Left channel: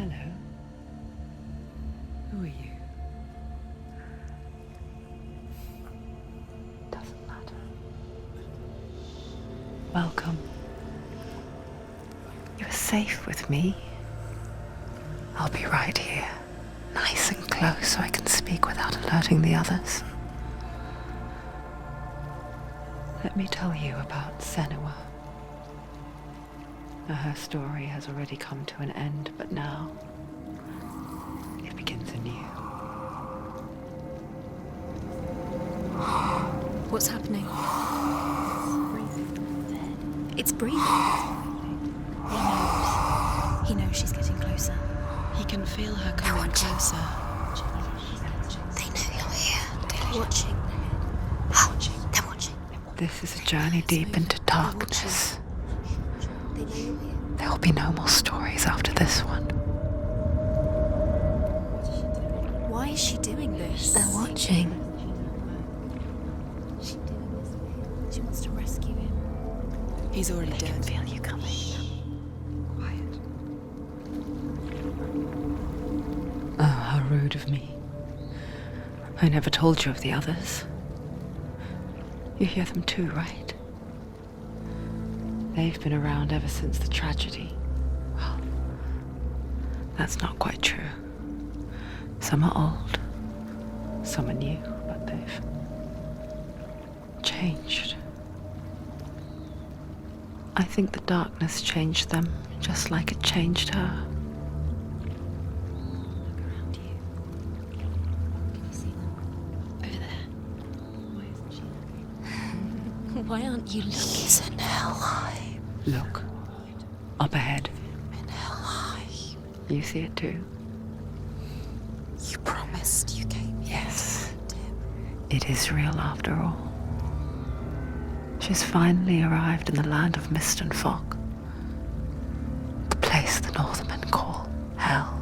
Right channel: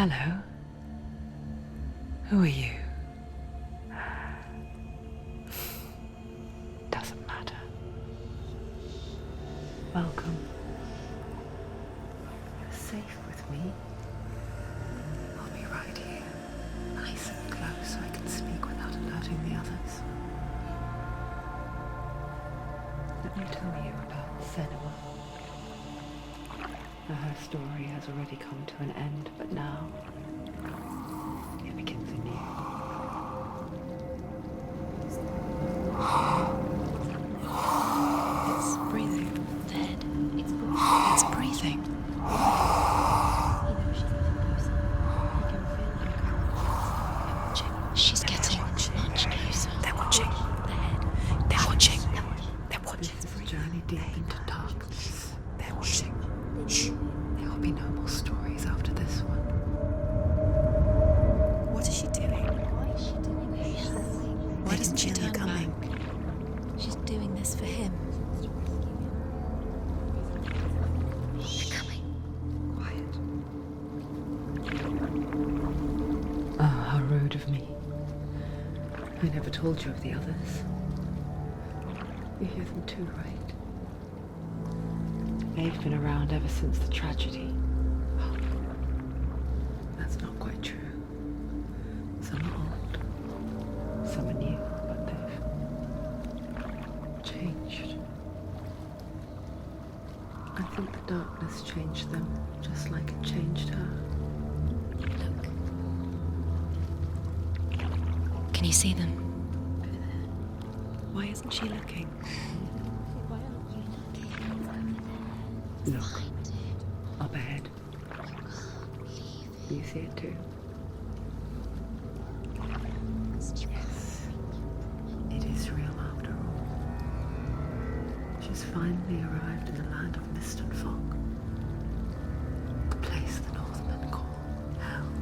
Hello. Who are you? Doesn't matter. Welcome. You are safe with me. I'll be right here, nice and close so I can speak without alerting the others. Let me tell you about Senua. Her story has already come to an end, but now it begins anew. What's happening? It's breathing. Dead. It's breathing. It's breathing. Yeah. He knows she's getting closer. He can feel her coming closer. She's getting closer. They're watching. They're watching. They're watching. This is a journey deep into darkness. They're watching. There will be no more stories after this one. What is she doing? Why is she doing this? They're watching. Why doesn't she turn back? She's doing this for him. She wants to rescue him. He's already dead. I feel you coming. Quiet. Oh, how rude of me. I never told you of the others. You hear them too, right? They've been around ever since the tragedy. Well, that's not quite true. Some are old, some are new, but they've changed. I think the darkness changed them, just like it changed her. Can you see them? Over there. Why isn't she looking? Why aren't you looking? He's in hell high. Look, up ahead. Hell high. You see it too? You promised you gave you. Yes. It is real after all. She's finally arrived in the land of mist and fog. The place the Northmen call Hell.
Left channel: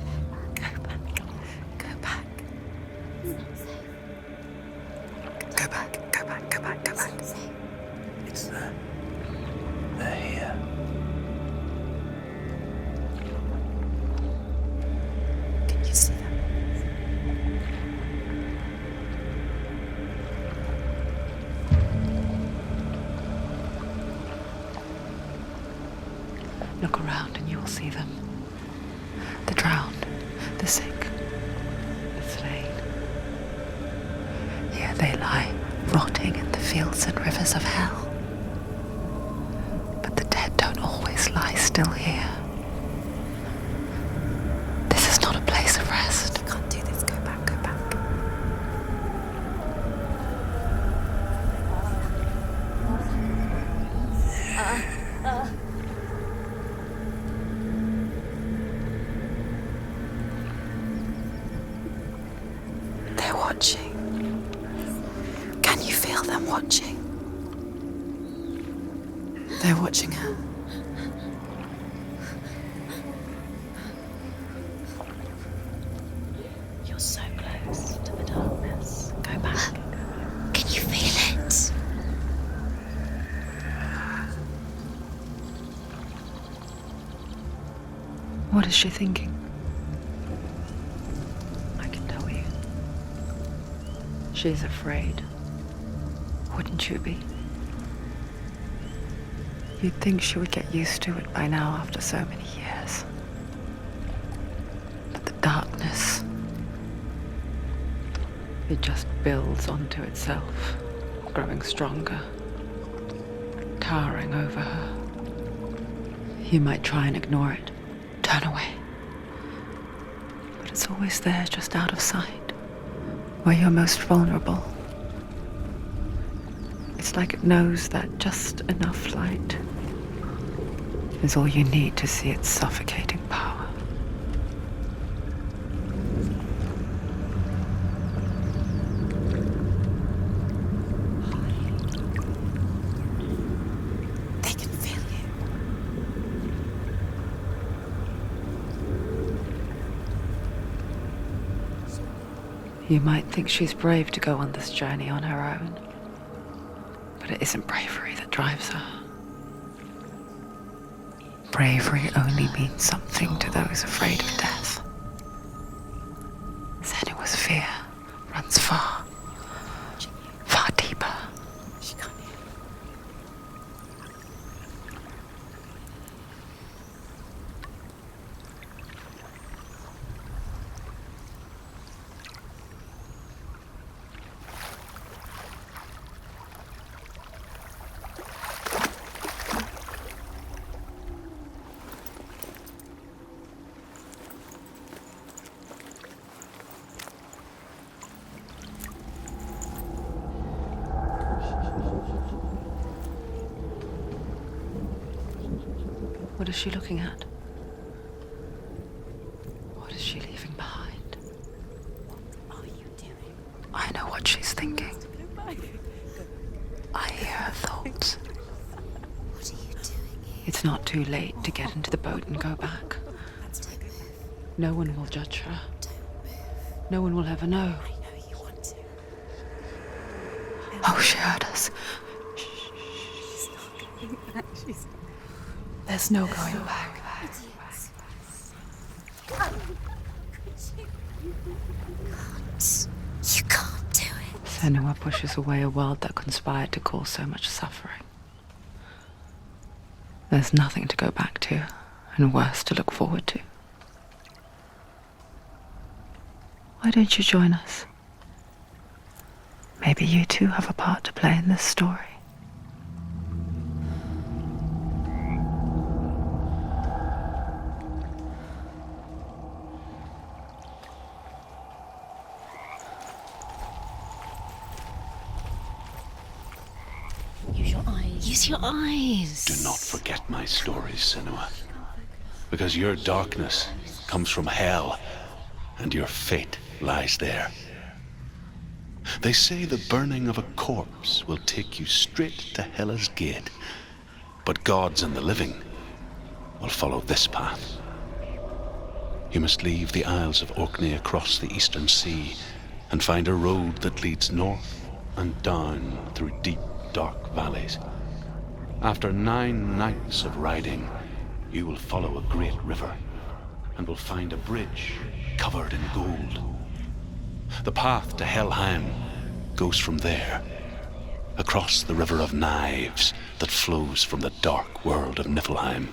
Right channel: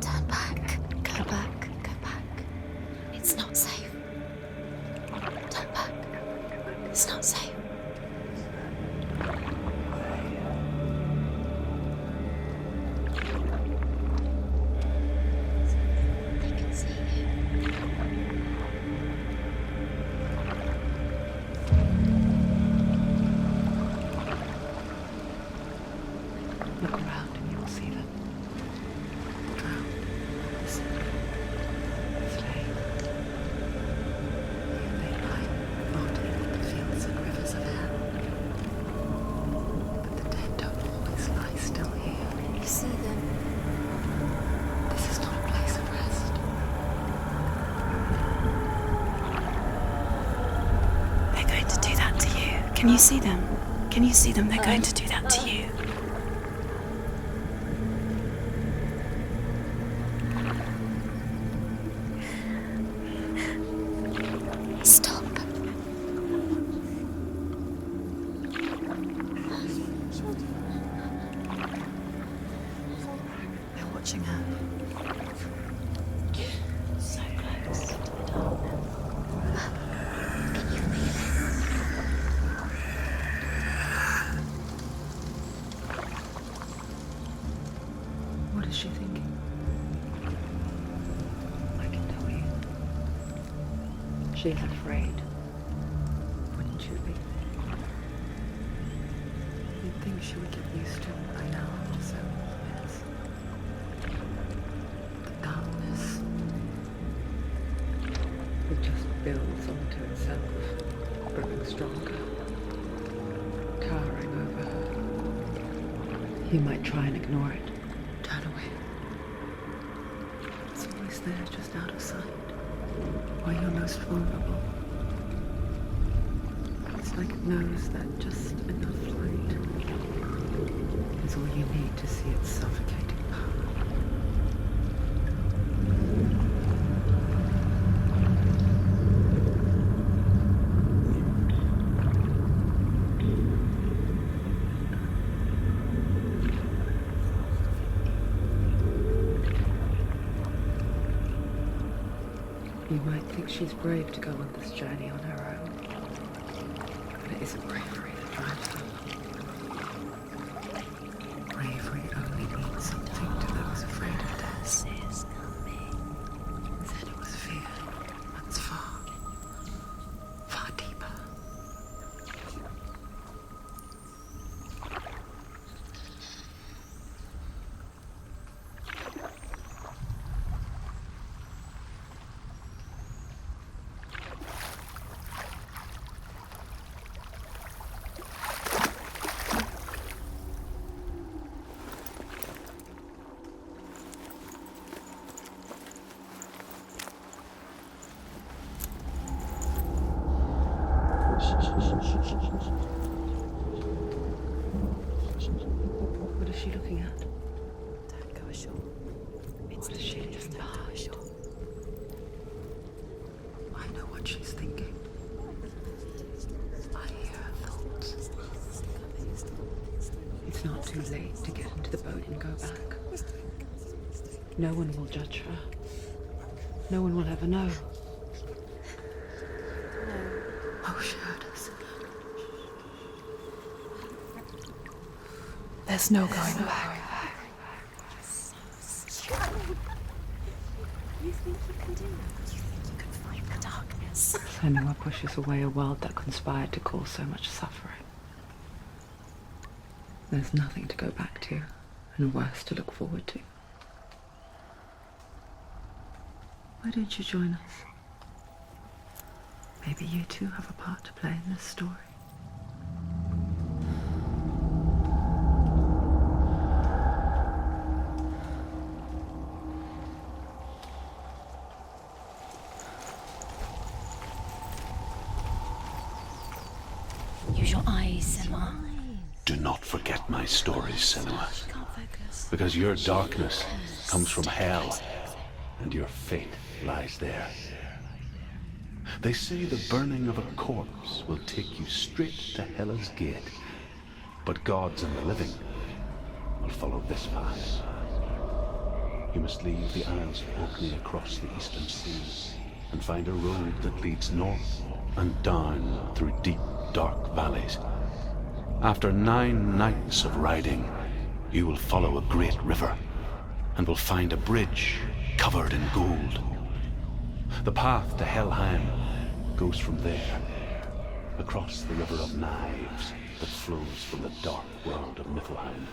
Turn back. Go back. Go back. It's not safe. Go back, go back, go back, go It's back. not safe. It's there. They're here. Can you see them? I can see Look around and you will see them. The drowned, the sick, the slain. Here they lie, rotting in the fields and rivers of hell. But the dead don't always lie still here. You see them. This is not a place of rest. You can't do this. Go back. Go back. They're going to do that to you. Can you see them? Can you see them? They're going to do that to you. They're watching. Stop. Can you feel them watching? They're watching her. They're watching her. You're so close to the darkness. Go back. Can you feel it? What is she thinking? I can tell you. She's afraid. Wouldn't you be? You'd think she would get used to it by now after so many years. But the darkness, it just builds onto itself, growing stronger, towering over her. You might try and ignore it, turn away. But it's always there, just out of sight, where you're most vulnerable. It's like it knows that just enough light is all you need to see its suffocating power. They can feel you. You might think she's brave to go on this journey on her own, but it isn't bravery that drives her. Bravery only means something to those afraid of death. Senua's fear runs far, far deeper. What is she looking at? What is she leaving behind? I know what she's thinking. I hear her thoughts. It's not too late to get into the boat and go back. No one will judge her. No one will ever know. Oh, she heard us. There's no going back. You can't do it. Senua pushes away a world that conspired to cause so much suffering. There's nothing to go back to, and worse to look forward to. Why don't you join us? Maybe you too have a part to play in this story. Use your eyes. Use your eyes. Do not forget my stories, Senua. Because your darkness comes from hell, and your fate lies there. They say the burning of a corpse will take you straight to Hela's gate, but gods and the living will follow this path. You must leave the Isles of Orkney across the eastern sea and find a road that leads north and down through deep, dark valleys. After 9 nights of riding, you will follow a great river and will find a bridge covered in gold. The path to Helheim goes from there, across the river of knives that flows from the dark world of Niflheim.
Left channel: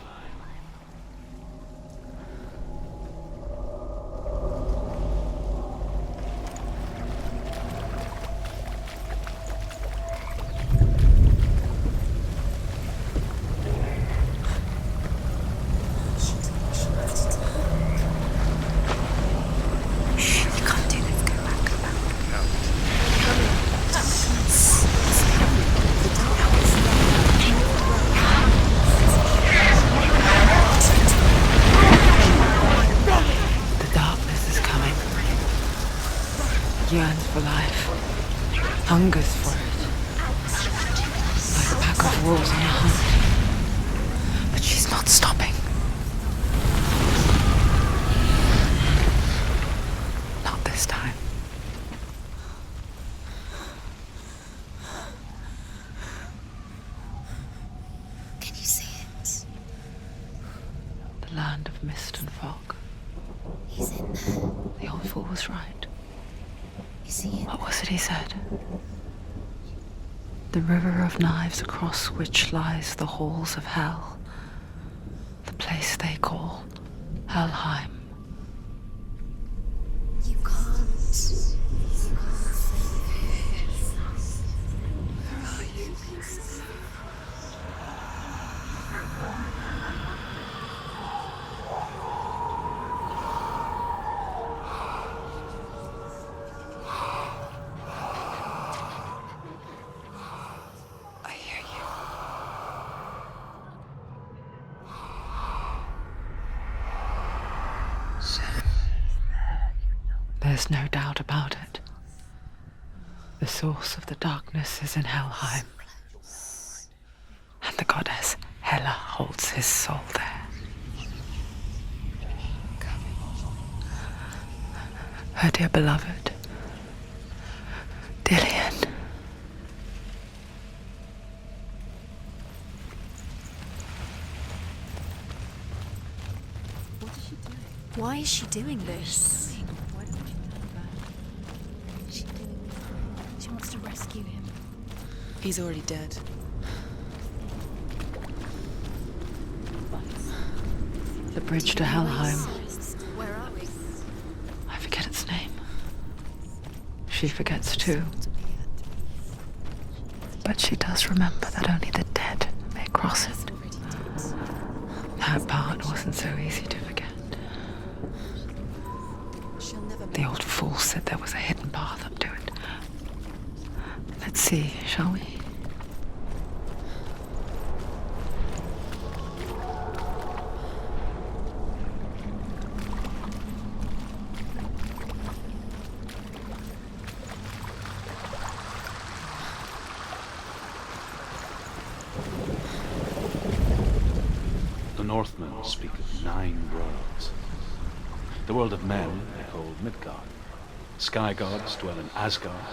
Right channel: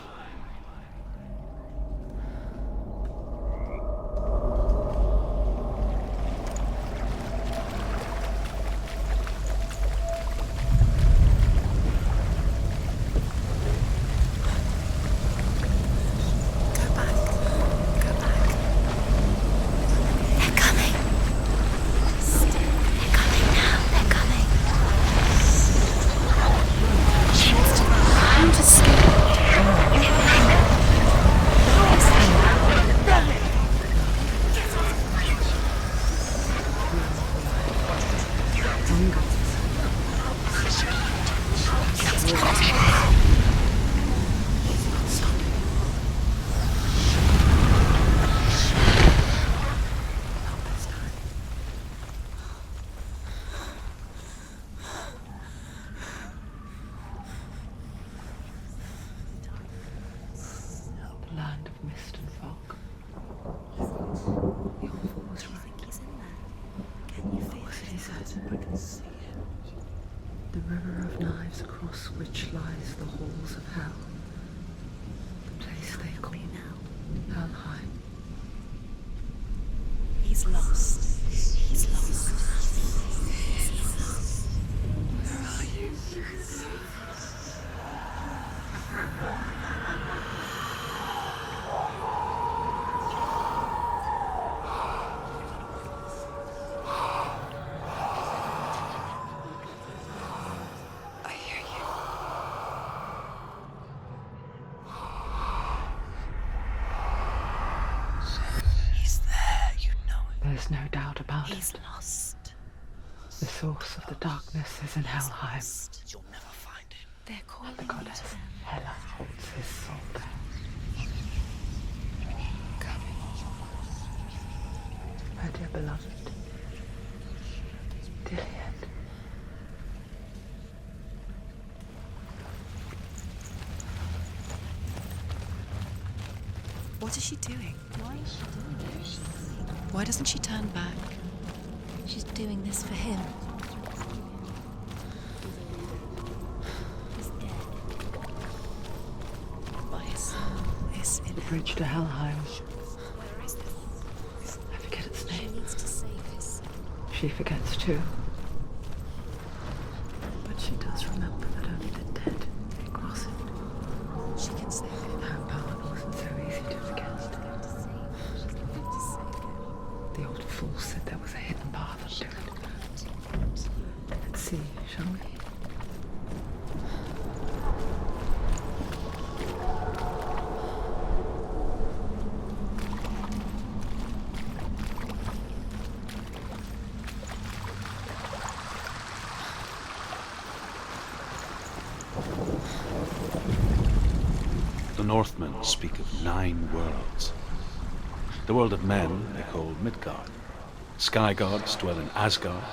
Yearns for life, hungers for it, like a pack of wolves in the heat. But she's not stopping. Not this time. Can you see it? The land of mist and fog. He's in there. The old fool was right. You see it? What was it he said? The river of knives across which lies the halls of hell. The place they call Helheim. He's lost. He's lost. Where are you? I hear you. He's there, you know it. There's no doubt about He's it. lost. The source of the darkness is in Helheim, You'll never find him. They're called. and the goddess Hela holds his soul there. Coming. Her dear beloved, Dillian. she doing? Why is she doing this? Why doesn't she turn back? She's doing this for him. She wants to rescue him. He's already dead. The bridge to Helheim. I forget its name. She forgets too. But she does remember that only the dead may cross it. That part wasn't so easy to forget. The old fool said there was a hidden path up to it. Let's see, shall we? The Northmen speak of 9 worlds. The world of men they call Midgard. Sky gods dwell in Asgard.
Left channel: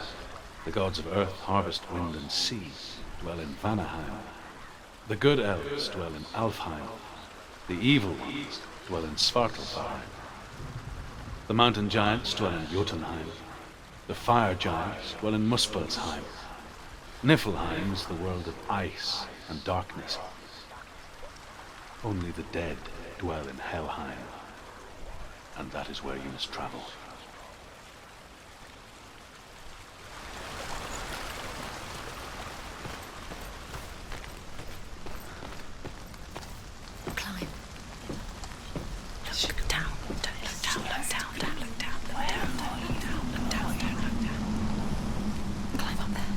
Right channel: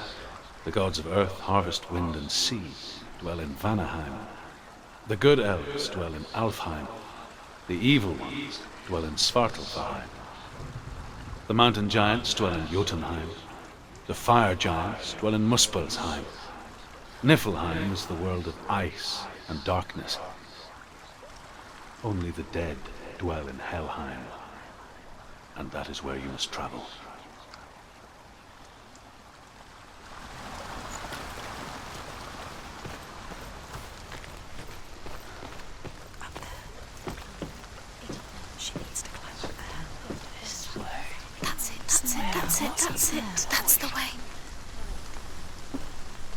The gods of earth, harvest, wind, and sea dwell in Vanaheim. The good elves dwell in Alfheim. The evil ones dwell in Svartalfheim. The mountain giants dwell in Jotunheim. The fire giants dwell in Muspelheim. Niflheim is the world of ice and darkness. Only the dead dwell in Helheim, and that is where you must travel. That's the way. Climb up there.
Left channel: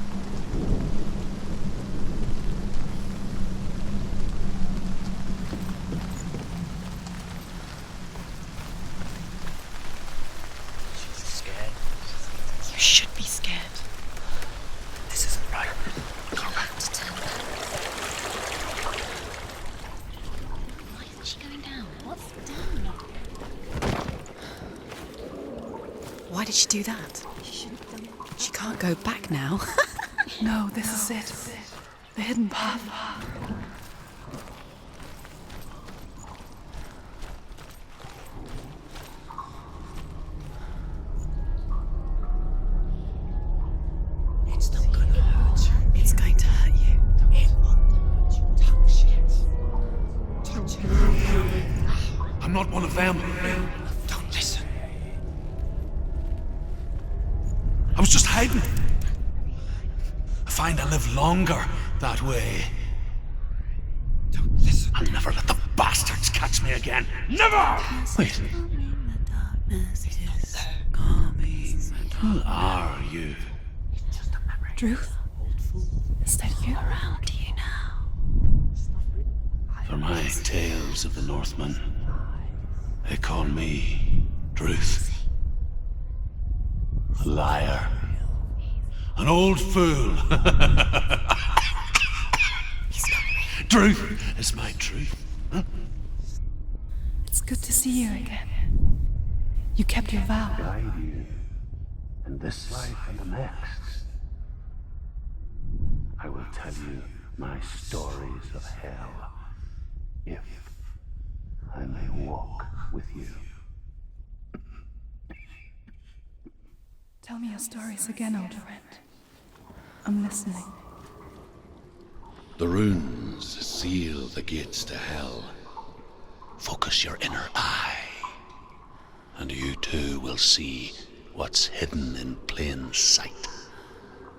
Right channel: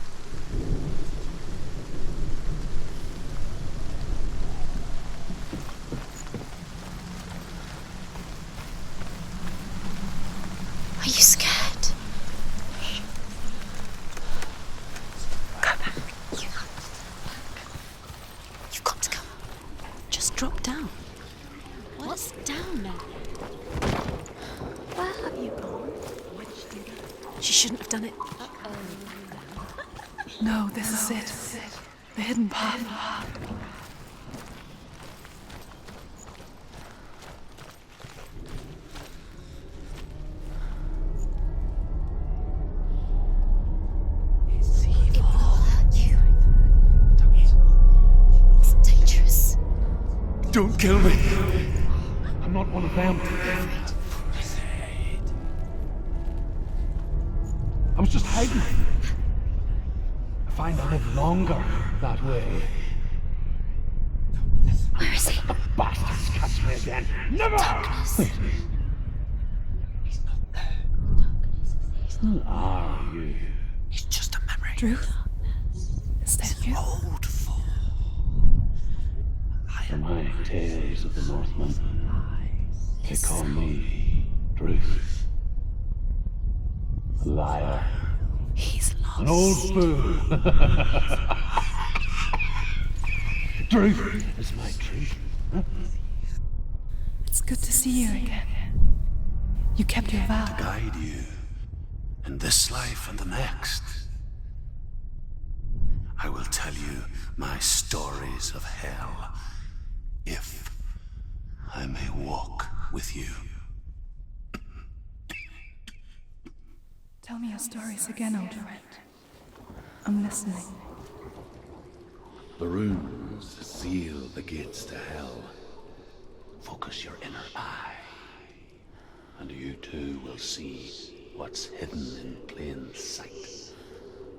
Are you scared? You should be scared. This isn't right. You have to turn back. You've got to go. Just drop down. What's down now? Why did she do that? She shouldn't have done it. She can't go back now. No, this is it. The hidden path. It's going to hurt you. It's dangerous. Don't kill me. I'm not one of them. Don't listen. I was just hiding. I find I live longer that way. Don't listen. I'll never let the bastards catch me again. Never! Wait. Who are you? It's just a memory. Druth? Is that you? For my tales of the Northmen, they call me Druth. A liar. He's lost. An old fool. Truth is my truth. It's good to see you again. You kept your vow. Guide you in this life and the next. I will tell you my stories of hell, if I may walk with you. Tell me your stories again, old friend. I'm listening. The runes seal the gates to hell. Focus your inner eye, and you too will see what's hidden in plain sight.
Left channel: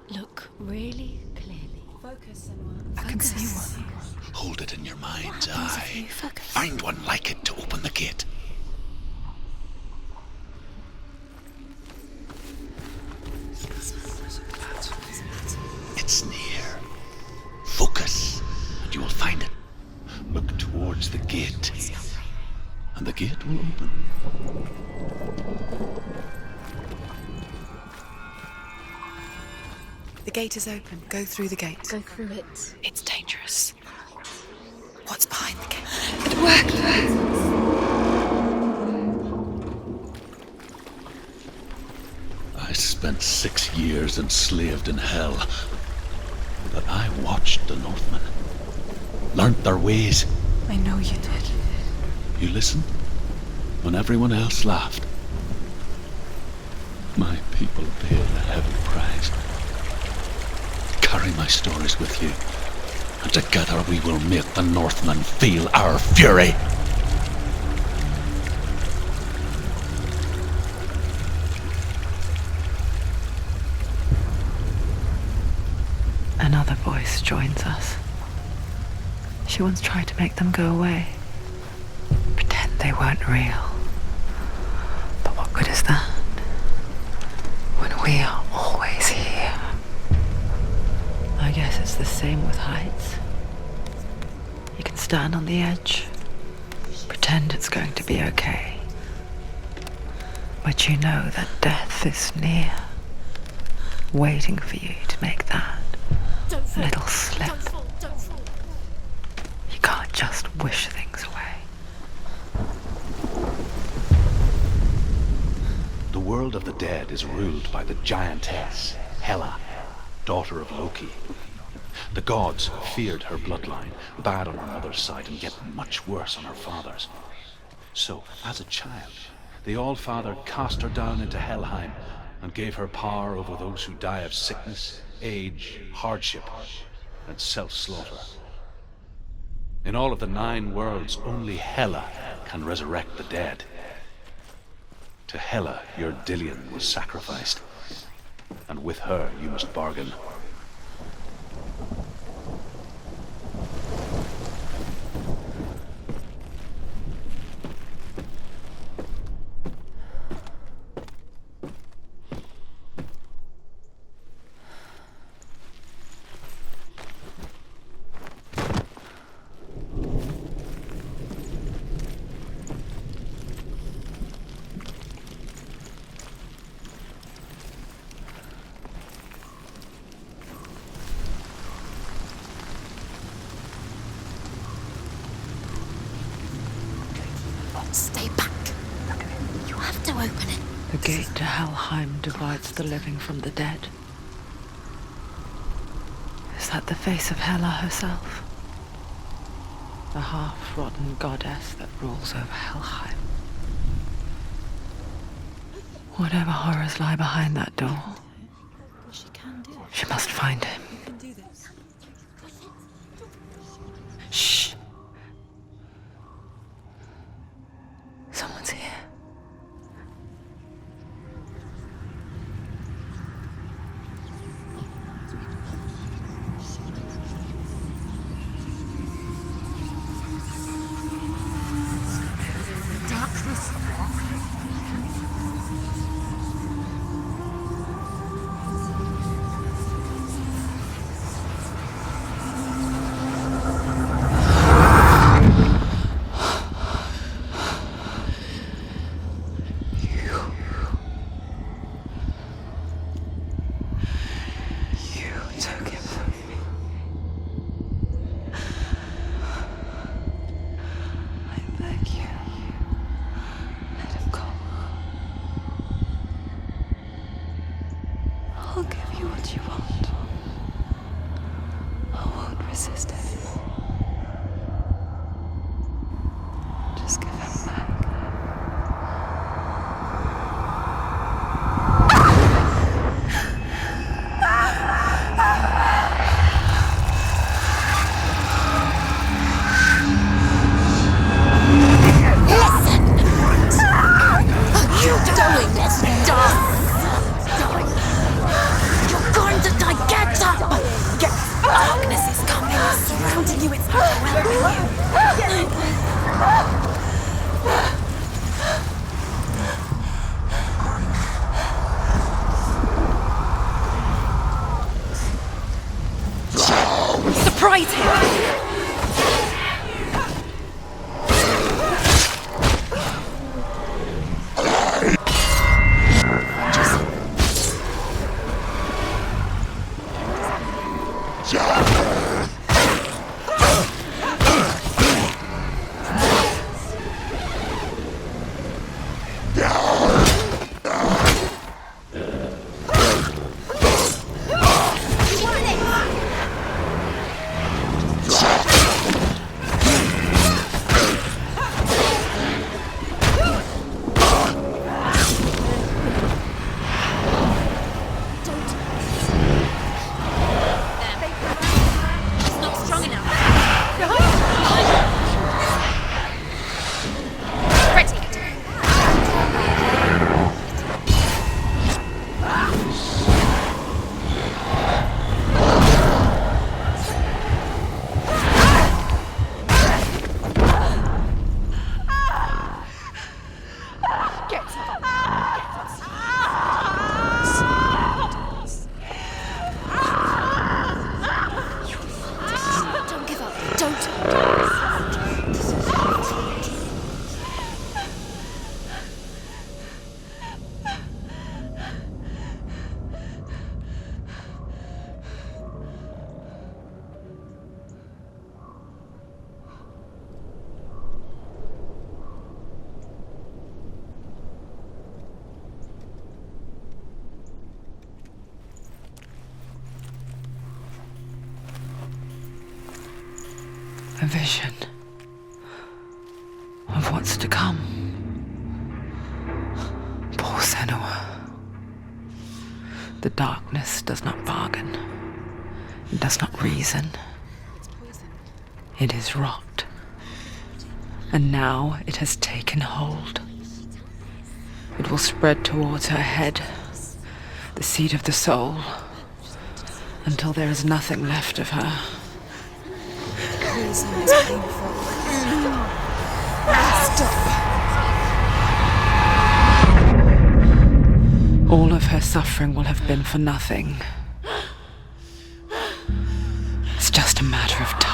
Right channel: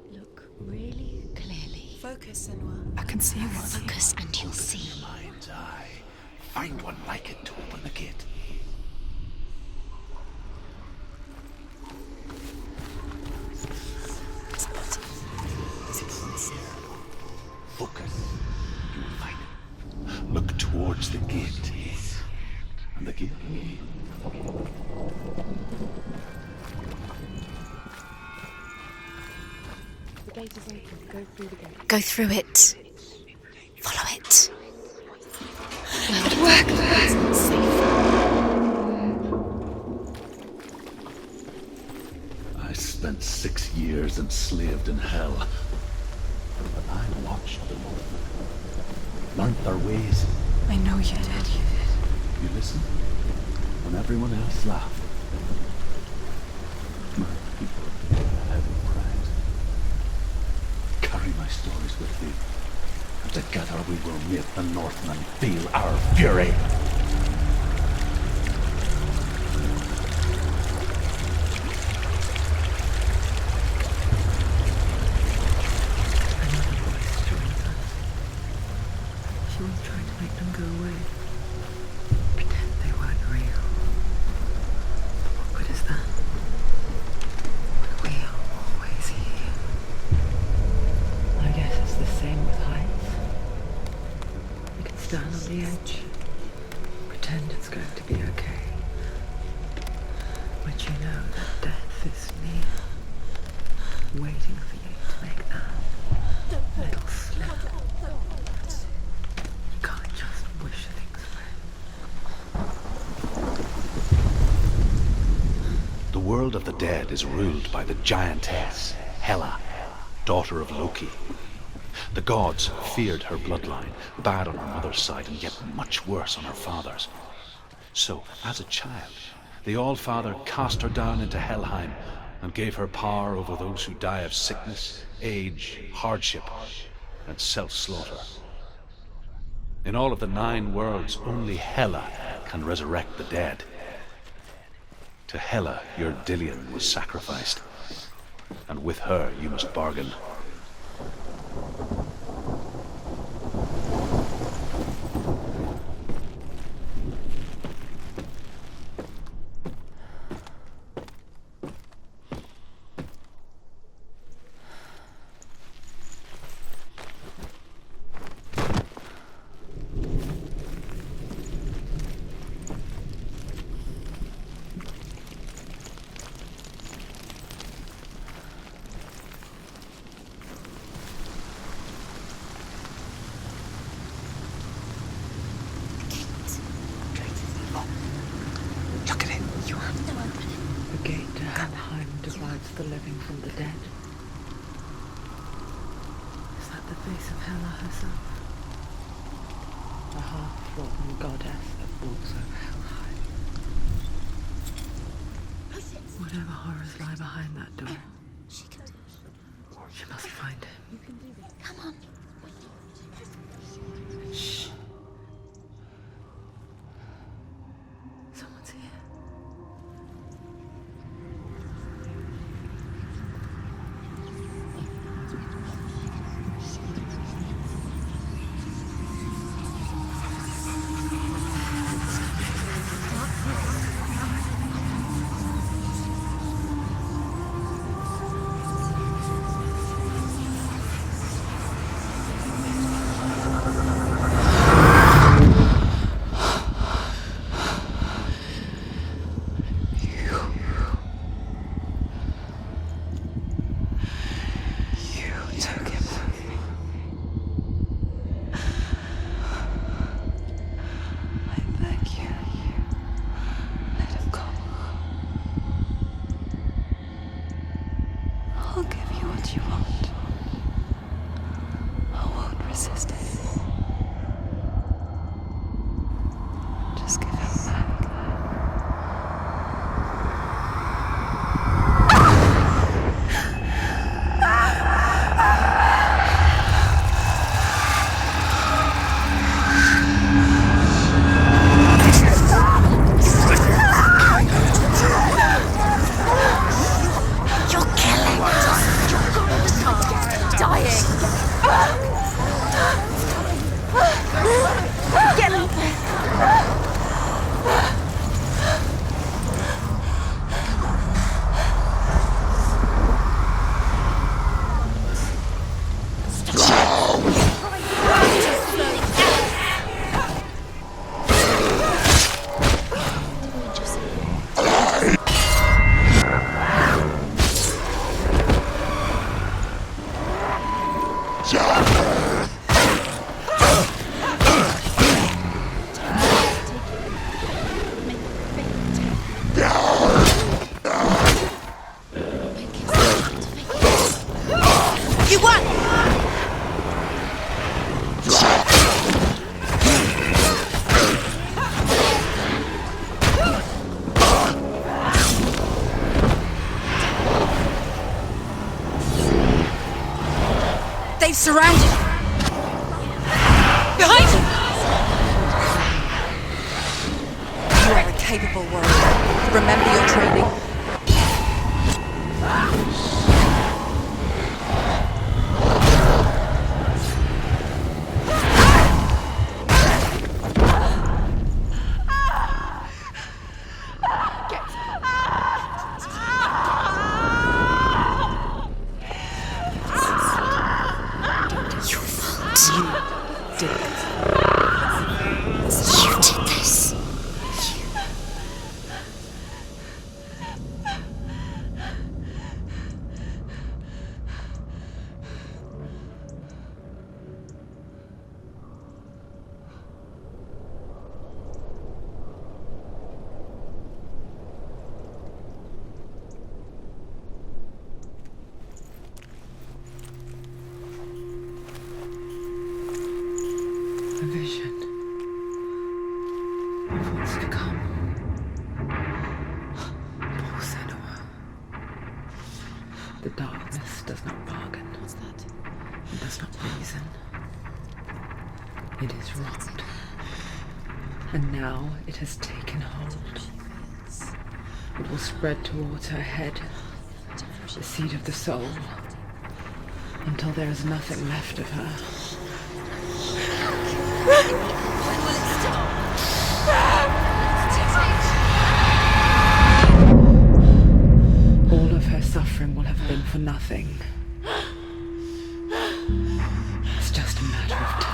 Look really clearly. Focus, Senua. I can see one. Focus and Hold it in your mind's eye. Focus. Find one like it to open the gate. It's near. Focus, and you will find it. Look towards the gate, and the gate will open. The gate is open. Go through the gate. Go through it. It's dangerous. Follow it. What's behind the gate? It worked! I spent 6 years enslaved in hell. But I watched the Northmen, learnt their ways. I know you did. You listened, when everyone else laughed, my people paid the heavy price. Carry my stories with you, and together we will make the Northmen feel our fury. Another voice joins us. She once tried to make them go away. Pretend they weren't real. But what good is that? When we are always here. I guess it's the same with heights. You can stand on the edge, pretend it's going to be okay. But you know that death is near, waiting for you to make that little slip. You can't just wish things away. The world of the dead is ruled by the giantess, Hela, daughter of Loki. The gods feared her bloodline, bad on her mother's side and yet much worse on her father's. So, as a child, the All-Father cast her down into Helheim and gave her power over those who die of sickness, age, hardship, and self-slaughter. In all of the 9 worlds, only Hela can resurrect the dead. To Hela, your Dillion was sacrificed, and with her you must bargain. Stay back. Look at it. You have to open it. The gate to Helheim divides the living from the dead. Is that the face of Hela herself? The half-rotten goddess that rules over Helheim. Whatever horrors lie behind that door, she must find him. Shh. Someone's here. Took him from me. I beg you, let him go. I'll give you what you want. I won't resist anymore. Just give him back. They've surrounded him. That's not strong enough. Behind! Capable warrior. Remember your training. A vision of what's to come. Poor Senua. The darkness does not bargain. It does not reason. It is rot. And now it has taken hold. It will spread towards her head, the seat of the soul, until there is nothing left of her. All of her suffering will have been for nothing. It's just a matter of time.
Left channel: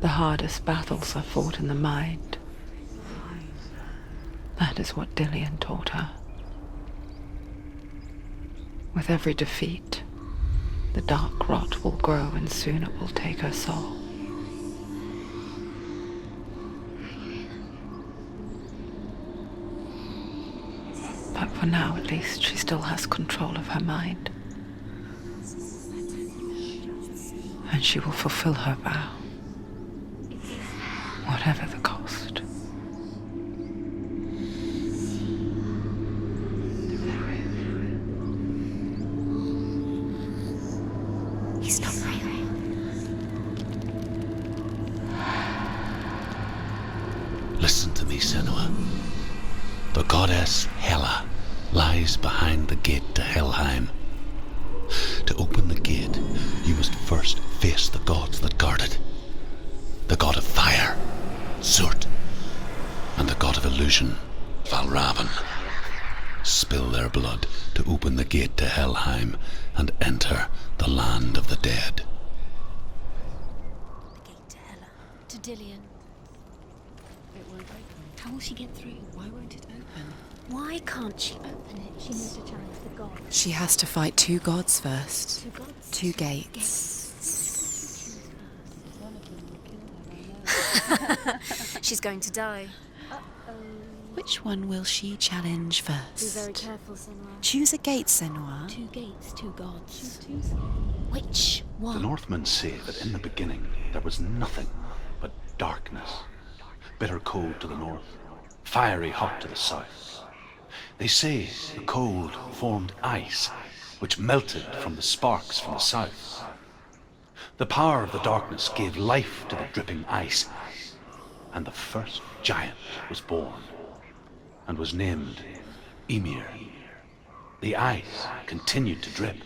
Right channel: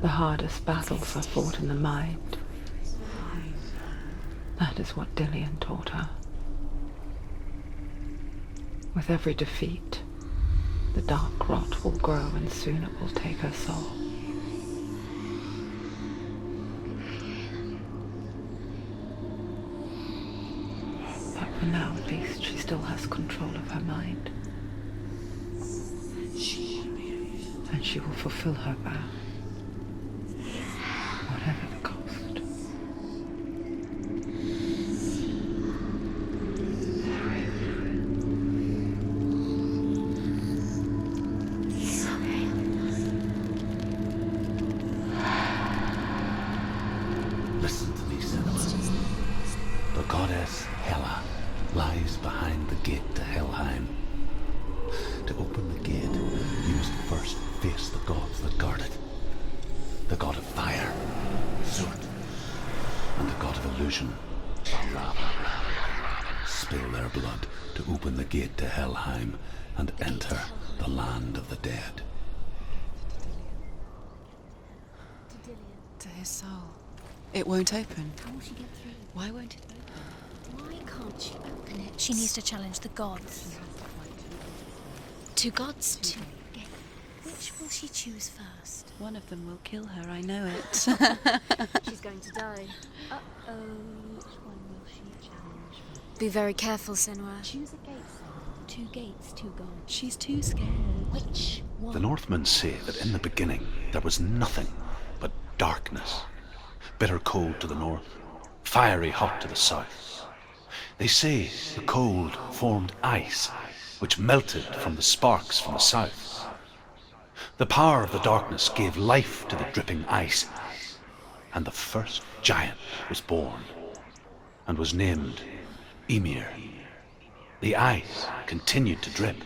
The hardest battles are fought in the mind. That is what Dillian taught her. With every defeat, the dark rot will grow and soon it will take her soul. But for now, at least, she still has control of her mind. And she will fulfill her vow. Whatever the cost. He's not breathing. Listen to me, Senua. The goddess Hela lies behind the gate to Helheim. To open the gate, you must first face the gods that guard it. The god of fire, Surt, and the god of illusion, Valravan. Spill their blood to open the gate to Helheim and enter the land of the dead. To Hela. To Dillian. To his soul. It won't open. How will she get through? Why won't it open? Why can't she open it? She needs to challenge the gods. She has to fight two gods first. Two gods? Two gates. Which will she choose first? One of them will kill her, I know it. She's going to die. Which one will she challenge first? Be very careful, Senua. Choose a gate, Senua. Two gates, two gods. She's too scared. Which one? The Northmen say that in the beginning there was nothing but darkness. Bitter cold to the north, fiery hot to the south. They say the cold formed ice, which melted from the sparks from the south. The power of the darkness gave life to the dripping ice, and the first giant was born, and was named Ymir. The ice continued to drip,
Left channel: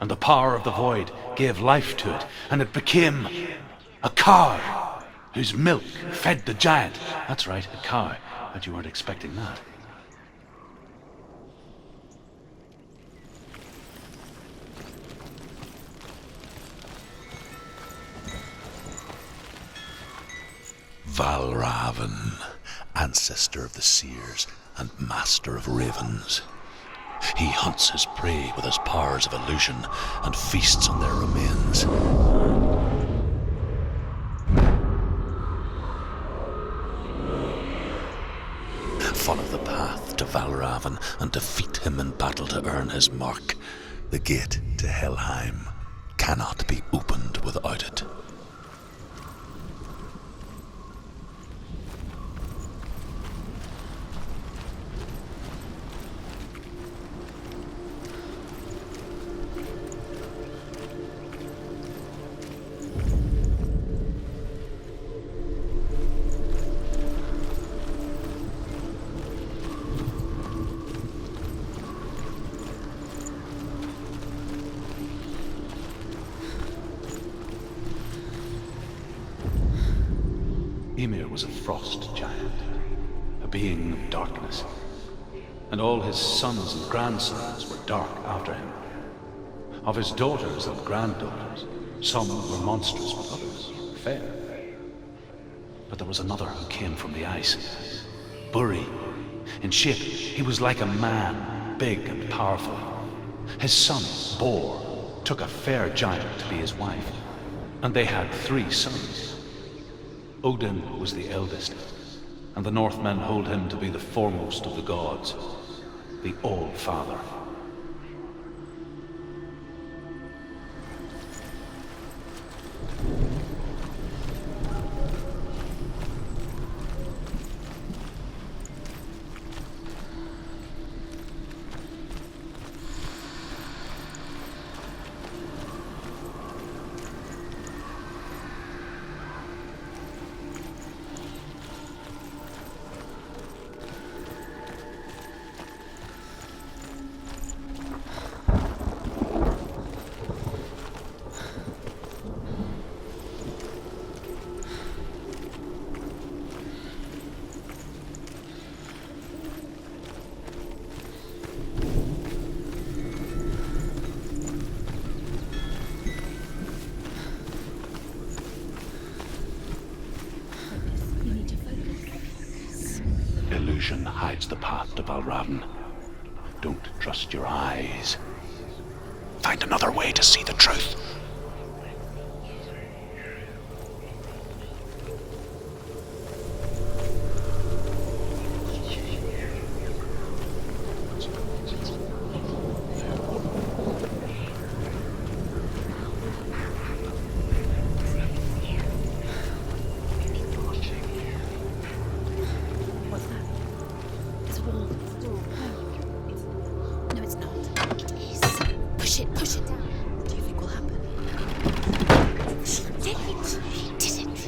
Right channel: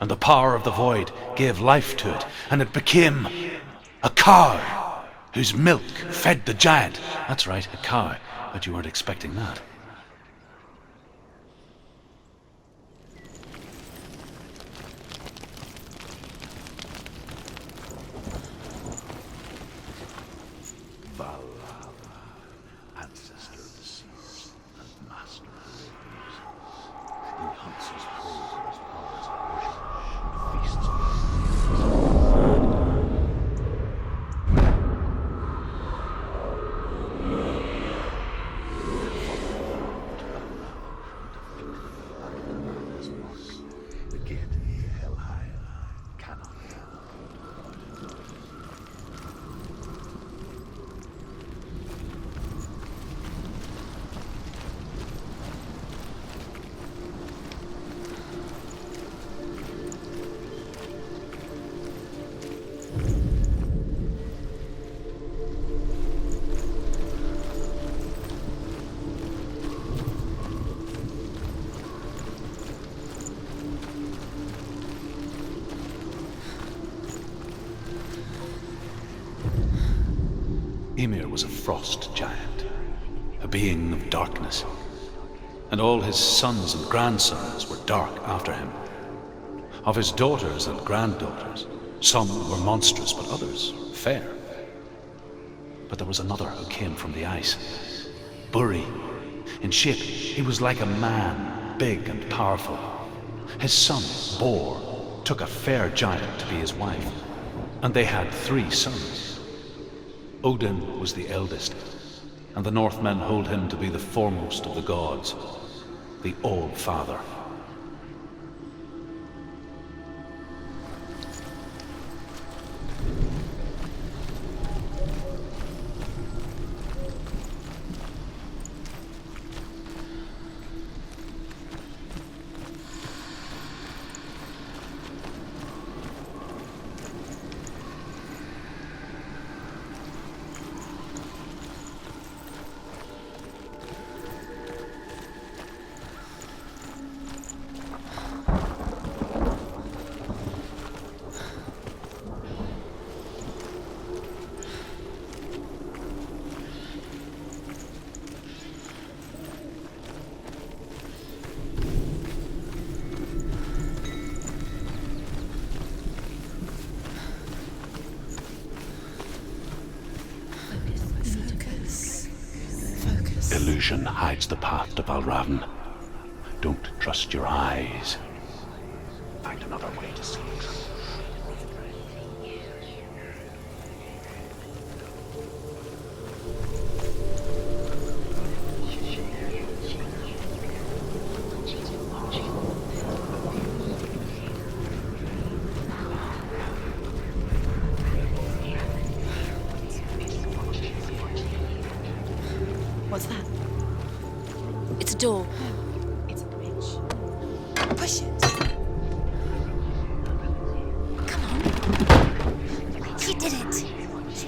and the power of the void gave life to it, and it became a cow, whose milk fed the giant. That's right, a cow. Bet you weren't expecting that. Valravan, ancestor of the seers, and master of ravens. He hunts his prey with his powers of illusion and feasts on their remains. Follow the path to Valravan and defeat him in battle to earn his mark. The gate to Helheim cannot be opened without it. Ymir was a frost giant, a being of darkness, and all his sons and grandsons were dark after him. Of his daughters and granddaughters, some were monstrous, but others fair. But there was another who came from the ice, Buri. In shape, he was like a man, big and powerful. His son, Bor, took a fair giant to be his wife, and they had 3 sons. Odin was the eldest, and the Northmen hold him to be the foremost of the gods, the All-Father. Illusion hides the path to Valravan. Don't trust your eyes. Find another way to see the truth. What's that? It's a door. It's an itch. No, it's not. Push it. Push it. Push it. Do you think will happen? Come on. He did it. He did it. He did it.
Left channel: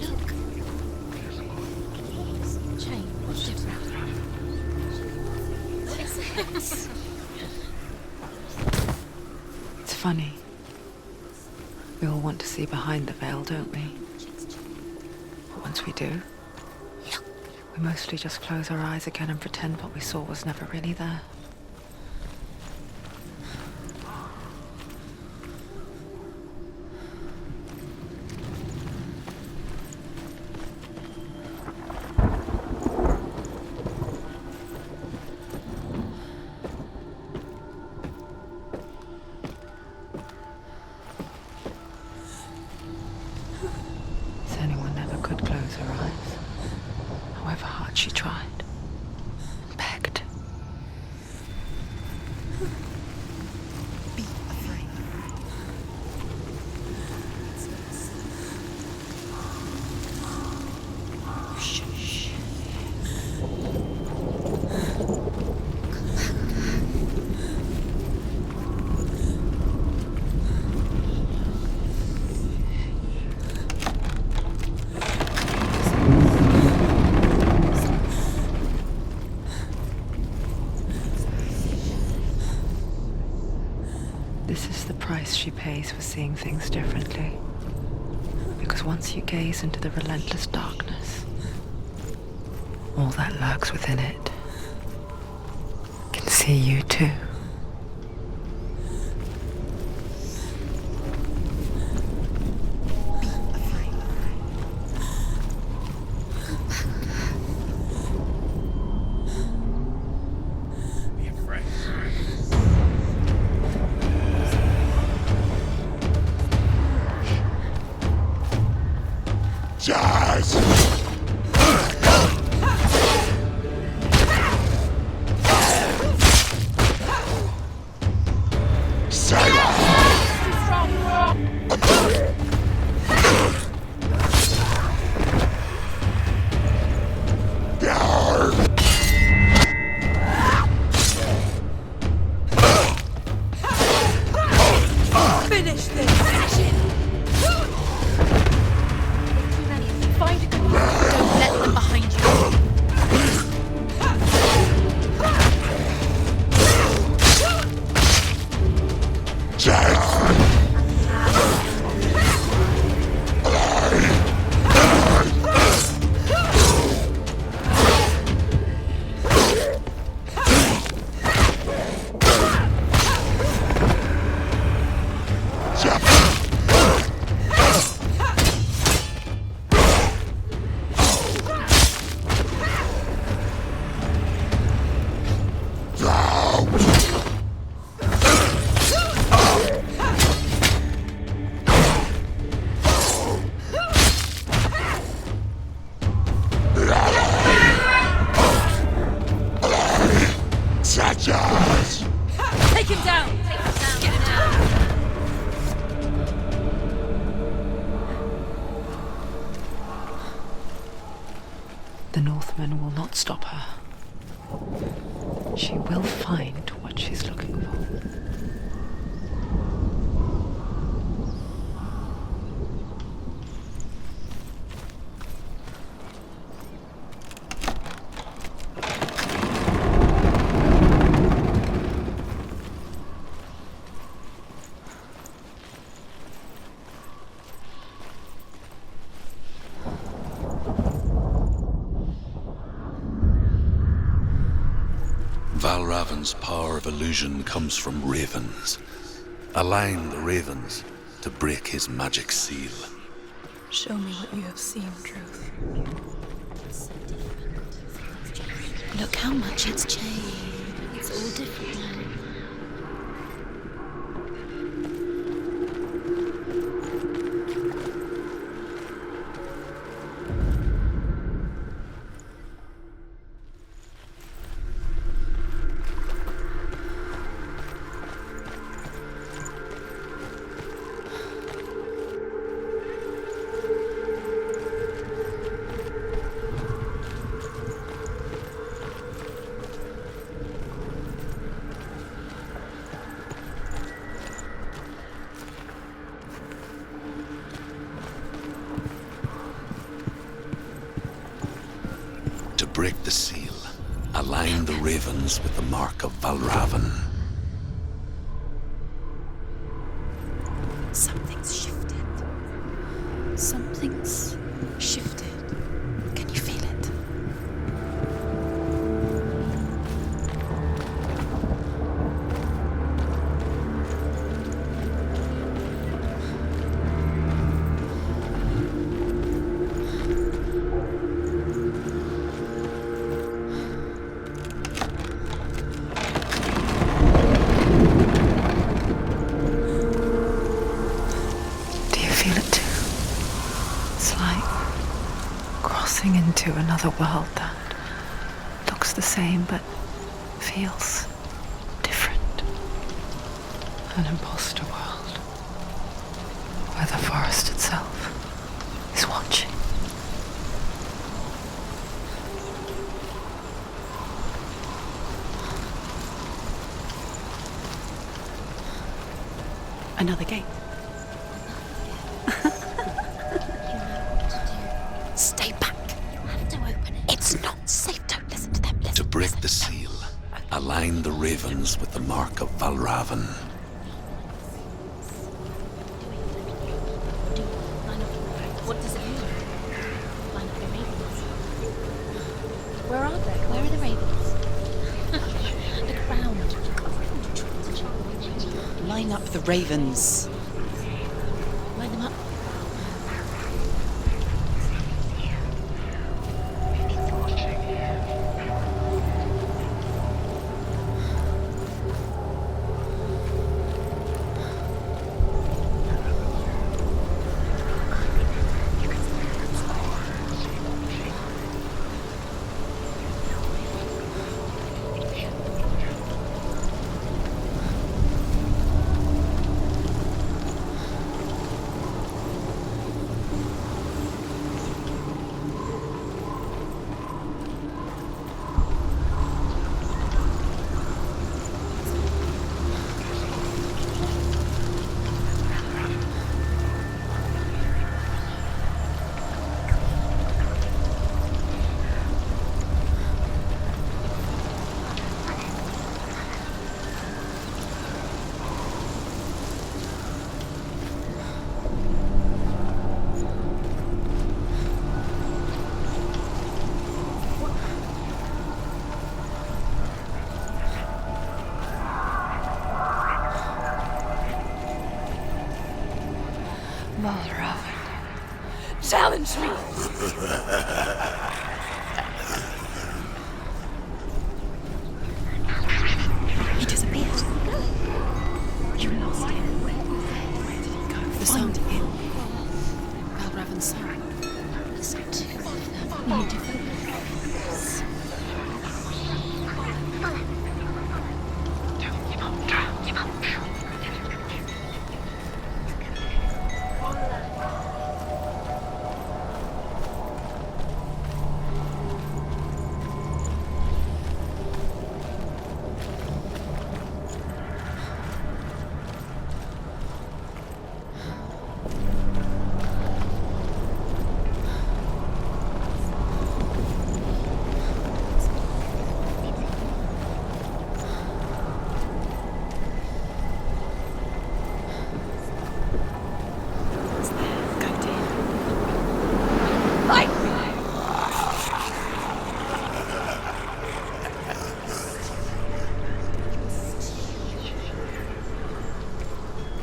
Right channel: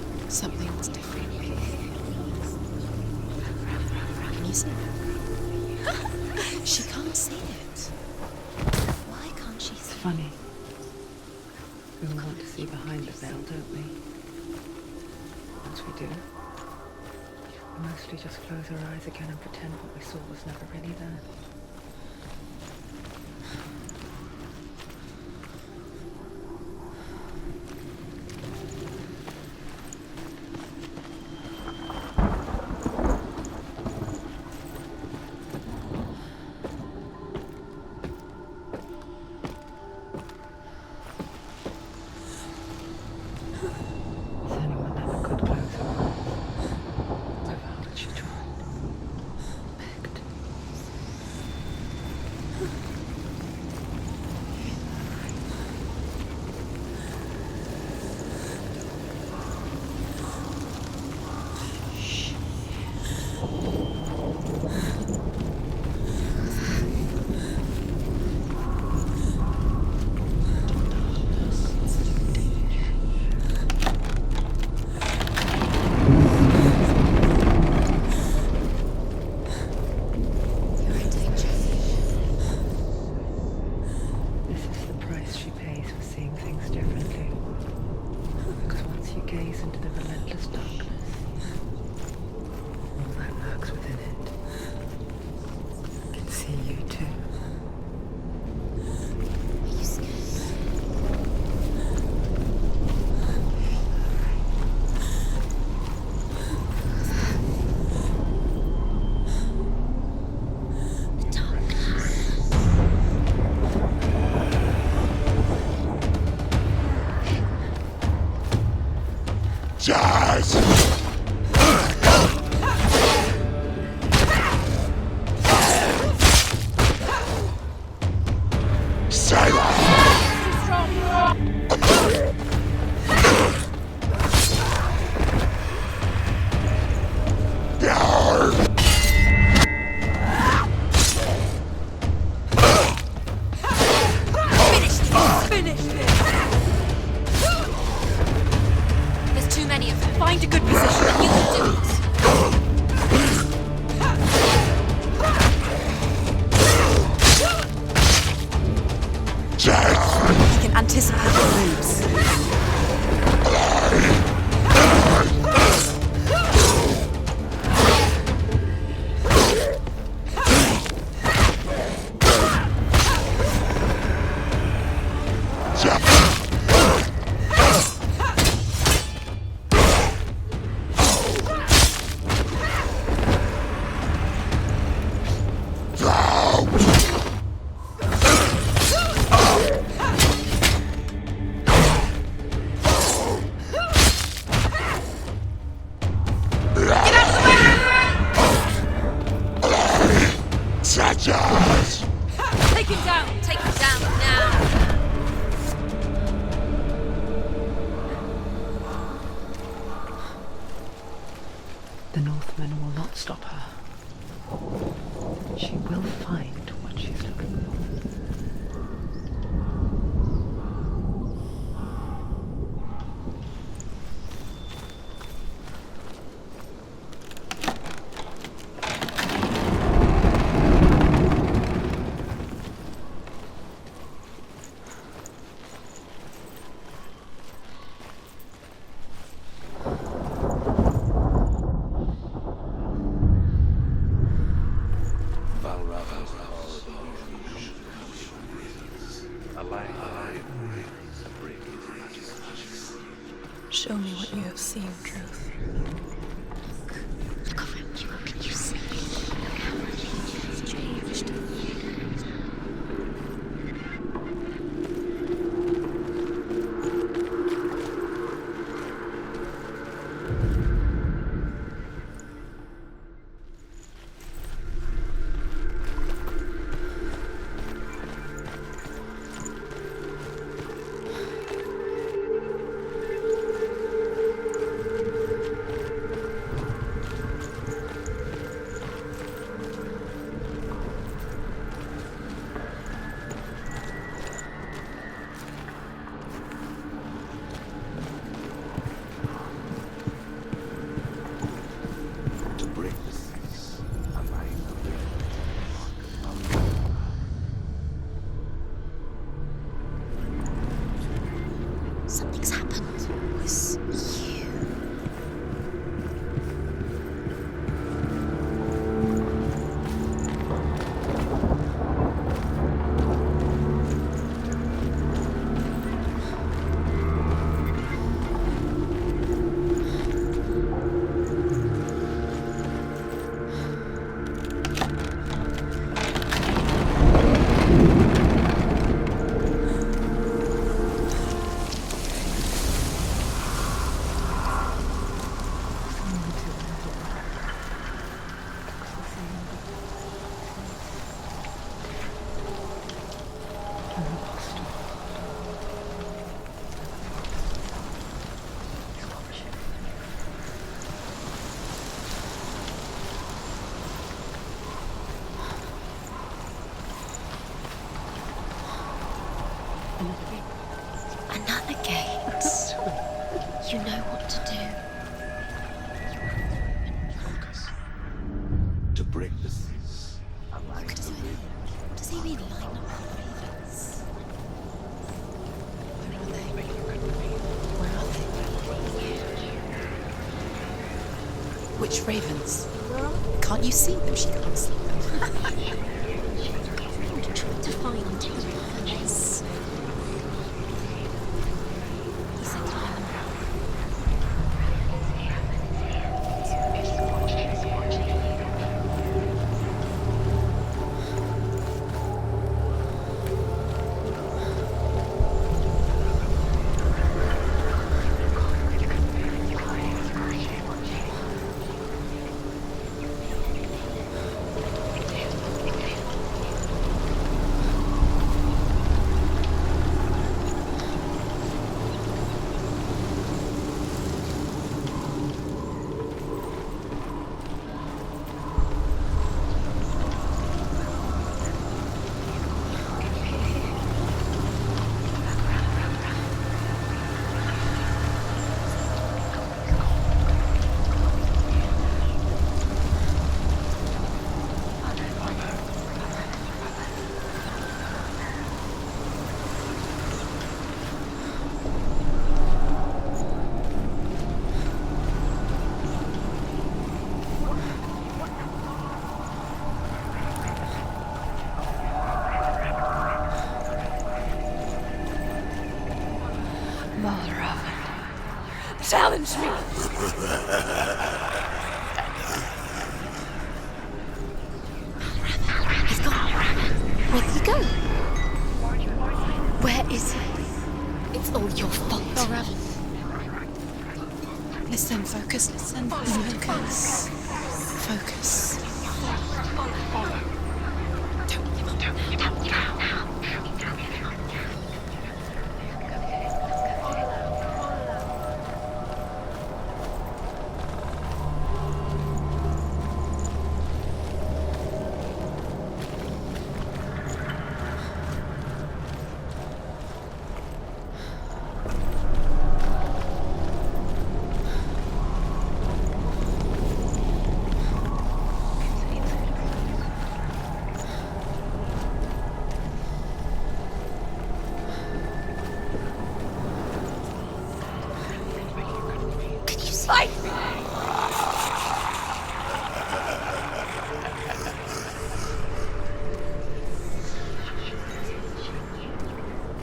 Look, something's different. She can't see it. Why can't she It's funny. We all want to see behind the veil, don't we? Once we do, we mostly just close our eyes again and pretend what we saw was never really there. Senua never could close her eyes, however hard she tried, begged. once you gaze into the relentless darkness, all that lurks within it can see you too. Jazz! Finish this! There's too many of them. Find a good position. We'll let them behind you. Jazz! You anticipate the moves. Jazz! Take him down! Take him down now! The Northman will not stop her. She will find what she's looking for. Valravan's power of illusion comes from ravens. Align the ravens to break his magic seal. Show me what you have seen, Truth. Look how much it's changed. It's all different. To break the seal, align the ravens with the mark of Valravan. Something's shifted. Something's happened. Something huge shifted. Can you feel it? Do you feel it too? It's like crossing into another world that looks the same but feels different. An imposter world where the forest itself is watching. Another gate. Another gate. You know what to do. Stay back. You have to open it. It's not safe. Don't listen to them. Listen, To break the seal, align the ravens with the mark of Valravan. What does Which ravens? Where are they? Can't you see them? She thinks. Line up the ravens. Line up the satire. Challenge me! He disappeared. Where did he go? Where is he? It was all your fault. Raven's. Listen, focus. Focus. Focus. Don't give up.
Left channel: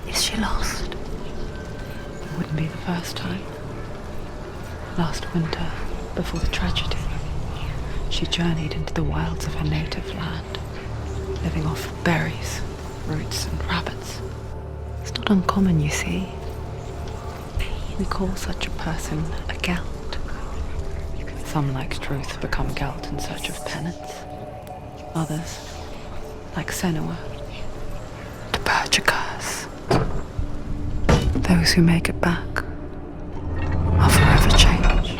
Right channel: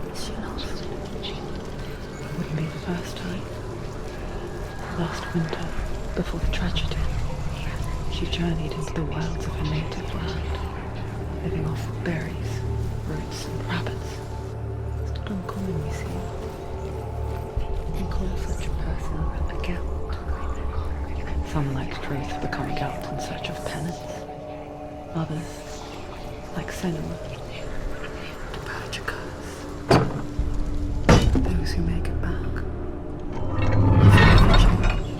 Is she lost? It wouldn't be the first time. Last winter, before the tragedy, she journeyed into the wilds of her native land, living off berries, roots, and rabbits. It's not uncommon, you see. We call such a person a Gelt. Some, like Truth, become Gelt in search of penance. Others, like Senua, to purge a curse. Those who make it back are forever changed.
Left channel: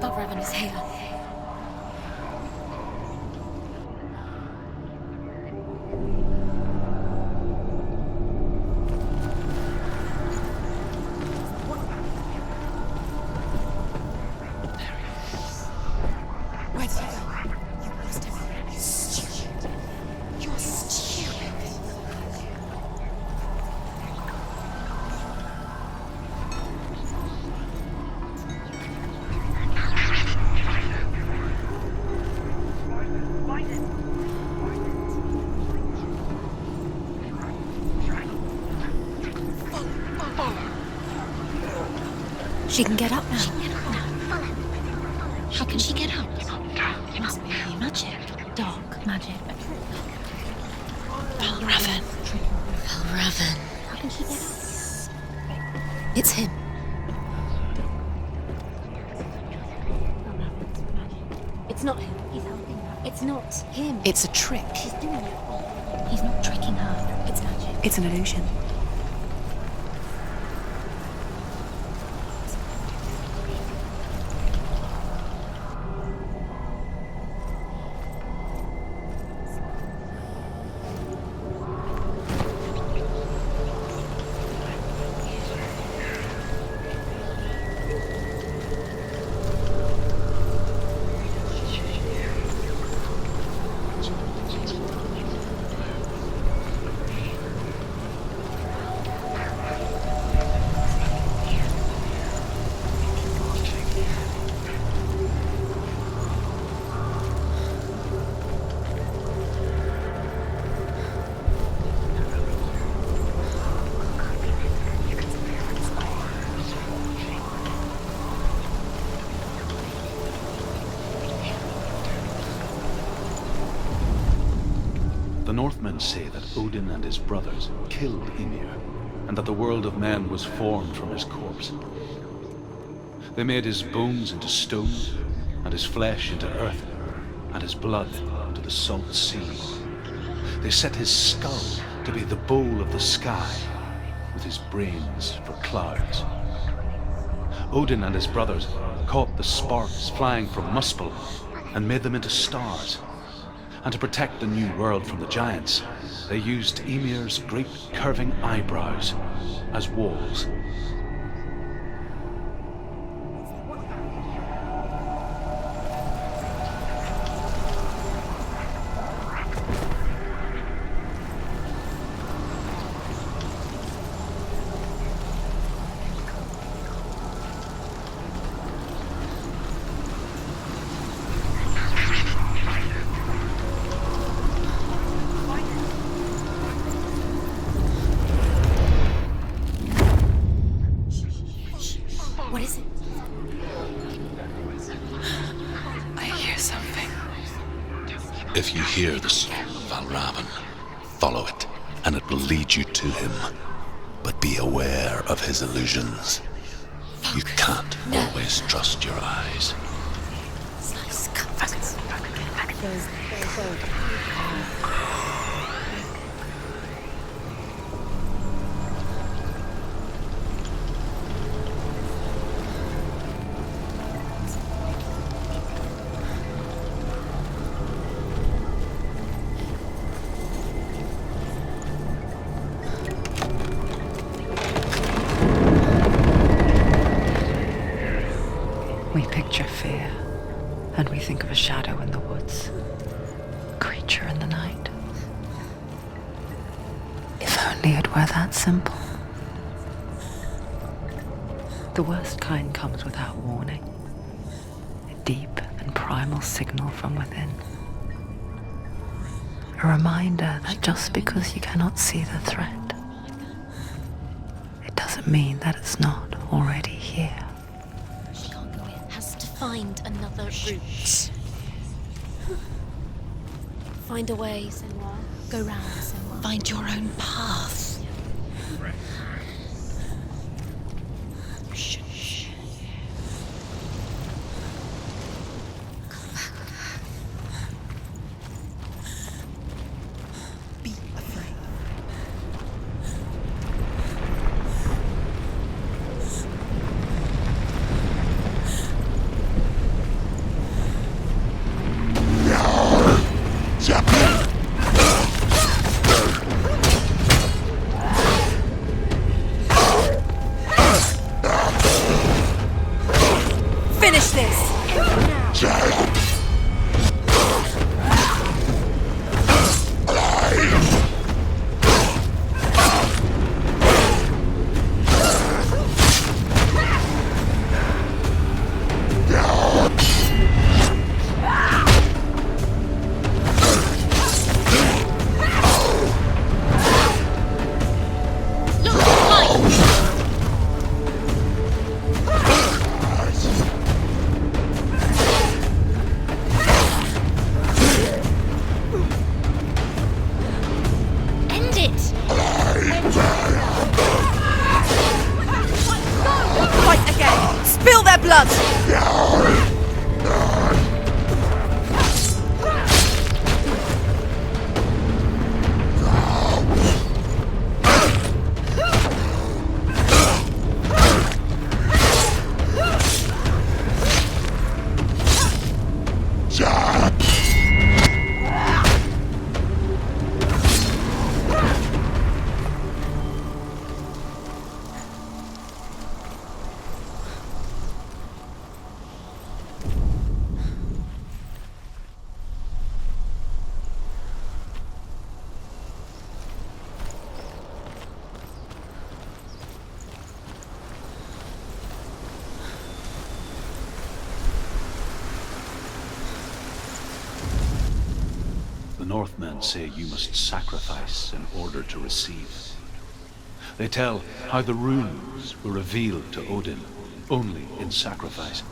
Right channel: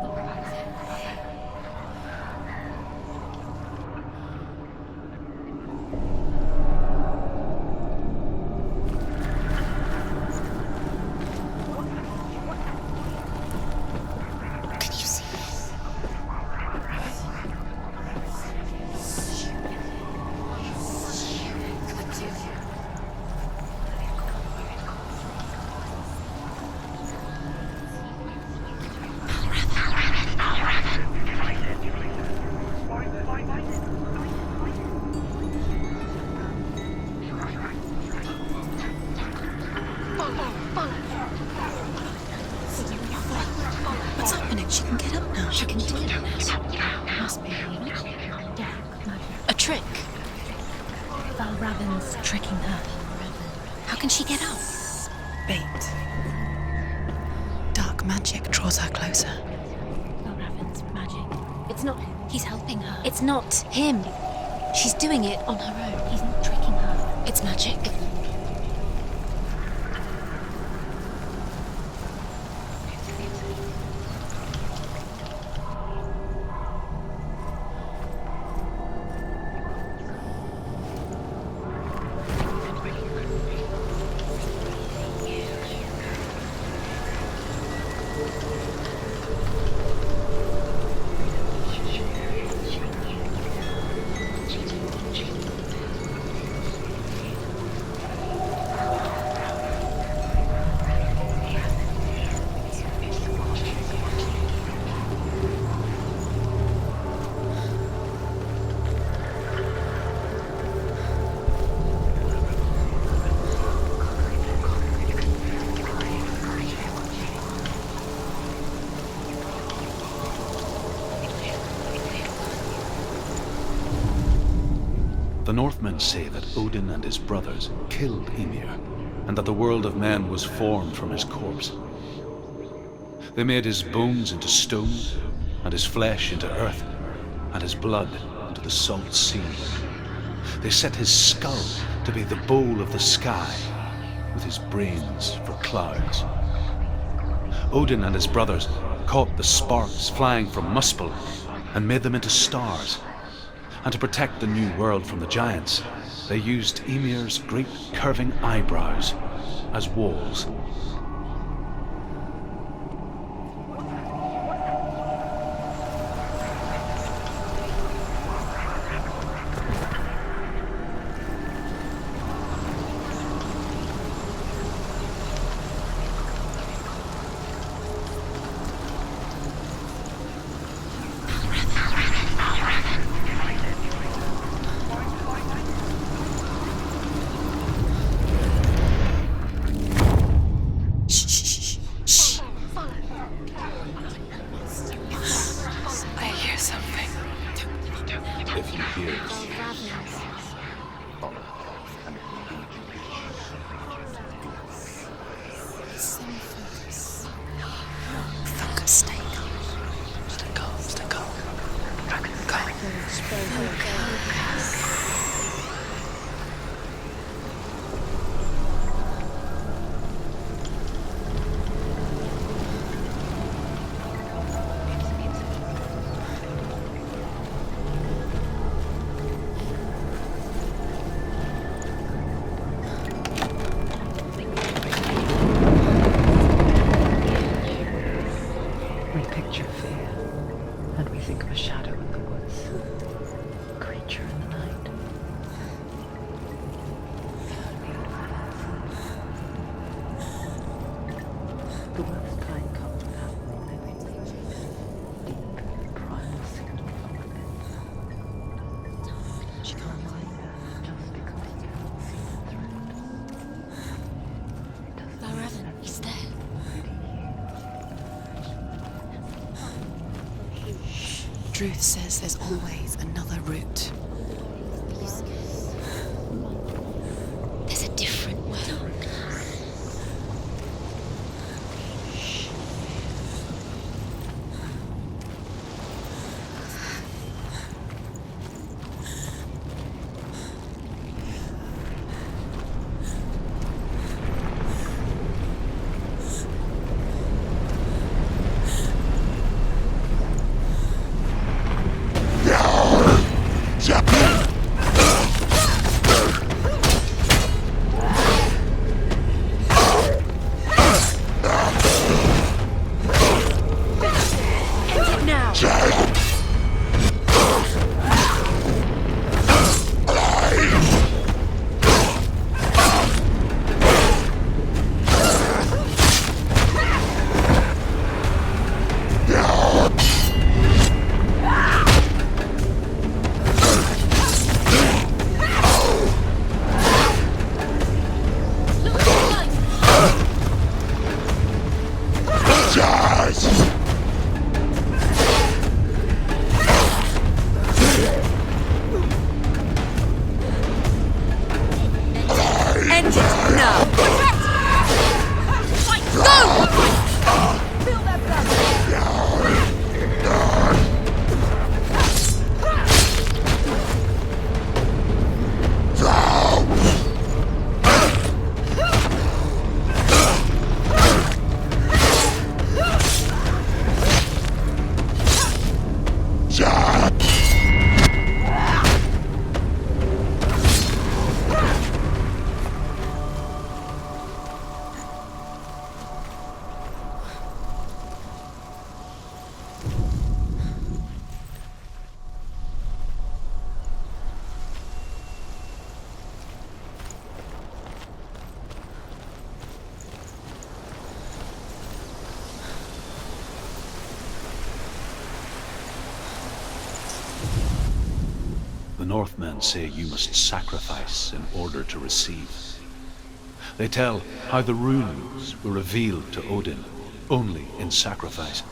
The raven is here. She can get up now. What's happening? She can get up now. How can she get up? Must be magic. Dark magic. A trick. Raven tricking her. Raven. How can she get up? Bait. It's him. Dark magic draws her closer. Raven's magic. It's not him. He's helping her. It's not him. It's a trick. She's doing it on her own. He's not tricking her. It's magic. It's an illusion. The Northmen say that Odin and his brothers killed Ymir, and that the world of men was formed from his corpse. They made his bones into stone, and his flesh into earth, and his blood into the salt sea. They set his skull to be the bowl of the sky, with his brains for clouds. Odin and his brothers caught the sparks flying from Muspel and made them into stars. And to protect the new world from the giants, they used Ymir's great curving eyebrows as walls. If you hear the song of Raven, follow it, and it will lead you to him. But be aware of his illusions. You can't always trust your eyes. We picture fear, and we think of a shadow in the woods, a creature in the night. If only it were that simple. The worst kind comes without warning, a deep and primal signal from within. A reminder that just because you cannot see the threat, it doesn't mean that it's not already here. Find another route. Truth says there's always another route. Find a way, Senua. Go round. Find your own path. There's a different way. The Northmen say you must sacrifice in order to receive. They tell how the runes were revealed to Odin only in sacrifice.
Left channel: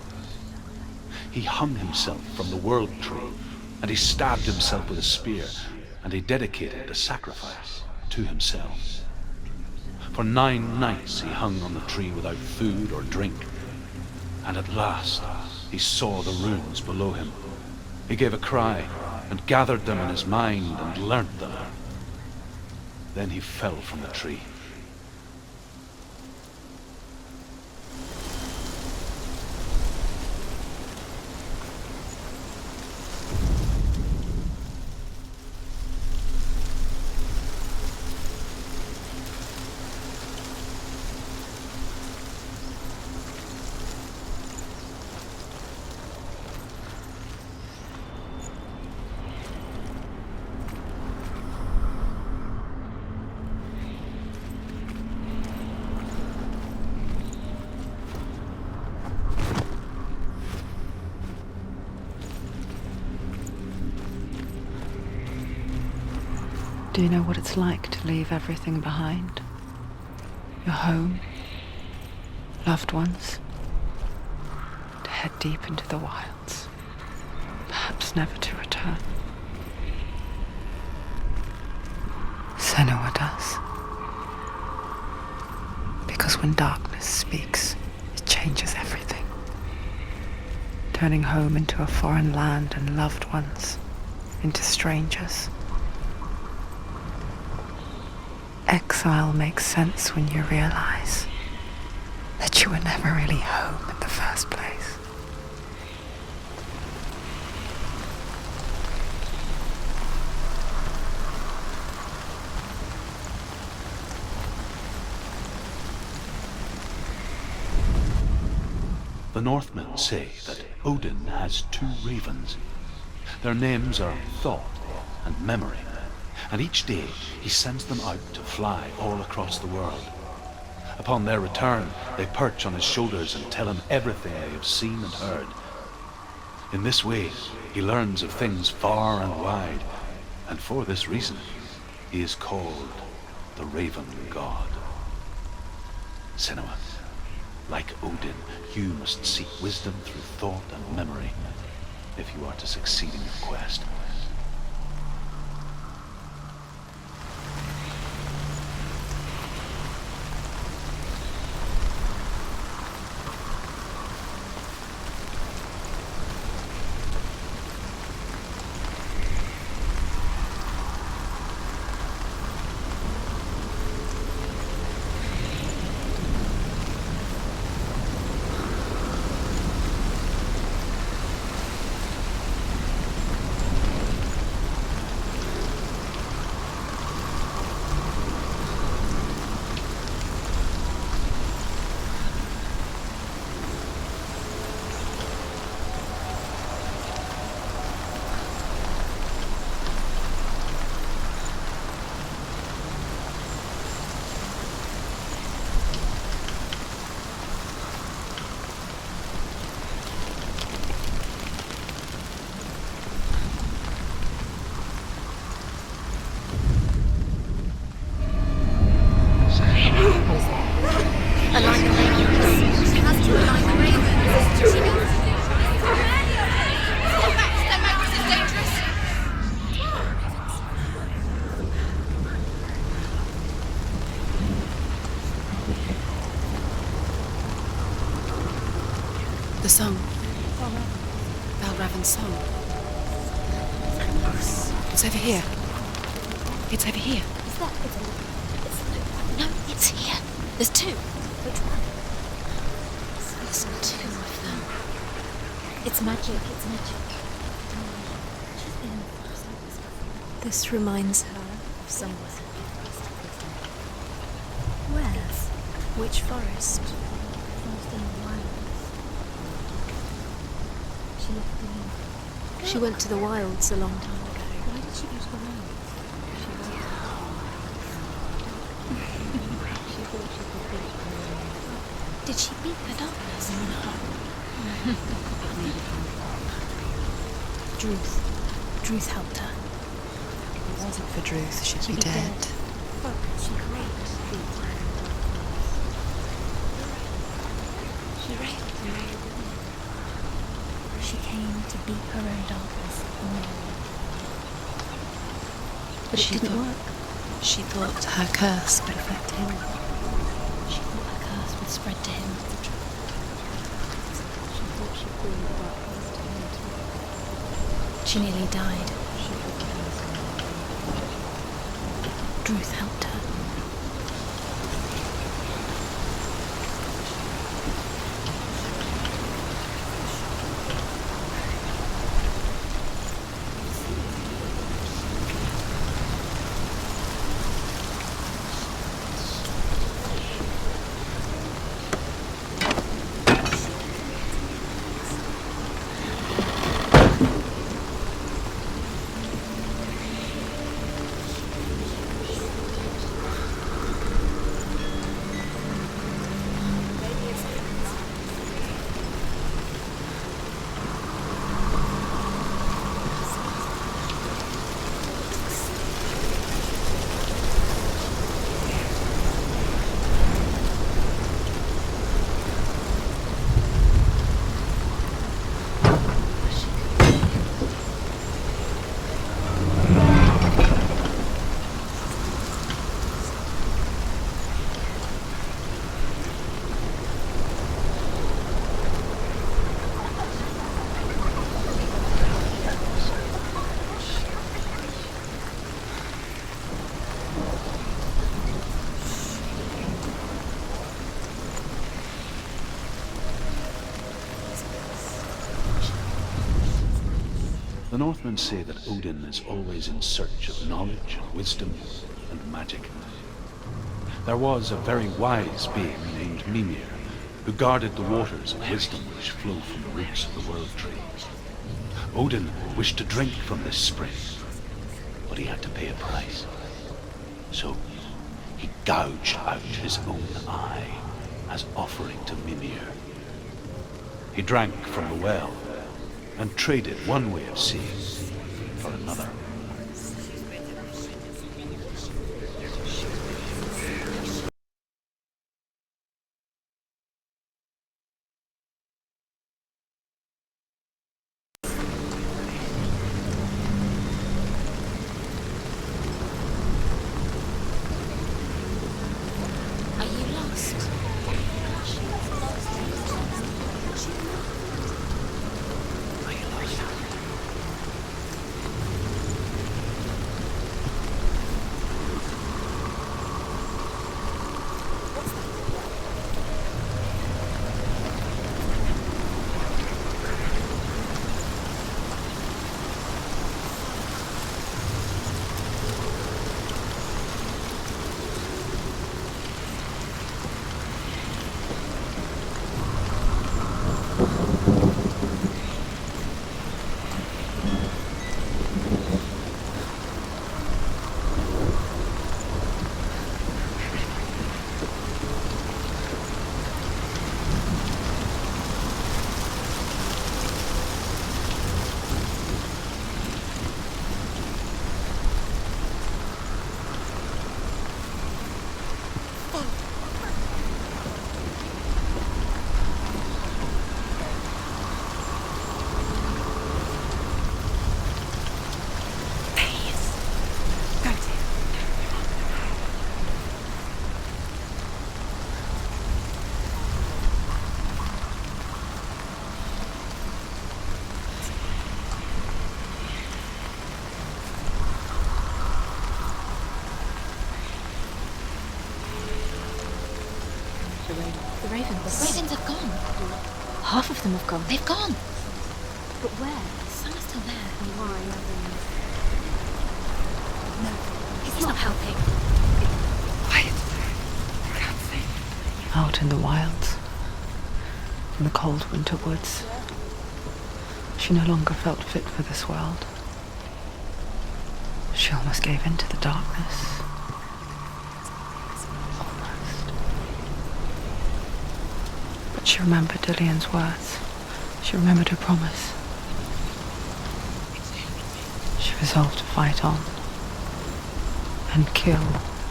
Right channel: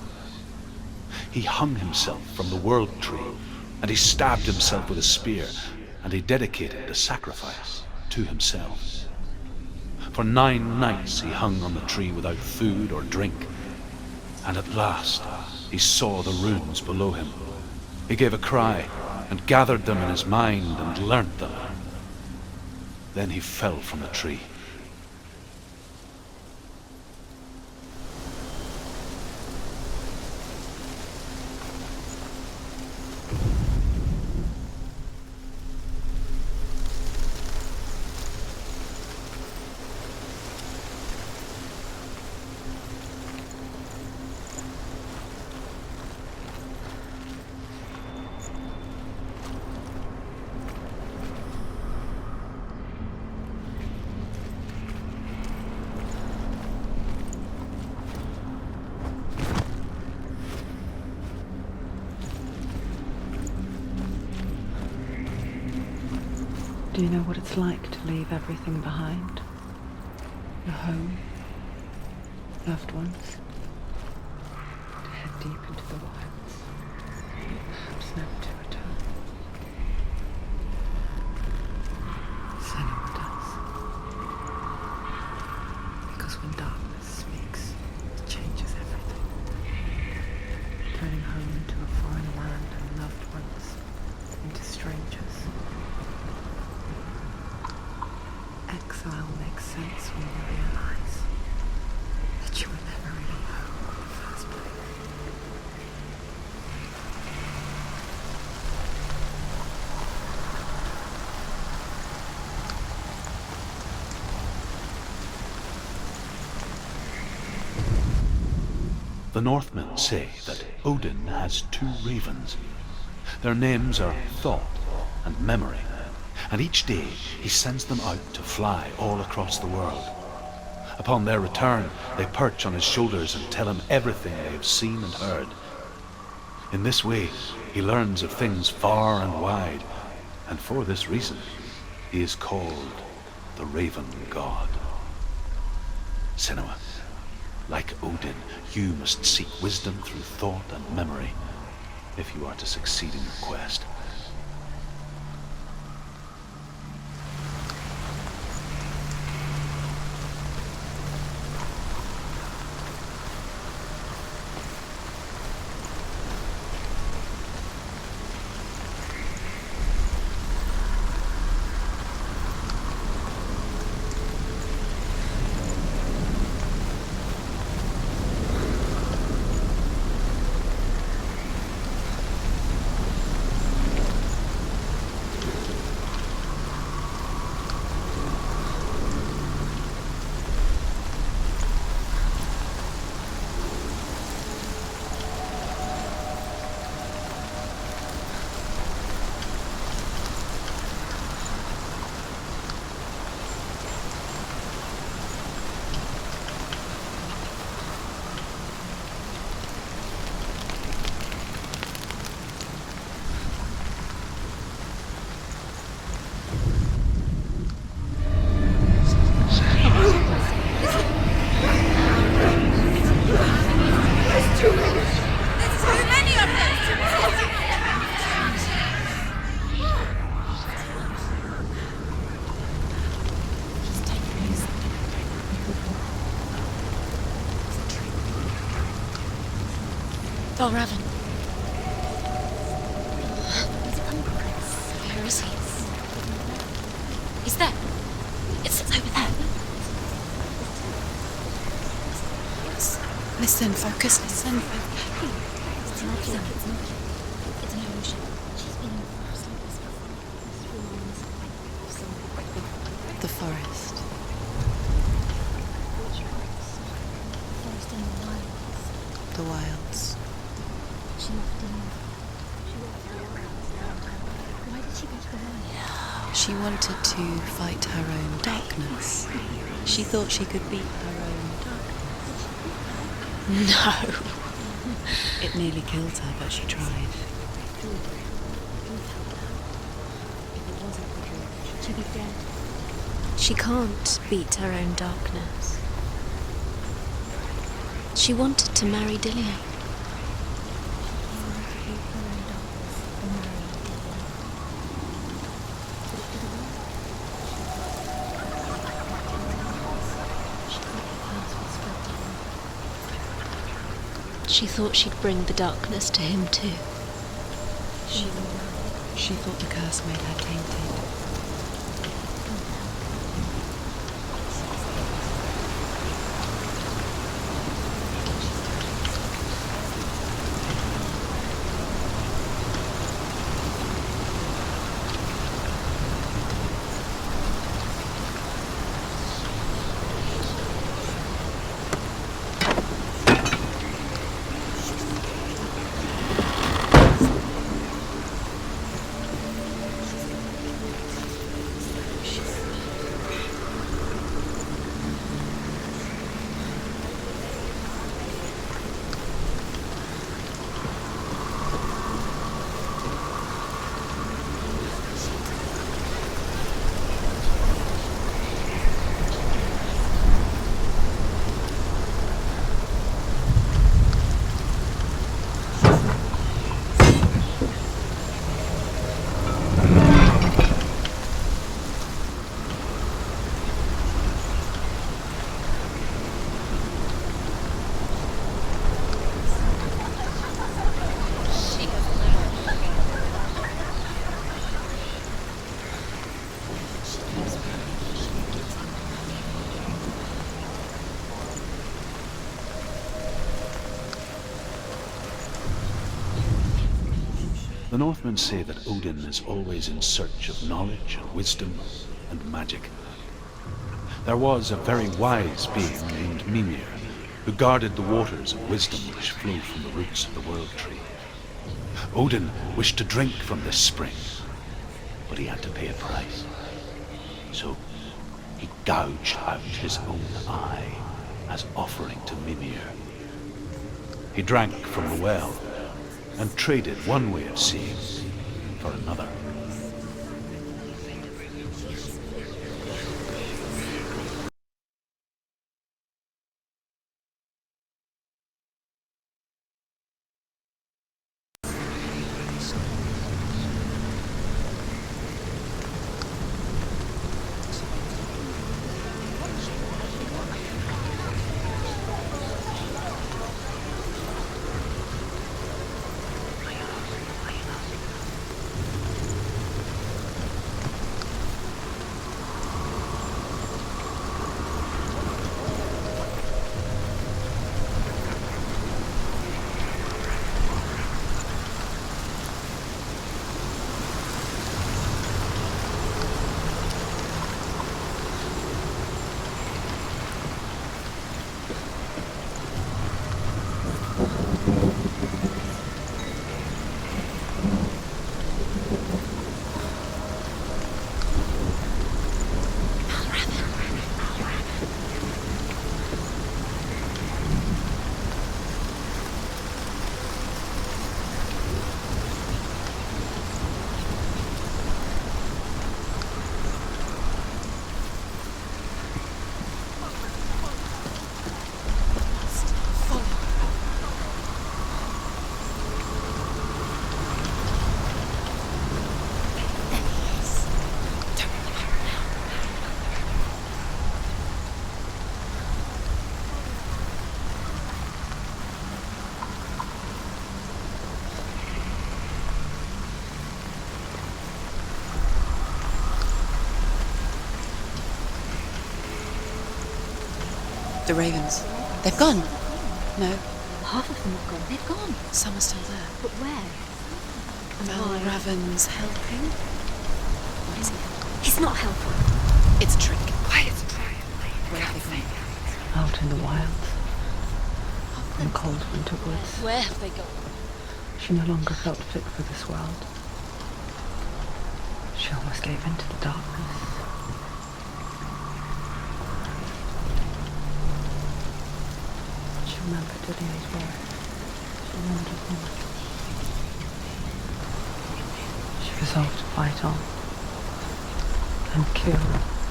He hung himself from the world tree, and he stabbed himself with a spear, and he dedicated the sacrifice to himself. For 9 nights he hung on the tree without food or drink, and at last he saw the runes below him. He gave a cry and gathered them in his mind and learnt them. Then he fell from the tree. Do you know what it's like to leave everything behind? Your home, loved ones, to head deep into the wilds, perhaps never to return. Senua does. Because when darkness speaks, it changes everything, turning home into a foreign land and loved ones into strangers. Exile makes sense when you realize that you were never really home in the first place. The Northmen say that Odin has 2 ravens. Their names are Thought and Memory, and each day he sends them out to fly all across the world. Upon their return, they perch on his shoulders and tell him everything they have seen and heard. In this way, he learns of things far and wide, and for this reason, he is called the Raven God. Senua, like Odin, you must seek wisdom through thought and memory if you are to succeed in your quest. The song. Balraven. Balraven's song. It's over here. It's over here. Is that? It's over there. No, it's here. There's 2. Listen, focus, listen. It's magic. It's magic. It's an illusion. This reminds her of something. The forest. Where? Which forest? Forest in the wilds. The wilds. She went to the wilds a long time ago. Why did she go to the wilds? She wanted to fight her own darkness. She thought she could beat her own. Did she beat the darkness? No. It nearly killed her, but she tried. Druth helped her. If it wasn't for Druth, she'd be dead. She can't beat her own darkness. She wanted to marry Dillian. She came to beat her own darkness and marry Dillian. But she didn't work. She thought her curse would affect him. She thought her curse would spread to him. She thought she'd bring the darkness to him too. She nearly died. She thought the curse made her tainted. Truth helped her. The Northmen say that Odin is always in search of knowledge and wisdom and magic. There was a very wise being named Mimir, who guarded the waters of wisdom which flow from the roots of the World Tree. Odin wished to drink from this spring, but he had to pay a price. So he gouged out his own eye as offering to Mimir. He drank from the well and traded one way of seeing for another. The ravens. The ravens. They've gone. They've gone. No, half of them have gone. They've gone. Some are still there. But where? Some are still there. And are ravens helping? He's not helping. It's a trick. Quiet. I can't think. Out in the wilds, in the cold winter woods, Where have they gone? she no longer felt fit for this world. She almost gave in to the darkness. But she remembered Dillian's words. She remembered her promise. She resolved to fight on and kill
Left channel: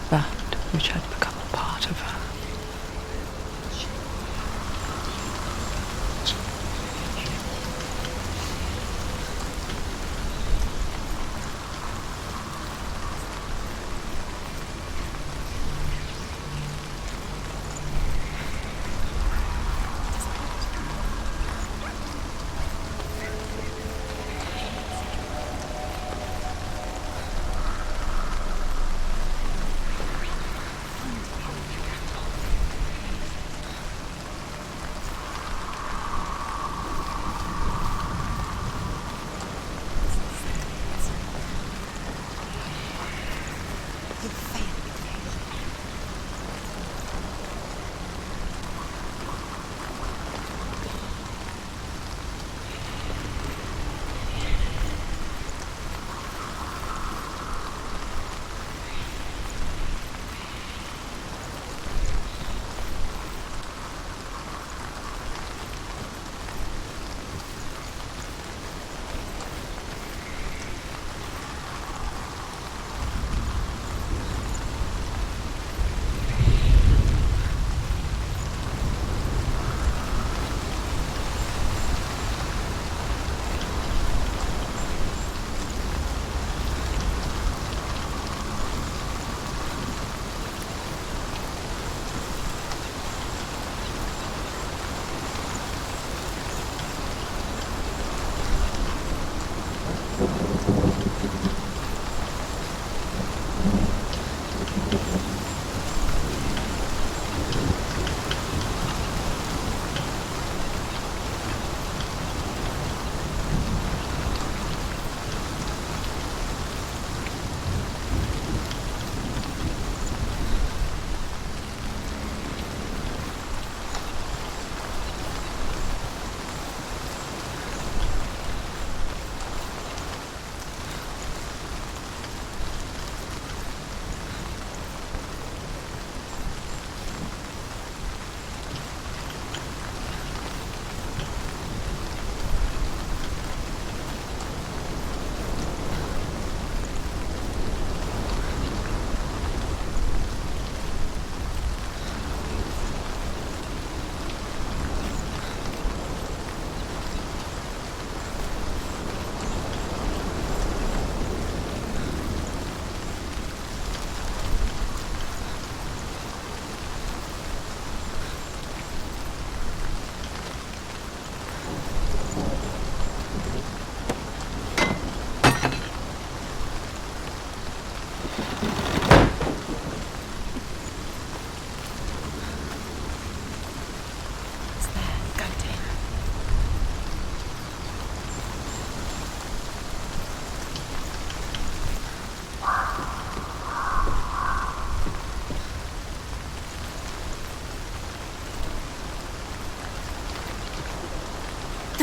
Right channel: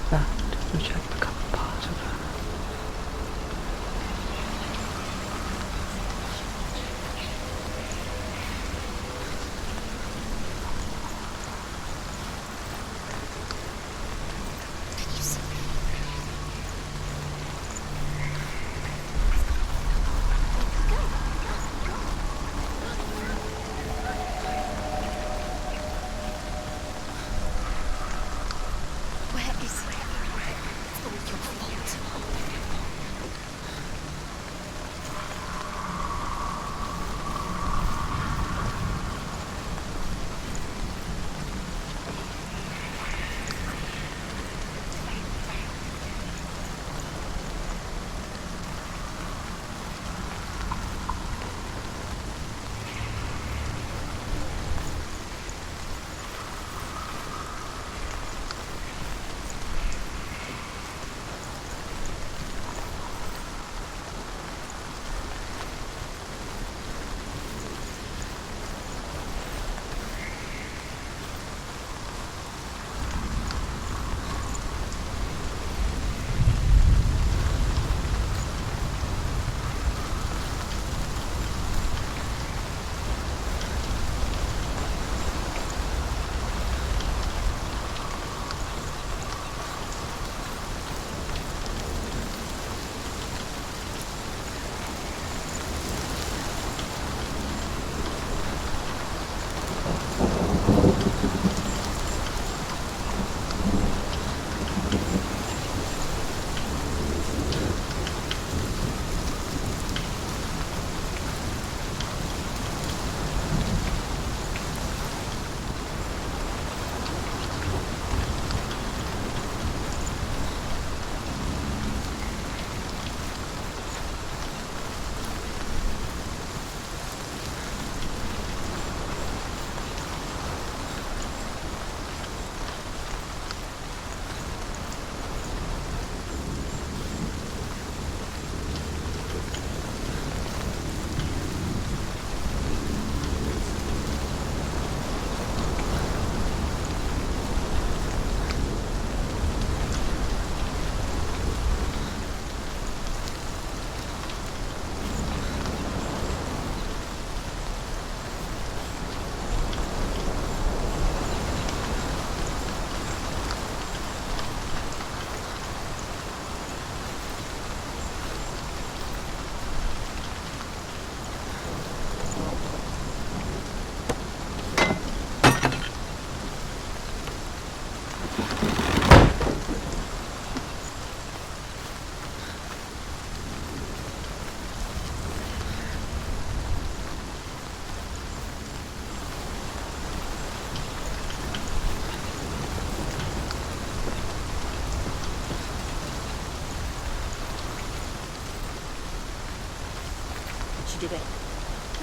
that which had become a part of her.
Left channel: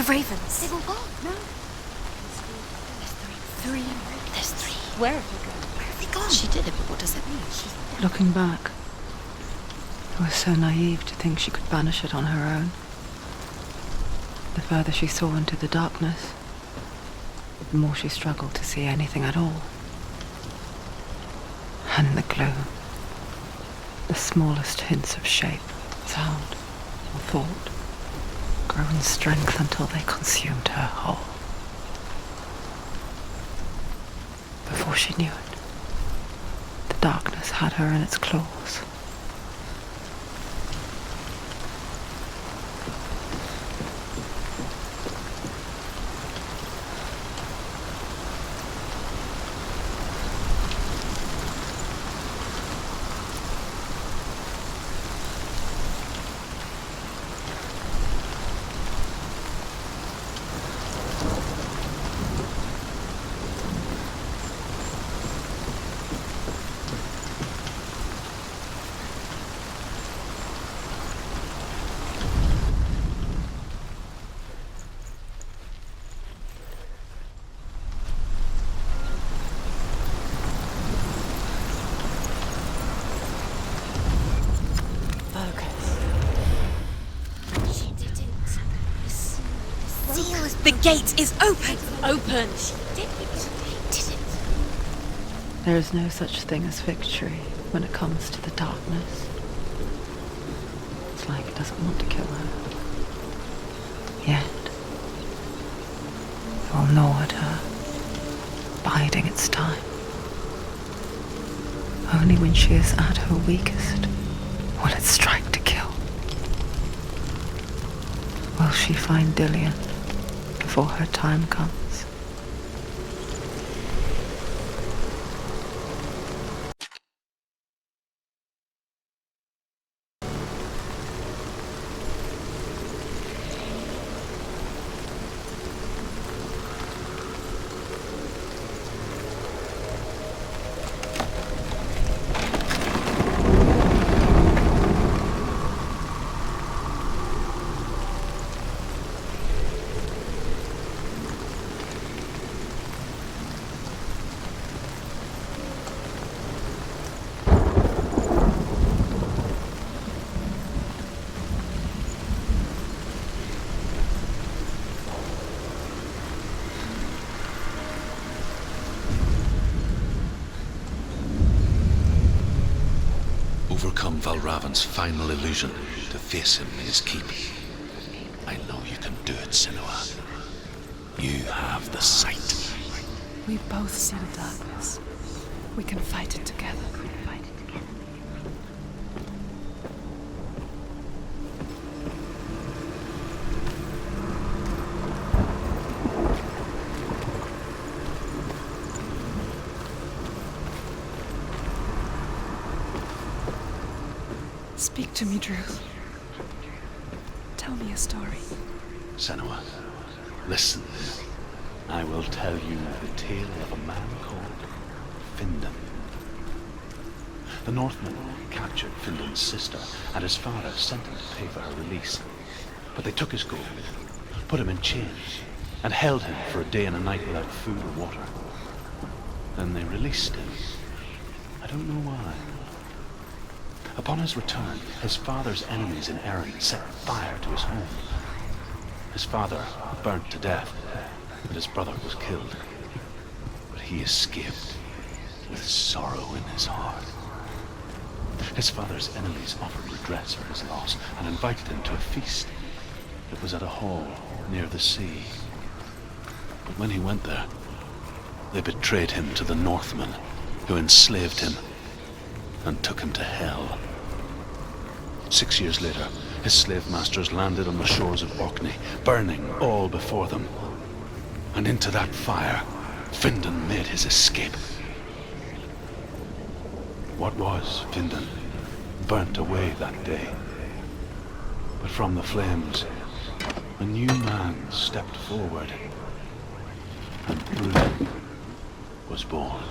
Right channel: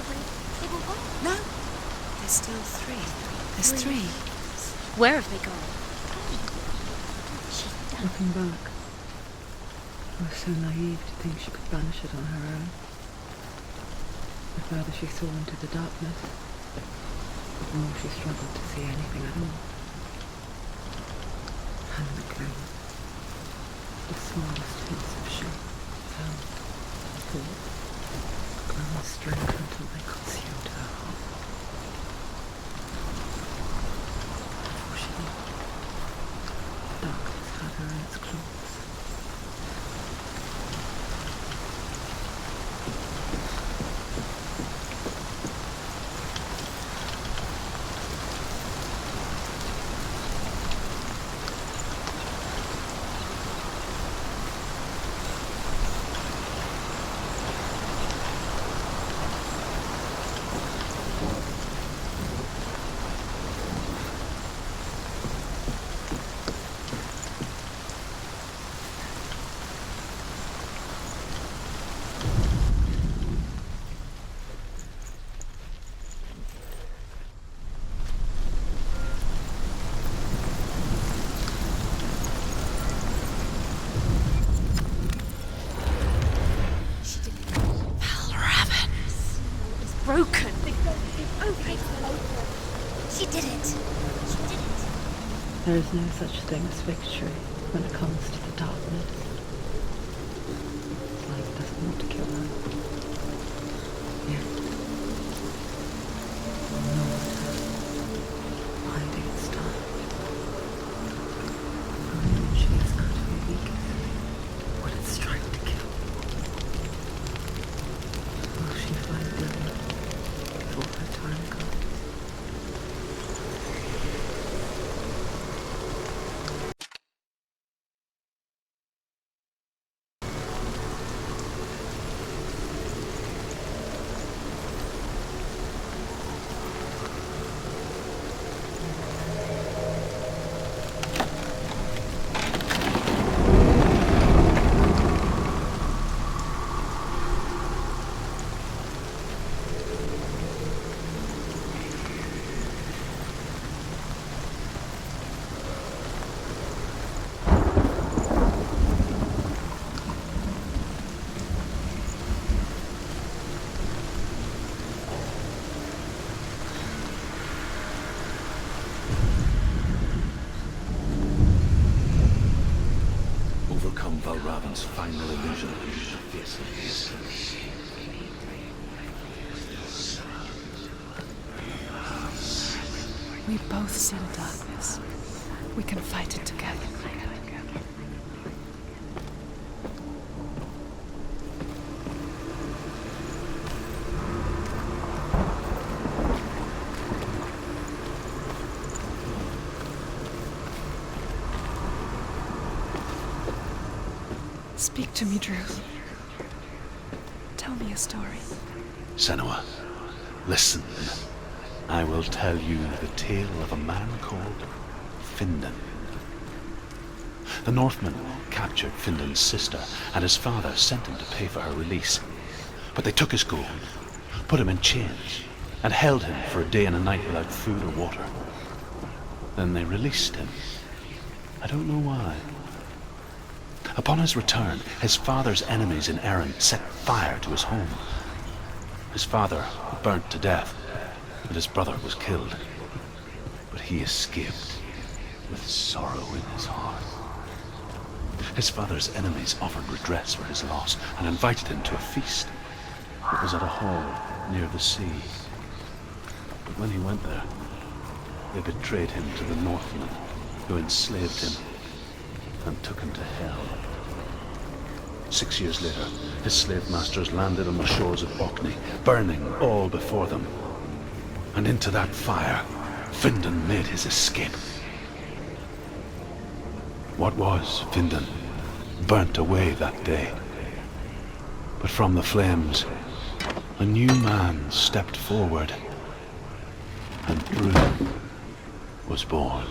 ravens. They've all gone. No. There's still three. There's three. There's three. Where have they gone? Where have they gone? She did it. What does that mean? Looking back, I was so naive to think she could banish it on her own. The further she saw into the darkness, the more she struggled to see anything at all. And the gloom, the smallest hints of shape, sound, or thought, grew in strength until they consumed her whole. Before she knew it, the darkness had her in its claws. The gate is open. Open. She did it. There is no such thing as victory when it comes to the darkness. It's like it doesn't want to kill her. Yet, it will gnaw at her, biding its time. Only when she is at her weakest will it strike to kill. Will she find Dillian before her time comes? Overcome Valravan's final illusion to face him in his keep. I know you can do it, Senua. You have the sight. We both see the darkness. We can fight it together. Speak to me, Druth. Tell me a story. Senua, listen. I will tell you the tale of a man called Findan. The Northmen captured Findan's sister, and his father sent him to pay for her release. But they took his gold, put him in chains, and held him for a day and a night without food or water. Then they released him. I don't know why. Upon his return, his father's enemies in Erin set fire to his home. His father burnt to death, and his brother was killed. But he escaped with sorrow in his heart. His father's enemies offered redress for his loss and invited him to a feast. It was at a hall near the sea. But when he went there, they betrayed him to the Northmen, who enslaved him and took him to hell. 6 years later, his slave masters landed on the shores of Orkney, burning all before them. And into that fire, Findan made his escape. What was Findan burnt away that day. But from the flames, a new man stepped forward, and Druth was born.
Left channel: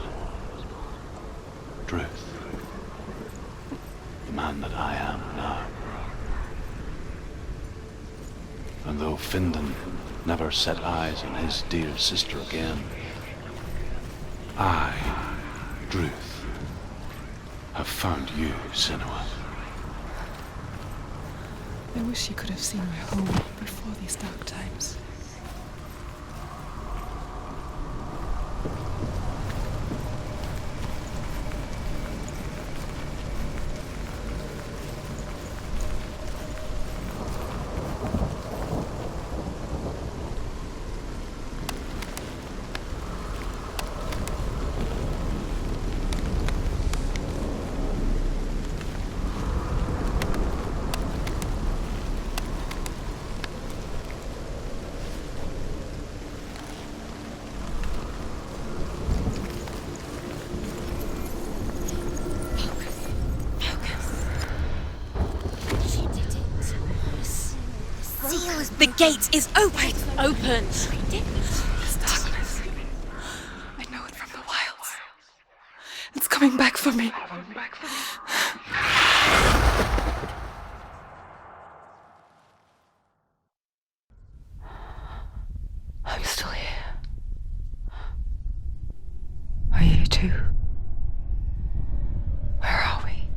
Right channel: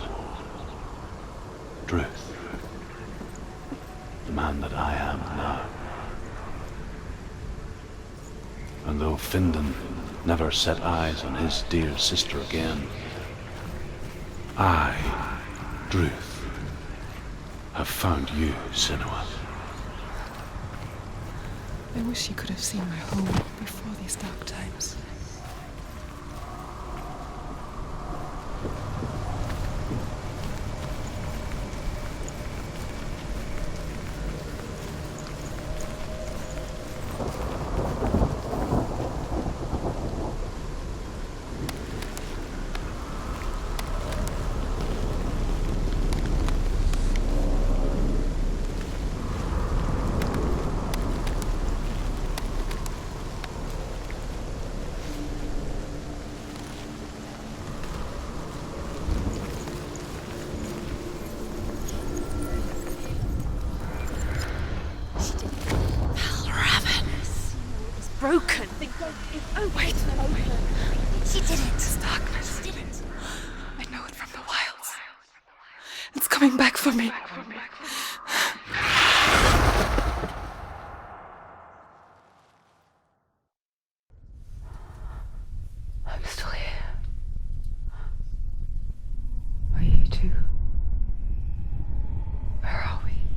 Druth. The man that I am now. And though Findan never set eyes on his dear sister again. I, Druth, have found you, Senua. I wish you could have seen my home before these dark times. The gate is open! Open! This darkness. I know it from the wilds. It's coming back for me. I'm still here. Are you too? Where are we?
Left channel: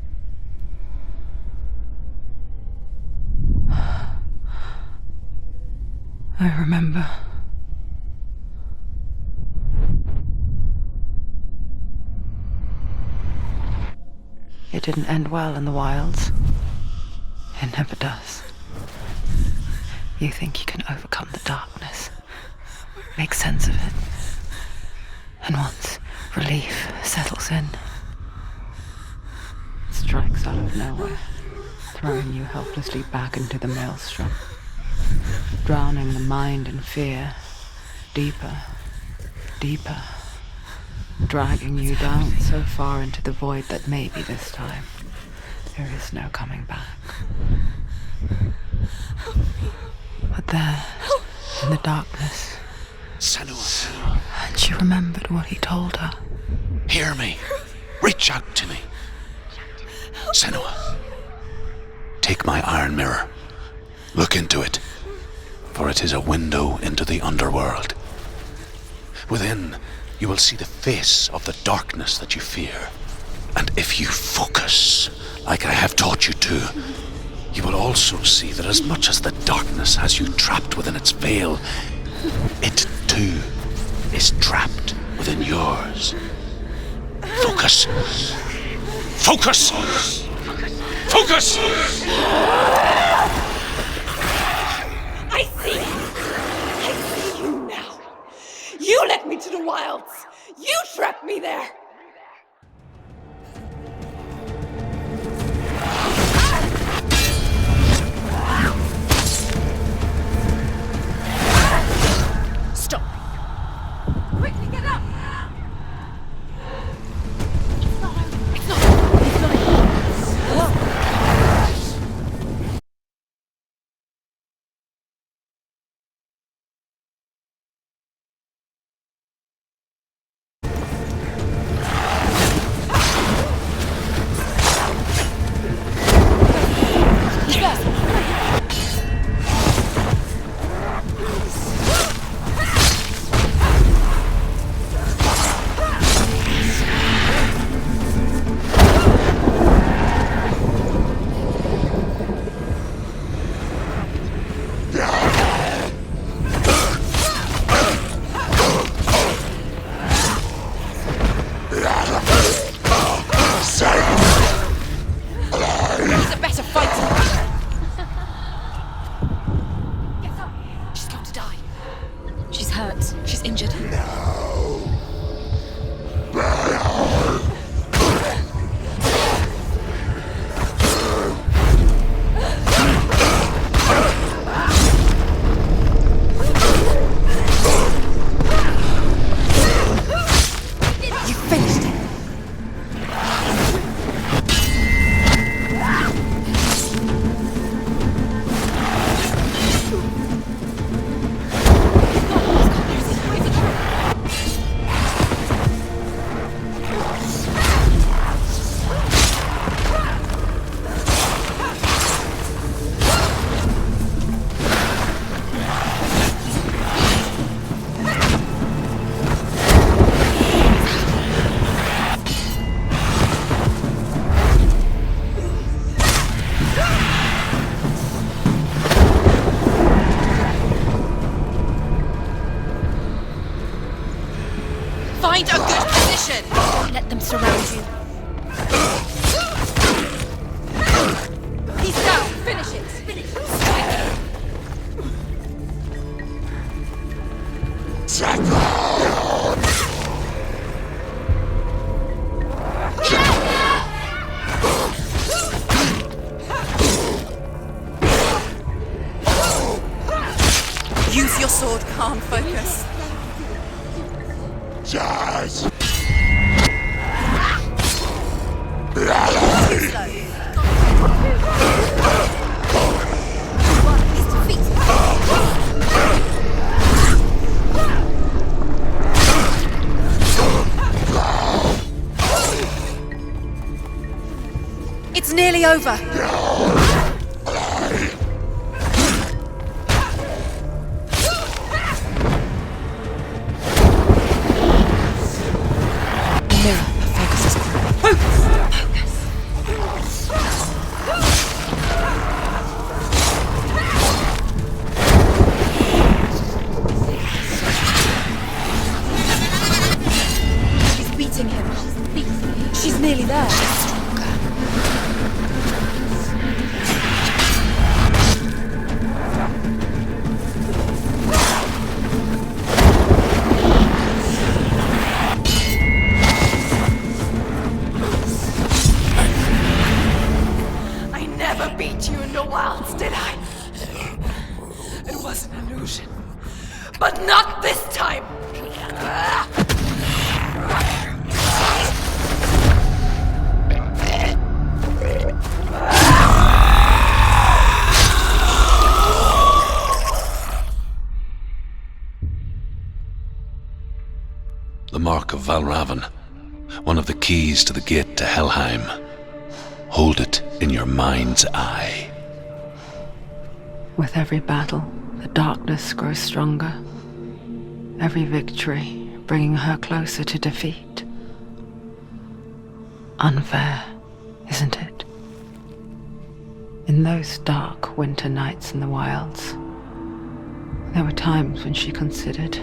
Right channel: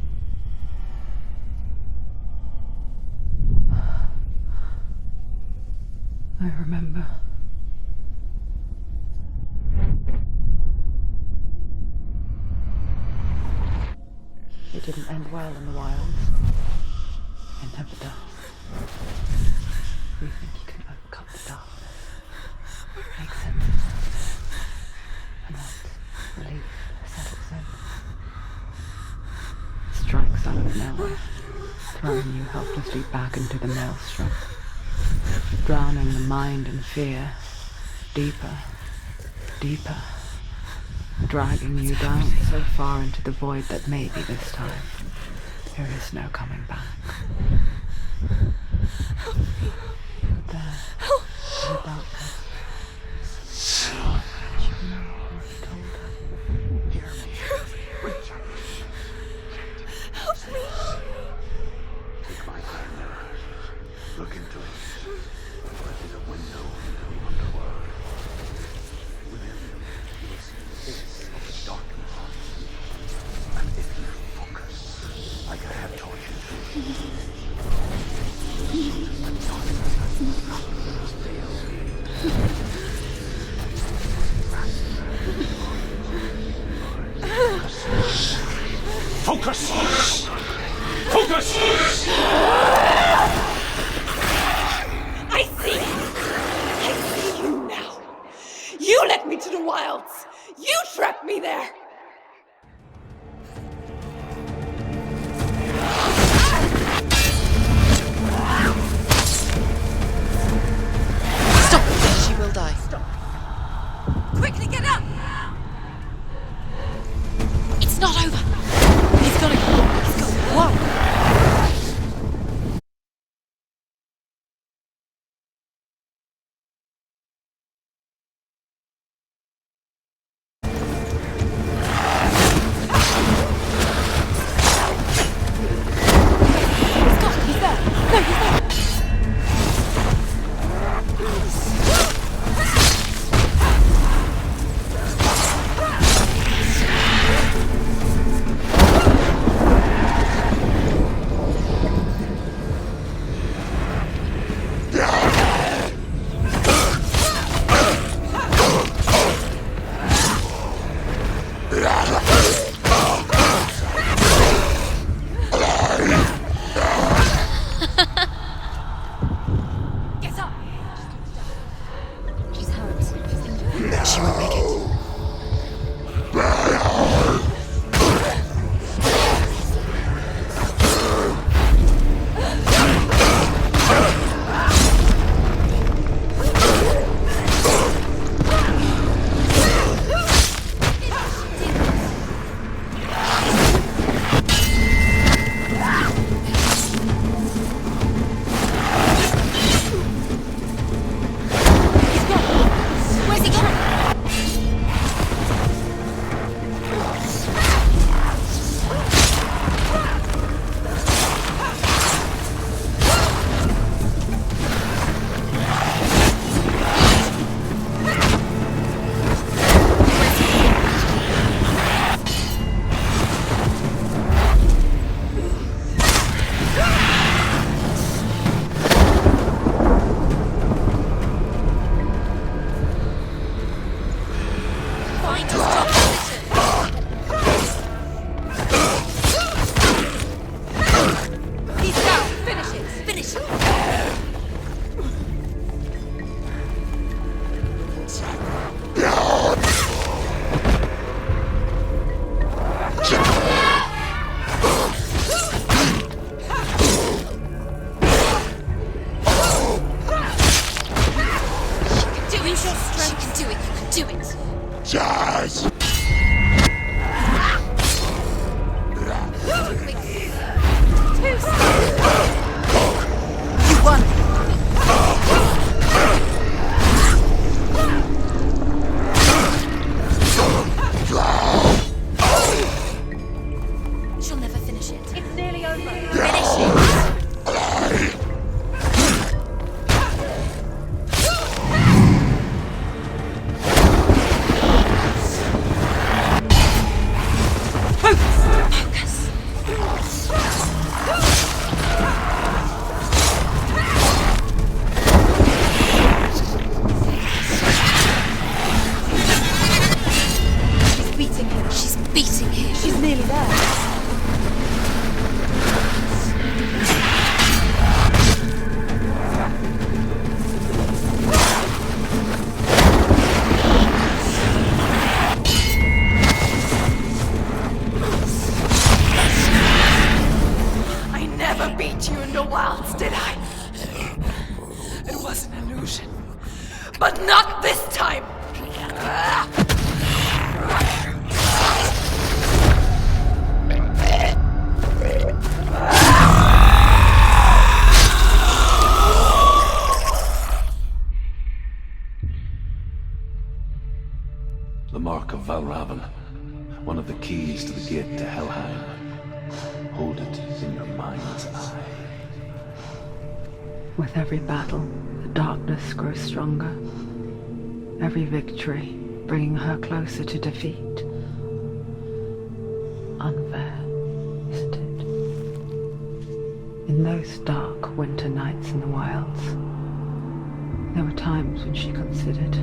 I remember. It didn't end well in the wilds. It never does. You think you can overcome the darkness, make sense of it, and once relief settles in, it strikes out of nowhere, throwing you helplessly back into the maelstrom, drowning the mind in fear, deeper, deeper, dragging you down so far into the void that maybe this time there is no coming back. But there, in the darkness, Senua, and she remembered what he told her. hear me. Reach out to me. Senua, take my iron mirror. Look into it, for it is a window into the underworld. Within, you will see the face of the darkness that you fear. And if you focus, like I have taught you to, you will also see that as much as the darkness has you trapped within its veil, it too is trapped within yours. Focus. Focus! Focus! I see! I see you now! You led me to the wilds! You trapped me there! She will die. Stop. Quickly get up! It's not over. He's got it. Whoa. It's nearly over. She's nearly there. I never beat you in the wilds, did I? It was an illusion. But not this time! The Mark of Valravan, one of the keys to the gate to Helheim. Hold it in your mind's eye. With every battle, the darkness grows stronger. Every victory bringing her closer to defeat. Unfair, isn't it? In those dark winter nights in the wilds, there were times when she considered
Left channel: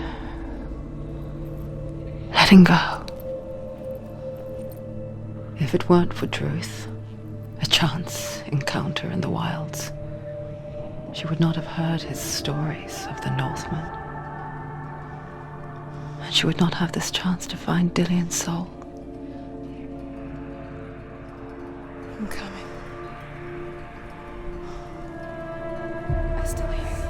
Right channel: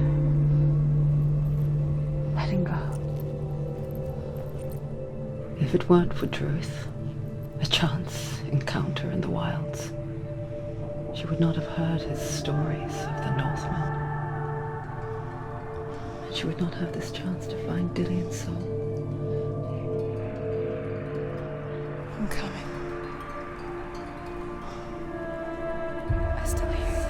letting go. If it weren't for Druth, a chance encounter in the wilds, she would not have heard his stories of the Northmen. And she would not have this chance to find Dillion's soul. I'm coming. I still hear you.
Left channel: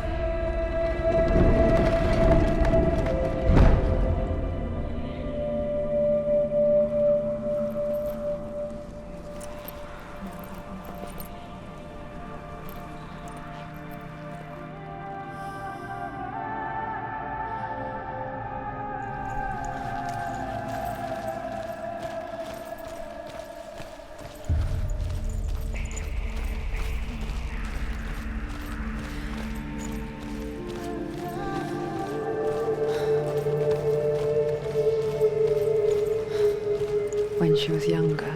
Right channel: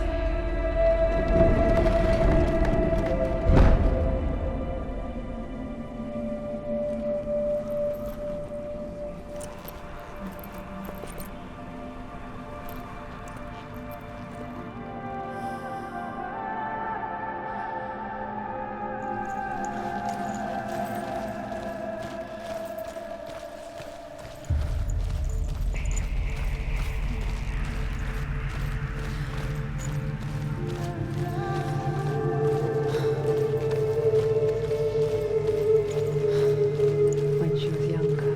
When she was younger,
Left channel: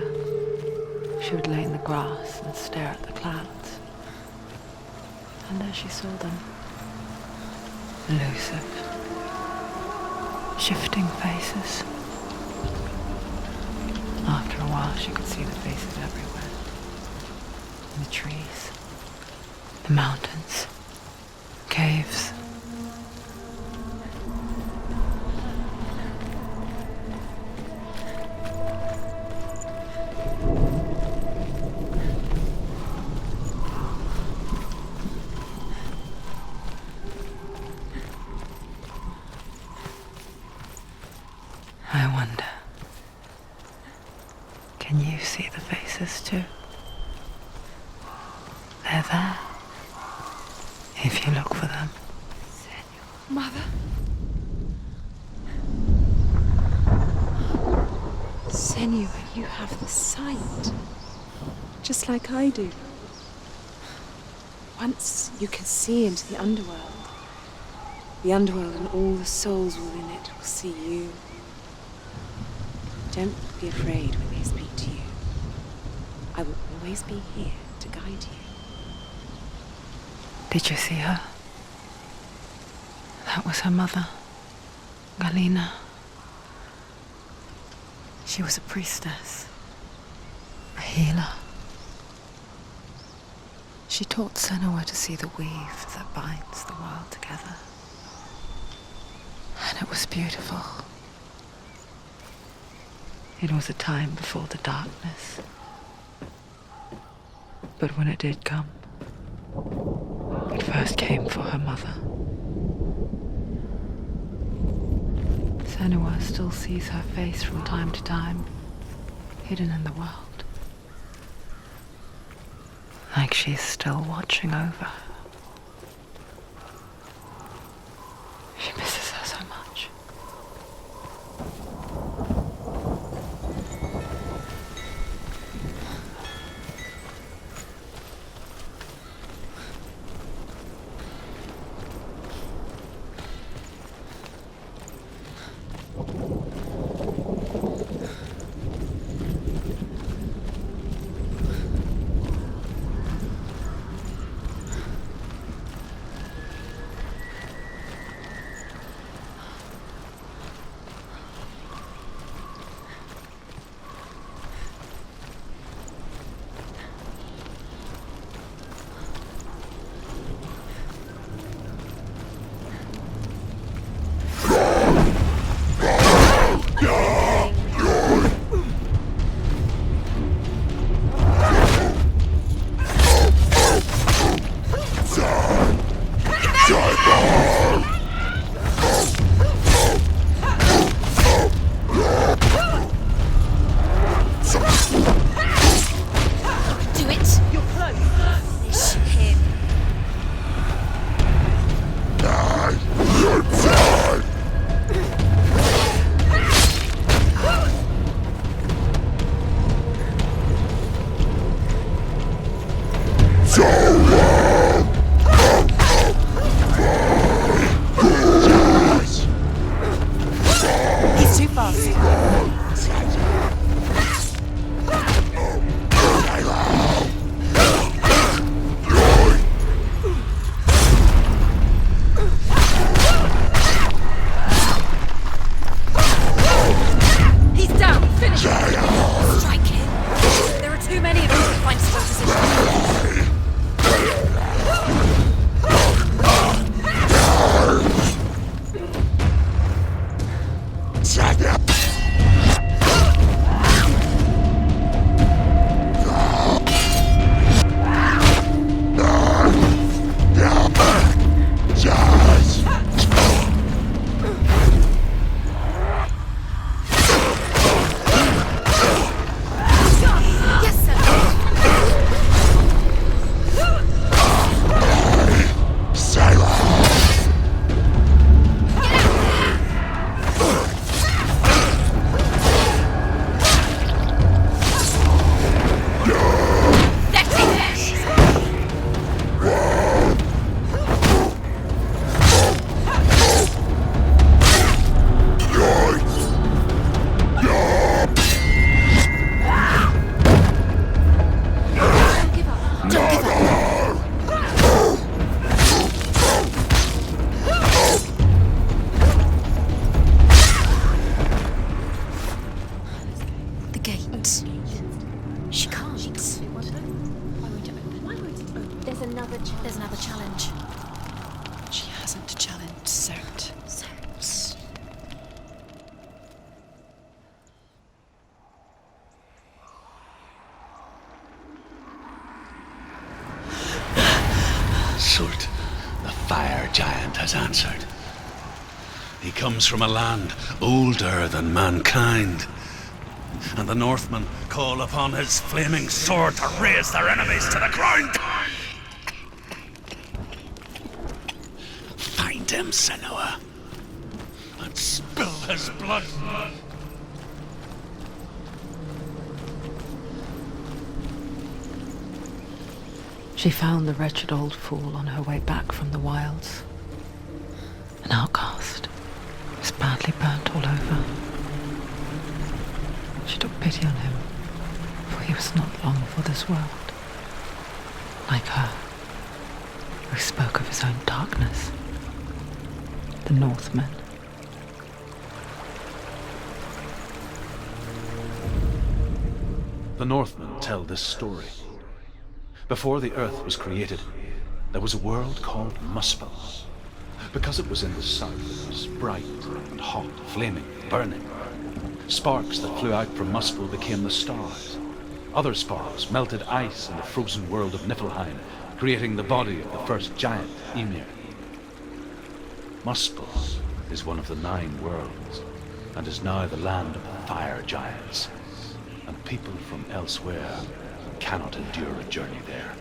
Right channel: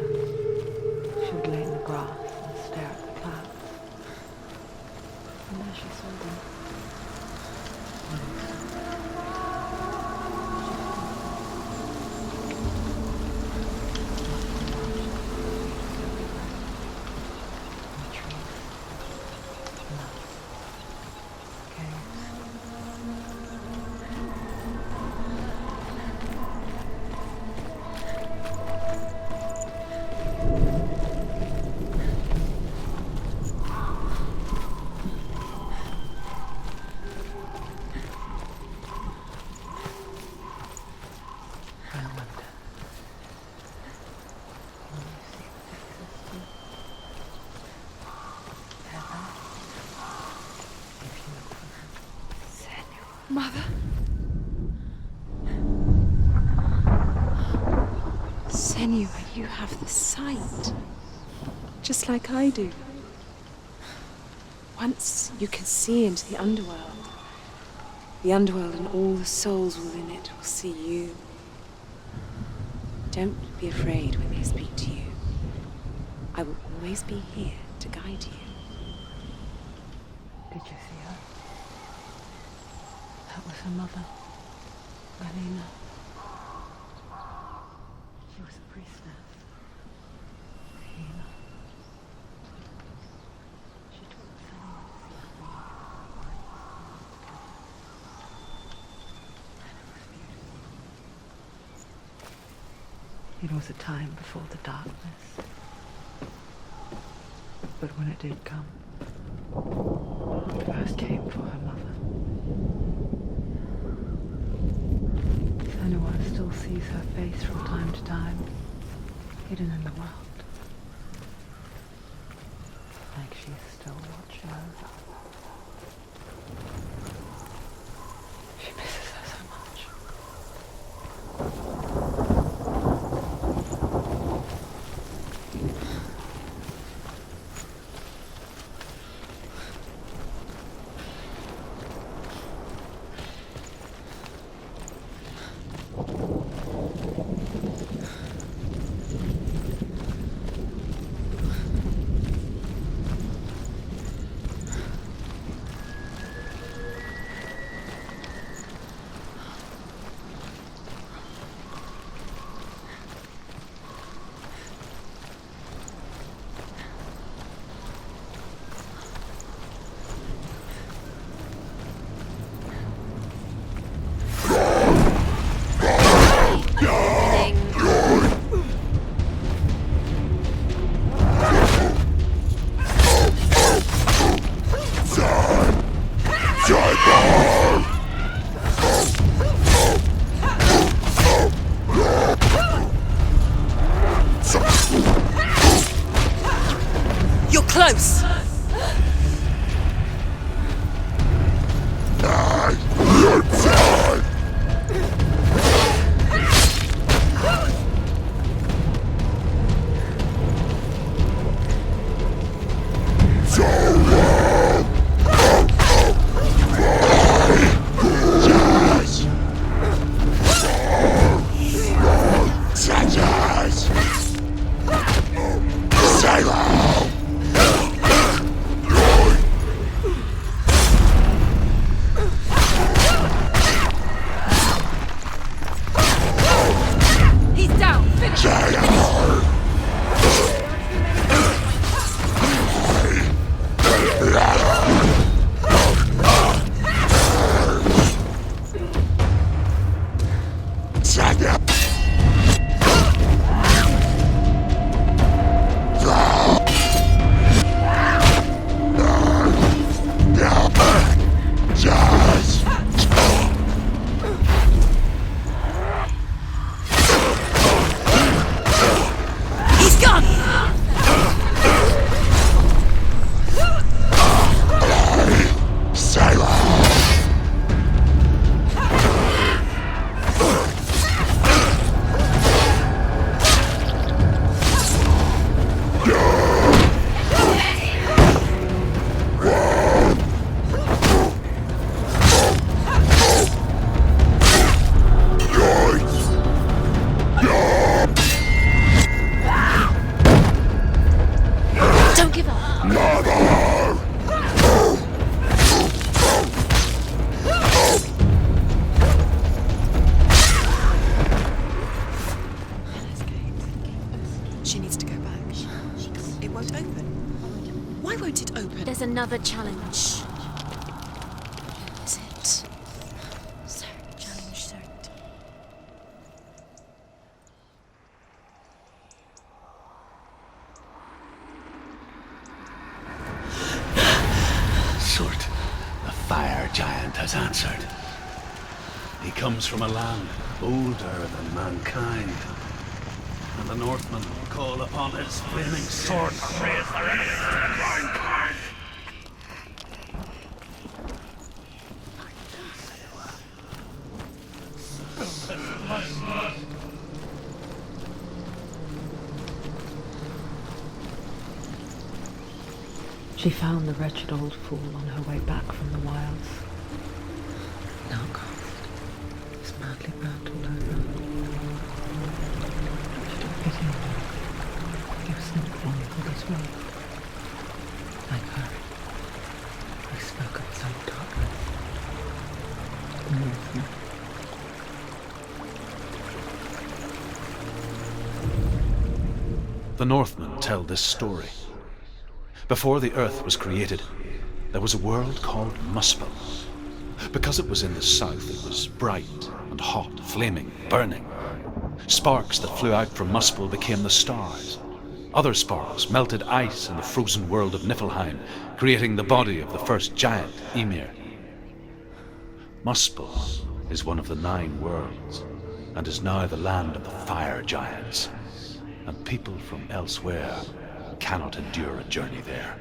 she would lay in the grass and stare at the clouds. And there she saw them. Elusive, shifting faces. After a while, she could see the faces everywhere. In the trees, the mountains, caves. I wonder, can you see the faces too? They're there, if you look for them. Mother? Senua, you have the sight. Just like I do. Once you can see into the underworld. The underworld and all the souls within it will see you. Don't be afraid when they speak to you. I will always be here to guide you. Did you see her? That was her mother, Galina. She was a priestess, a healer. She taught Senua to see the weave that binds the world together. And it was beautiful. It was a time before the darkness. But when it did come, it first came for her mother. Senua still sees her face from time to time, hidden in the world. Like she's still watching over her. She misses her so much. close! He's down! Finish him! There are too many of them. There's another challenge. She hasn't challenged Sert. Surt, the fire giant, has answered. He comes from a land older than mankind, and the Northmen call upon his flaming sword to raise their enemies to the ground. Find him, Senua, and spill his blood. She found the wretched old fool on her way back from the wilds. An outcast. He was badly burnt all over. She took pity on him, for he was not long for this world. Like her, who spoke of his own darkness. The Northmen. The Northmen tell this story. Before the earth was created, there was a world called Muspel. Because it was in the south, it was bright and hot, flaming, burning. Sparks that flew out from Muspel became the stars. Other sparks melted ice in the frozen world of Niflheim, creating the body of the first giant, Ymir. Muspel is one of the 9 worlds, and is now the land of the fire giants. And people from elsewhere cannot endure a journey there.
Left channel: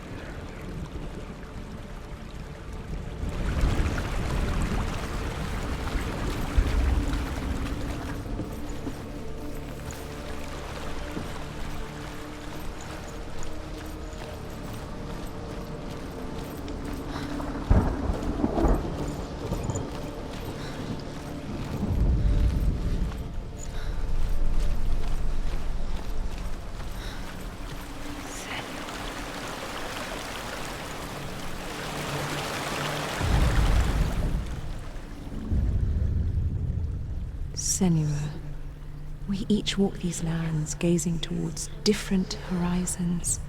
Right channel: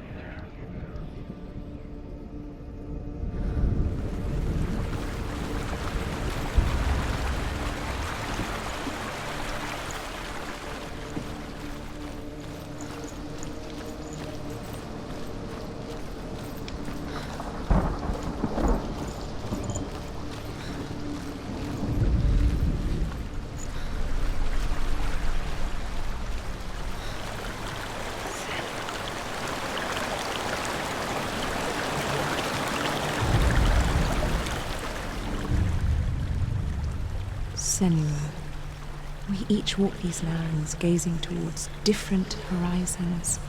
Senua, we each walk these lands gazing towards different horizons,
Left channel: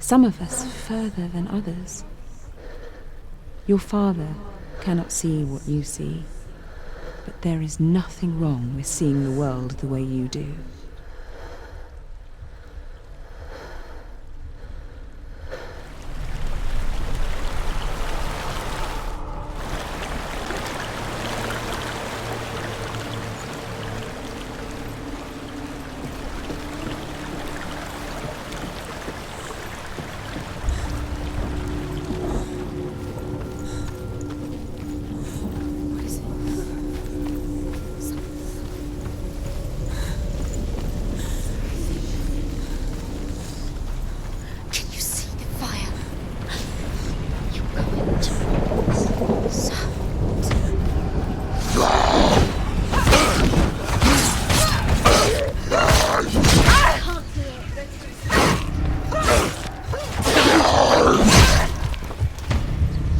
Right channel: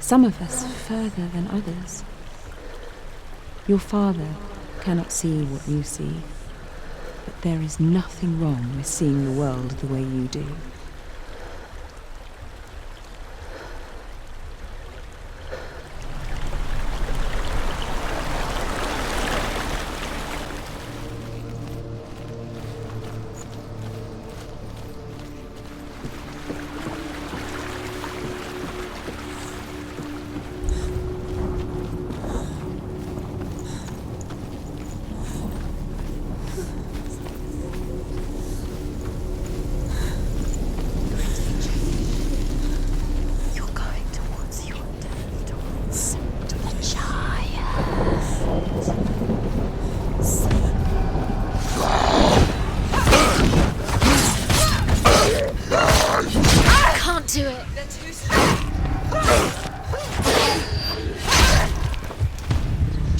some of us further than others. Your father cannot see what you see, but there is nothing wrong with seeing the world the way you do.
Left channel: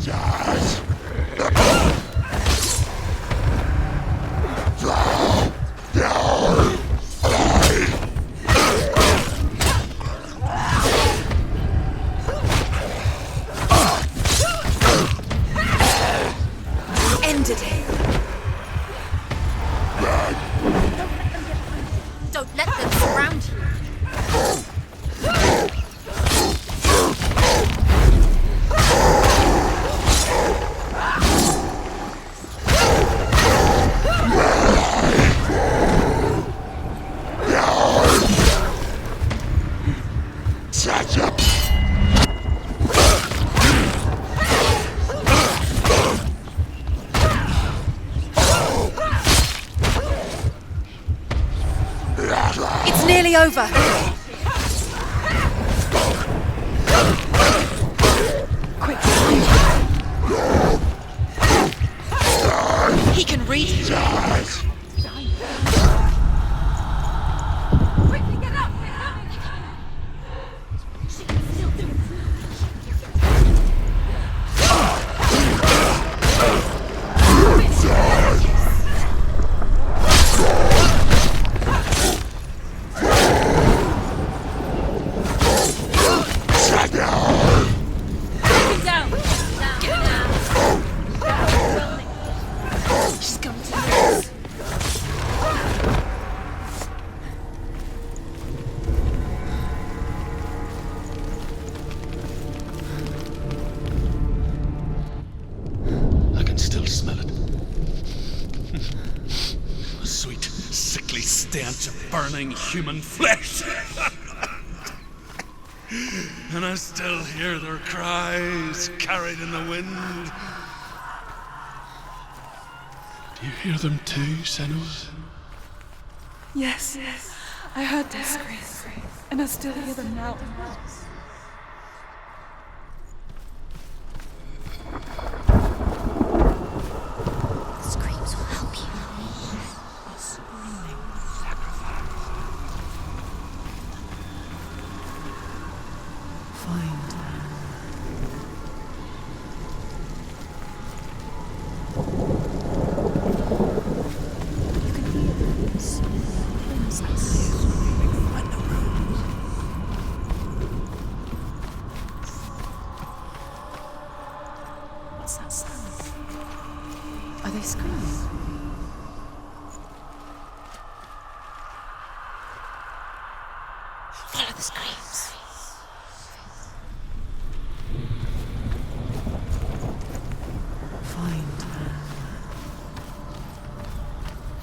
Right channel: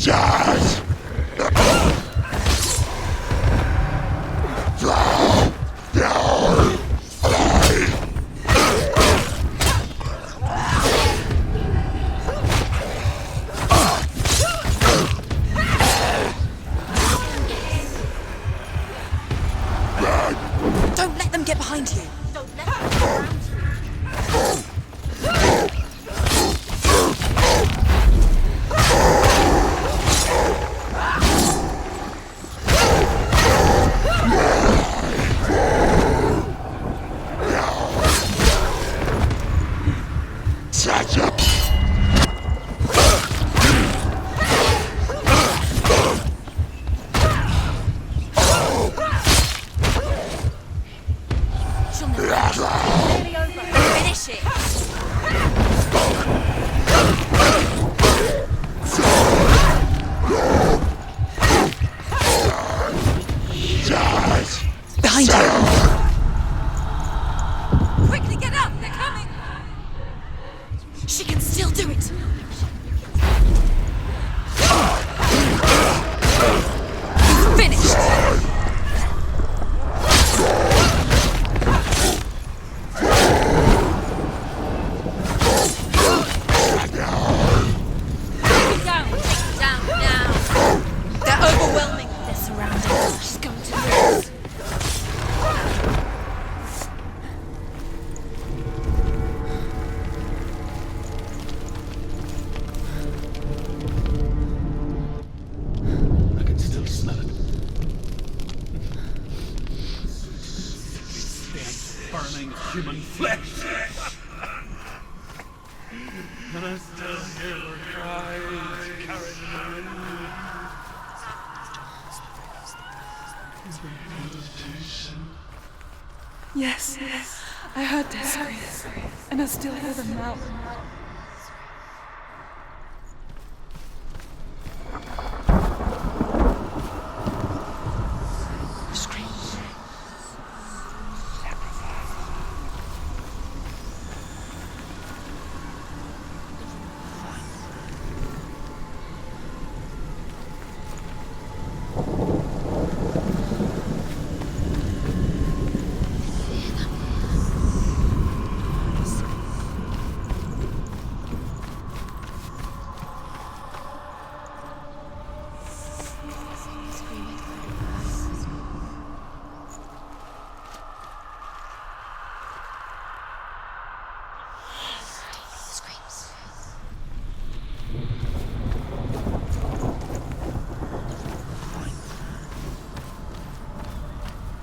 Jazz. Ended it. Don't let them get behind you. Don't let them surround you. Such a It's nearly over. Finish it. He can read you. jazz. Behind you. Quickly get up. They're coming. She can still do it. Finish. Down. Down. They're overwhelming. They're surrounded. She's going to lose. I can still smell it. A sweet, sickly stench of burning human flesh. And I still hear their cries carried in the wind. Do you hear them too, Senua? Yes, I heard their screams, and I still hear them now. Screams will help you. Are they screams? Follow the screams. Screams.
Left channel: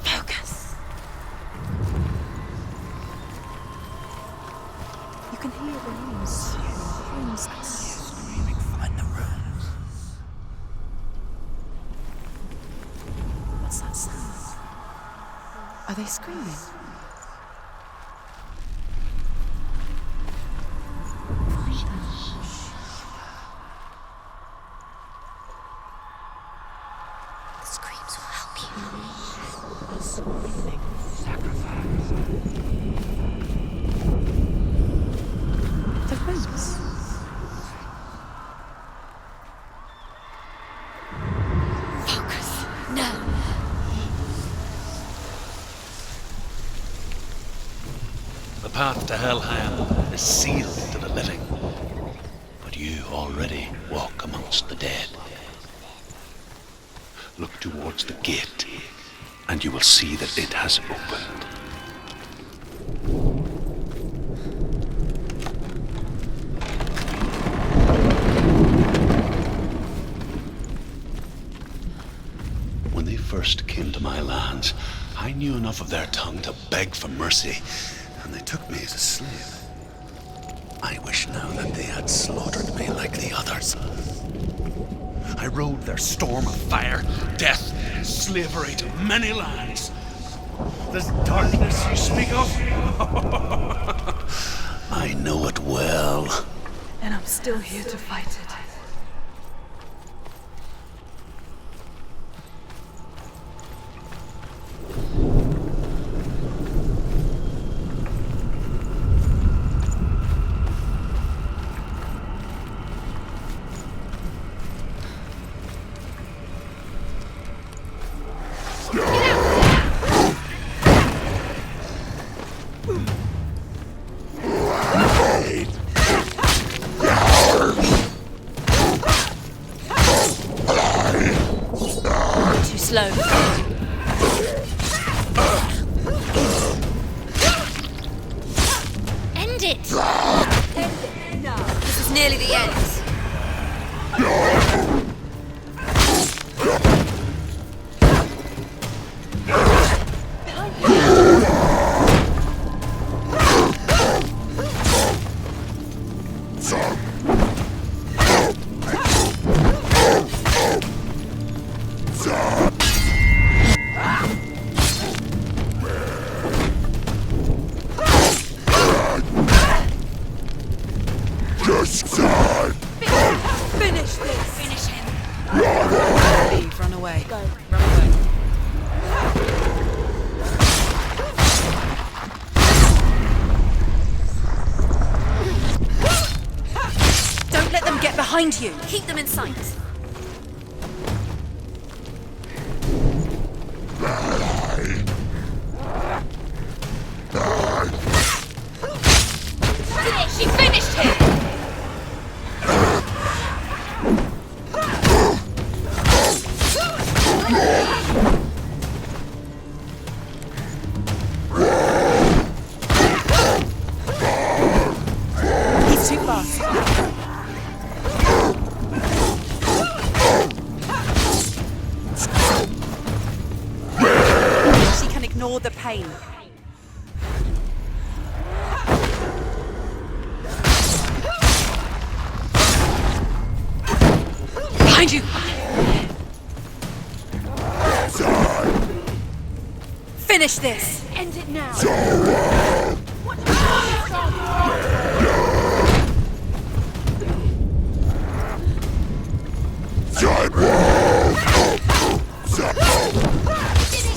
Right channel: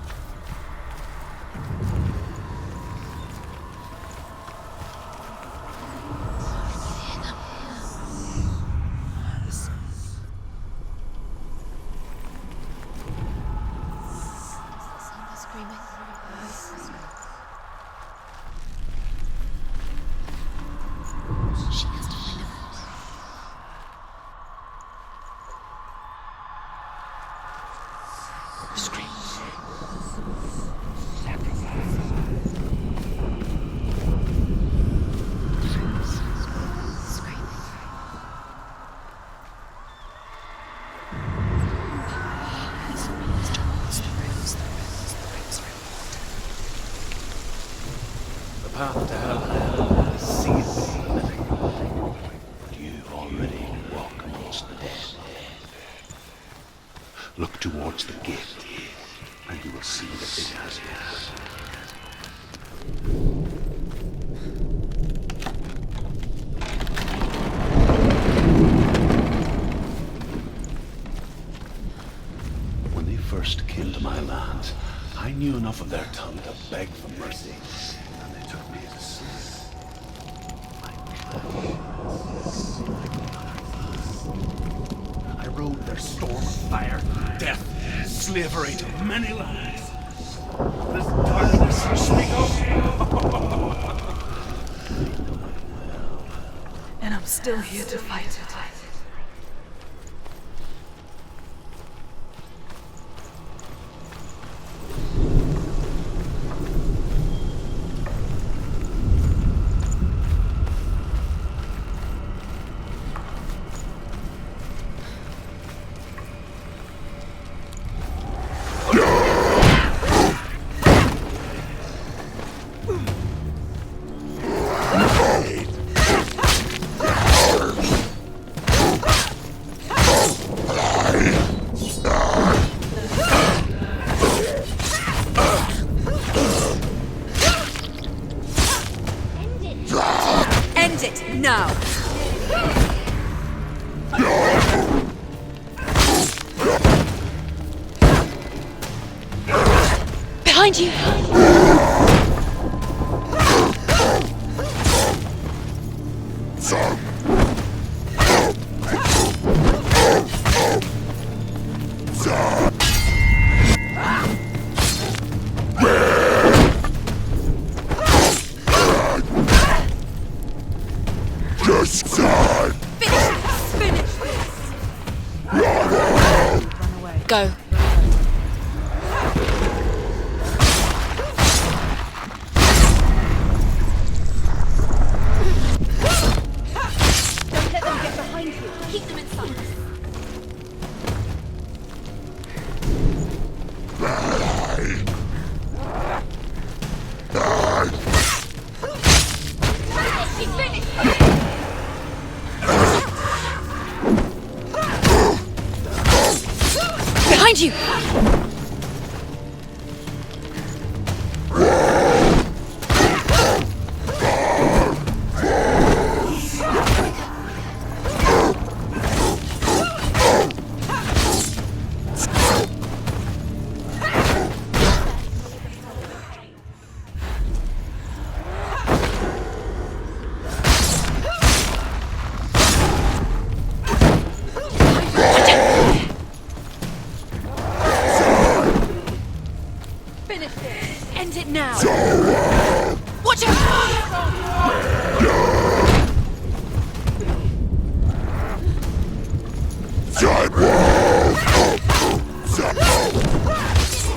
Focus. You can hear the noise. And the rose. What's that sound? Are they screaming? Screams will help you. The rose. Focus. Now. The path to Hellham is sealed to the living, but you already walk amongst the dead. Look towards the gate, and you will see that it has opened. When they first came to my lands, I knew enough of their tongue to beg for mercy, and they took me as a slave. I wish now that they had slaughtered me like the others. I rode their storm of fire, death, slavery to many lands. This darkness you speak of, I know it well. And I'm still here to fight it. Behind you! Just die! Finish this! Finish him! Run away. Go. Don't let them get behind you. Keep them in sight. She finished him! Behind you! He's too fast. She can ignore the pain. Behind you! Finish this! End it now! Watch out!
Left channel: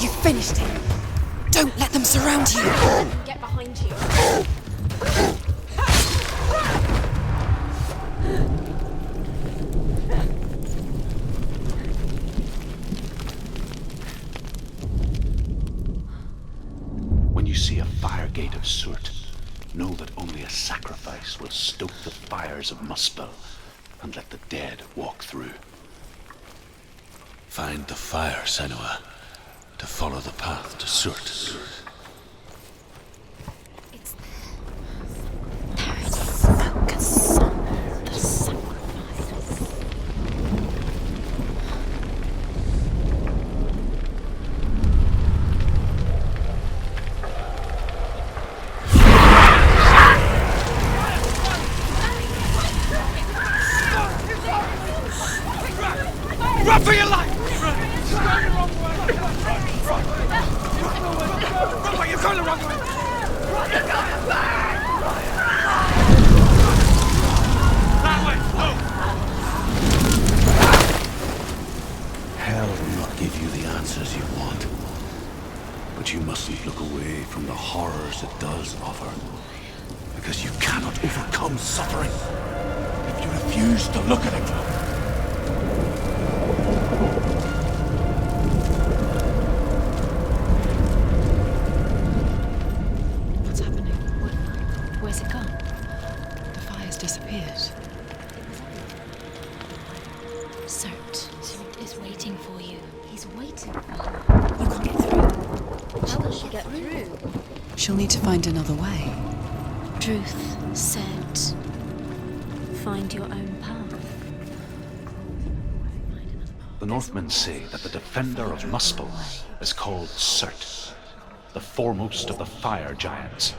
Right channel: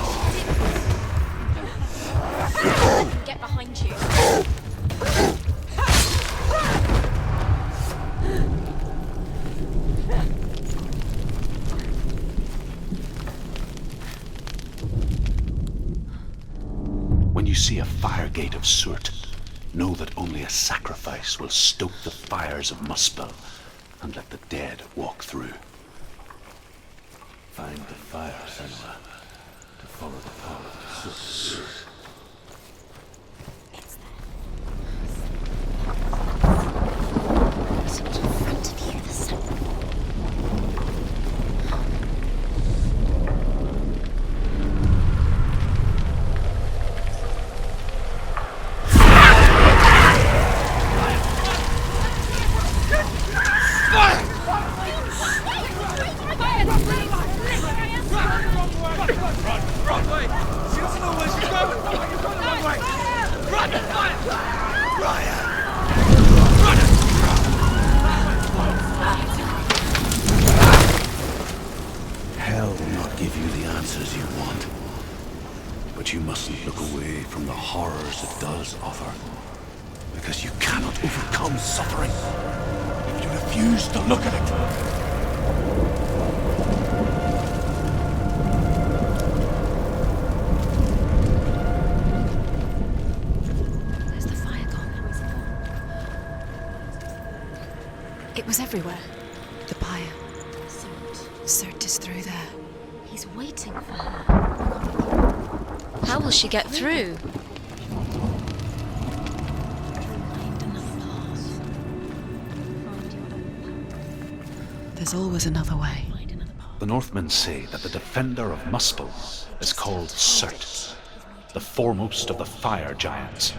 You finished it! Don't let them surround you! Get behind you. When you see a fire gate of Surt, know that only a sacrifice will stoke the fires of Muspel and let the dead walk through. Find the fire, Senua, to follow the path to Surt. Hell will not give you the answers you want. But you mustn't look away from the horrors it does offer. Because you cannot overcome suffering if you refuse to look at it. What's happening? Where's the fire gone? Where's it gone? The fire's disappeared. It was everywhere. The pyre. Surt is through there. For you. He's waiting for her. You can't get through. How will she get through? She'll need to find another way. Truth said, find your own path. There's always another way. The Northmen say that the defender of Muspel is called Surt, the foremost of the fire giants.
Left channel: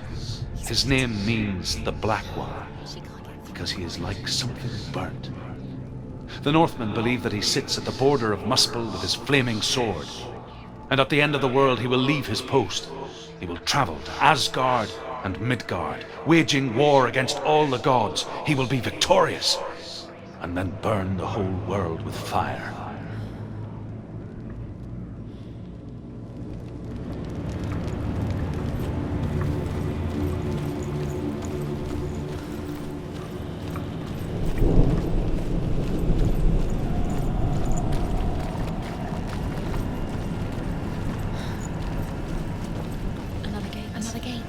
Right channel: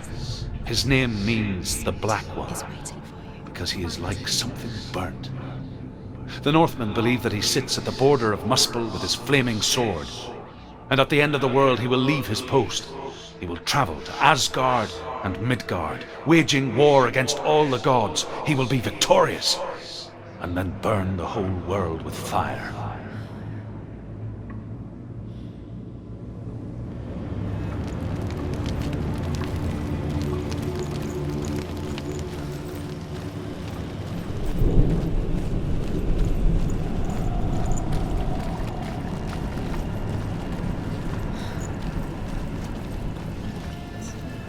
His name means the Black One, because he is like something burnt. The Northmen believe that he sits at the border of Muspel with his flaming sword, and at the end of the world he will leave his post. He will travel to Asgard and Midgard, waging war against all the gods. He will be victorious, and then burn the whole world with fire. Another gate.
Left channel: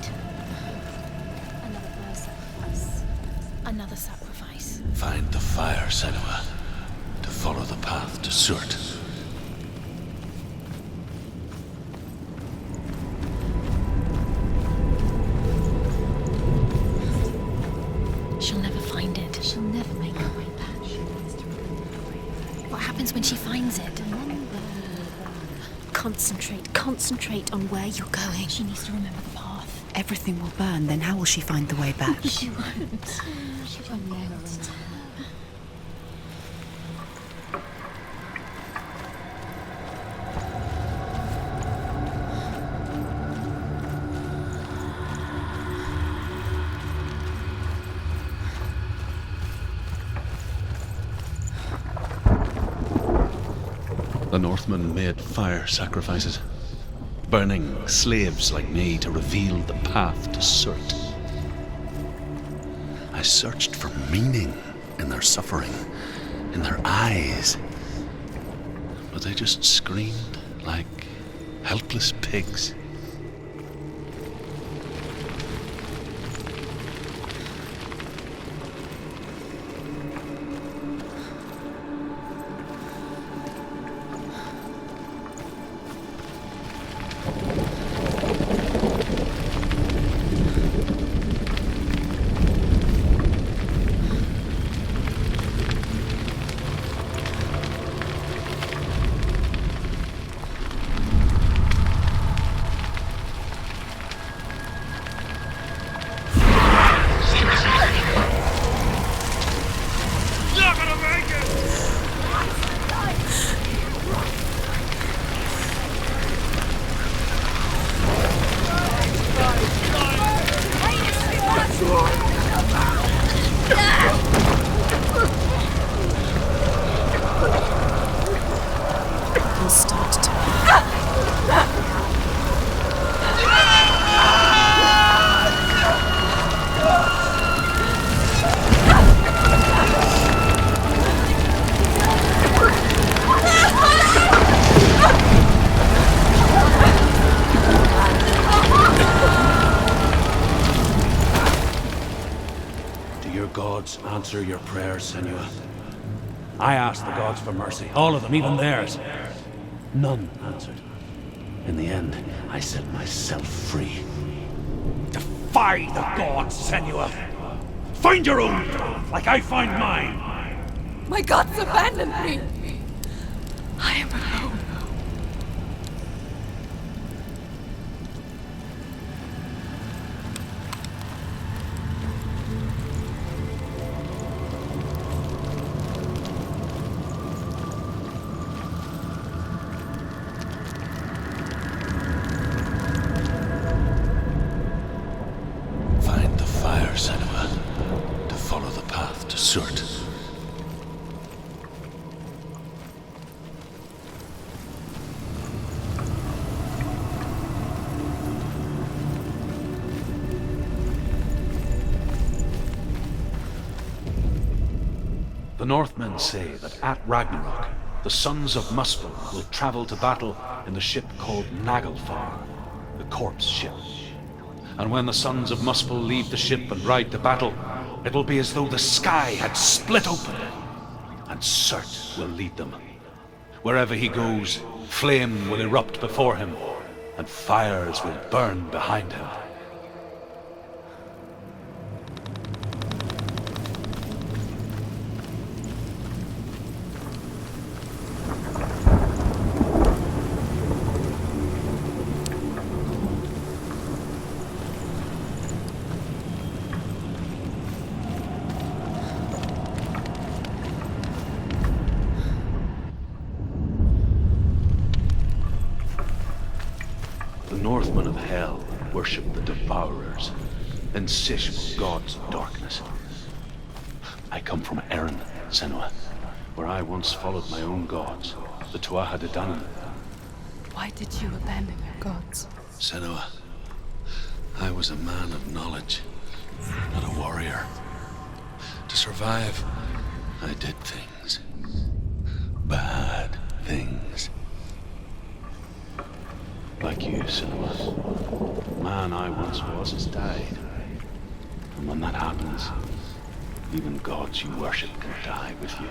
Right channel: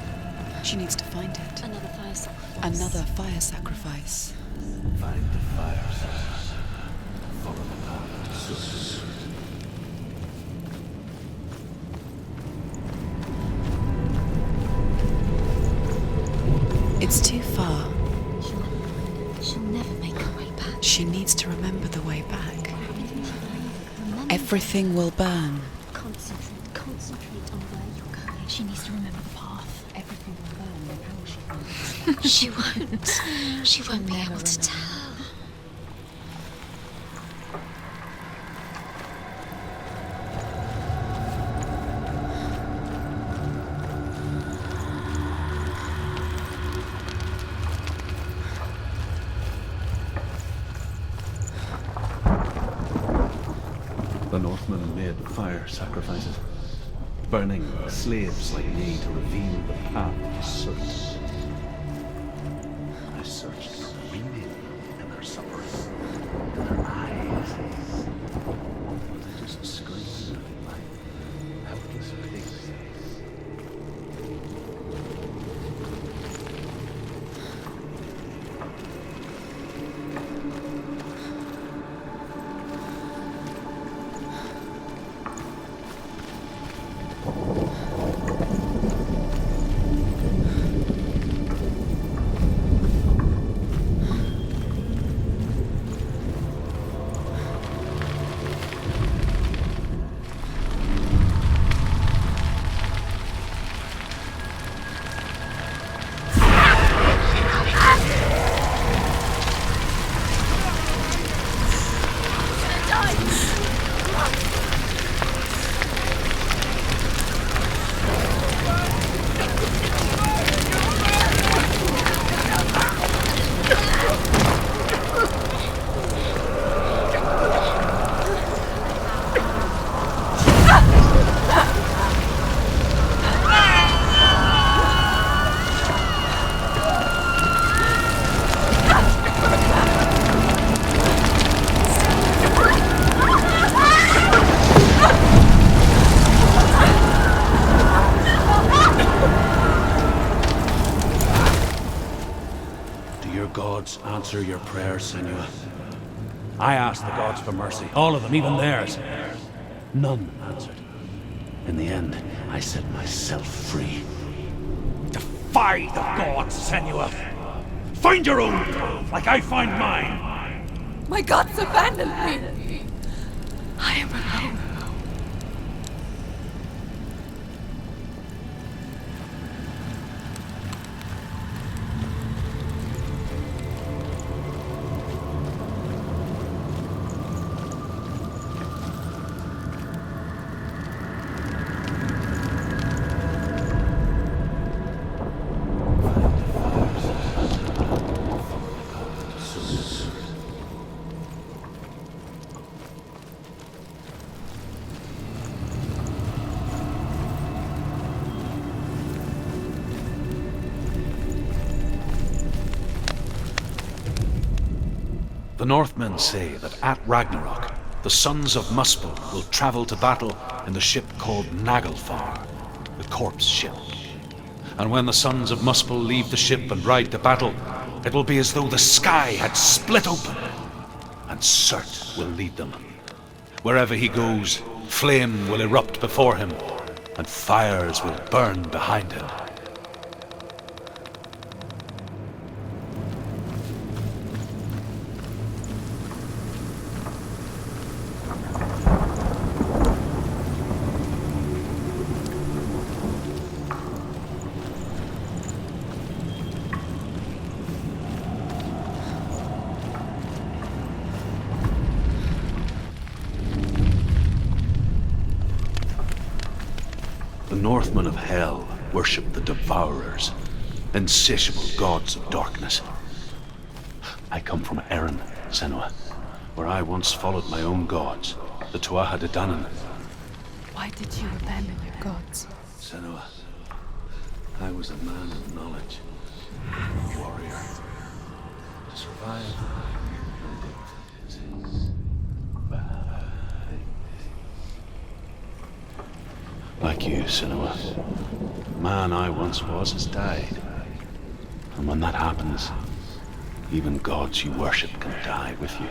She needs to find it. Another fire sacrifice. Another fire Another sacrifice. sacrifice. Find the fire, Senua, to follow the path to Surt. It's too far. She'll never find it. She'll never make it. She needs to remember the way back. What happens when she finds it? Everything will burn. Concentrate on where you're going. She needs to remember the path. Everything will burn, then how will she find the way back? She won't. She won't be able to tell. The Northmen made fire sacrifices, burning slaves like me to reveal the path to Surt. I searched for meaning in their suffering, in their eyes, but they just screamed like helpless pigs. Gods answer your prayers, Senua. I asked the gods for mercy, all of them, even theirs. None answered. In the end, I set myself free. Defy the gods, Senua! Find your own path, like I find mine! My gods abandoned me! I am alone. The Northmen say that at Ragnarok, the sons of Muspel will travel to battle in the ship called Naglfar, the corpse ship. And when the sons of Muspel leave the ship and ride to battle, it will be as though the sky had split open, and Surt will lead them. Wherever he goes, flame will erupt before him, and fires will burn behind him. The Northmen of Hell worship the Devourers, insatiable gods of darkness. I come from Erin, Senua, where I once followed my own gods, the Tuatha De Danann. Why did you abandon your gods? Senua, I was a man of knowledge, not a warrior. To survive, I did things. Bad things. Like you, Senua. The man I once was has died. And when that happens, even gods you worship can die with you.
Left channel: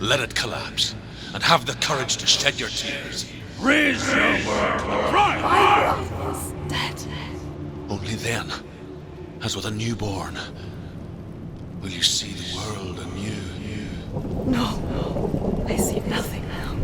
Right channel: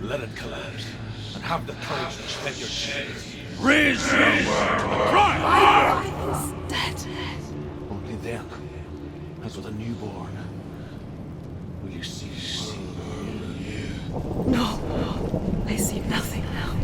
Let it collapse, and have the courage to shed your tears. Raise your world and cry! My world is dead. Only then, as with a newborn, will you see the world anew. No, I see nothing now.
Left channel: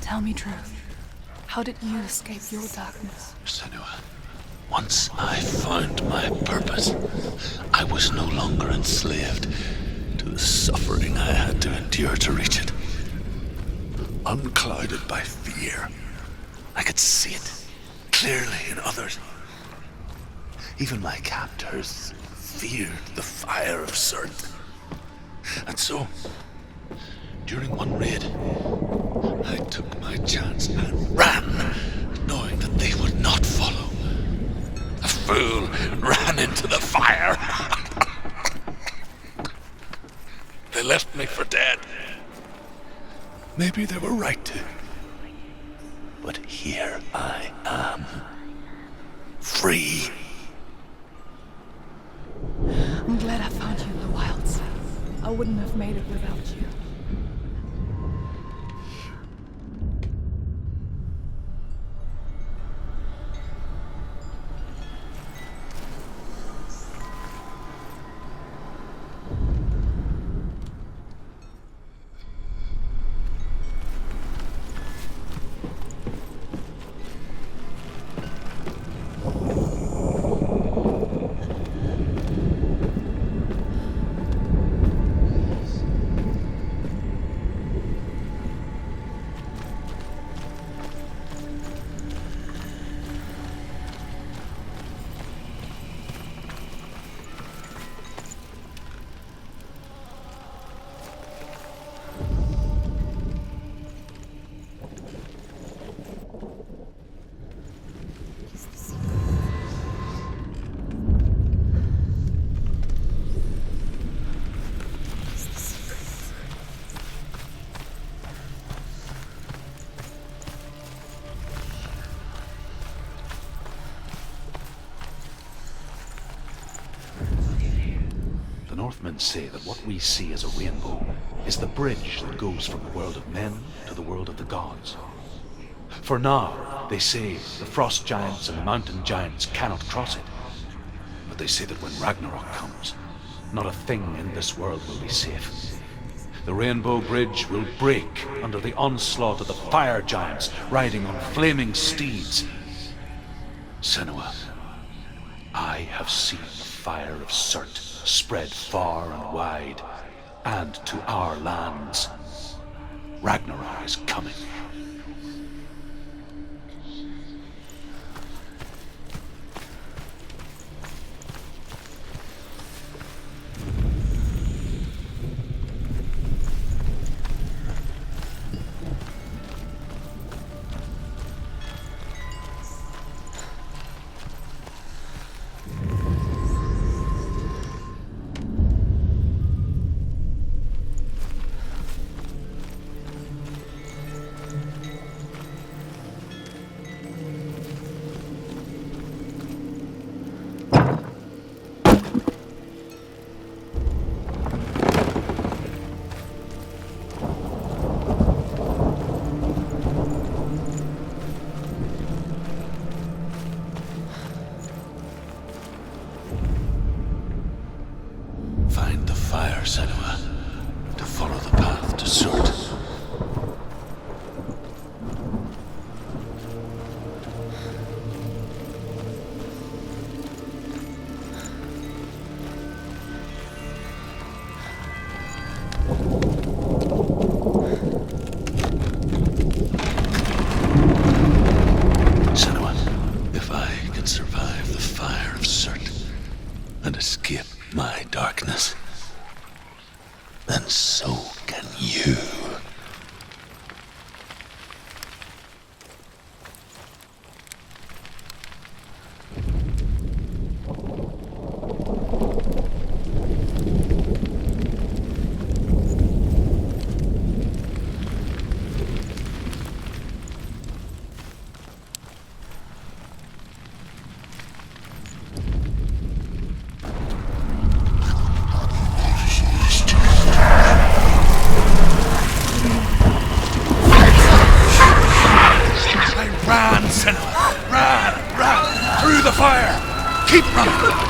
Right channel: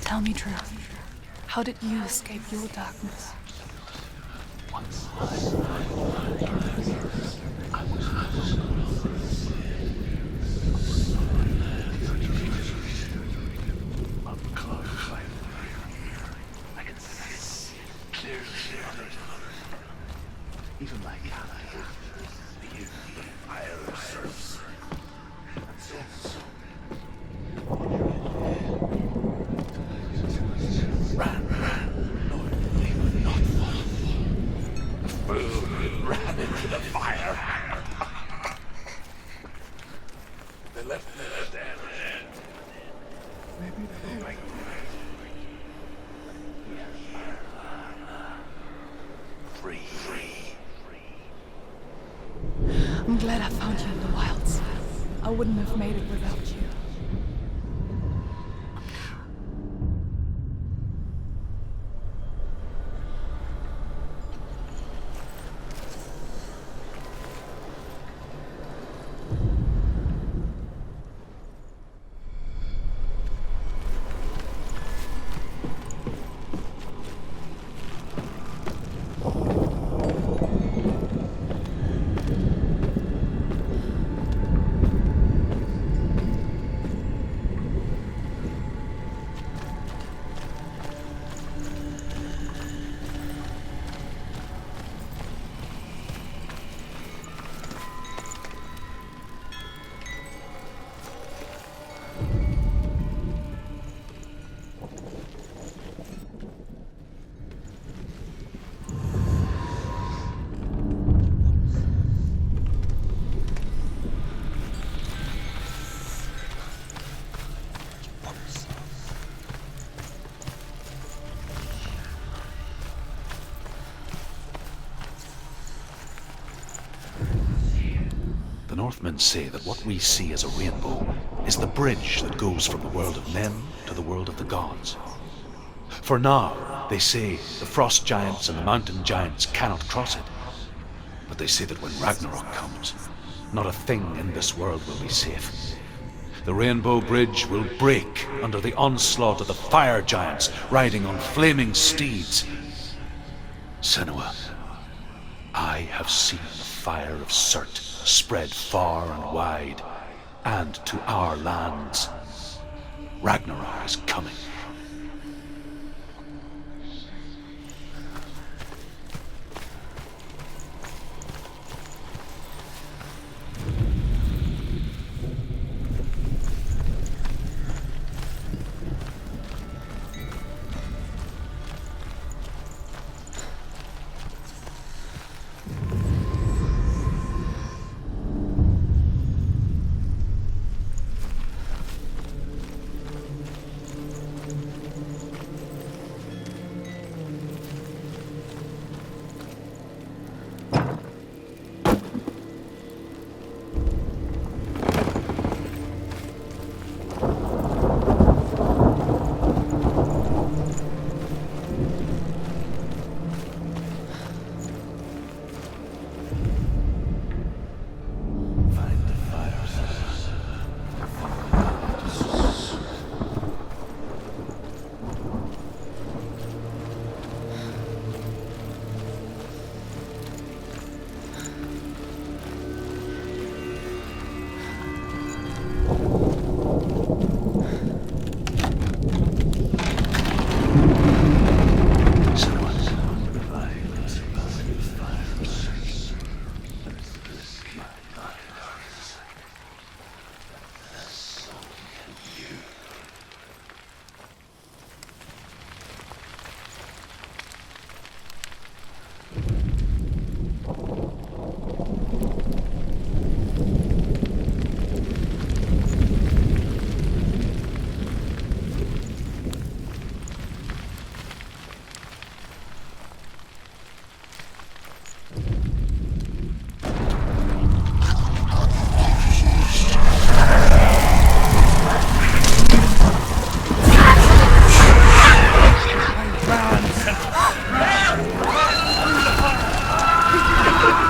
Tell me truth. How did you escape your darkness? Senua, once I found my purpose, I was no longer enslaved to the suffering I had to endure to reach it. Unclouded by fear, I could see it clearly in others. Even my captors feared the fire of Cert. And so, during one raid, I took my chance and ran, knowing that they would not follow. A fool ran into the fire. They left me for dead. Maybe they were right to. But here I am, free. I'm glad I found you in the wilds. I wouldn't have made it without you. Northmen say that what we see as a rainbow is the bridge that goes from the world of men to the world of the gods. For now, they say the frost giants and the mountain giants cannot cross it. But they say that when Ragnarok comes, not a thing in this world will be safe. The Rainbow Bridge will break under the onslaught of the fire giants riding on flaming steeds. Senua, I have seen the fire of Surt spread far and wide, and to our lands. Ragnarok is coming. Senua, to follow the path to Surt. Senua, if I can survive the fire of Surt and escape my darkness, then so can you.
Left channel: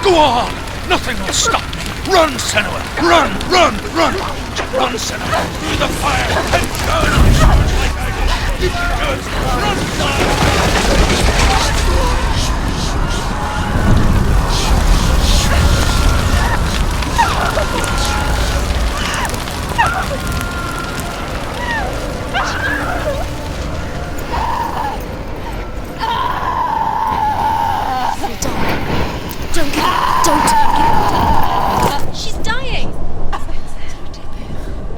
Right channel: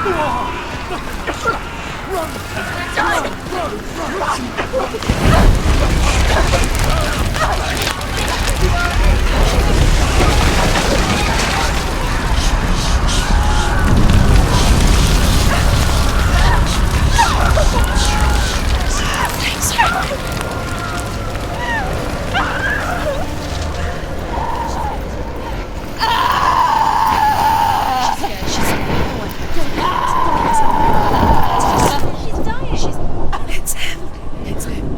Go on! Nothing will stop! Run, Senua! Run! Run! Run! Run, Senua! Through the fire! She's dying! It's him. It's him.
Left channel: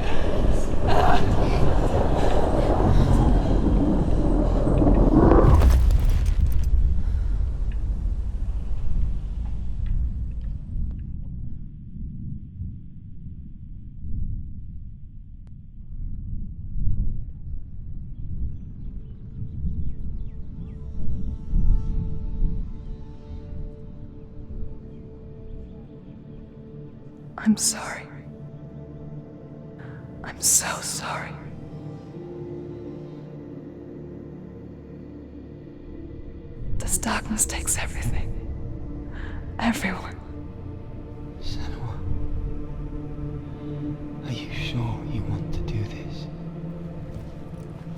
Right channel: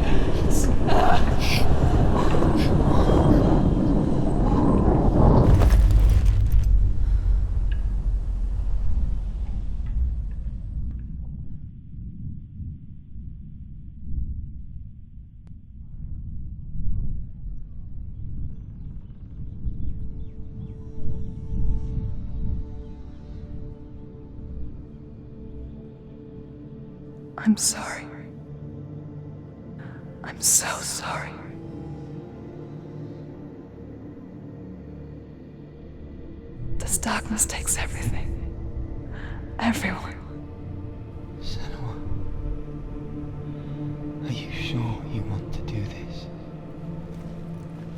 I'm sorry. I'm so sorry. This darkness takes everything. Everyone. Senua, are you sure you want to do this?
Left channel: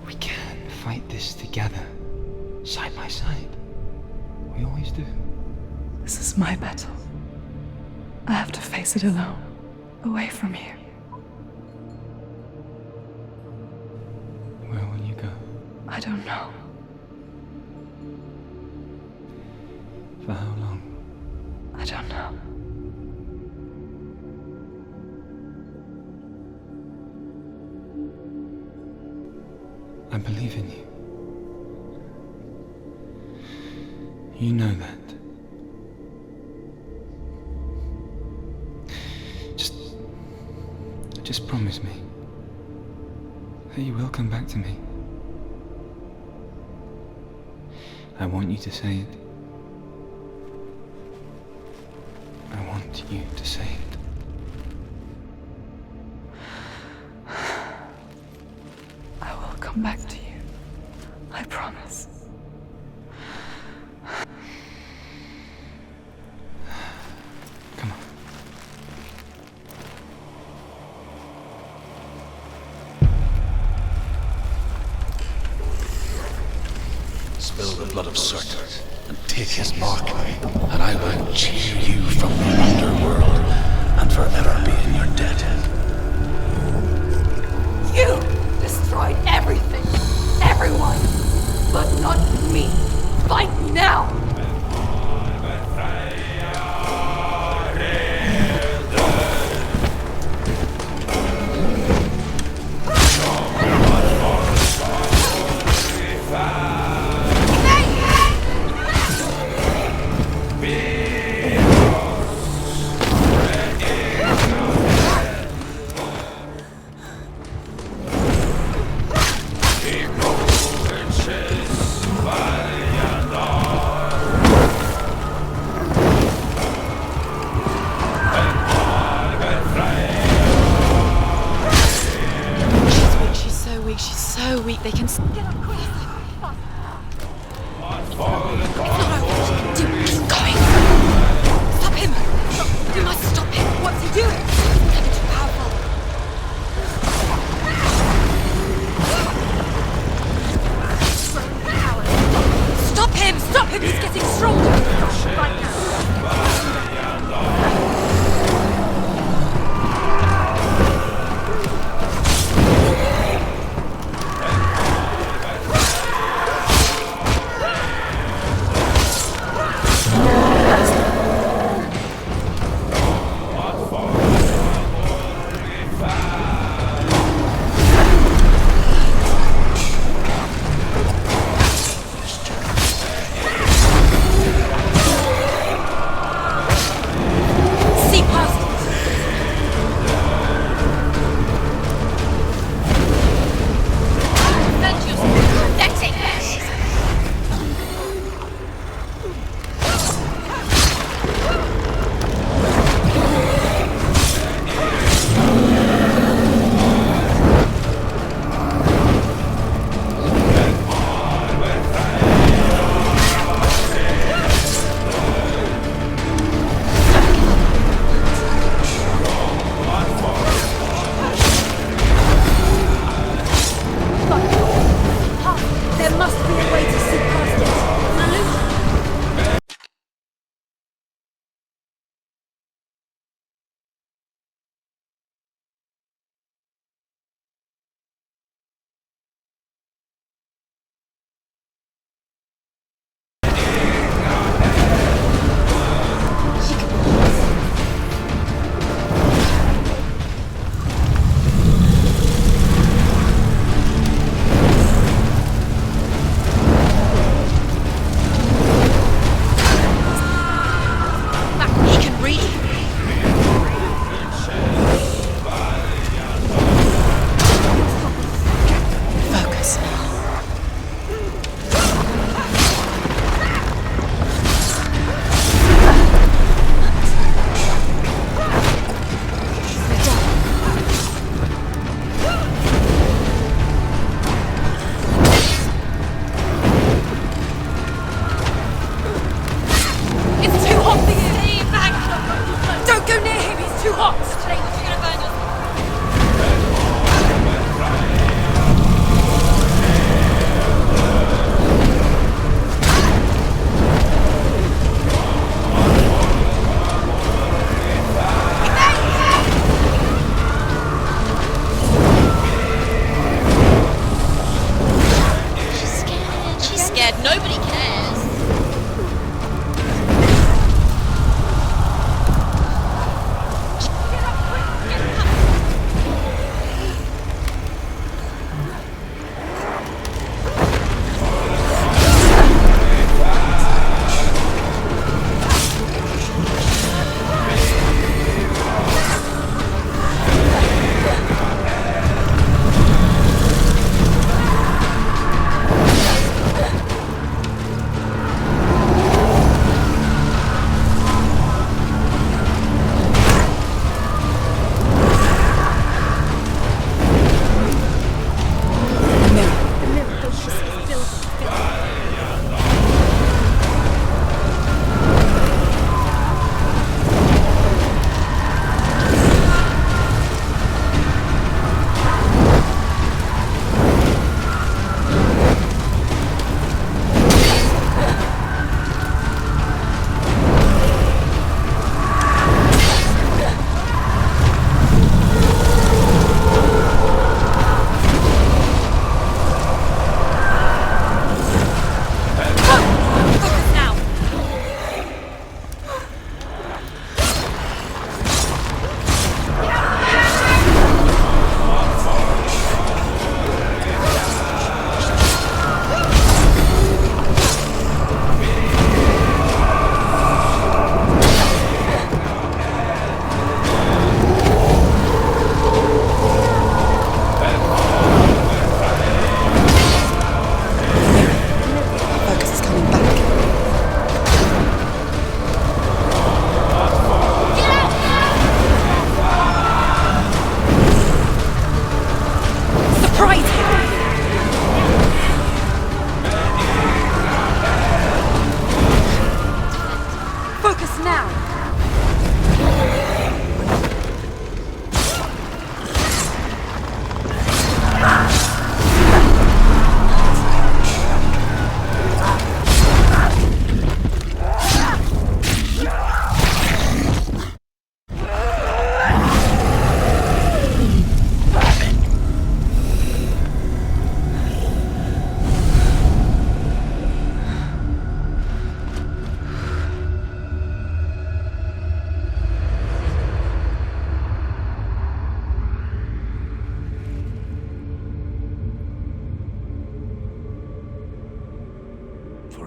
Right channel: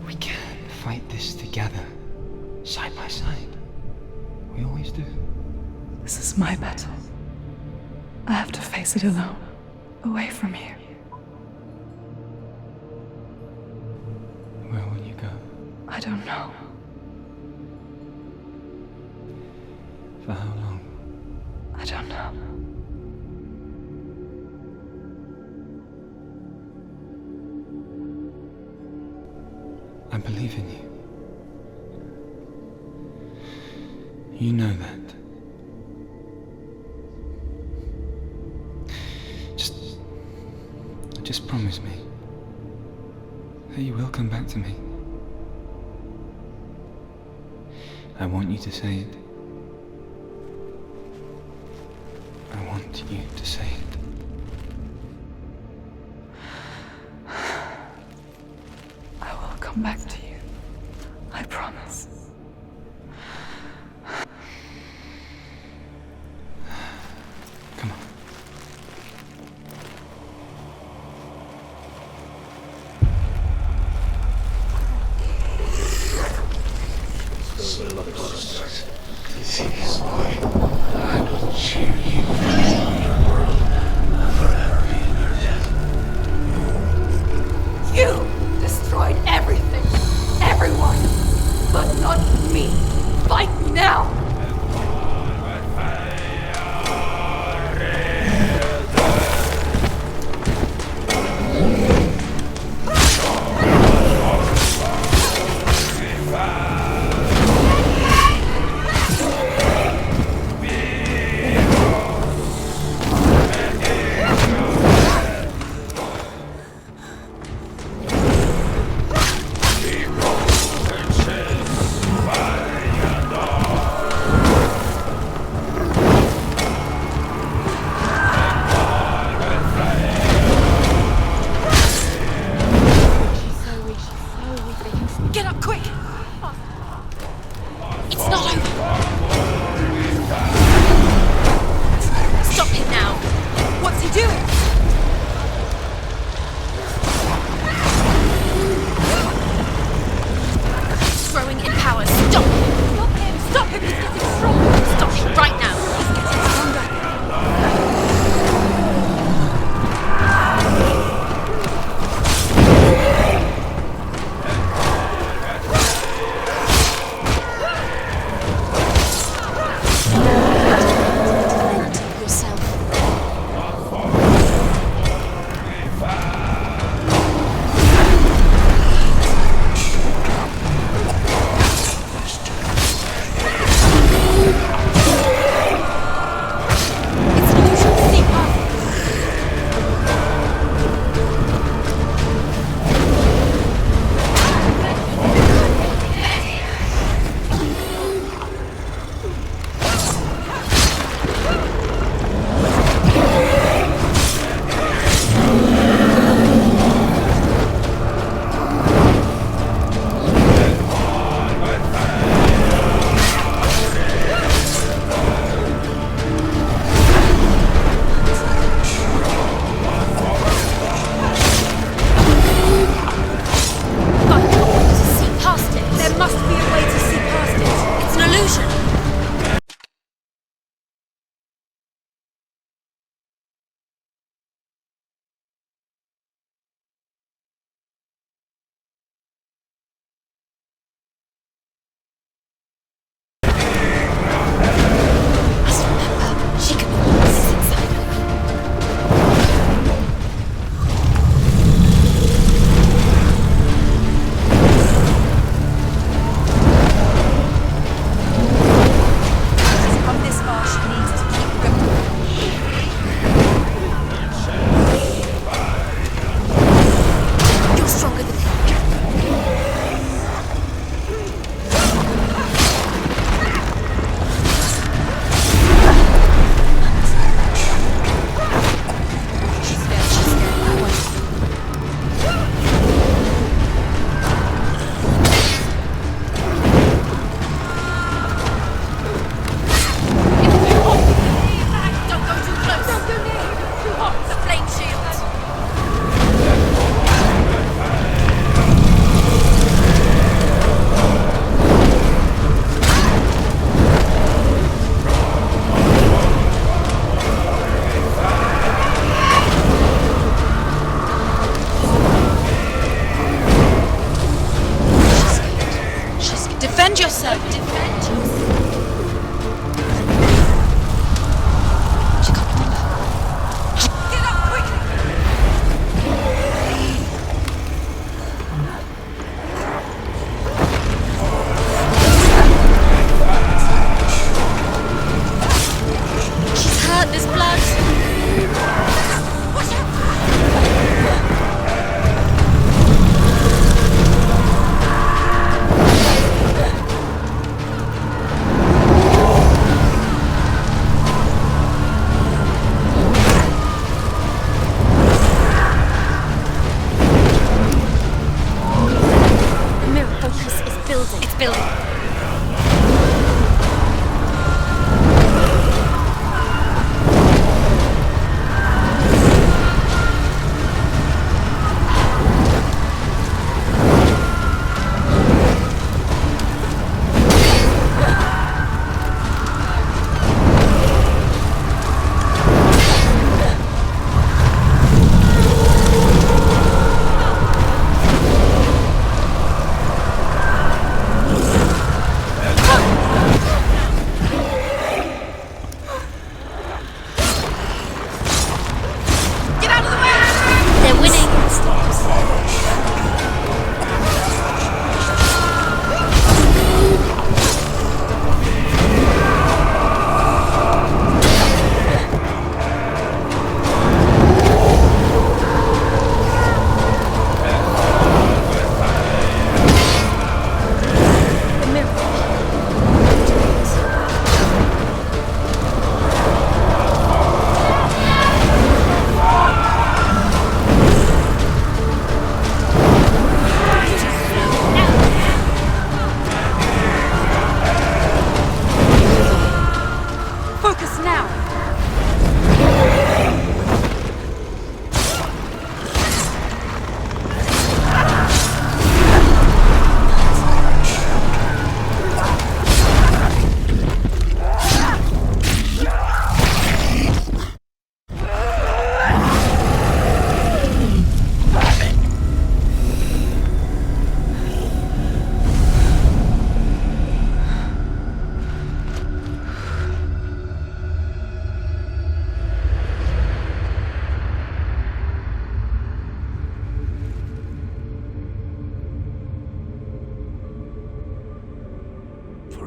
We can fight this together, side by side. We always do. This is my battle. I have to face it alone, away from you. Where will you go? I don't know. For how long? I don't know. I believe in you. You know that. Just promise me that you will come back to me. I want you to say it. I want you to say it. come back to you. I promise. Come on. Spill the blood of Surt and take his mark, and I will achieve you from the underworld and forever be in your debt. You destroyed everything, everyone, but not me. Fight me now! She's so weak. They can get up quick. It's not over. Keep going. Stop him. Stop him now. Stop him. What's he doing? He's growing in power. Stop. Stop him. Stop him. He's getting stronger. Stop him right now.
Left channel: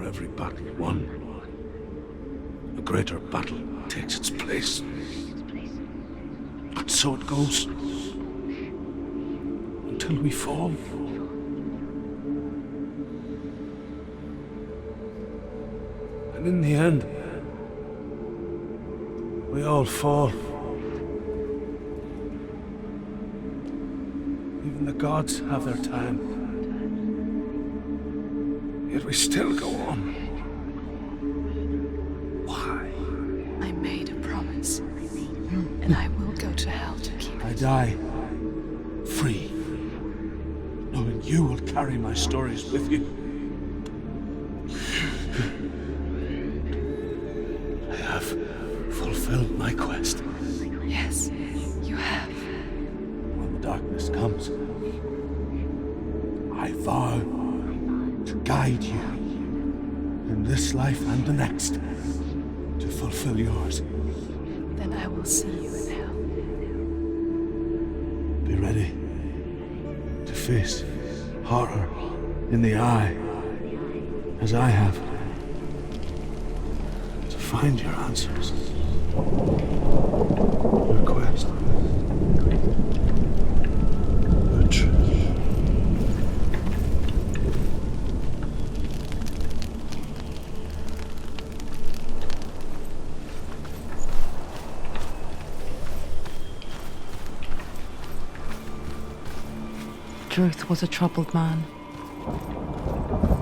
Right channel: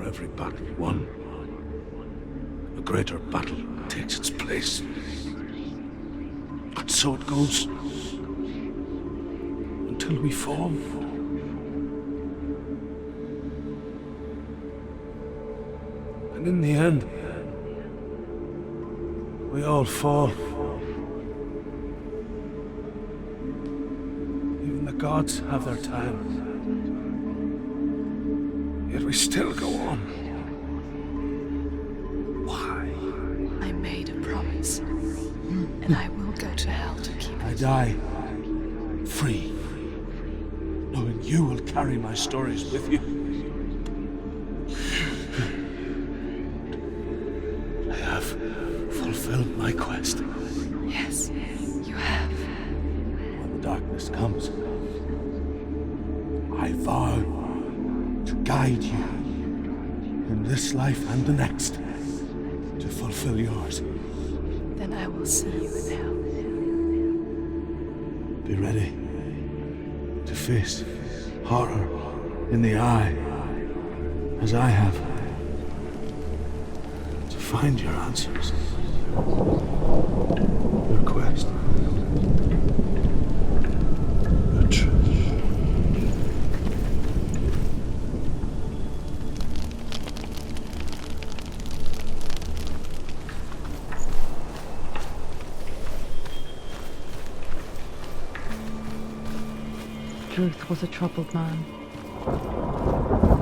every battle won, a greater battle takes its place. And so it goes. Until we fall. And in the end, we all fall. Even the gods have their time. Yet we still go on. Why? I made a promise. And I will go to hell to keep I it. die free, knowing you will carry my stories with you. I have fulfilled my quest. Yes, you have. When the darkness comes, I vow to guide you in this life and the next to fulfill yours. Then I will see you in hell. Be ready to face horror in the eye, as I have, to find your answers, your quest, your truth. Druth was a troubled man,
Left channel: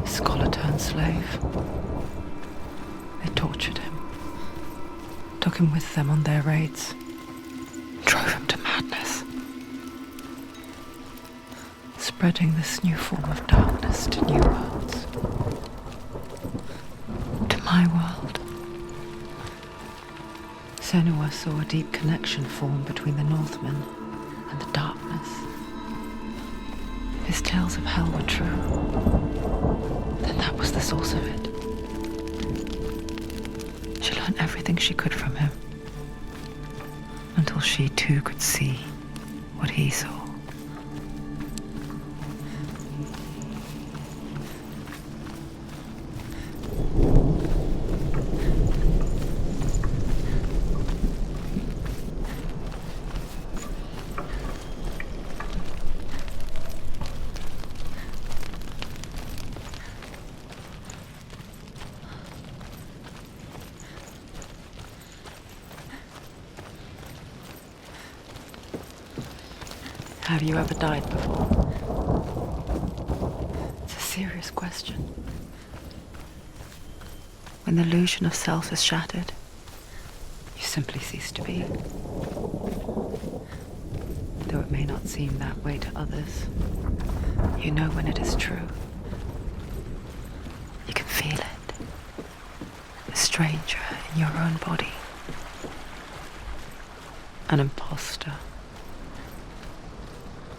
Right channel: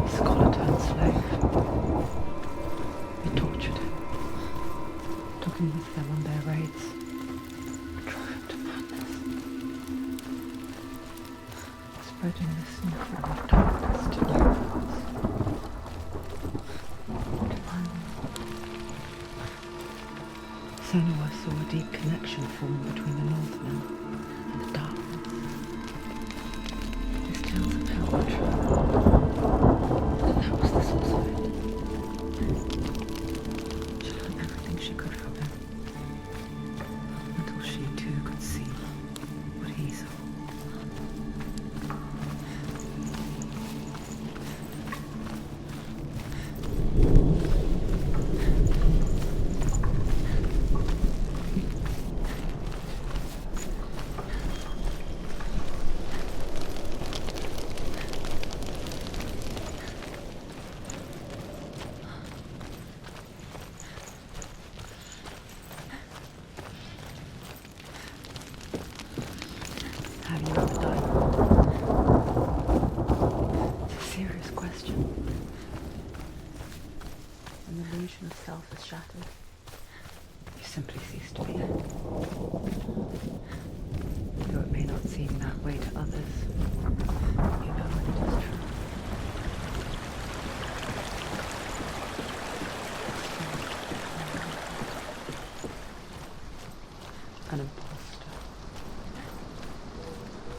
a scholar turned slave. They tortured him, took him with them on their raids, drove him to madness, spreading this new form of darkness to new worlds, to my world. Senua saw a deep connection form between the Northmen and the darkness. His tales of hell were true. Then that was the source of it. She learned everything she could from him, until she too could see what he saw. Have you ever died before? It's a serious question. When the illusion of self is shattered, you simply cease to be. Though it may not seem that way to others, you know when it is true. You can feel it. A stranger in your own body. An imposter.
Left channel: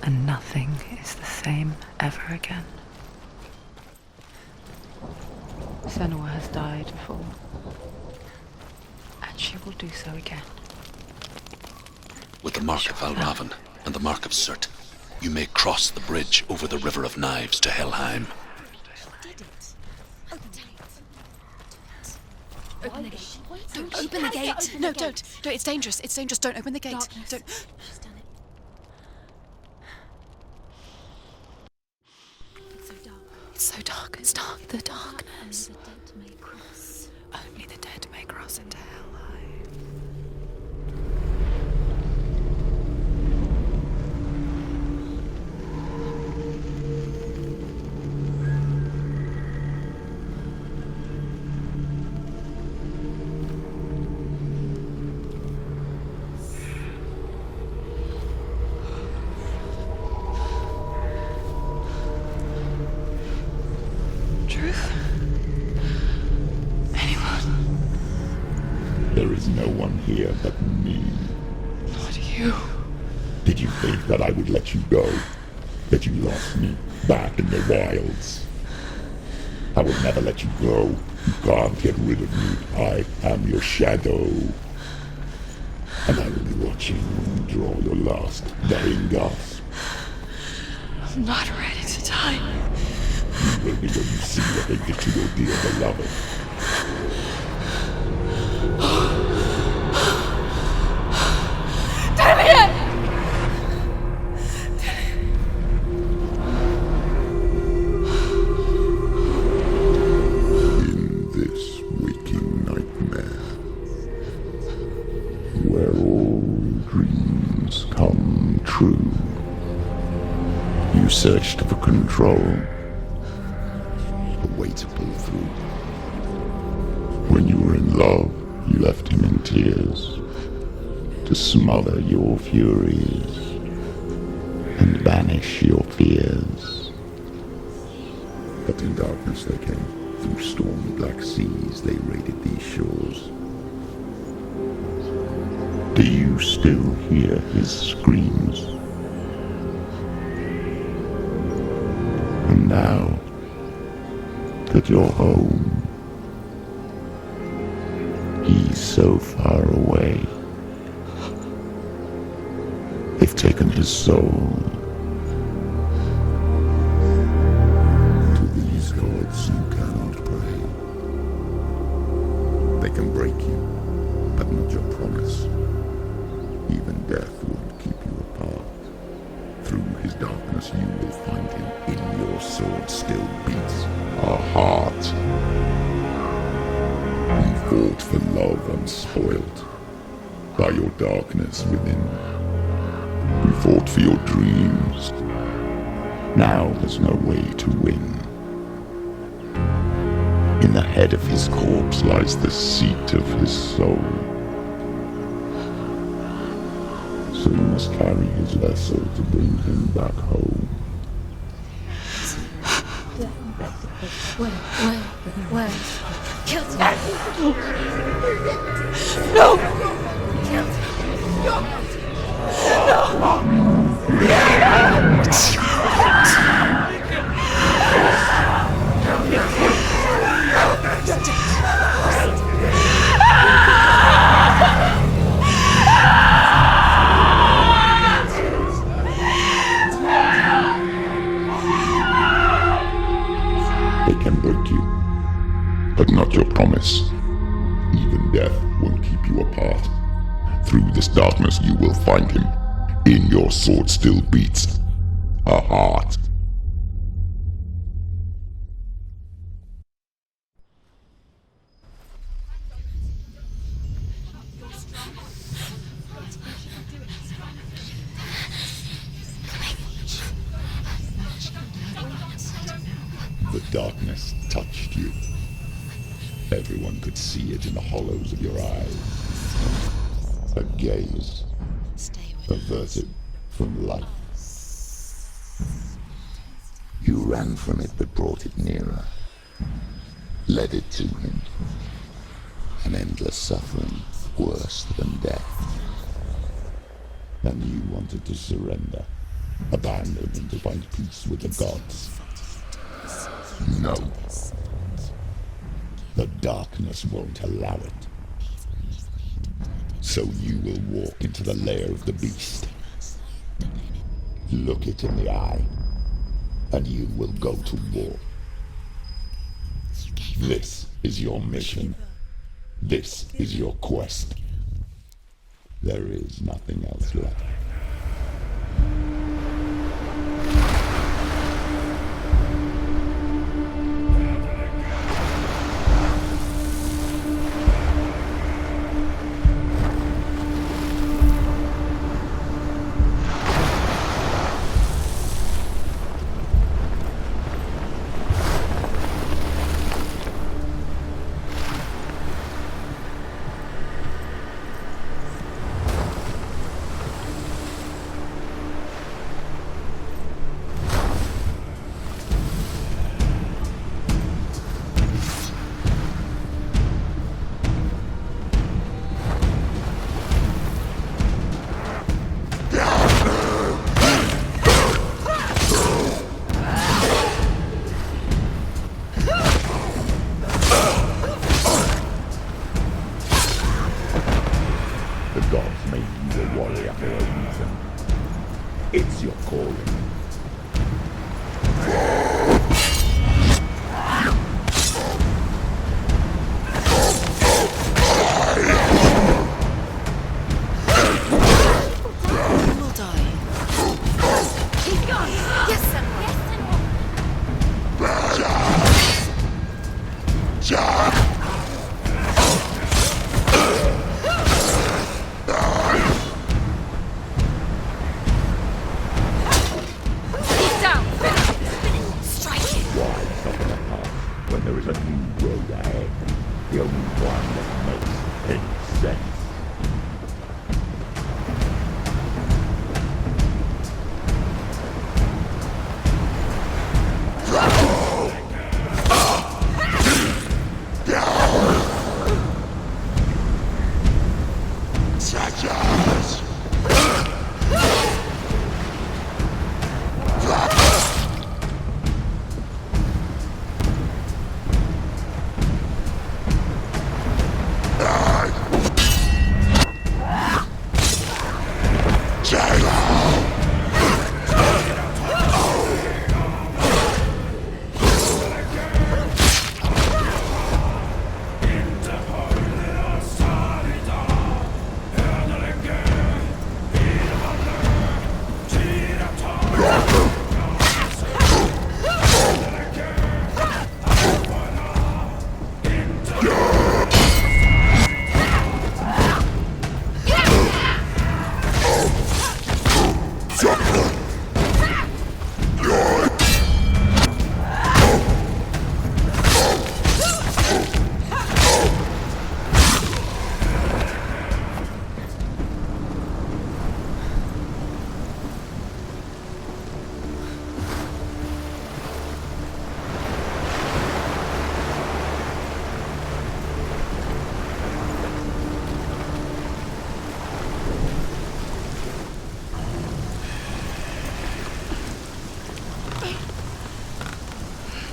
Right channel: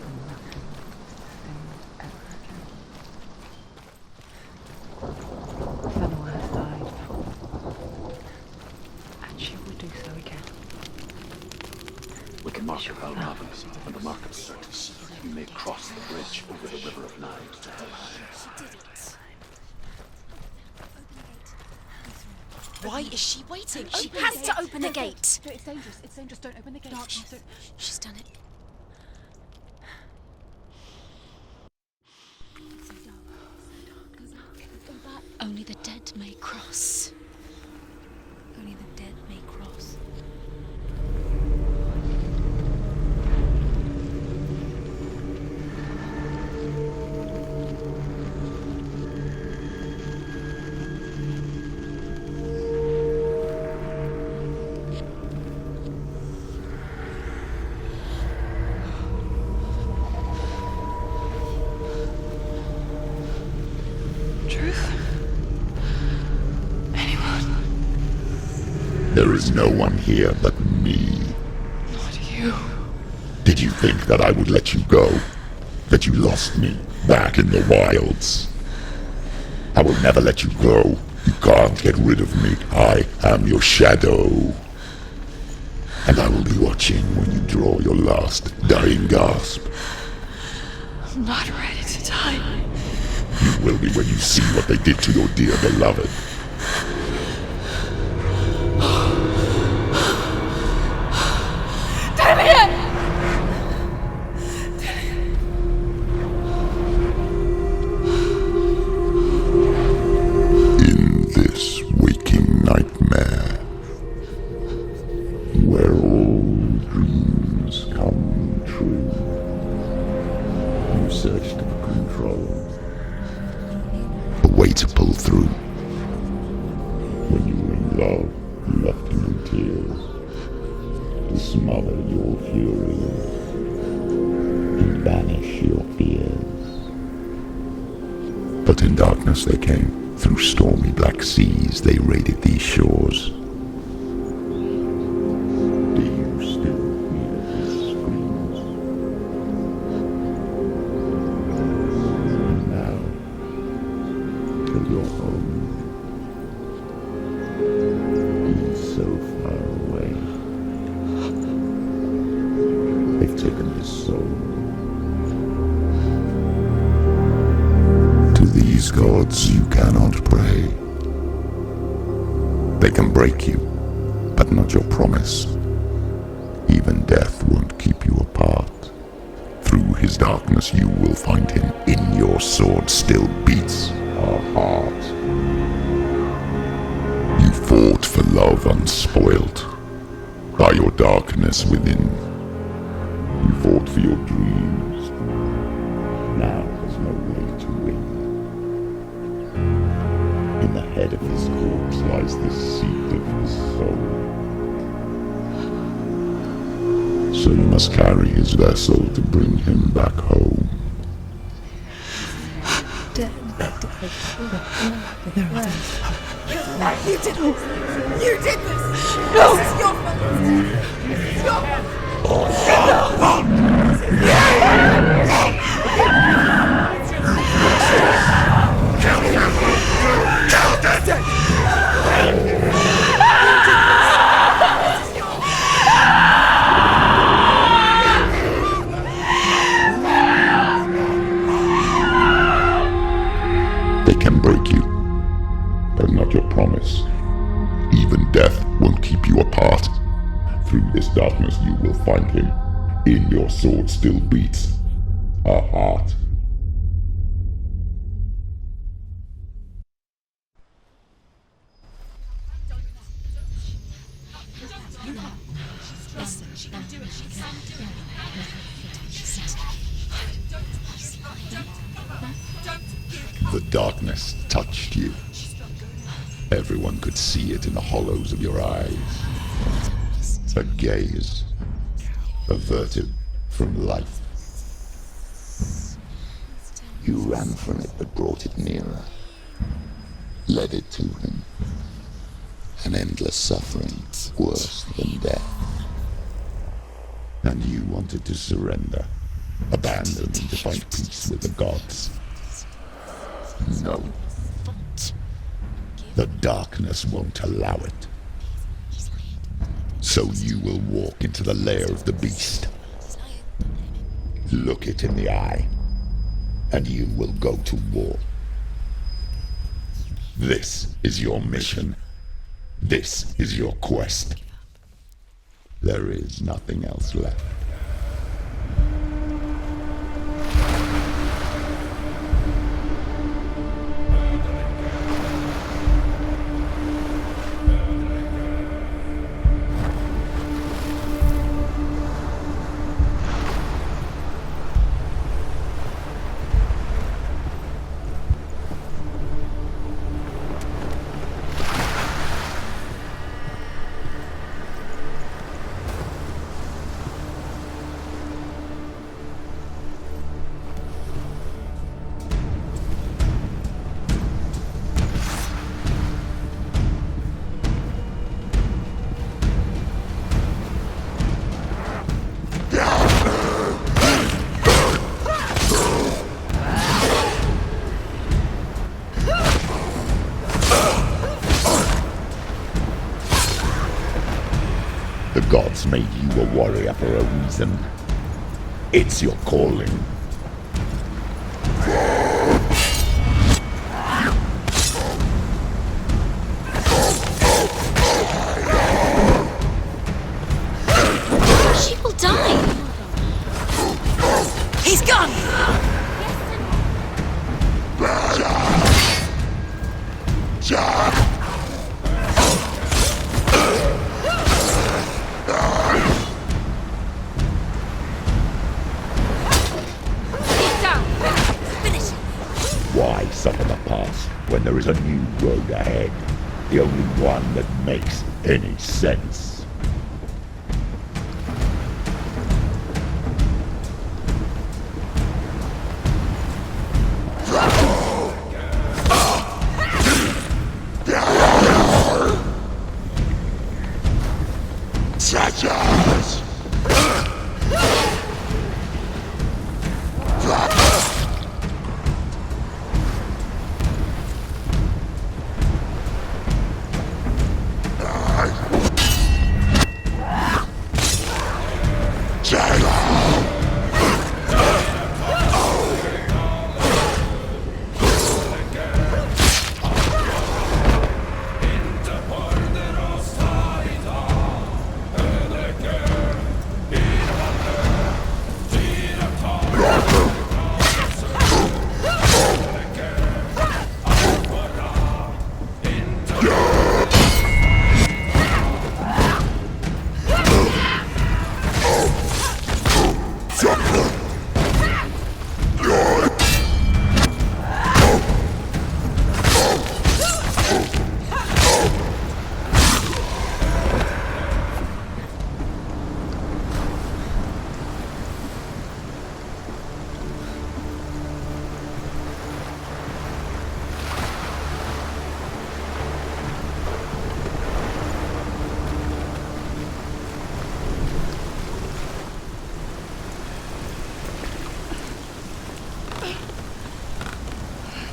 And nothing is the same ever again. Senua has died before, and she will do so again. With the mark of Valravan and the mark of Surt, you may cross the bridge over the River of Knives to Helheim. Why is she waiting? She Open has the to gate. open the gate. Don't, it's dangerous. It's dangerous. Don't open the gate. Don't. She's done it. It's so dark. It's dark. The dark. Only the dead may cross. Only the dead may cross Only into the hell. dead may cross. Truth? Anyone? There is no one here but me. Not you. Did you think that I would let you go? That you lost me back in the wilds? I will never let you go. You can't get rid of me. I am your shadow. And I will be watching when you draw your last dying gasp. I'm not ready to die. You will be when you see what they did to your dear beloved. In this waking nightmare, where all dreams come true, you searched for control, a way to pull through. When you were in love, you left him in tears to smother your furies and banish your fears. But in darkness they came, through stormy black seas they raided these shores. Do you still hear his screams? And now that you're home, he's so far away. They've taken his soul. To these gods you cannot pray. They can break you, but not your promise. Even death won't keep you apart. Through his darkness you will find him. In your sword still beats a heart. You fought for love unspoilt by your darkness within. You fought for your dreams. Now there's no way to win. In the head of his corpse lies the seat of his soul. So you must carry his vessel to bring him back home. You did this! No! This is your fault! They can break you, but not your promise. Even death won't keep you apart. Through this darkness you will find him. In your sword still beats a heart. The darkness touched you. Everyone could see it in the hollows of your eyes. A gaze averted from life. You ran from it but brought it nearer, led it to him. An endless suffering worse than death. And you wanted to surrender, abandon and to find peace with the gods. No. The darkness won't allow it. So you will walk into the lair of the beast. Look it in the eye, and you will go to war. This is your mission. This is your quest. There is nothing else left. The gods made you a warrior for a reason. It's your calling. Why suffer the past when there is a new road ahead? The only one that makes any sense. Such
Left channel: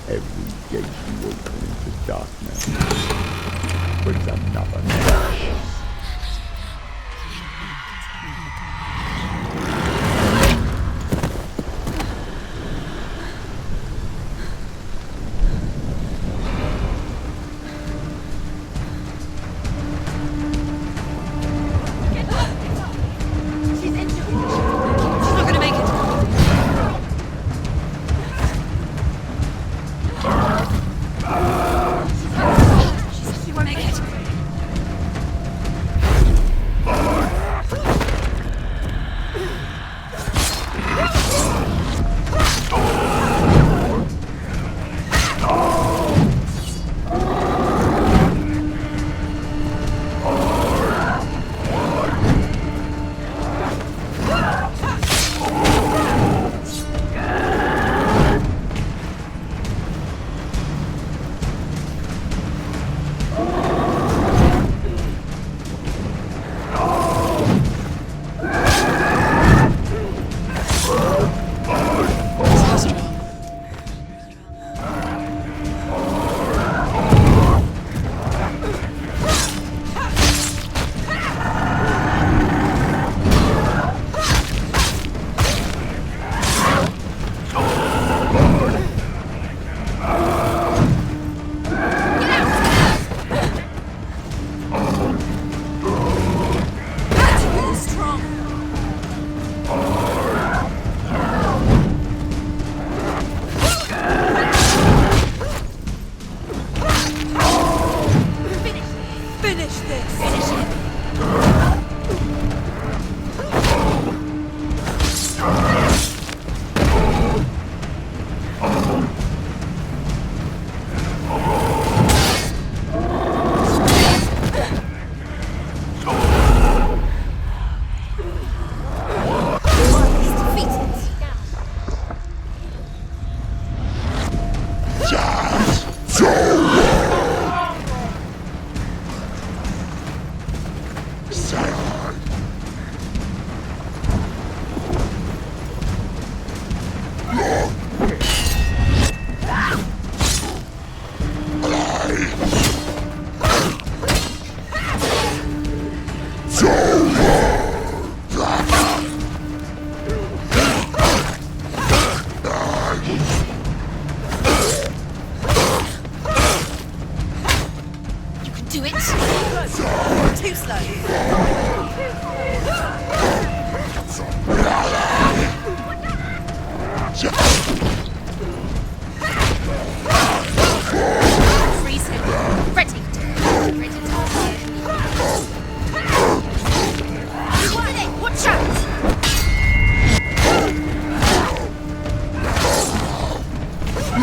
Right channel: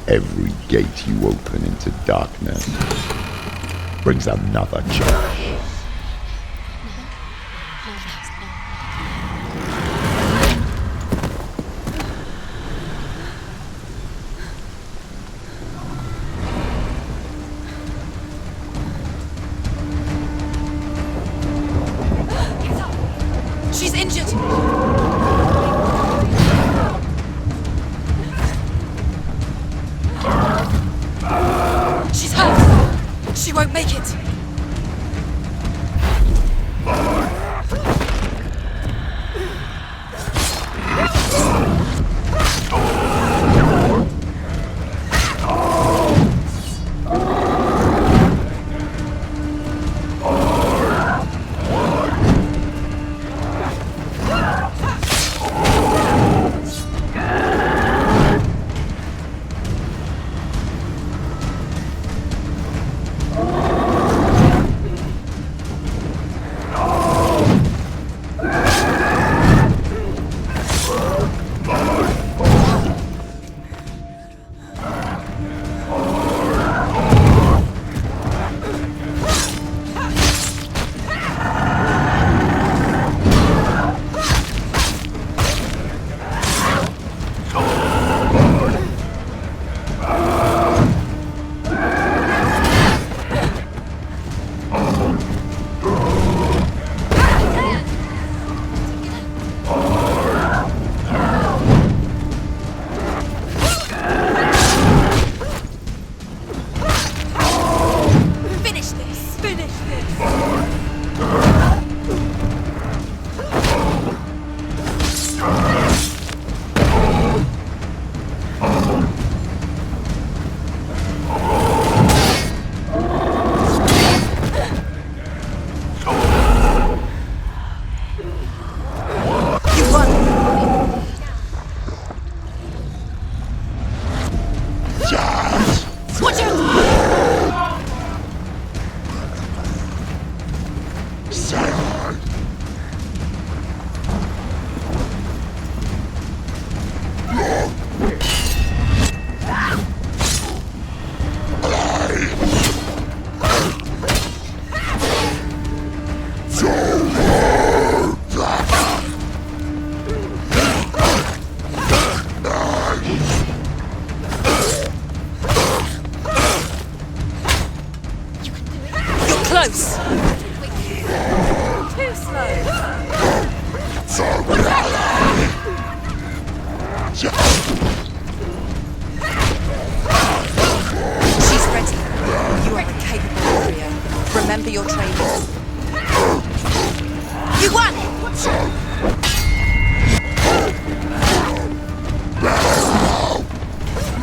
Every gate you open into darkness brings another change. She's injured. She's not gonna make it. She's hurt. She won't make it.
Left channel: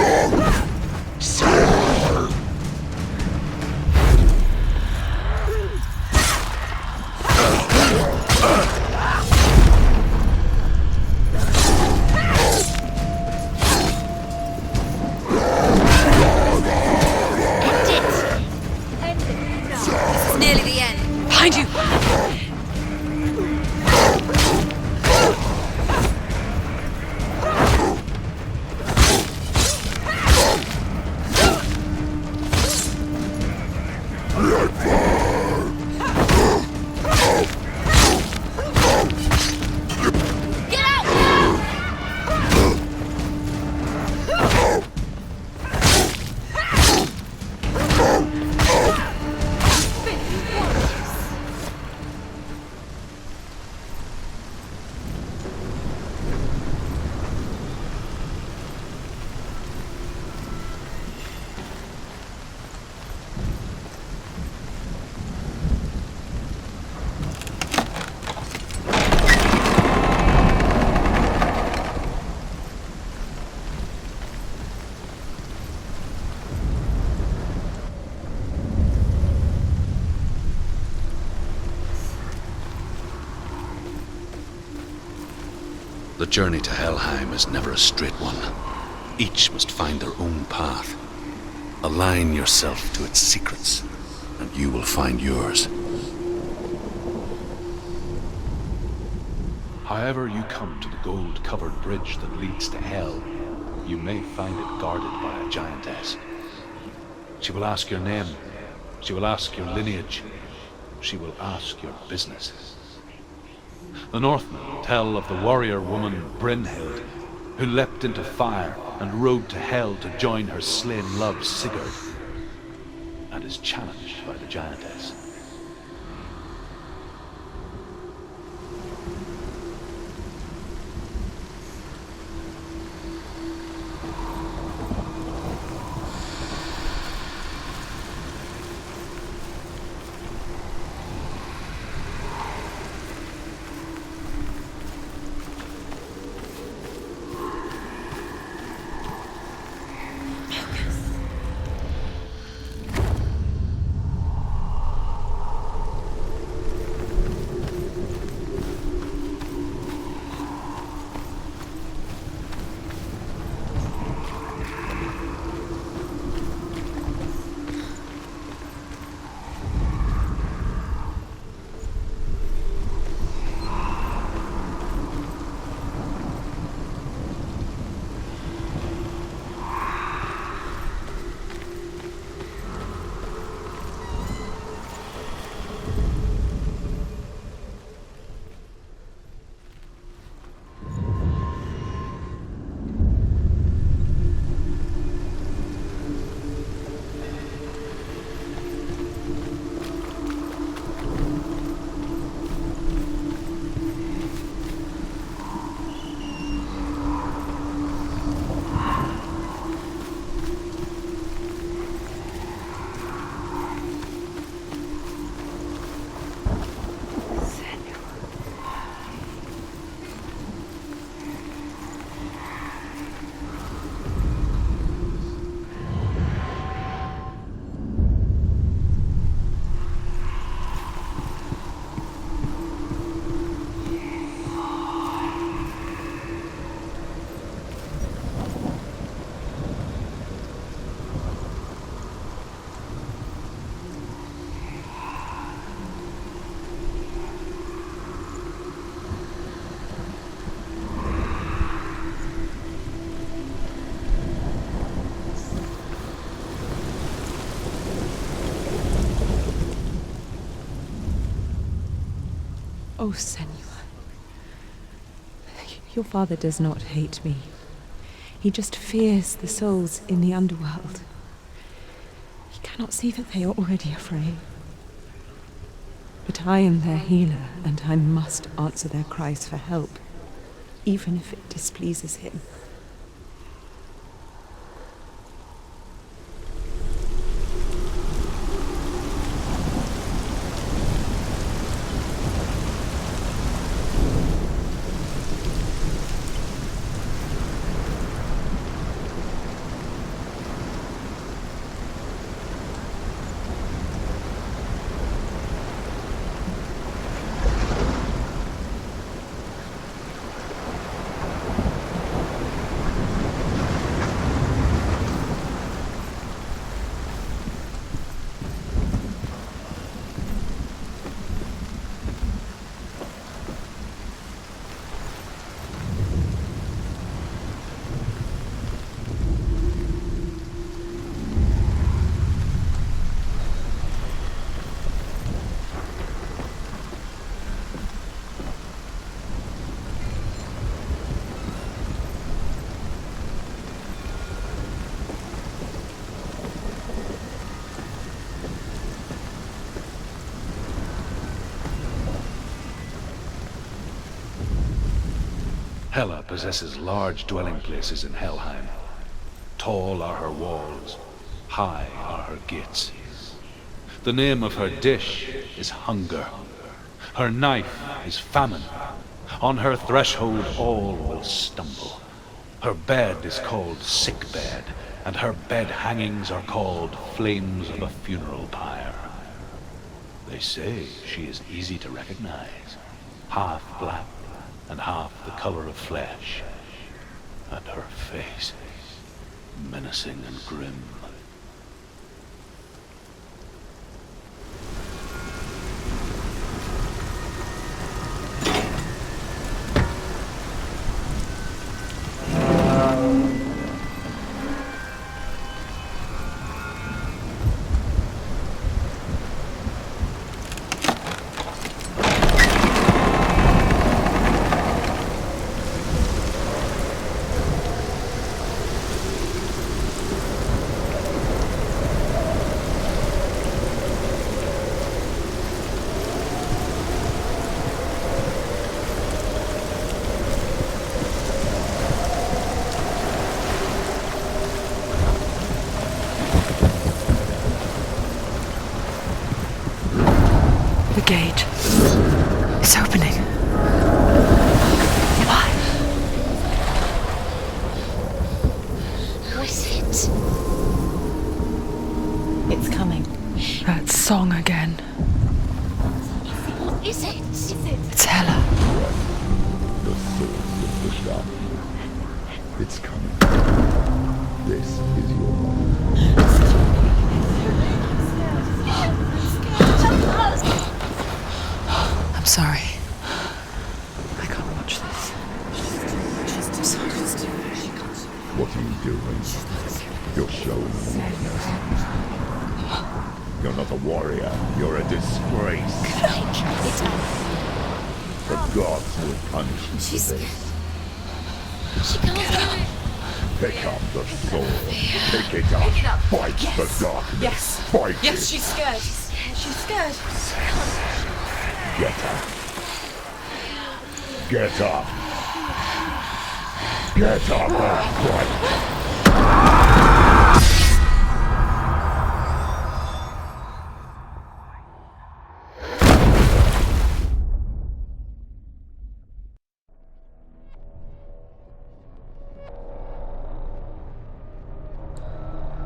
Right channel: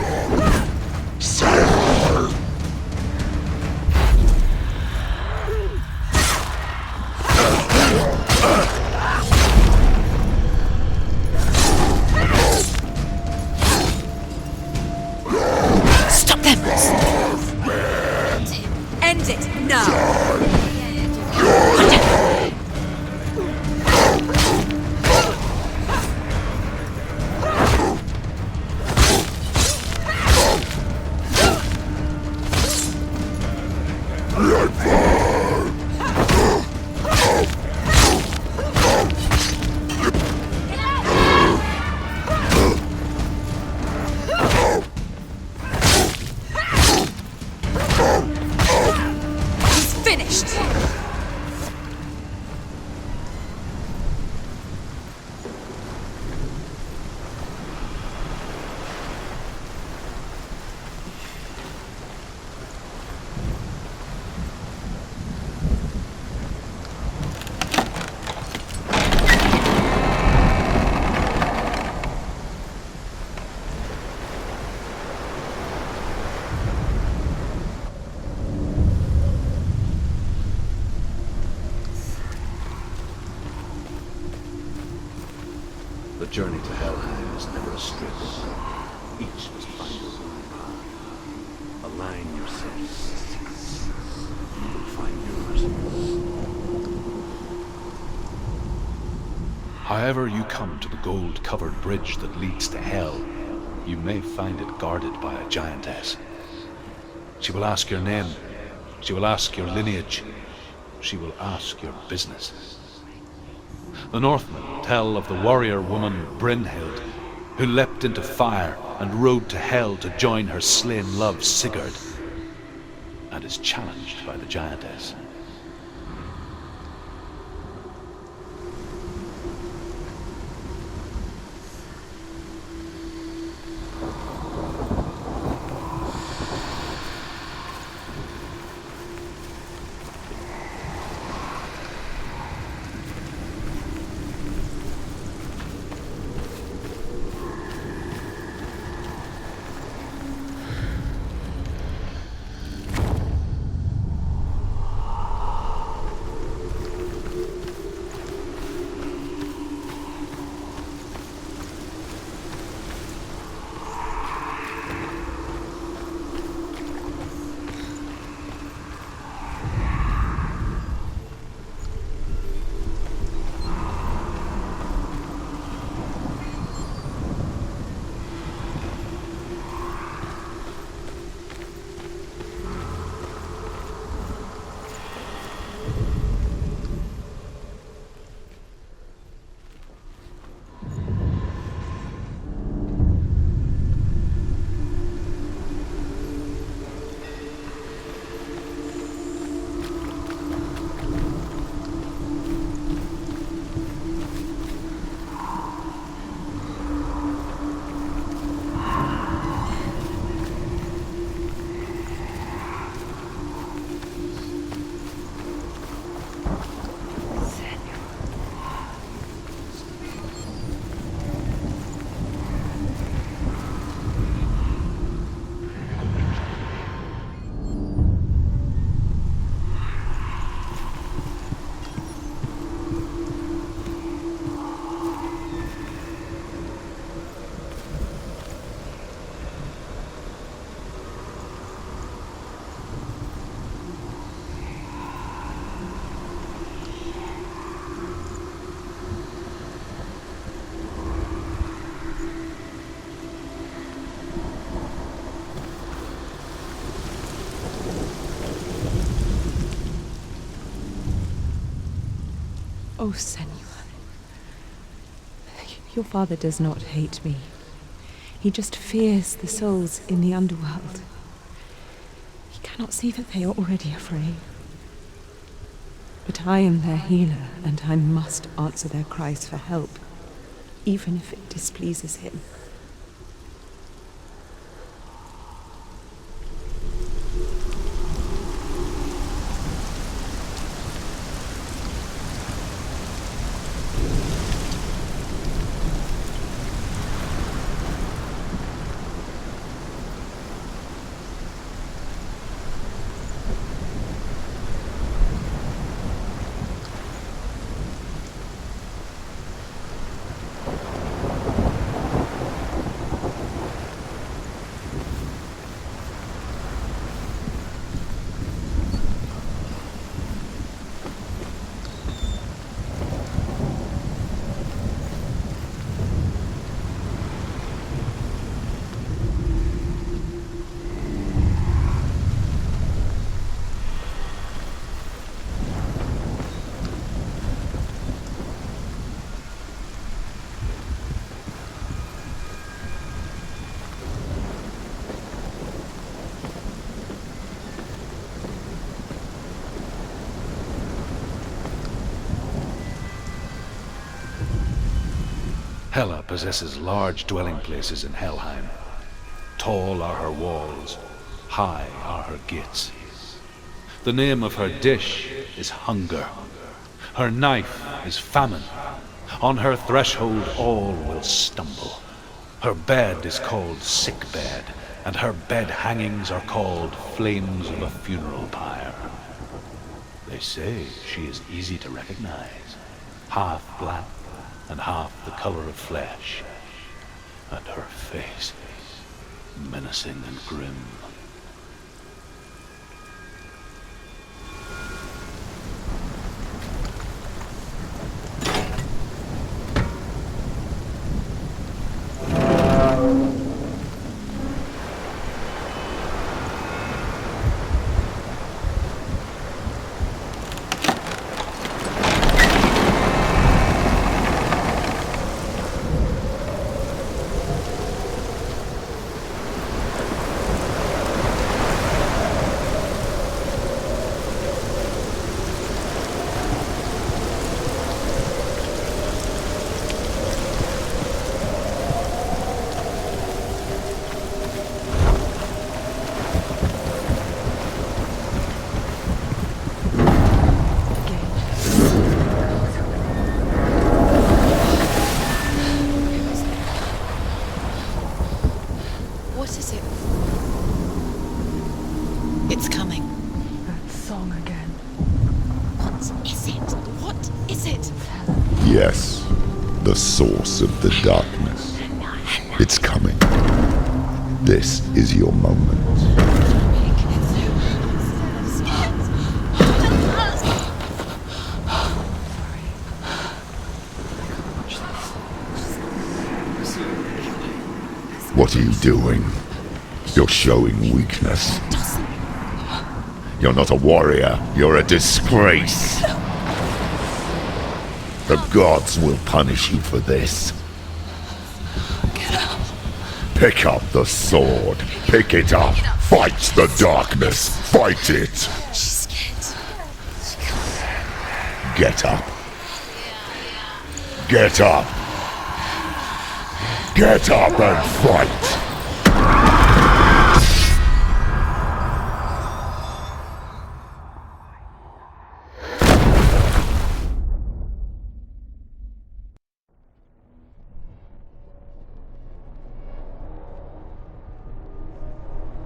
Long journey to Helheim is never a straight one. Each must find their own path. Align yourself to its secrets, and you will find yours. However you come to the gold-covered bridge that leads to Hell, you may find it guarded by a giantess. She will ask your name. She will ask your lineage. She will ask your business. The Northmen tell of the warrior woman Brynhild, who leapt into fire and rode to Hell to join her slain love Sigurd, and is challenged by the giantess. Oh, Senua. Your father does not hate me. He just fears the souls in the underworld. He cannot see that they are already afraid. But I am their healer, and I must answer their cries for help, even if it displeases him. Hela possesses large dwelling places in Helheim. Tall are her walls, high are her gates. The name of her dish is hunger. Her knife is famine. On her threshold all will stumble. Her bed is called sick bed, and her bed hangings are called flames of a funeral pyre. They say she is easy to recognize, half black, and half the color of flesh, and her face, menacing and grim. Song again. Is it? It's Hella. Yes, the source of the darkness. It's coming. This is your moment. I'm sorry. I can't watch this. What are you doing? You're showing weakness. You're not a warrior. You're a disgrace. The gods will punish you for this. Get up. Pick up the sword. Pick it up. Fight the darkness. Fight it. She's scared. Get up. Get up. Get up and fight.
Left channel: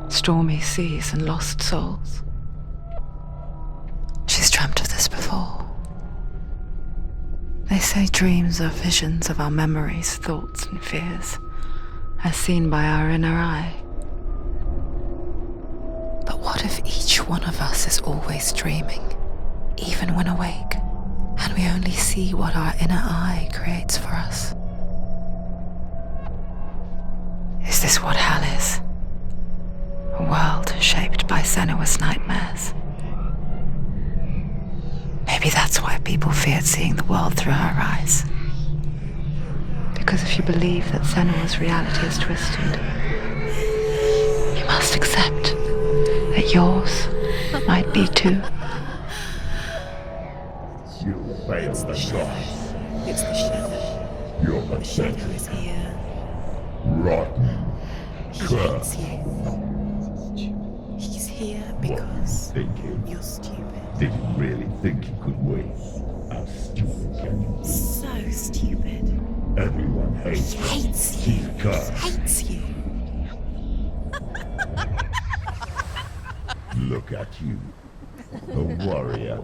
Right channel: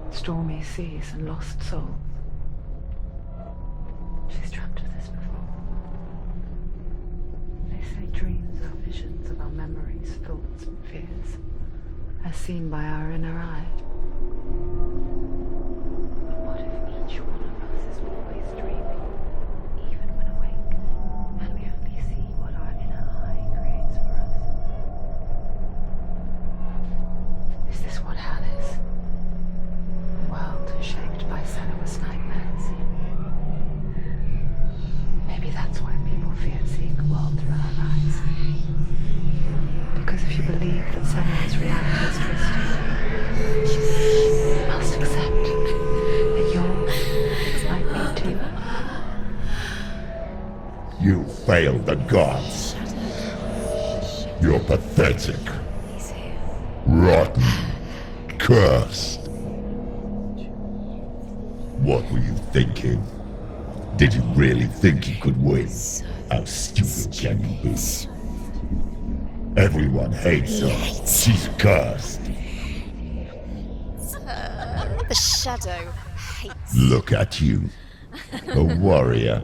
Stormy seas and lost souls. She's dreamt of this before. They say dreams are visions of our memories, thoughts and fears, as seen by our inner eye. But what if each one of us is always dreaming, even when awake, and we only see what our inner eye creates for us? Is this what hell is? A world shaped by Senua's nightmares. Maybe that's why people feared seeing the world through her eyes. Because if you believe that Senua's reality is twisted, you must accept that yours might be too. You failed the gods. You're pathetic. Rotten. Cursed. What were you thinking? Did you really think you could win? How stupid can you be? So stupid. Everyone hates her. She's cursed. The shadow hates. Look at you. A warrior.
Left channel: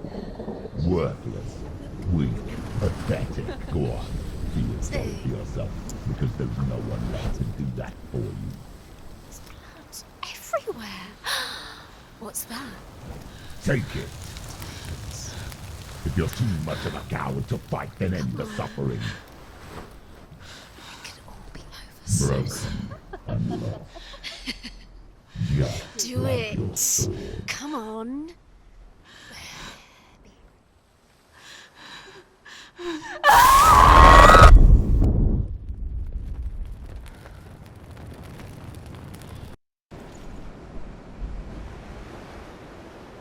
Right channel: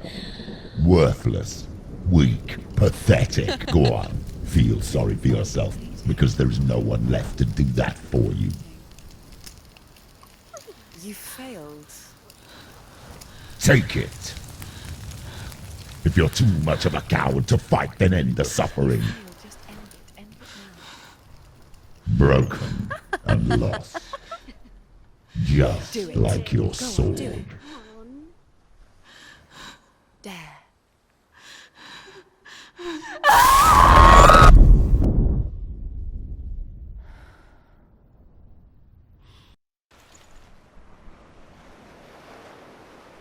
Worthless. Weak. Pathetic. Go on. Feel sorry for yourself, because there is no one left to do that for you. Everywhere. You failed. What's that? Take it. If you're too much of a coward to fight, then end the suffering. Broken and lost. Just like your sword. Come on. There.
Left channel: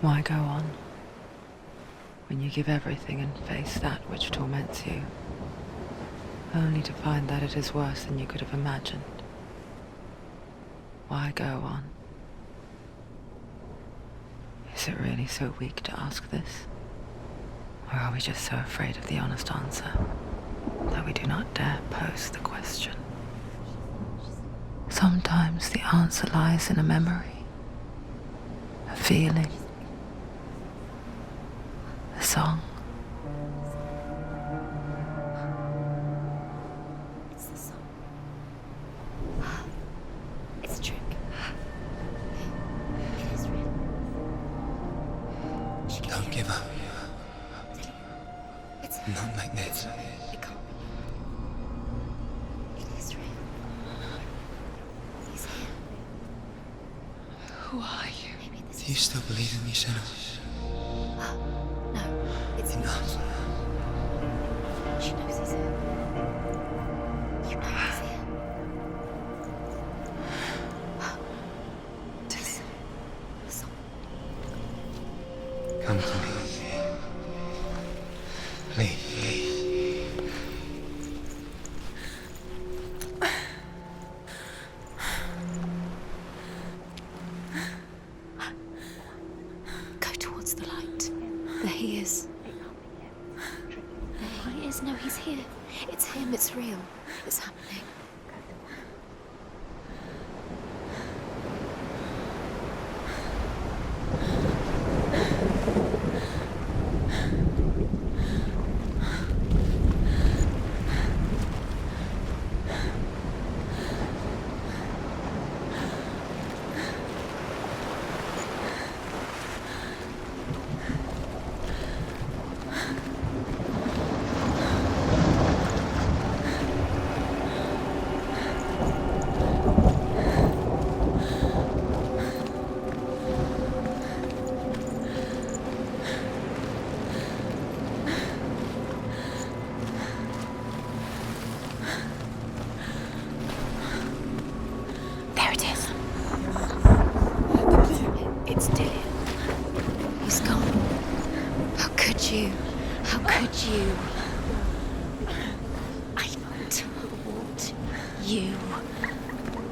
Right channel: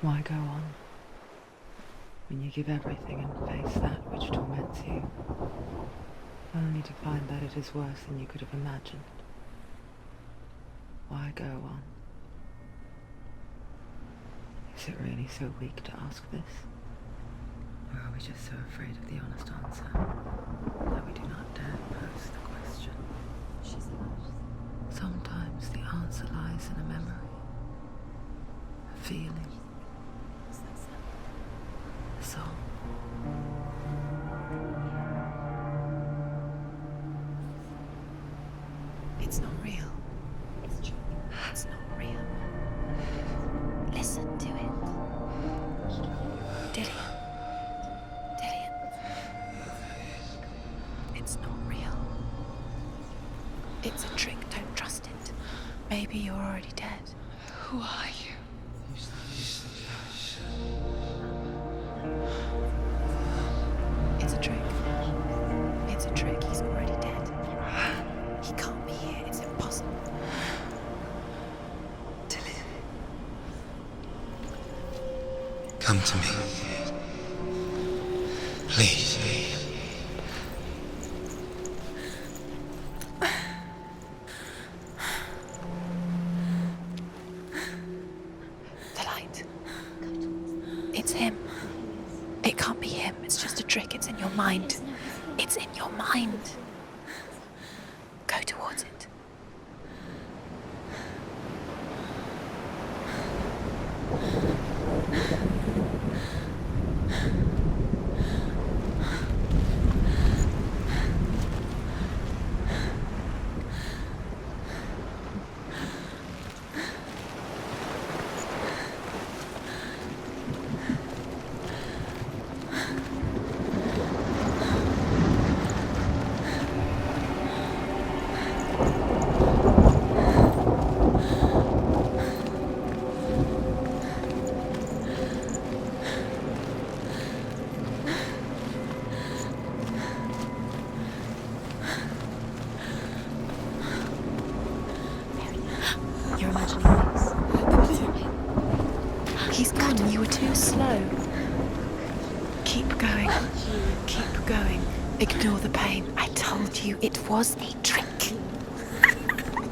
Why go on when you give everything and face that which torments you, only to find that it is worse than you could have imagined? Why go on? Is it really so weak to ask this? Or are we just so afraid of the honest answer that we do not dare pose the question? Sometimes the answer lies in a memory, a feeling, a song. It's not real. It's a trick. It's not real. It is real. Listen to it. She Don't give up. Dillian. It's Not like this. It can't. It's not real. It is real. It's a trick. Don't trust it. Maybe you're already dead. Who are you? Do you still believe in me, Senua? No, it's Enough. It's a trick. She knows it's him. It's a trick. He's already dead. He can't be here. It's impossible. Dillian. Come to me. Please. The light. Go towards the light. It's him. There he is. It can't be him. It's just a trick. It's in your mind. No, he's here. It's in your It's mind. him. It's real. It's happening. Go towards it. There it is. Your imagination. It's Dillian. He's gone and you were so slow. How could you? Keep going. How could you? Keep going. Ignore the pain. I told you it was to trick you.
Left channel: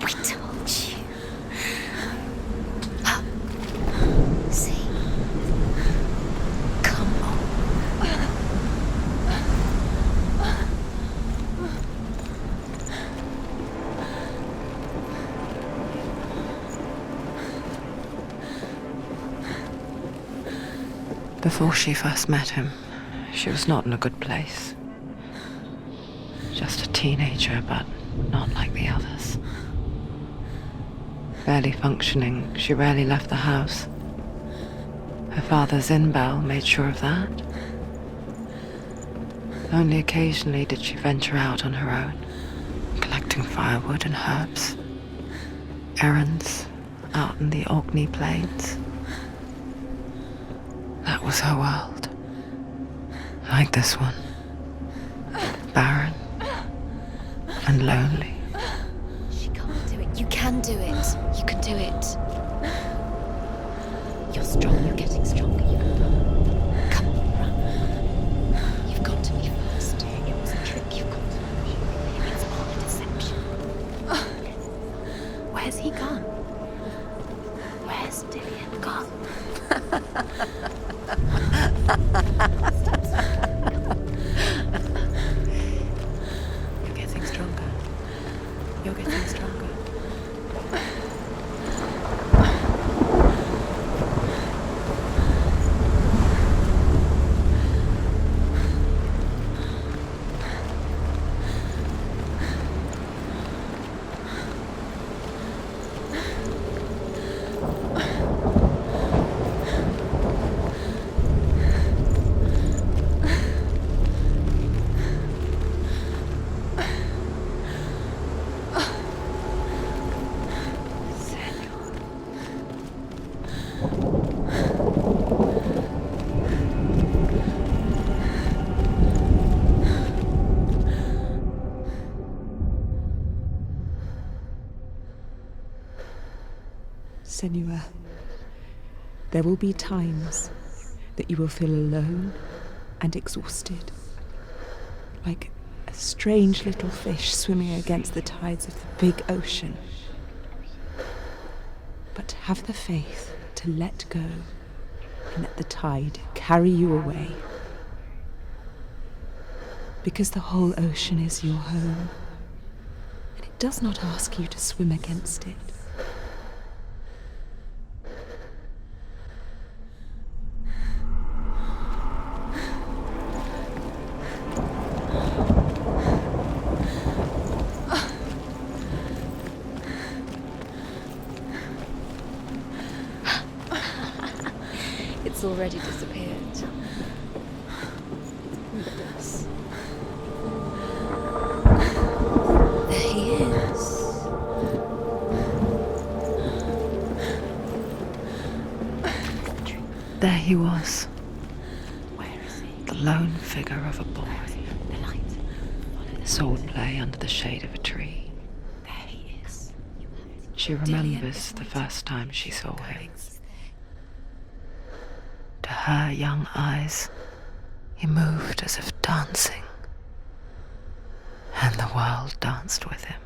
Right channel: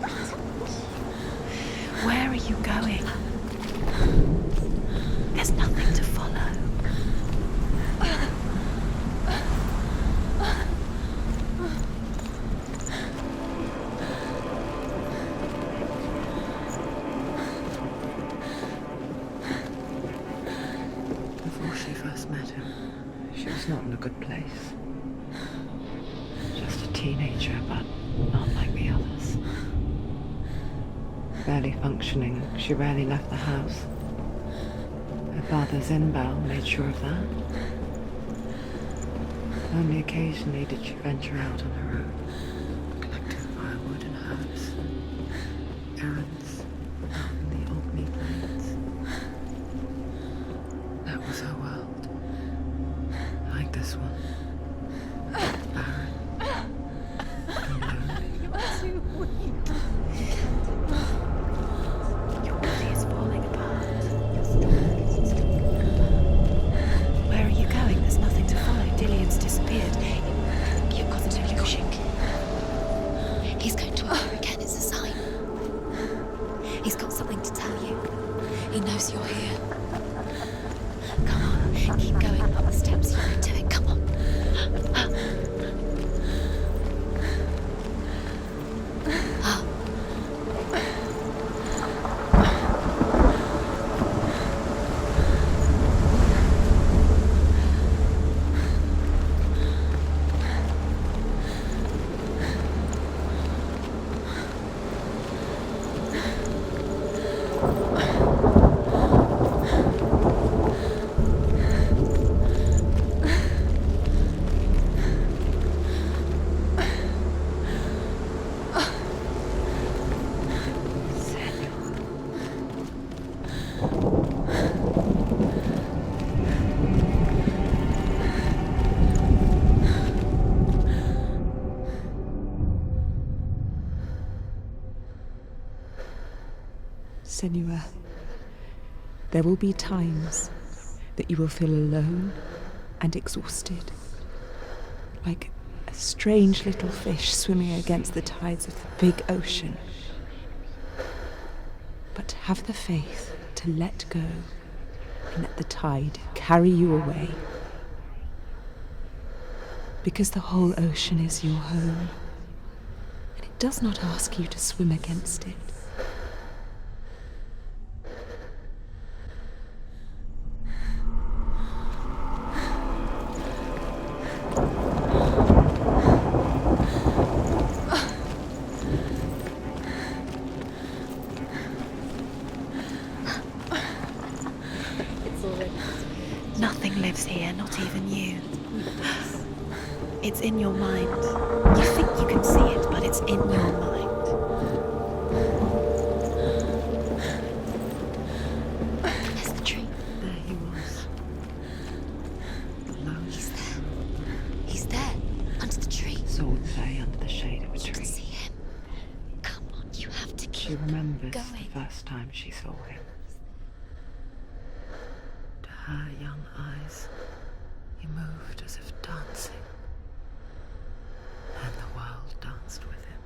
I told you. Where are you going? See? There's nothing to follow. Come on. Before she first met him, she was not in a good place. Just a teenager, but not like the others. Barely functioning, she rarely left the house. Her father's in-bell made sure of that. Only occasionally did she venture out on her own, collecting firewood and herbs. Errands out in the Orkney Plains. That was her world. Like this one. Barren and lonely. She can't do it. You can do it. You can do it. Your body is falling apart. You're strong. You're getting stronger. Where are you going? There's nothing to follow. Dillian's disappeared. It was a trick. You've got an illusion. It's all a deception. He's going to appear again. It's a sign. Where's he gone? He's got something to tell you. Where's Dillian? He knows you're here. Come on. Keep going up the steps. You can do it. Come on. You're getting stronger. You're getting stronger. Senua, there will be times that you will feel alone and exhausted, like a strange little fish swimming against the tides of the big ocean. But have the faith to let go and let the tide carry you away. Because the whole ocean is your home, and it does not ask you to swim against it. already disappeared. Nothing lives here, not even you. Who does? It's in your mind. You think you can see it, but it's in your mind. Where's the tree? There he was, Where is he? the lone figure of a boy. He's there, under the tree. Sword play under the shade of a See tree. him? There he is. Come on, you have to She keep remembers the first time she saw him. To her young eyes, he moved as if dancing, and the world danced with him.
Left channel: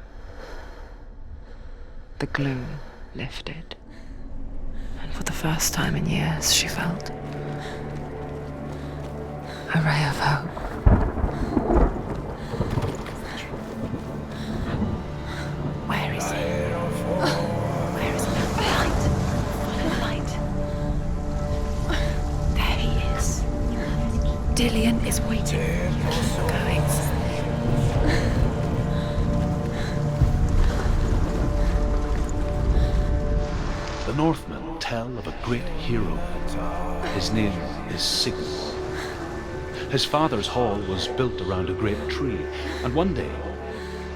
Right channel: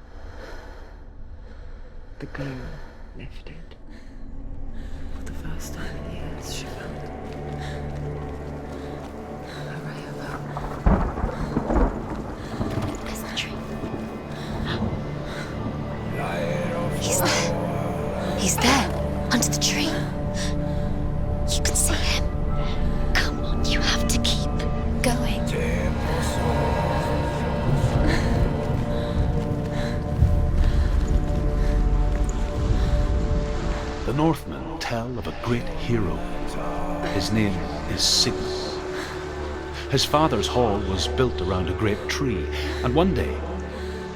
The glue lifted, and for the first time in years, she felt a ray of hope. Where's the tree? Where is he? He's there. Where is he? He's there, under the tree. You can see him. There he is. Come on, you have to keep Dillian going. The Northmen tell of a great hero. His name is Sigmund. His father's hall was built around a great tree, and one day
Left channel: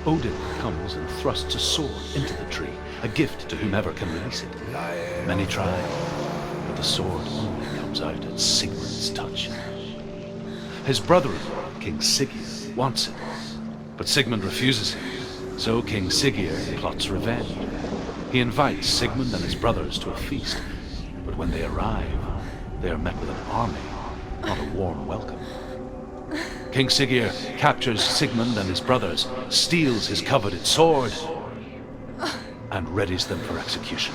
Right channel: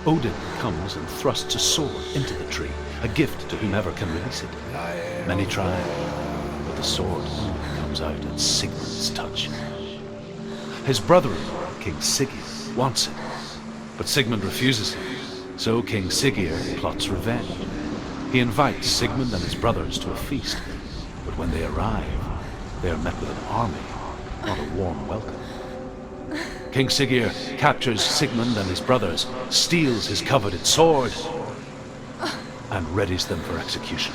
Odin comes and thrusts a sword into the tree, a gift to whomever can release it. Many try, but the sword only comes out at Sigmund's touch. His brother-in-law, King Siggeir, wants it, but Sigmund refuses it, so King Siggeir plots revenge. He invites Sigmund and his brothers to a feast, but when they arrive, they are met with an army, not a warm welcome. King Siggeir captures Sigmund and his brothers, steals his coveted sword, and readies them for execution.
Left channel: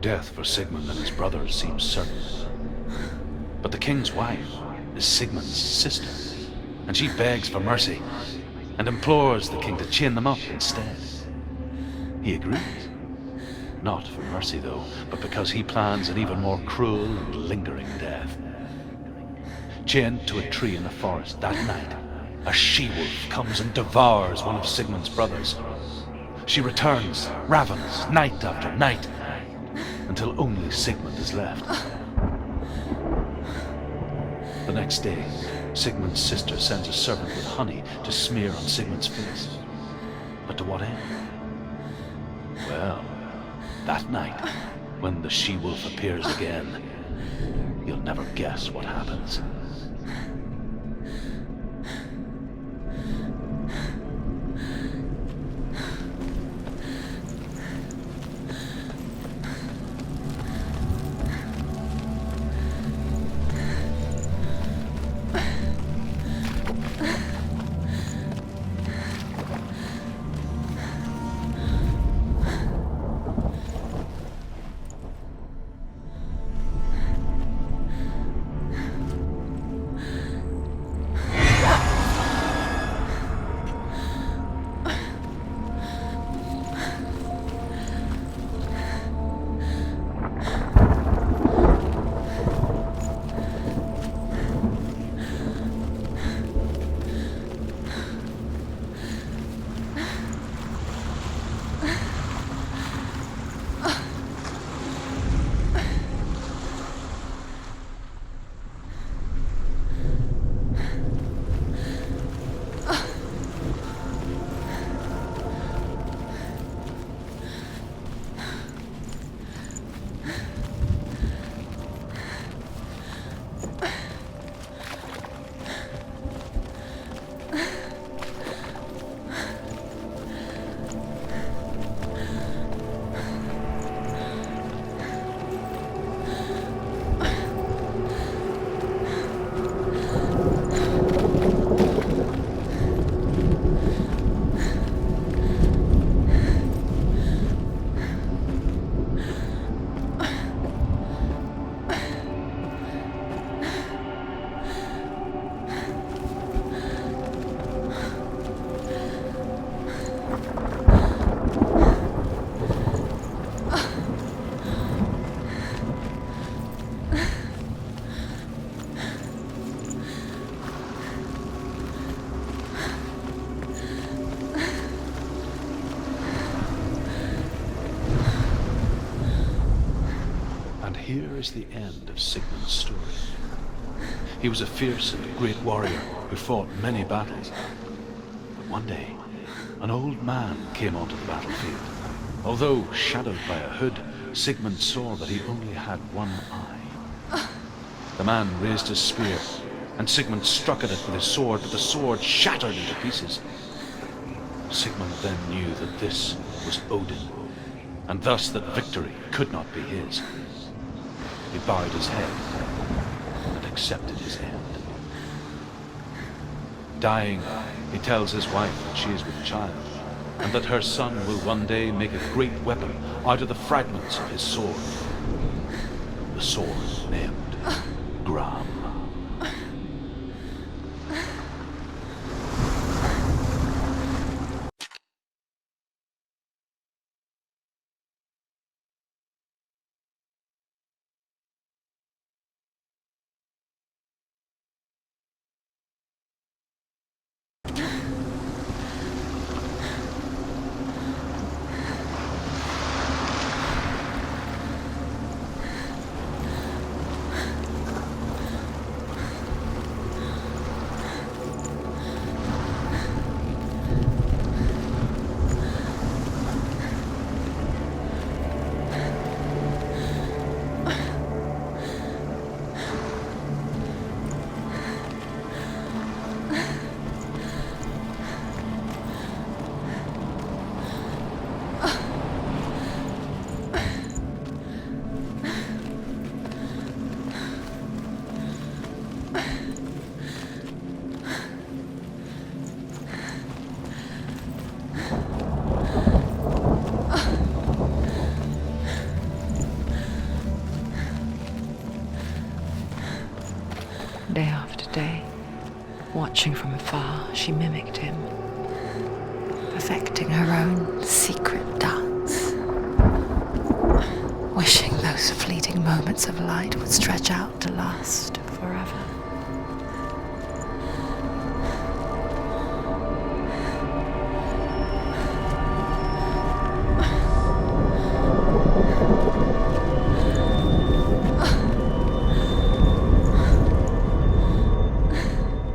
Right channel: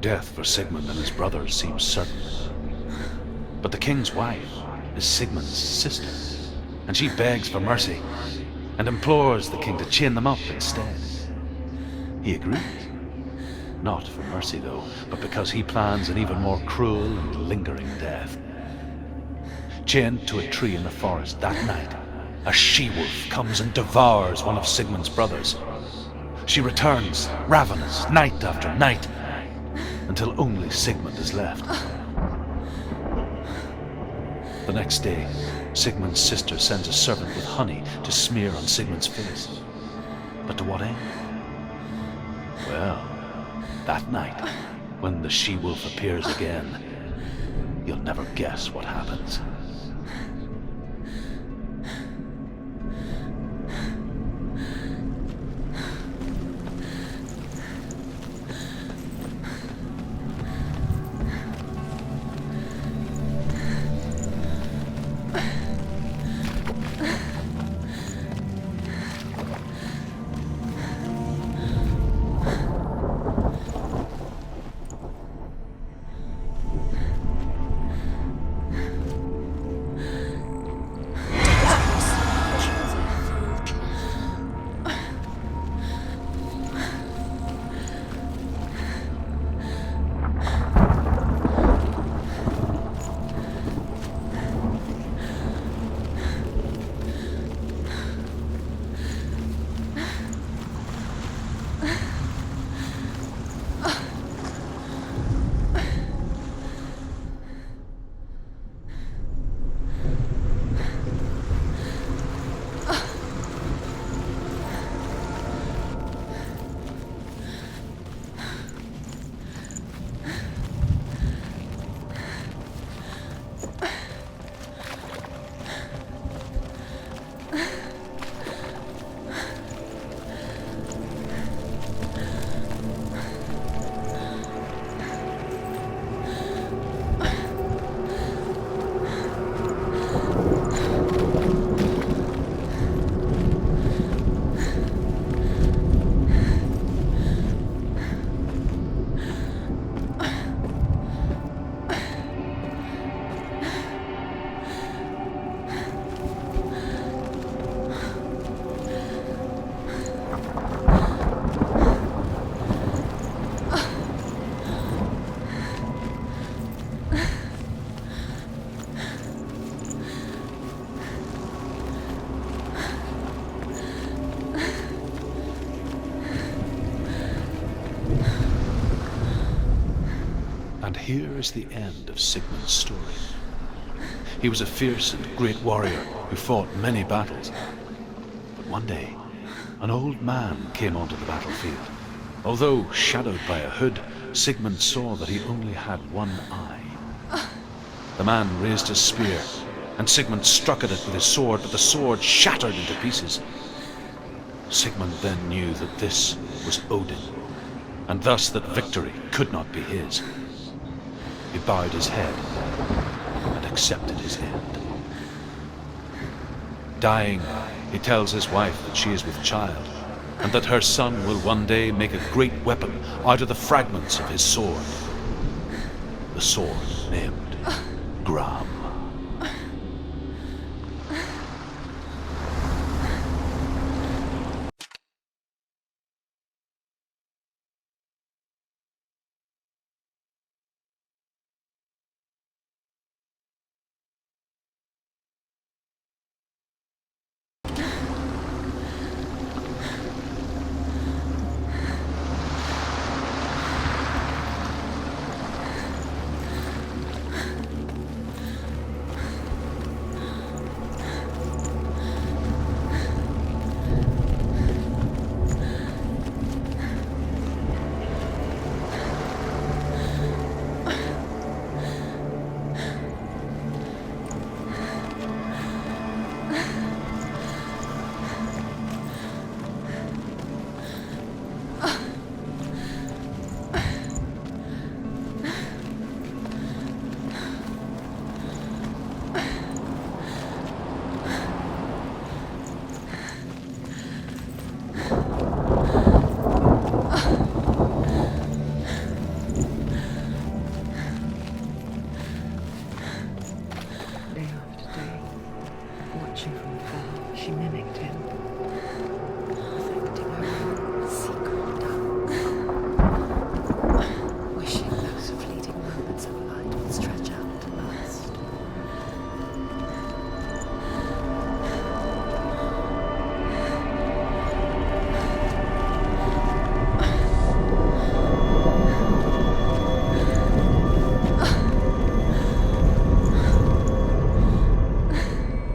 Death for Sigmund and his brothers seems certain. But the king's wife is Sigmund's sister, and she begs for mercy and implores the king to chain them up instead. He agrees. Not for mercy, though, but because he plans an even more cruel and lingering death. Chained to a tree in the forest that night, a she-wolf comes and devours one of Sigmund's brothers. She returns, ravenous, night after night, until only Sigmund is left. The next day, Sigmund's sister sends a servant with honey to smear on Sigmund's face. But to what end? Well, that night, when the she-wolf appears again, you'll never guess what happens. is the end of Sigmund's story. He was a fierce and great warrior who fought many battles. But one day, an old man came onto the battlefield. Although shadowed by a hood, Sigmund saw that he only had one eye. The man raised his spear, and Sigmund struck at it with his sword, but the sword shattered into pieces. Sigmund then knew that this was Odin, and thus that victory could not be his. He bowed his head and accepted his end. Dying, he tells his wife that she is with child, and that her son will one day make a great weapon out of the fragments of his sword. The sword named Gram. Day after day, watching from afar, she mimicked him, perfecting her own secret dance, wishing those fleeting moments of light would stretch out to last forever.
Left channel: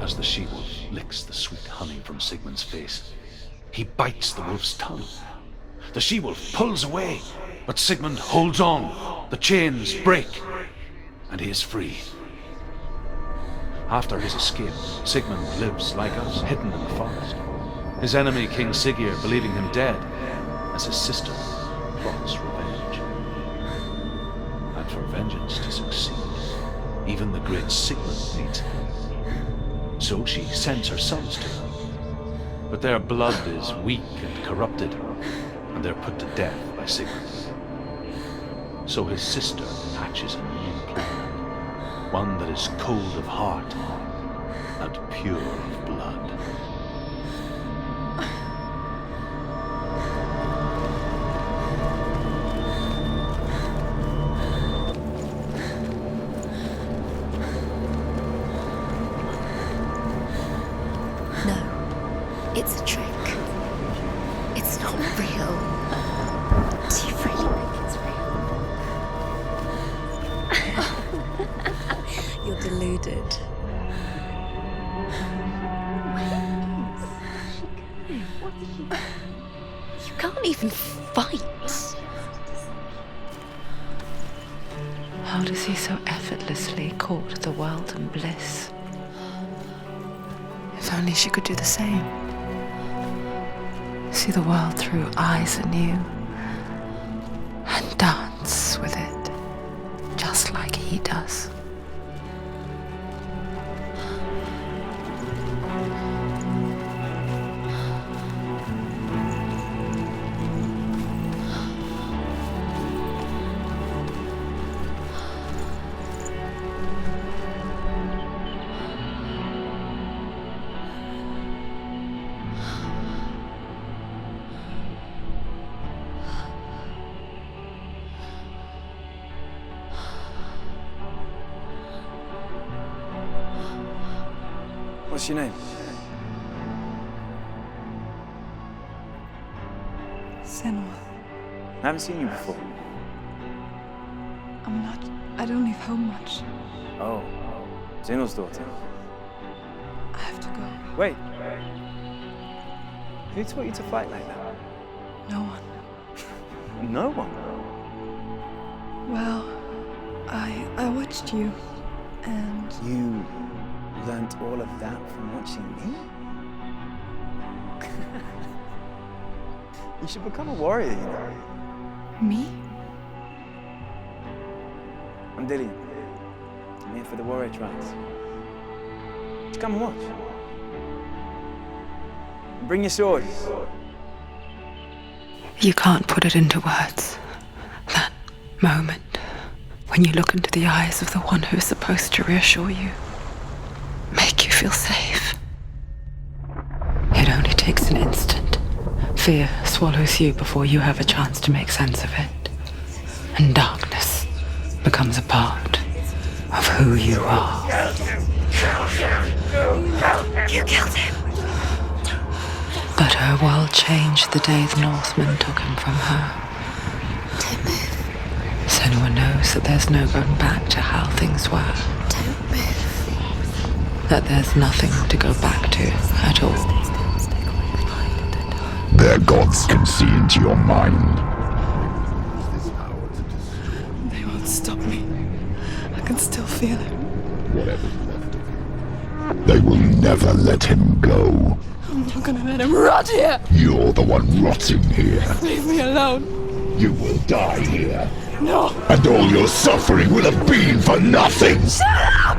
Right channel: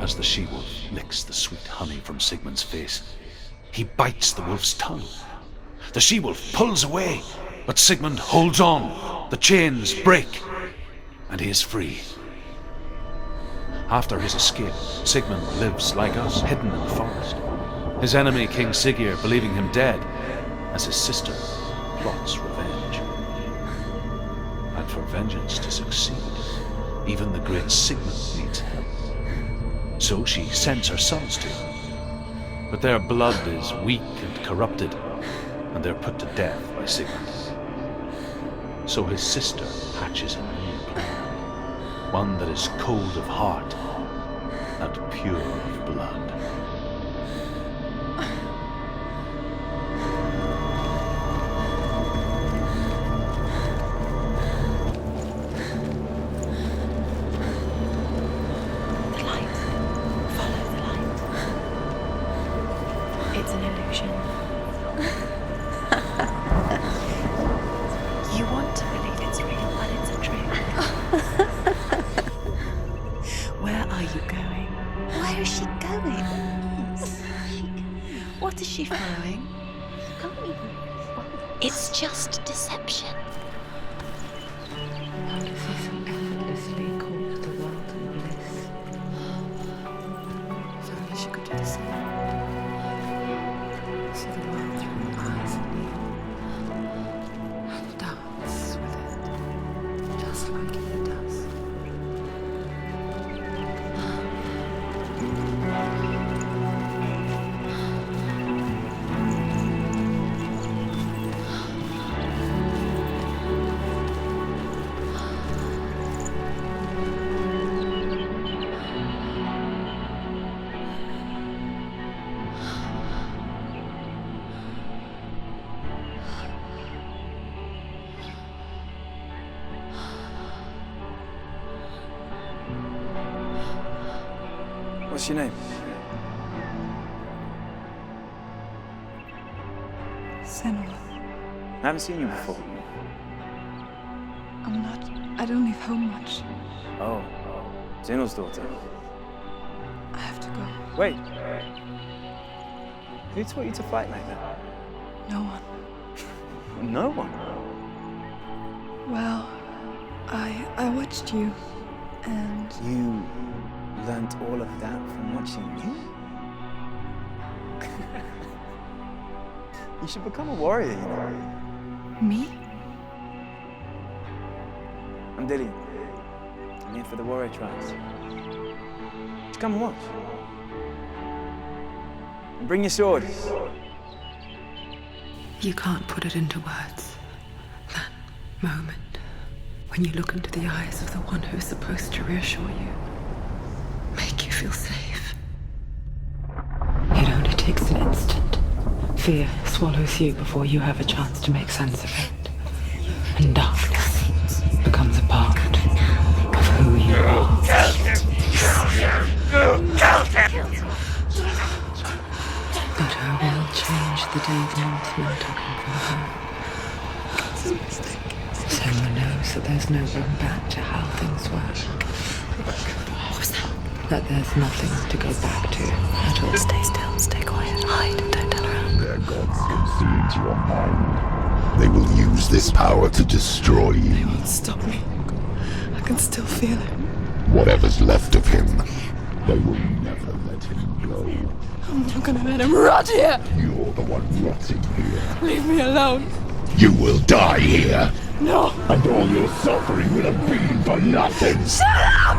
As the she-wolf licks the sweet honey from Sigmund's face, he bites the wolf's tongue. The she-wolf pulls away, but Sigmund holds on. The chains break, and he is free. After his escape, Sigmund lives like us, hidden in the forest. His enemy, King Siggeir, believing him dead, as his sister plots revenge. And for vengeance to succeed, even the great Sigmund needs help. So she sends her sons to him. But their blood is weak and corrupted, and they're put to death by Sigmund. So his sister hatches a new plan, one that is cold of heart and pure of blood. It's a trick. It's an illusion. It's not real. But you really think it's real. You want to believe it's real, but it's a trick. You're deluded. Where are you going? Where is she going? What is she following? You can't even fight. It's just deception. How does he so effortlessly court the world and bliss? If only she could do the same. See the world through eyes anew and dance with it, just like he does. What's your name? Senua. I haven't seen you before. I'm not I don't leave home much. Oh, Zenua's daughter. I have to go. Wait. Who taught you to fight like that? No one. No one? Well, I watched you, and... You learnt all of that from watching me? You should become a warrior, you know. Me? I'm Dillian. I'm here for the warrior trials. Just come and watch. And bring your sword. You can't put it into words. That moment when you look into the eyes of the one who is supposed to reassure you, make you feel safe. It only takes an instant. Fear swallows you before you have a chance to make sense of it. And darkness becomes a part of who you are. You killed him. But her world changed the day the Northmen took him from her. Senua knows that there's no going back to how things were. That there's nothing to go back to at all. Stay still, stay quiet, hide, don't tell her. Their gods can see into your mind. They will use this power to destroy you. They won't stop me. I can still feel him. Whatever's left of him, they will never let him go. I'm not gonna let him rot here! You're the one rotting here. Leave me alone. You will die here. No! And all your suffering will have been for nothing. Shut up!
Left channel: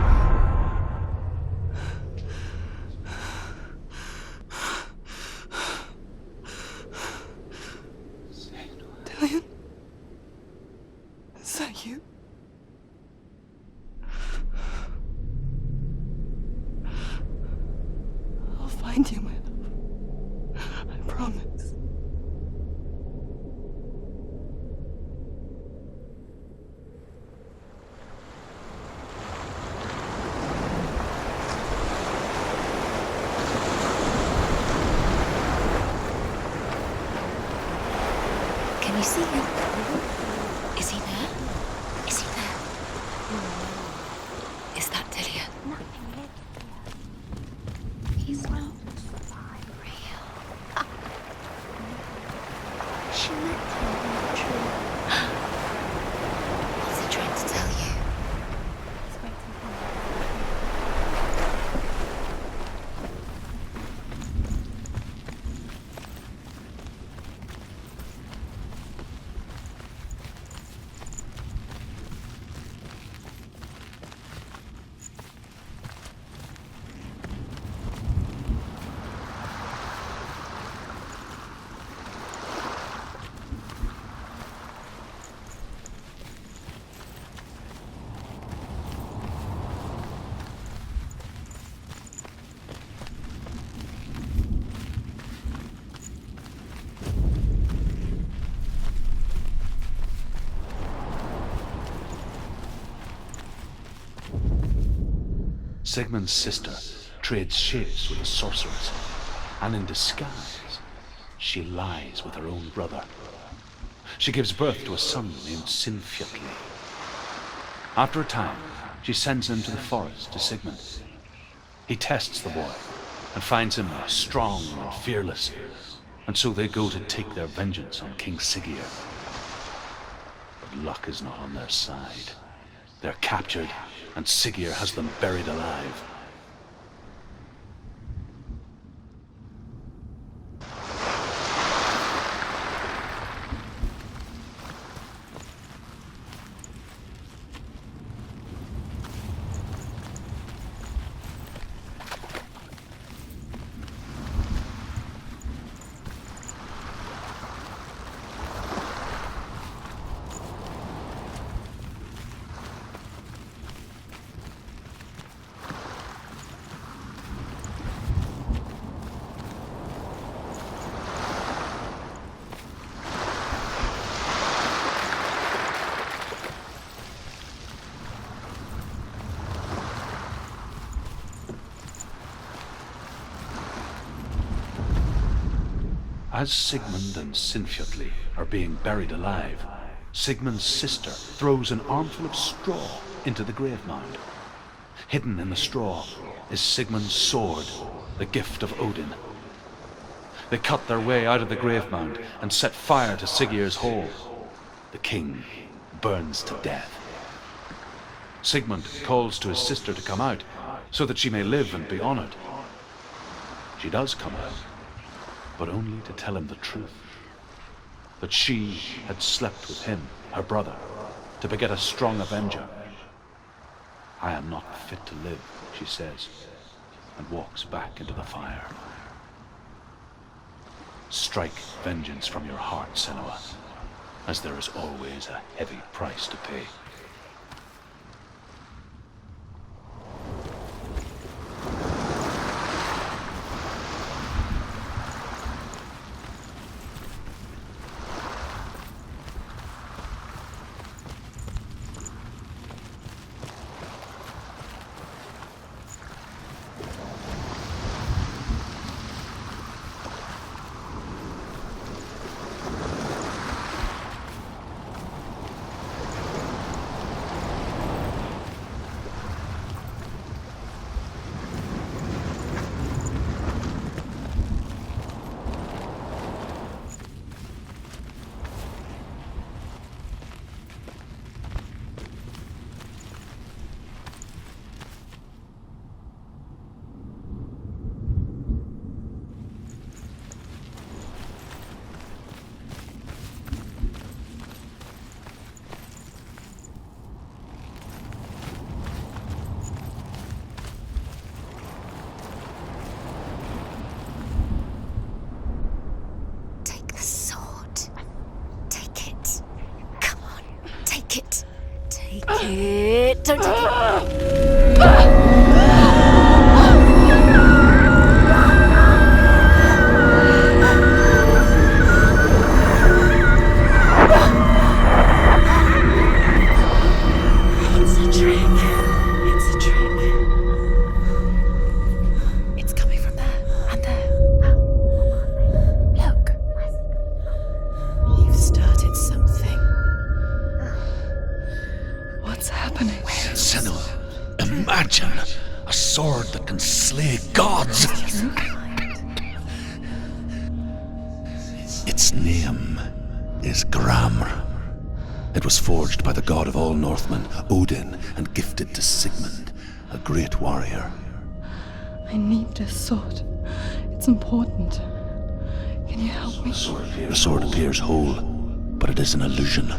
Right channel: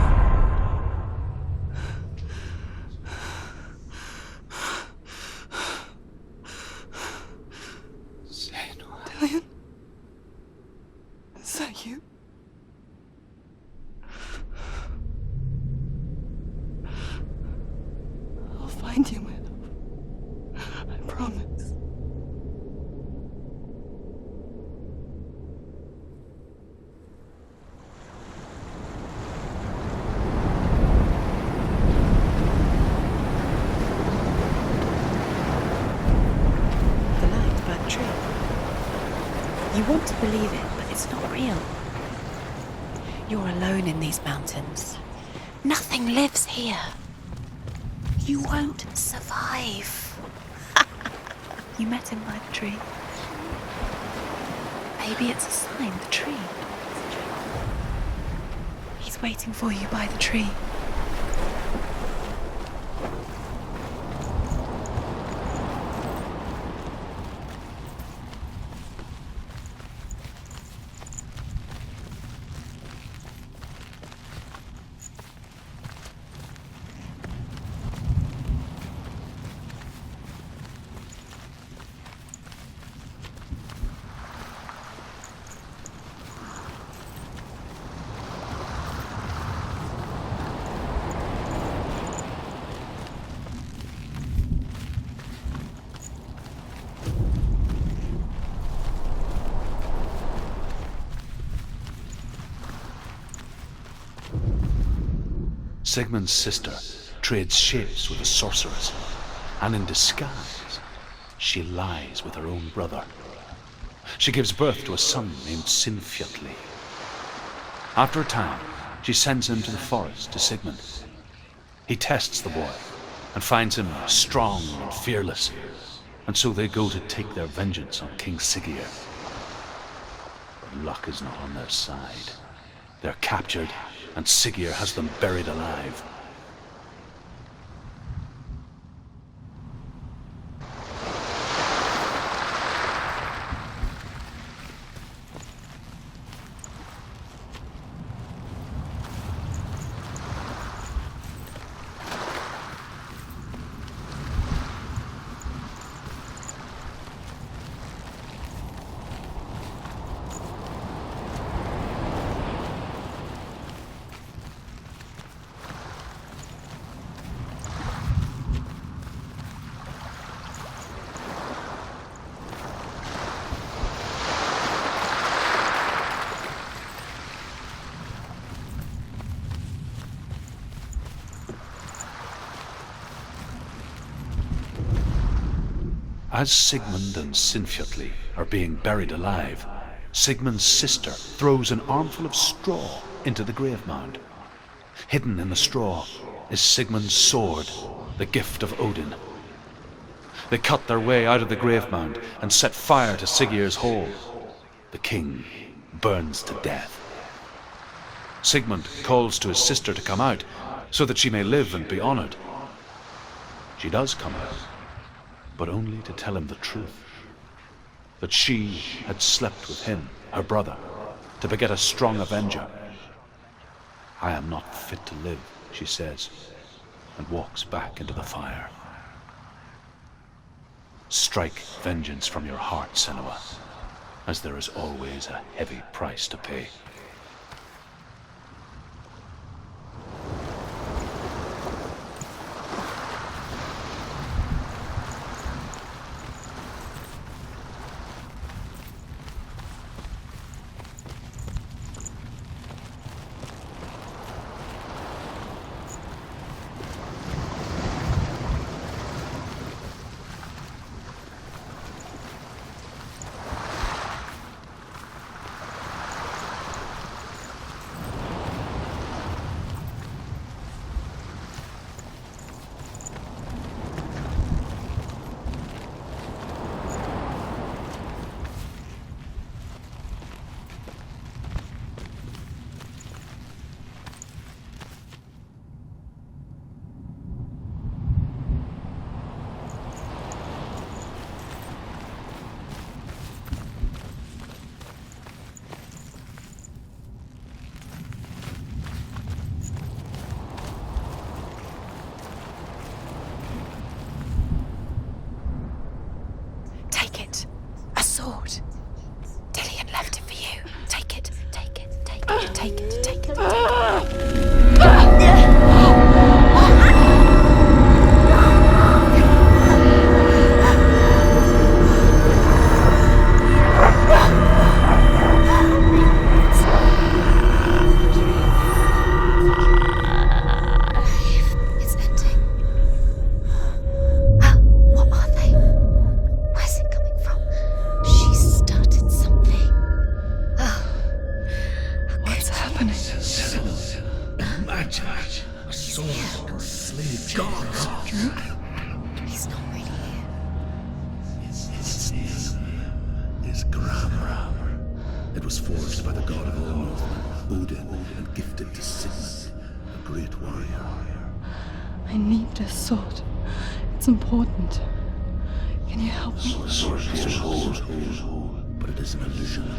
Dillian? Is that you? I'll find you, my love. I promise. Can you see him? You want to believe it. Is he not real? Is he there? You're alone in these mountains. Is that Dillian? Nothing lives here. You won't survive. You met him by the tree. She met him by the tree. Maybe it's a sign, the tree. What's he trying to tell you? He's waiting for you by the tree. Sigmund's sister trades shapes with a sorceress, and in disguise, she lies with her own brother. She gives birth to a son named Sinfjotli. After a time, she sends him to the forest to Sigmund. He tests the boy and finds him strong and fearless, and so they go to take their vengeance on King Siggeir. But luck is not on their side. They're captured, and Siggeir has them buried alive. As Sigmund and Sinfjotli are being buried alive, Sigmund's sister throws an armful of straw into the grave mound. Hidden in the straw is Sigmund's sword, the gift of Odin. They cut their way out of the grave mound and set fire to Siggeir's hall. The king burns to death. Sigmund calls to his sister to come out so that she may live and be honored. She does come out, but only to tell him the truth. That she had slept with him, her brother, to beget a strong avenger. I am not fit to live, she says, and walks back into the fire. Strike vengeance from your heart, Senua, as there is always a heavy price to pay. Its name is Gramr. It was forged by the god of all Northmen, Odin, and gifted to Sigmund, a great warrior. I need this sword. It's important. Can you help me? The sword appears whole, but it is an illusion.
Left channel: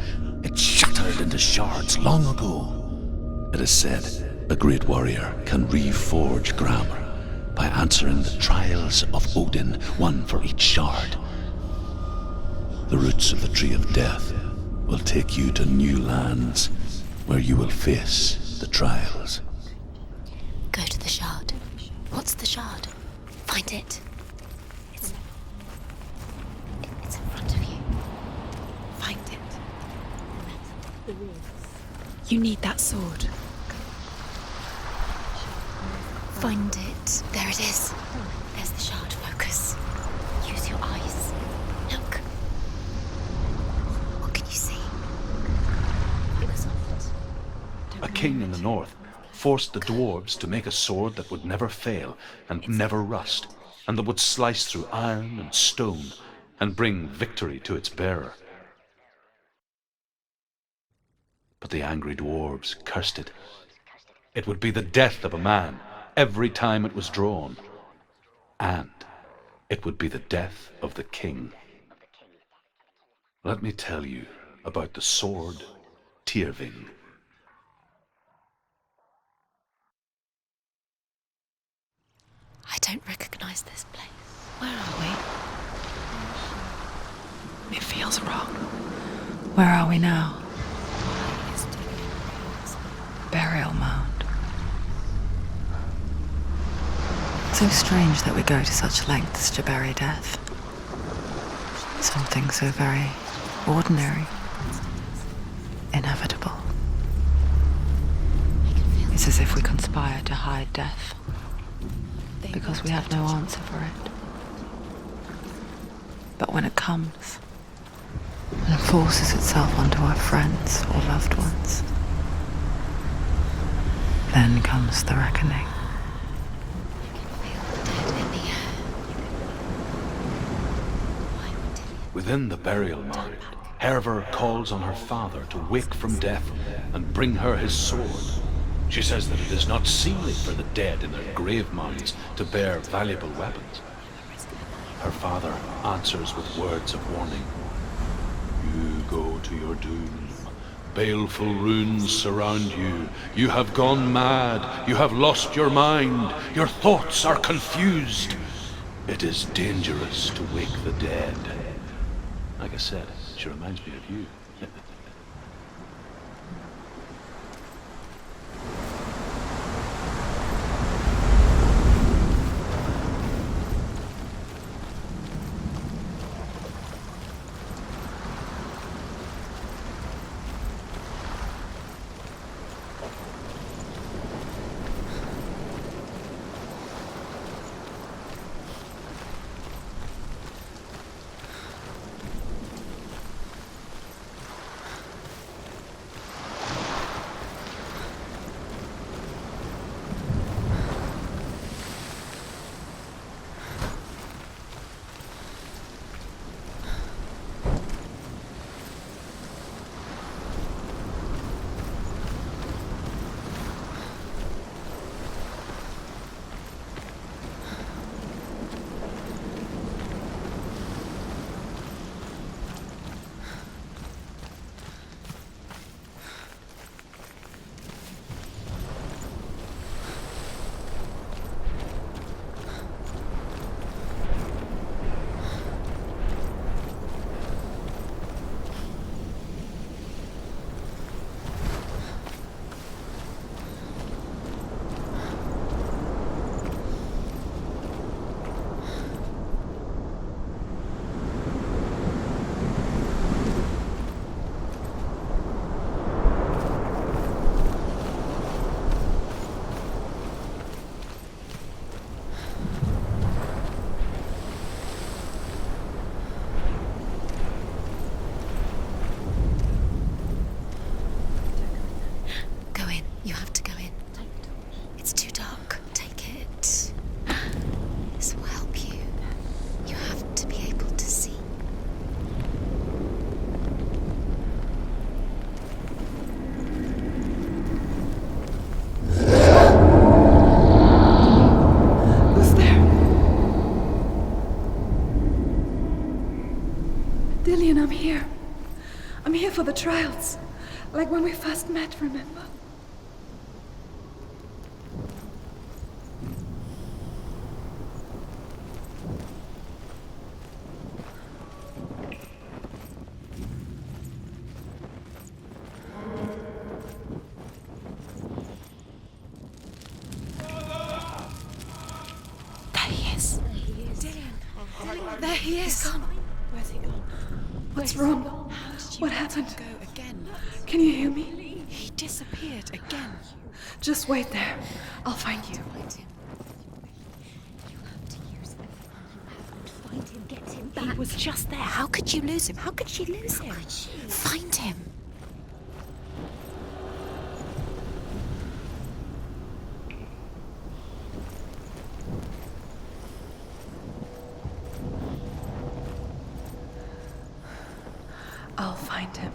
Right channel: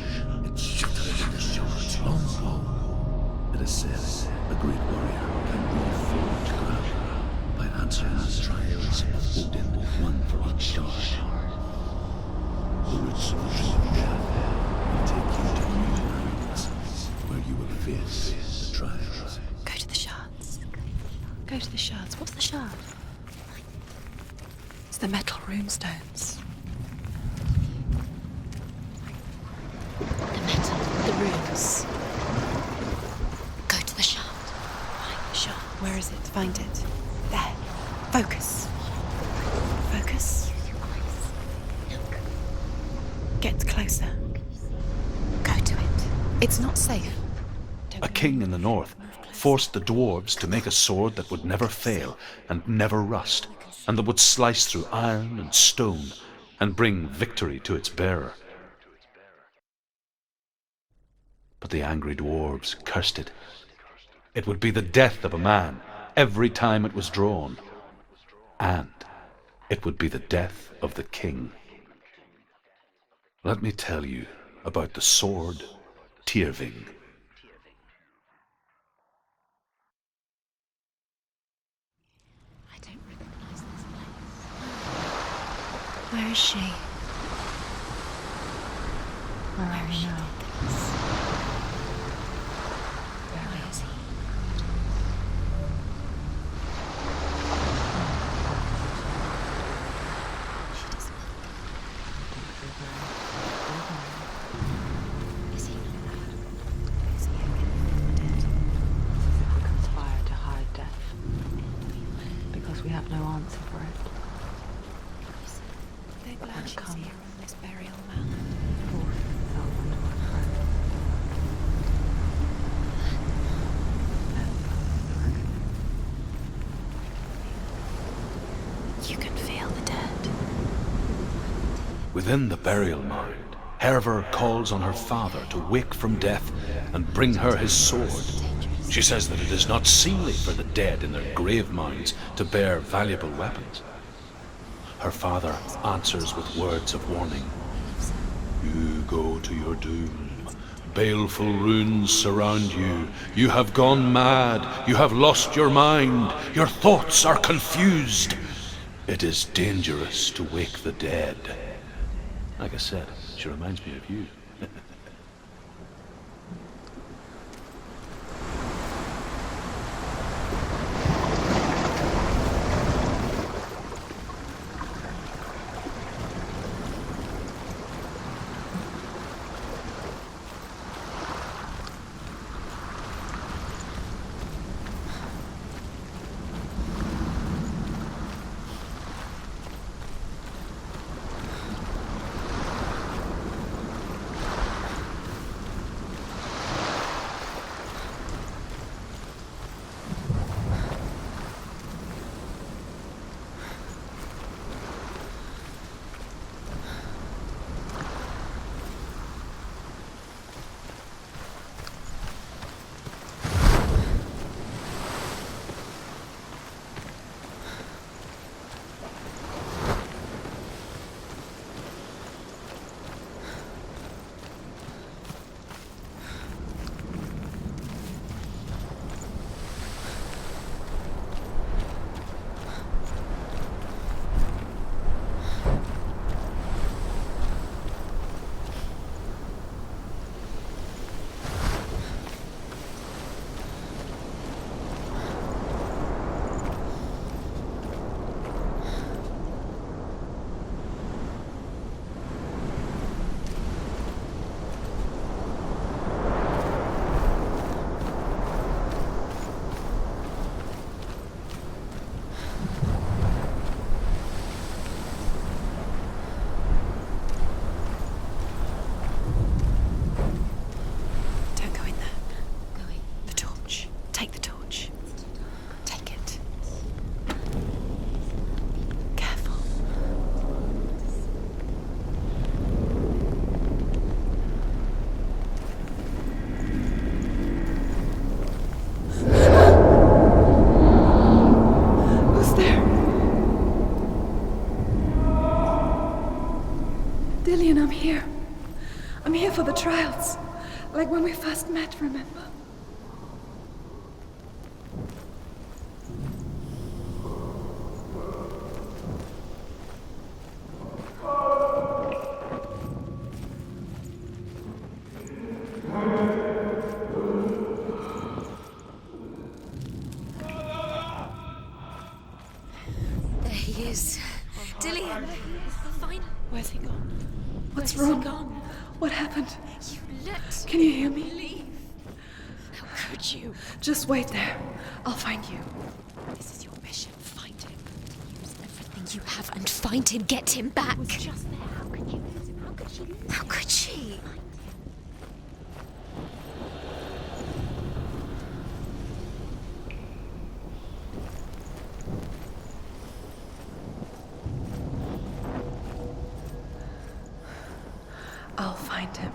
It shattered into shards long ago. It is said a great warrior can reforge Gramr by answering the trials of Odin, one for each shard. The roots of the Tree of Death will take you to new lands where you will face the trials. Go to the shards. Go to the shard. Go to the shards. What's the shard? Find it. It's the metal runestones. It's in front of you. Find it. The metal, the runes. You need that sword. Go to the shard. Find the shard. Where is it? Find it. There it is. Focus. There's the shard. Focus. Focus. Use your eyes. Look. Get closer. What can you see? Go to it. It's not safe. A king in the north forced the dwarves to make a sword that would never fail and never rust, and that would slice through iron and stone and bring victory to its bearer. But the angry dwarves cursed it. It would be the death of a man every time it was drawn, and it would be the death of the king. Let me tell you about the sword Tyrving. I don't recognize this place. Where are we? Where is she? It feels wrong. Where are we now? Burial mound. So strange that we go to such lengths to bury death. Something so very ordinary, inevitable. It's as if we conspire to hide death, because we have no answer for it. But when it comes, and forces itself onto our friends or loved ones. Then comes the reckoning. You can feel the dead. Within the burial mound, Herver calls on her father to wake from death and bring her his sword. She says that it is not seemly for the dead in their grave mounds to bear valuable weapons. Her father answers with words of warning. You go to your doom. Baleful runes surround you. You have gone mad. You have lost your mind. Your thoughts are confused. It is dangerous to wake the dead. Like I said, she reminds me of you. Dillian, I'm here. I'm here for the trials. Like when we first met, remember? There he is. There he is. Dillian, there he is. Where's he gone? What's wrong? What happened? Can you hear me? He disappeared again. Just wait there. I'll find you. This is your mission. Find him. To use everything you have and find him. Get him back. He was just there. How could you lose him? How could she lose him? How could she? Find him. I'll find him.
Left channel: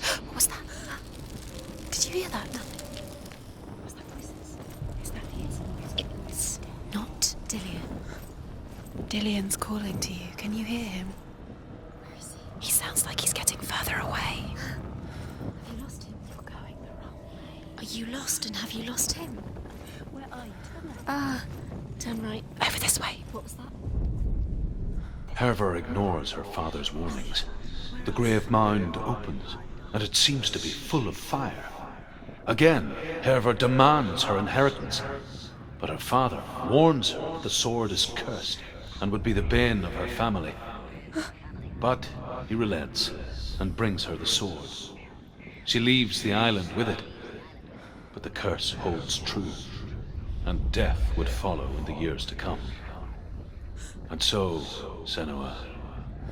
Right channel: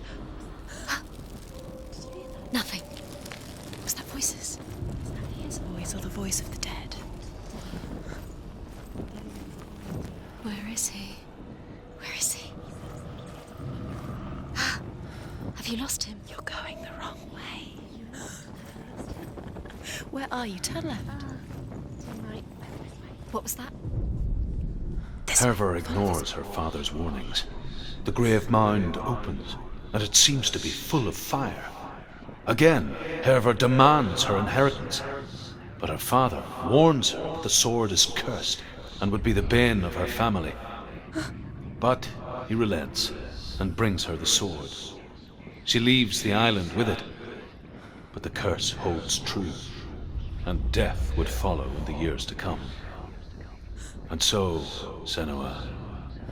What was that? Did you hear that? Nothing. Was that voices? Is that his voice or the voice of the dead? Not Dillian. Dillian's calling to you. Can you hear him? Where is he? He sounds like he's getting further away. Have you lost him? You're going the wrong way. Are you lost and have you lost him? Where are you? Turn left. Turn right. Over this way. What was that? Herver ignores her father's warnings. The grave mound opens, and it seems to be full of fire. Again, Herver demands her inheritance, but her father warns her that the sword is cursed and would be the bane of her family. But he relents and brings her the sword. She leaves the island with it, but the curse holds true, and death would follow in the years to come. And so, Senua,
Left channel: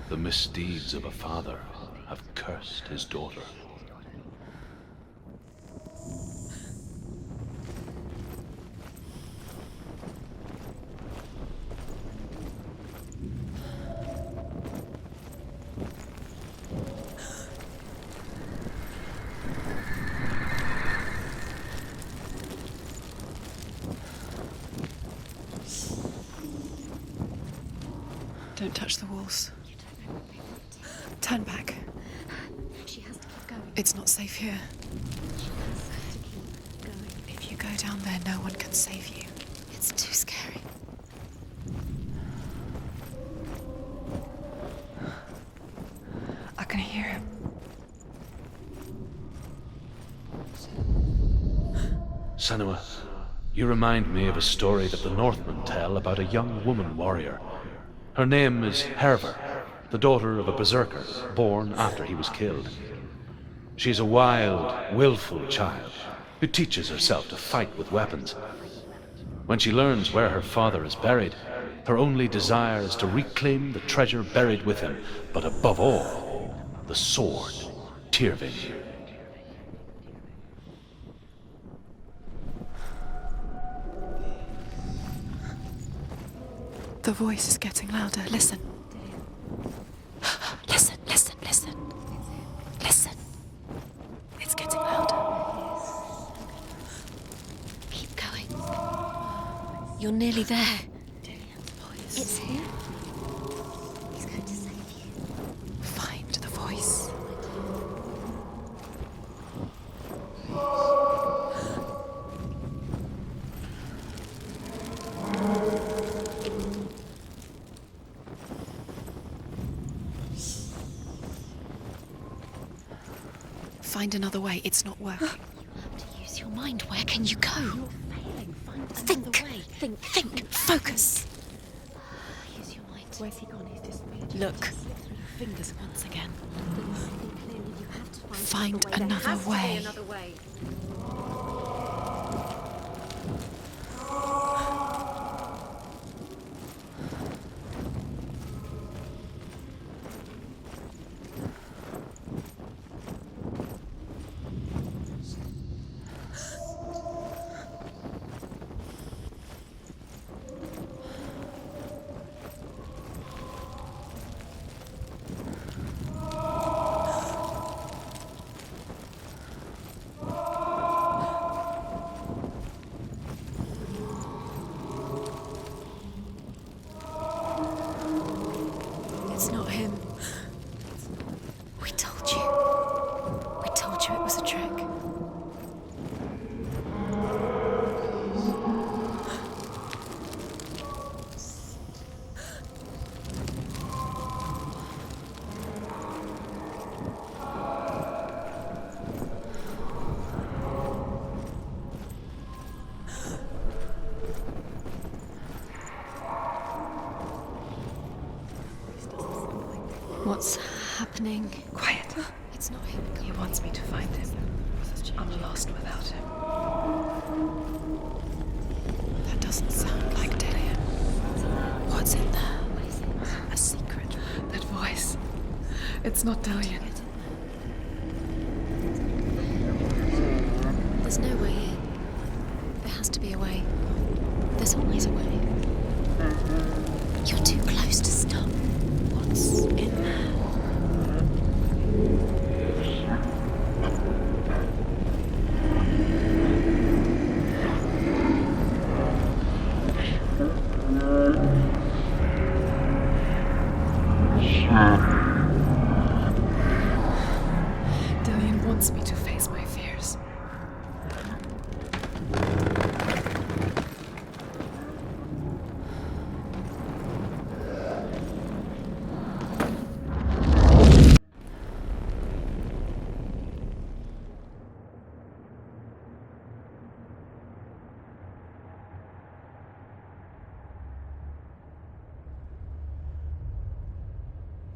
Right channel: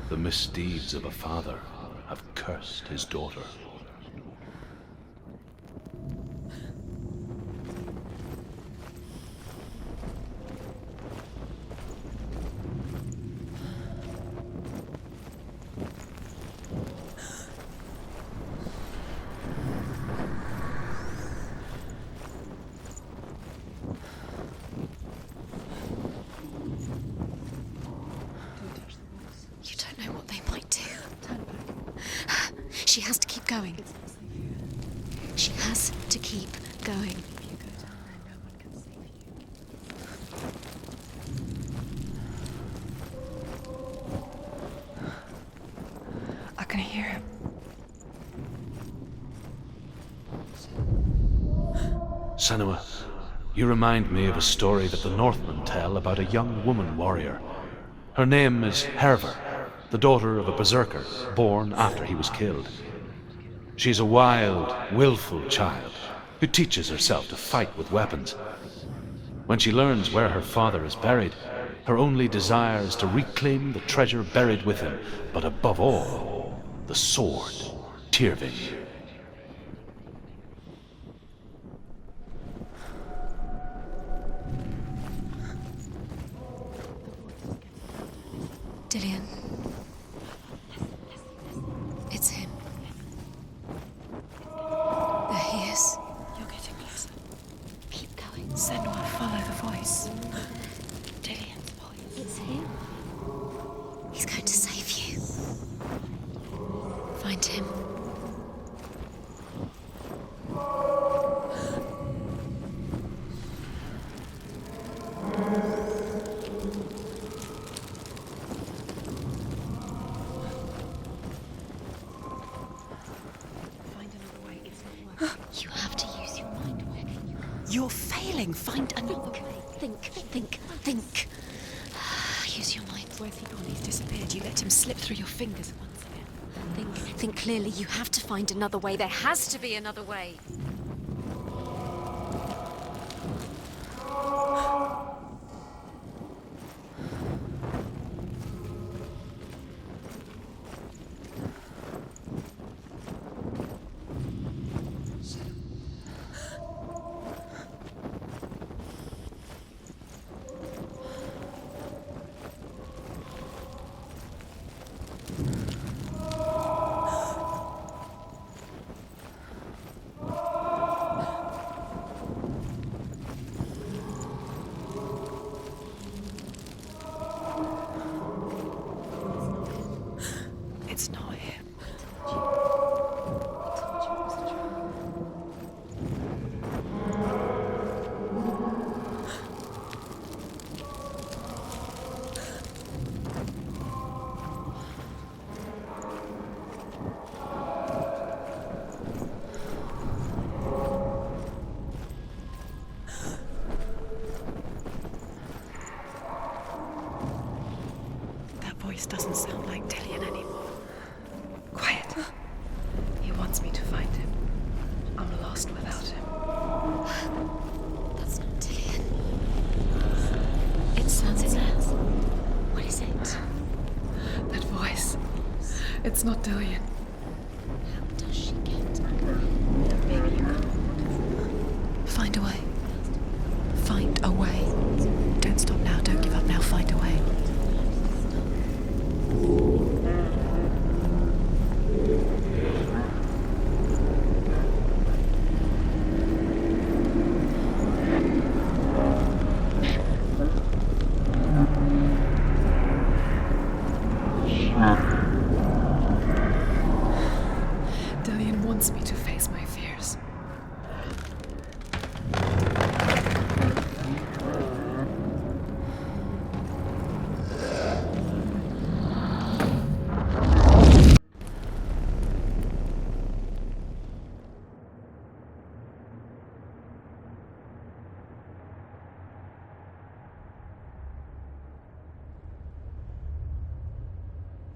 the misdeeds of a father have cursed his daughter. Don't touch the walls. You don't know what they might do. Turn back. She has to keep going. It's not safe here. She has to keep going. If you go down there, no one can save you. It's too scary. I can hear him. Senua, you remind me of a story that the Northmen tell about a young woman warrior. Her name is Herver, the daughter of a berserker born after he was killed. She is a wild, willful child who teaches herself to fight with weapons. When she learns where her father is buried, her only desire is to reclaim the treasure buried with him, but above all, the sword, Tyrving. The voice is getting louder. Listen. Dillian. Listen, listen, listen. It's him. Listen. It's getting louder. There he is. You're getting it. Keep going. Senua, follow the voice. You're nearly there. Dillian's voice. It's him. He's going to save you. Find the voice. Find him. Find another way. It's not working. You have to use your mind. Where can you go? You're failing. Find another way. Think. Focus. Use your mind. Where's he gone? He's disappeared. You let him slip through your fingers once again. Think clearly. You have to find another way. There has to be another way. It's not him. It's not him. We told you. We told you it was a trick. Doesn't sound like Dillian. What's happening? Quiet. It's not him. He wants me to find him. I'm lost without him. That's not Dillian. That doesn't sound like Dillian. It sounds in there. What's in there? What is it? A secret. That voice. It's not Dillian. How does she get There's no way in. Find a way. There has to be a way. Find a way. There's always a way. Don't stop now. Don't give up now. Find a way. You're too close to stop. What's in there? Dillian wants me to face my fears.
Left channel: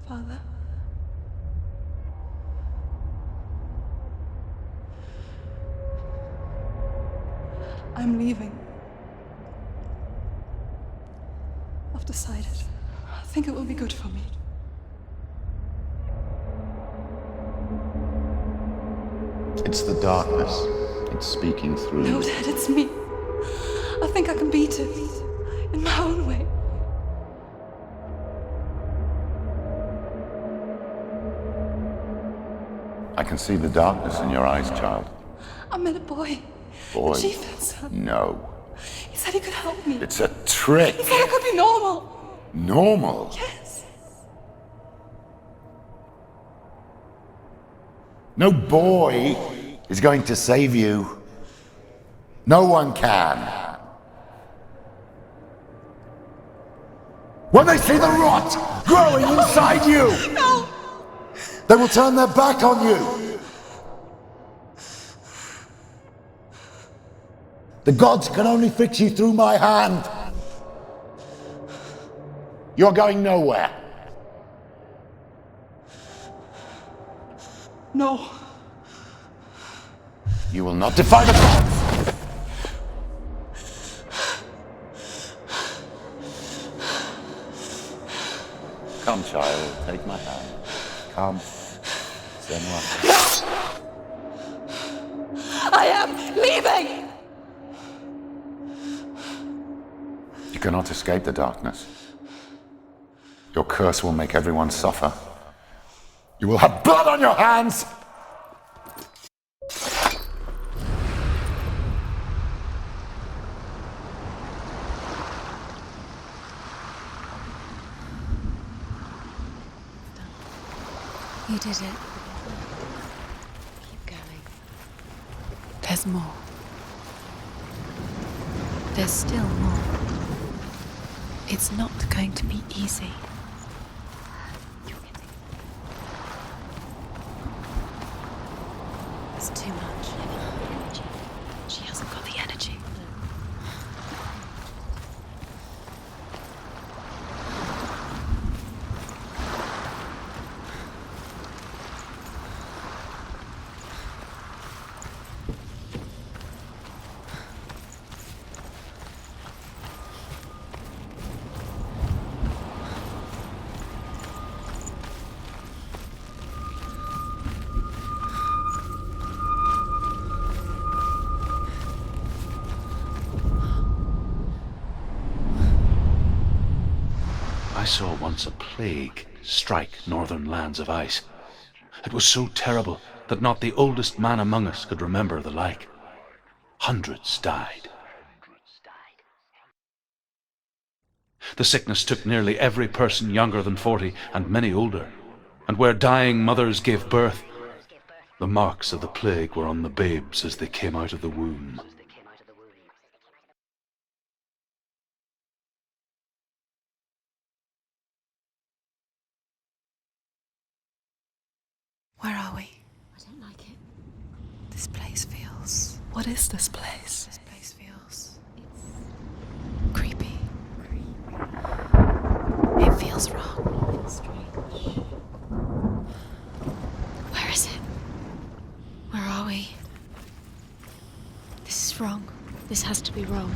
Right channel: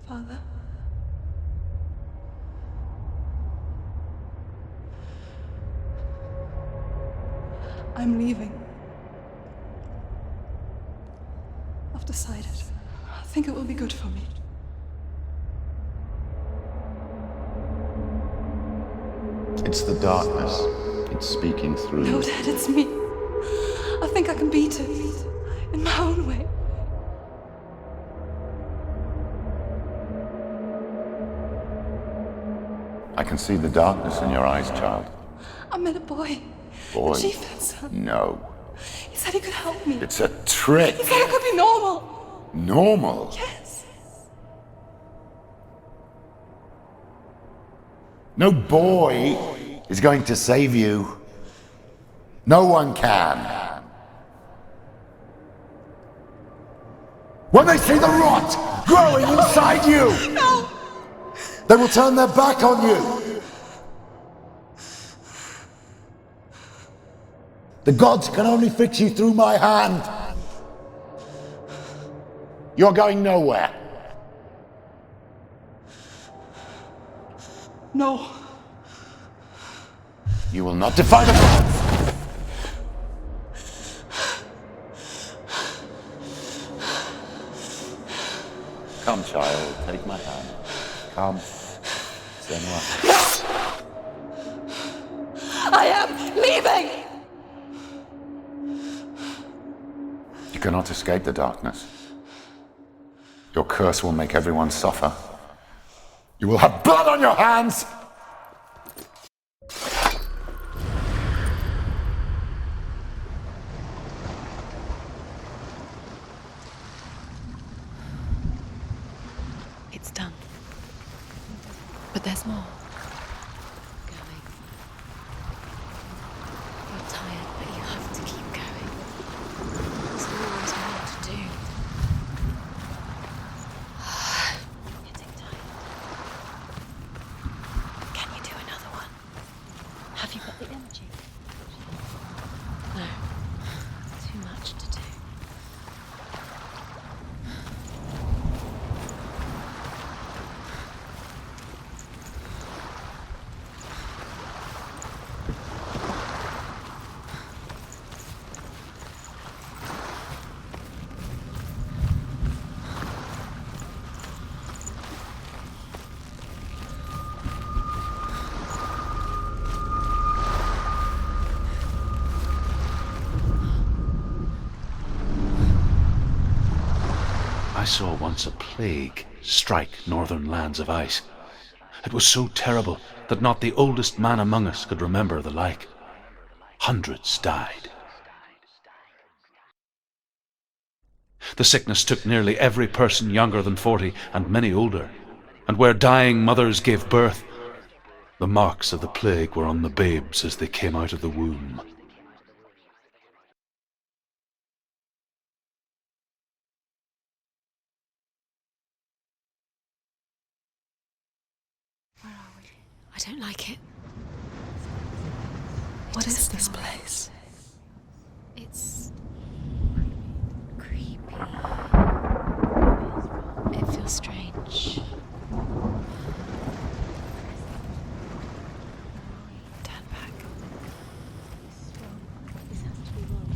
Father? I'm leaving. I've decided. think it will be good for me. It's the darkness. It's speaking through No, you. Dad, it's me. I think I can beat it. In my own way. I can see the darkness in your eyes, child. I met a boy. Boy. The chieftain's son. No. He said he could help me. It's a trick. He said I could be normal. Normal? Yes. No boy is going to save you. No one can. When they see the rot growing inside you, No! they will turn their back on you. The gods can only fix you through my hand. You're going nowhere. No. You will not defy the gods. Come, child, take my hand. Come. Senua. I am leaving! You cannot escape the darkness. Your curse will make everyone suffer. You will have blood on your hands! It's done. You did it, but there's more. Keep going. There's more. You're tired, but you have to keep going. There's still more. There's always more to do. It's not going to be easy. You're getting done. Can you do another one? It's too much. Have you got the energy? She hasn't got the energy. No. Too much to do. I saw once a plague strike northern lands of ice. It was so terrible that not the oldest man among us could remember the like. Hundreds died. The sickness took nearly every person younger than 40 and many older, and where dying mothers gave birth, the marks of the plague were on the babes as they came out of the womb. Where are we? I don't like it. This place feels... What is this place? This place feels... It's... creepy. Creepy. It feels wrong. It feels strange. Where is it? Where are we? Turn back. This is wrong. This has to be wrong.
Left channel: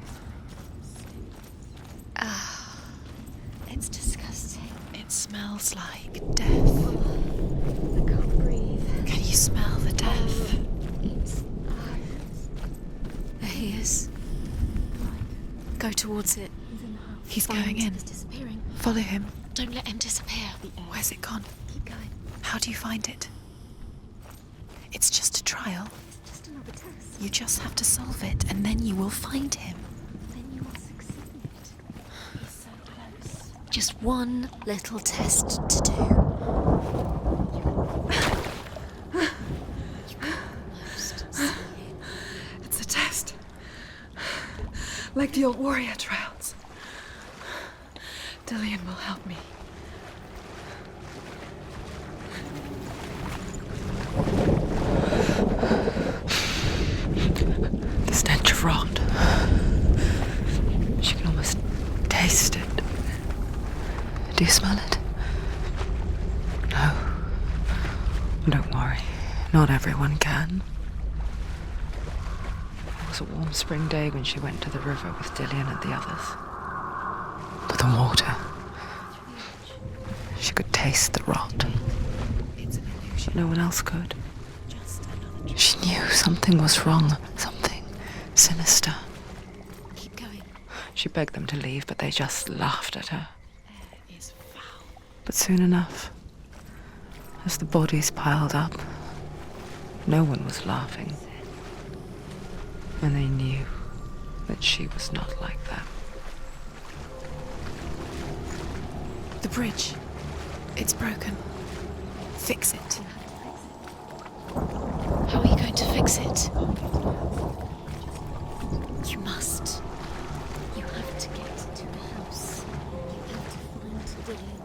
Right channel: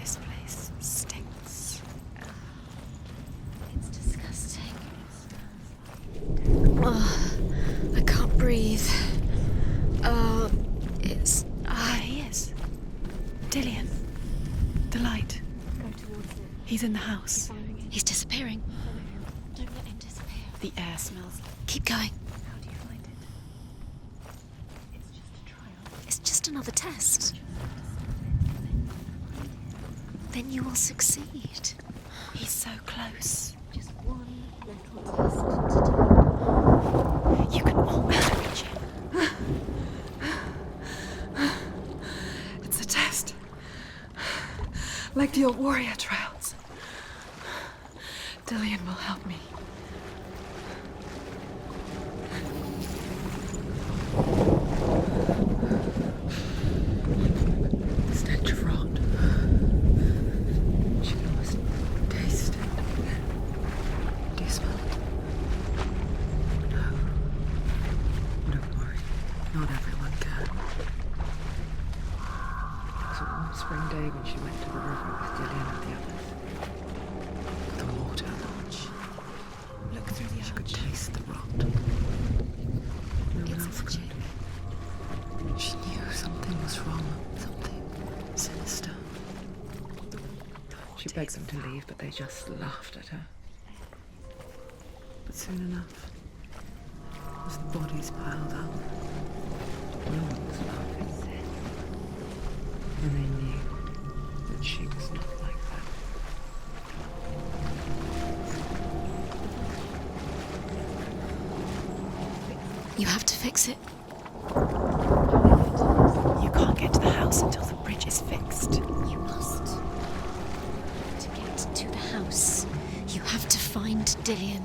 This place stinks. Ah. It's disgusting. It smells like death. I can't breathe. Can you smell the death? It's... There he is. There he is. The light. Go towards it. He's in the house. He's going in. He's disappearing. Follow him. Don't let him disappear. The air. Where's it gone? Keep going. How do you find it? It's just a trial. It's just another test. You just have to solve it, and then you will find him. Then you will succeed. He's so close. Just one little test to do. You can... It's a test. Like the old warrior trials. Dillian will help me. The stench of rot. She can almost taste it. Do you smell it? No. Don't worry. Not everyone can. It was a warm spring day when she went to the river with Dillian and the others. But the water. She could taste the rot. No one else could. She knew something was wrong, something sinister. She begged them to leave, but they just laughed at her. But soon enough, as the bodies piled up, no one was laughing. And they knew that she was not like that. The bridge. It's broken. Fix it. You have to fix it. How are you going to fix it? You can't get to the house until the bridge is fixed. You must. You have to get to the house. You have to find Dillian.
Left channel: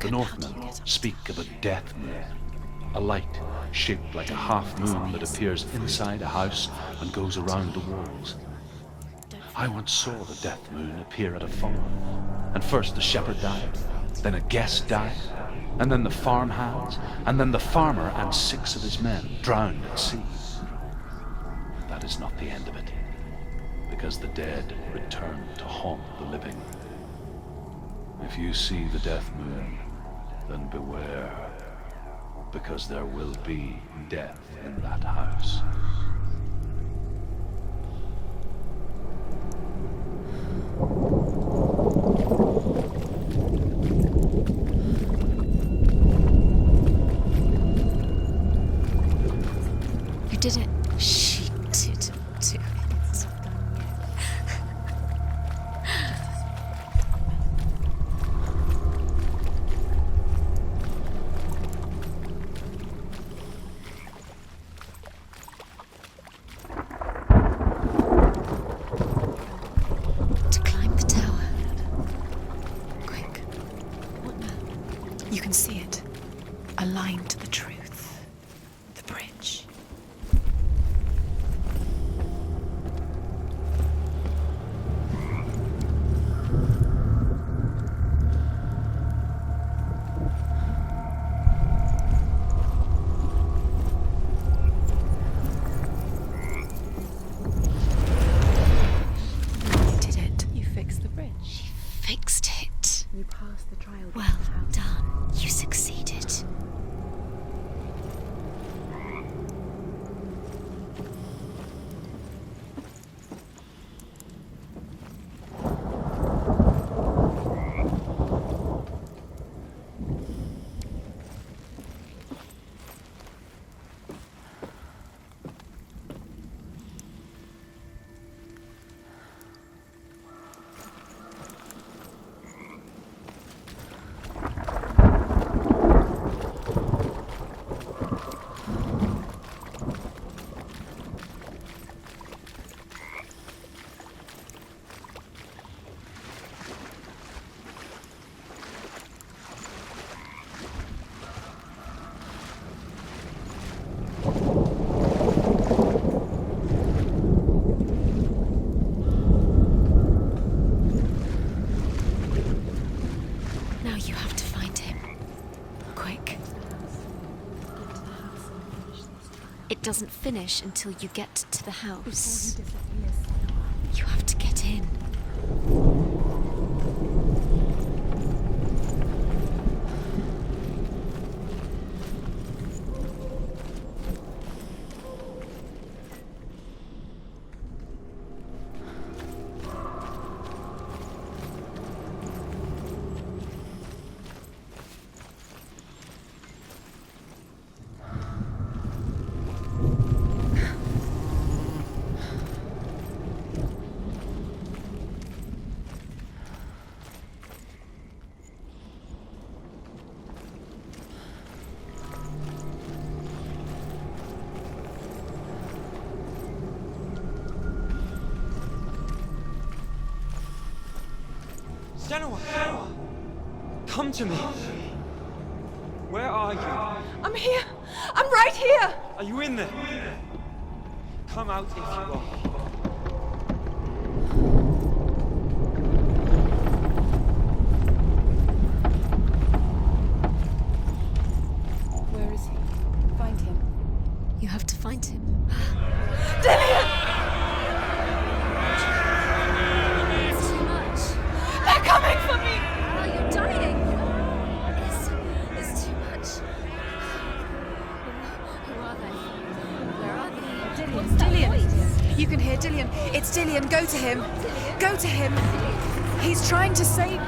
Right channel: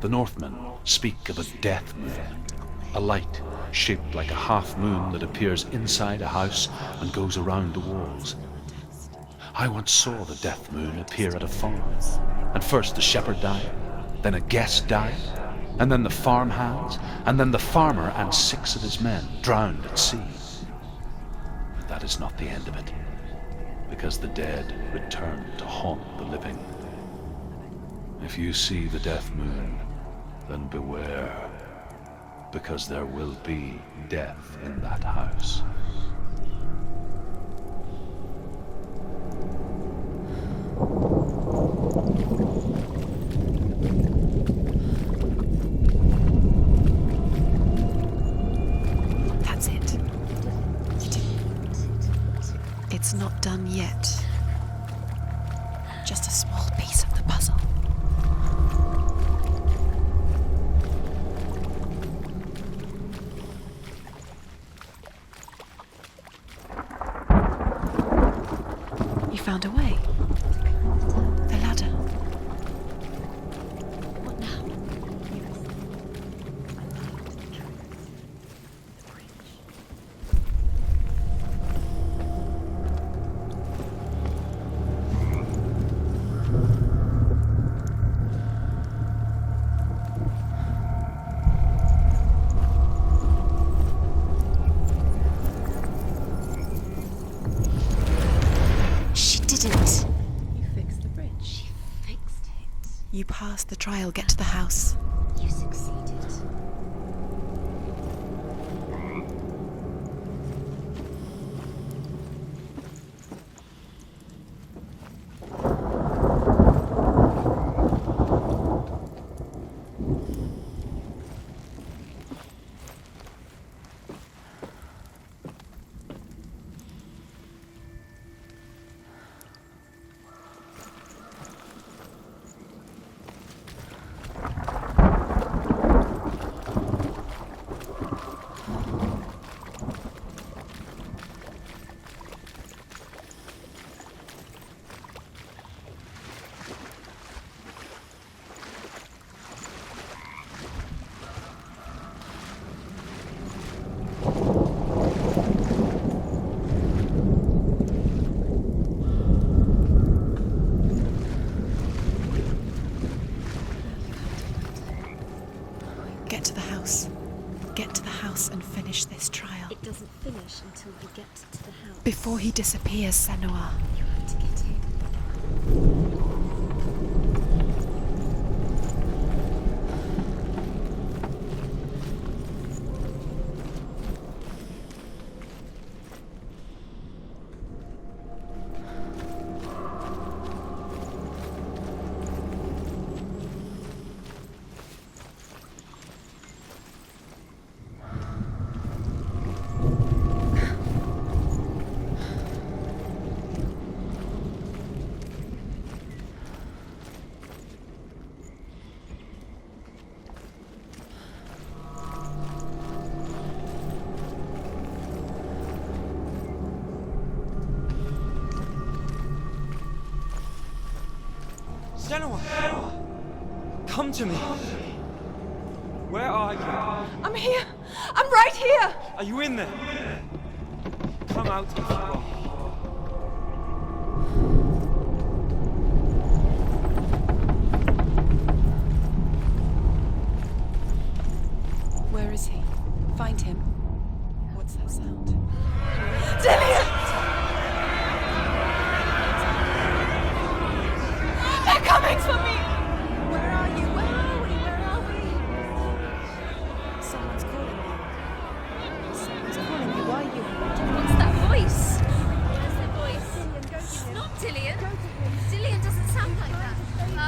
The Northmen speak of a death moon, a light shaped like a half moon that appears inside a house and goes around the walls. I once saw the death moon appear at a farm, and first the shepherd died, then a guest died, and then the farmhands, and then the farmer and 6 of his men drowned at sea. That is not the end of it, because the dead return to haunt the living. If you see the death moon, then beware, because there will be death in that house. That's it. You did it. She did. It's not done yet. Just a small piece of the puzzle. You found a way to climb the tower, the ladder. Quick. What now? You can see it. Aligned to the truth. The bridge. She didn't. You fixed the bridge. She fixed it. You passed the trial. Get to the house. Done. You succeeded. Now you have to find him. Quick, get to the house. Get to the house and finish this trial. It doesn't finish until you get to the house. Before he disappears, Senua. You have to get in. Senua! Come to me! Where are you? I'm here! I'm right here! Are you in there? Come out if you are. Where is he? Find him. You have to find him. Dillian! They're coming for me! You're dying. It's too much. Someone's calling you. What's that voice? You can hear Dillian. It's Dillian. Go to him. Dillian? Go to him. Dillian doesn't sound He's trying to save you.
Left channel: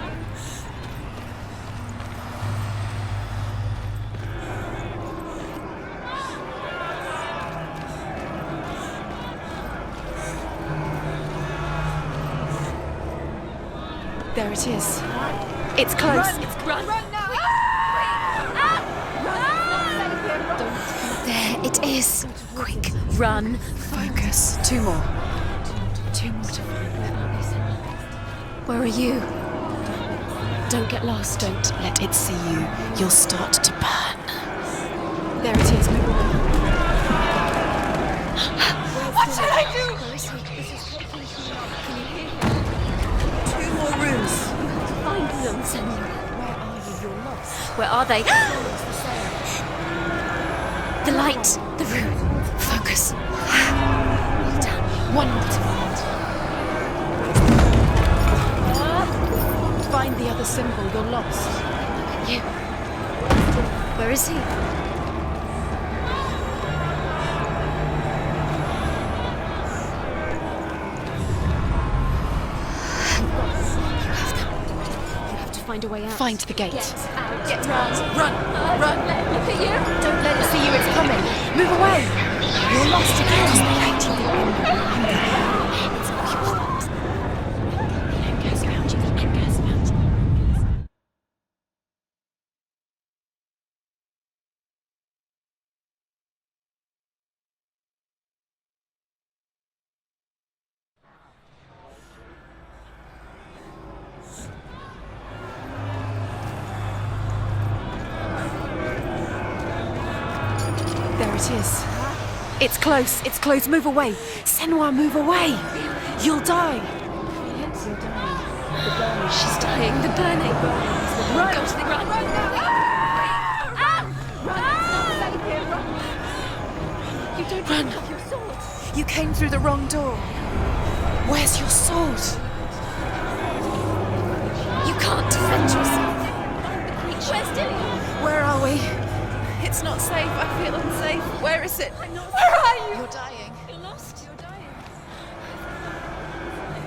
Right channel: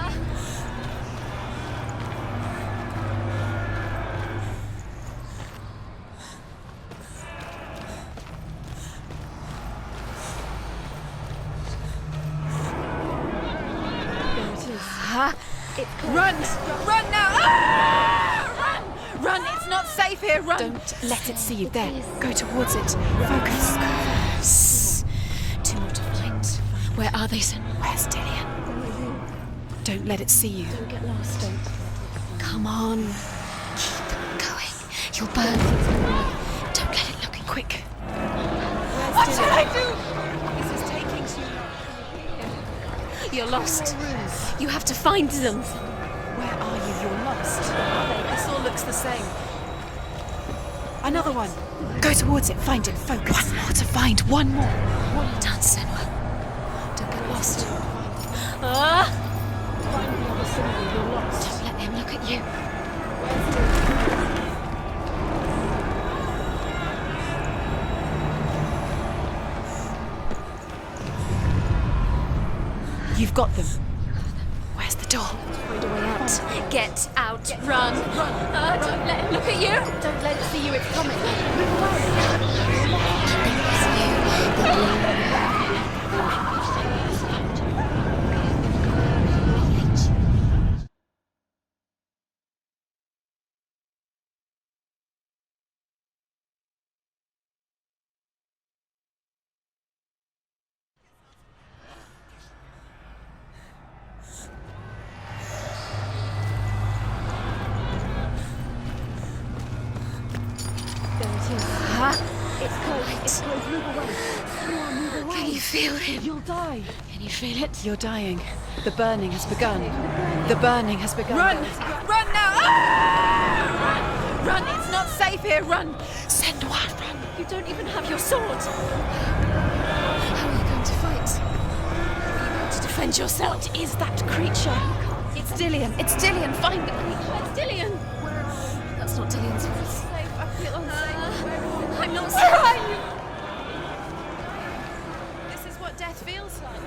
There it is. It's close. Run now! Run! It's not safe here. Run! Don't let it see you. It there. is. Go towards it. Run. Focus. Two more. Two more. Where are they, Senua? Where's Dillian? Where are you? Don't let it see you. Don't get lost. Don't let it see you. Come on. You'll start to burn. I'm going. You'll There burn. it is. Go on. Don't let it happen. Quick. What should I do? You're lost. Rooms. You have to find them, Senua. Where are you? You're lost. Where are they? It all looks the same. The Another light. one. The room. Go towards it. Focus. Focus. You have to find one more. One more. That's it. Don't get lost. Find the other symbol. You're lost. Let them look at you. Where is he? You've got them. You have them. Where's the door? You have to find a way out. Find the gate. Get out. Run. Run. Run. Don't let them look at you. Don't let it see you. It's coming. Move away. You're lost There it is. It's close. It's close. Move away. Senua, move away. I feel it. You'll die. Can you feel it? You're dying. The burning has She's begun. dying. The burning. The burning has begun. Run. Run. Run now. Run. It's not safe here. Run. Senua, run. You don't even have your sword. You came through the wrong door. How are you going to fight? Where's your sword? You want to defend yourself. What is that creature? You can't defend yourself. It's Dillian. Find the creature. Where's Dillian? Where are we? It's not Dillian. It's not safe. I feel unsafe. Where is it? I'm not Where safe. are you? You're lost. This is what death feels like.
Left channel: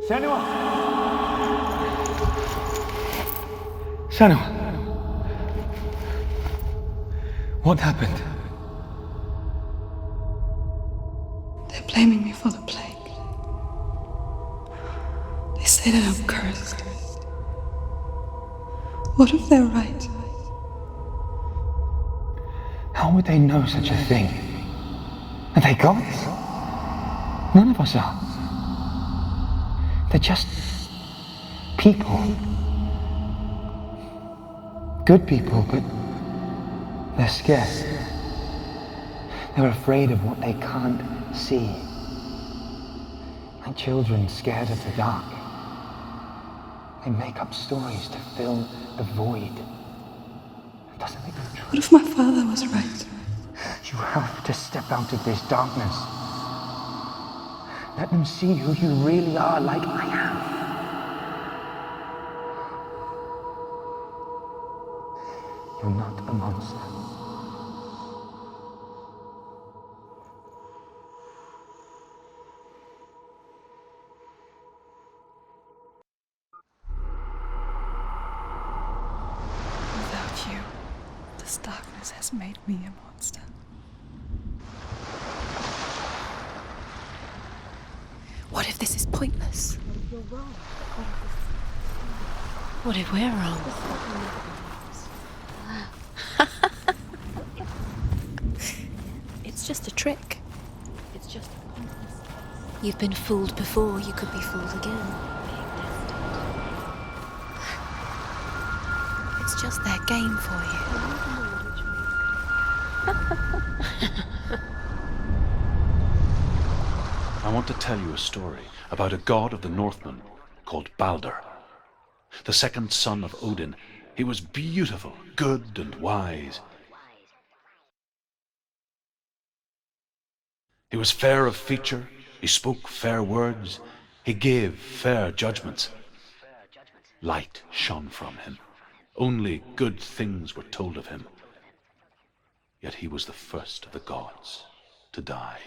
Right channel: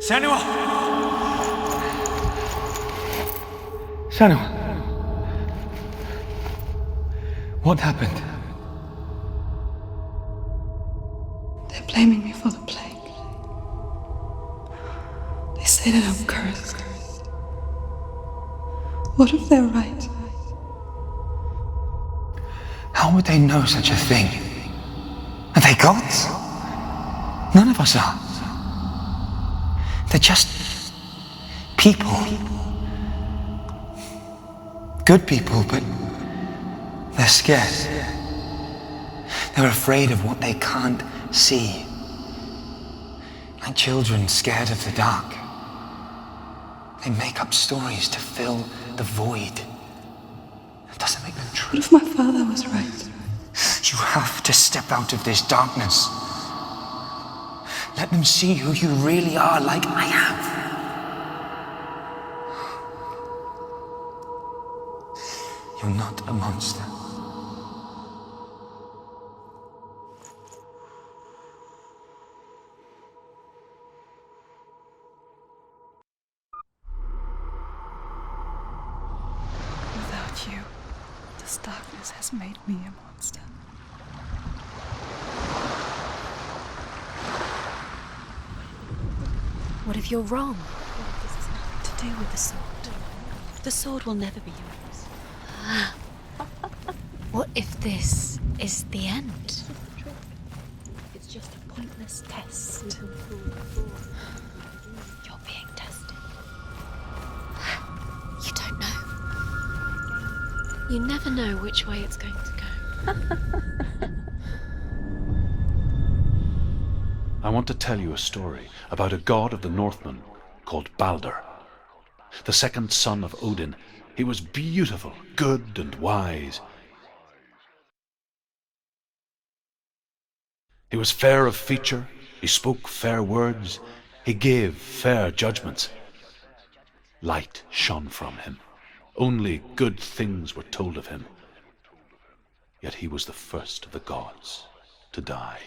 Senua! Senua! What happened? They're blaming me for the plague. They say that I'm cursed. What if they're right? How would they know such a thing? Are they gods? None of us are. They're just people. Good people, but they're scared. They're afraid of what they can't see. Like children scared of the dark. They make up stories to fill the void. That doesn't make them true. What if my father was right? You have to step out of this darkness. Let them see who you really are, like I have. You're not a monster. Without you, this darkness has made me a monster. What if this is pointless? What if you're wrong? What if this has nothing to do with the sword? What if we're wrong? The sword will never be yours. What if this is the end? It's just a trick. It's just a pointless test. You've been fooled before, you could be fooled again. You're being tested. You don't know. It's just their game for you. You never know which way it's going to go. I want to tell you a story about a god of the Northmen called Balder. The second son of Odin. He was beautiful, good, and wise. He was fair of feature, he spoke fair words, he gave fair judgments. Light shone from him. Only good things were told of him. Yet he was the first of the gods to die.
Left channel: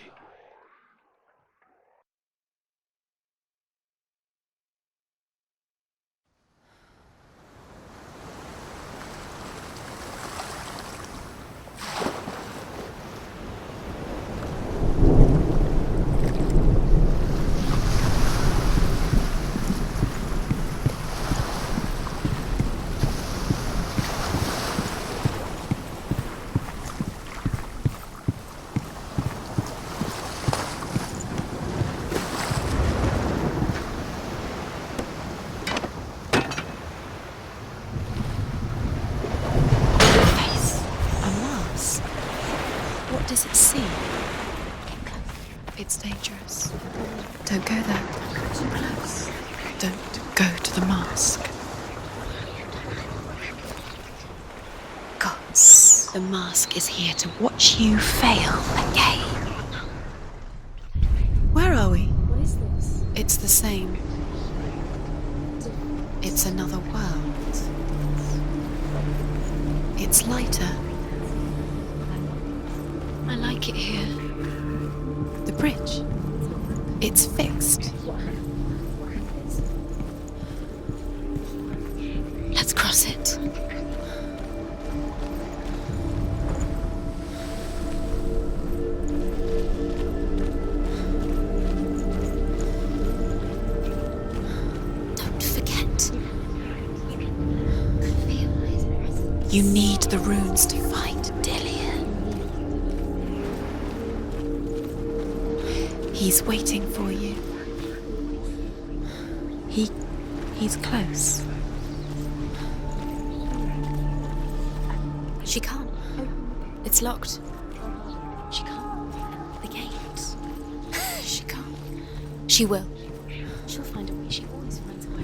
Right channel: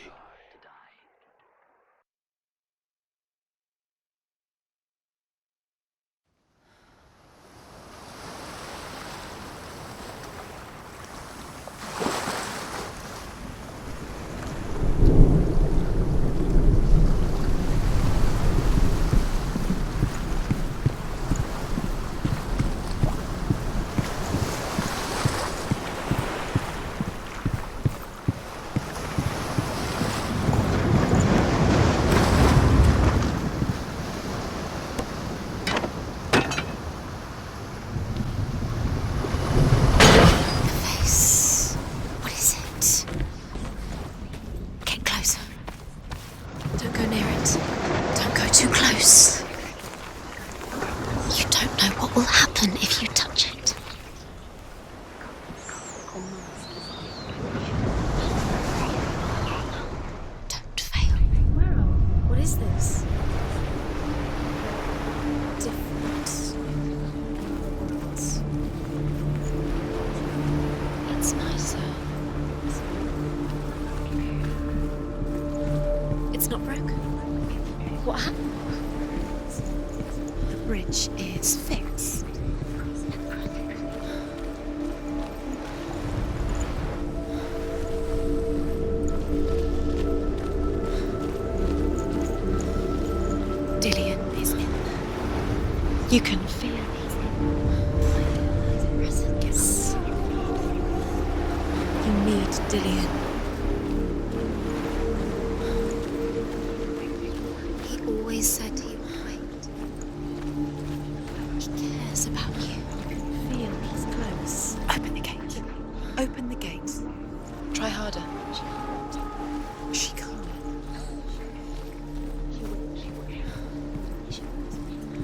The mask is here to watch you fail again. Don't fail. Where are we? What is this? It's the same. Different. It's another world. It's lighter. It's nicer. I like it here. The bridge. It's not broken. It's fixed. What happened? The bridge is fixed. Let's cross it. You can feel it. You need the runes to fight Dillion. You need Dillion. He's waiting for you. He always said he would wait. He's close. He cares about you. Feel he's close. Open the gate. She can't. Open the gate. It's locked. Try harder. She can't. The gate. She can't. She can't. She will. She'll find a way. She always finds a way.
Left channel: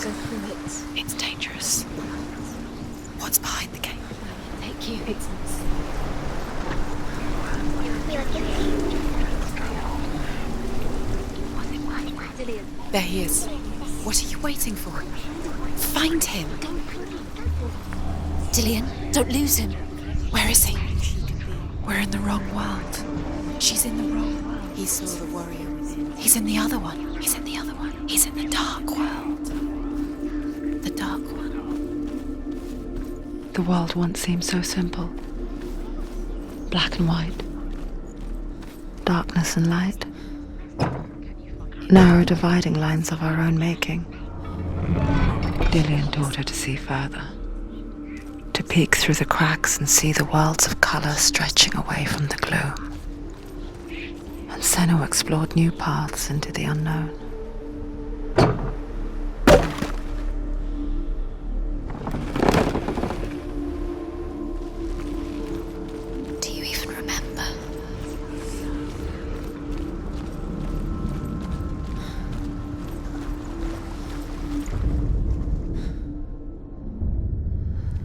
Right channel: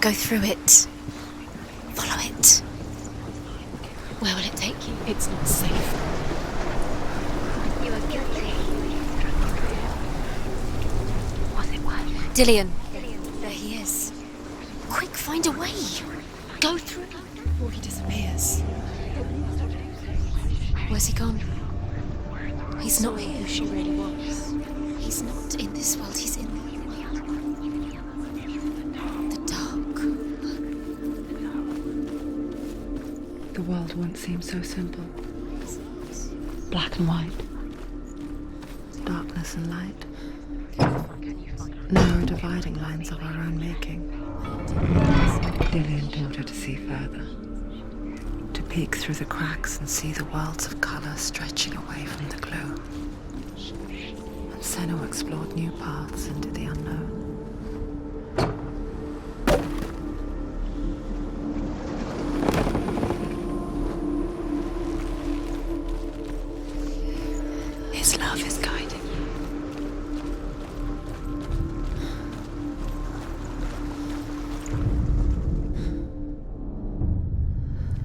Go through it. It's dangerous. Follow it. What's behind the gate? Where will it take you? It's not safe. Was it worth it? Dillion. There he is. There he is. is. What are you waiting for? Quick, find a way. Find him. Go through. Before he disappears. Dillian, don't lose him. Where is he? Where's he gone? We're in the wrong world. He's not here. She's in the wrong. He's not in this world. He's in the other one. He's in the other one. He's in the dark world. The dark world. The world once seemed so simple. Black and white. Darkness and light. Narrow dividing lines of our own making. Dillian taught her to see further. To peek through the cracks and see the worlds of color stretching away from the gloom. And Senua explored new paths into the unknown. Do you even remember? His love is guiding.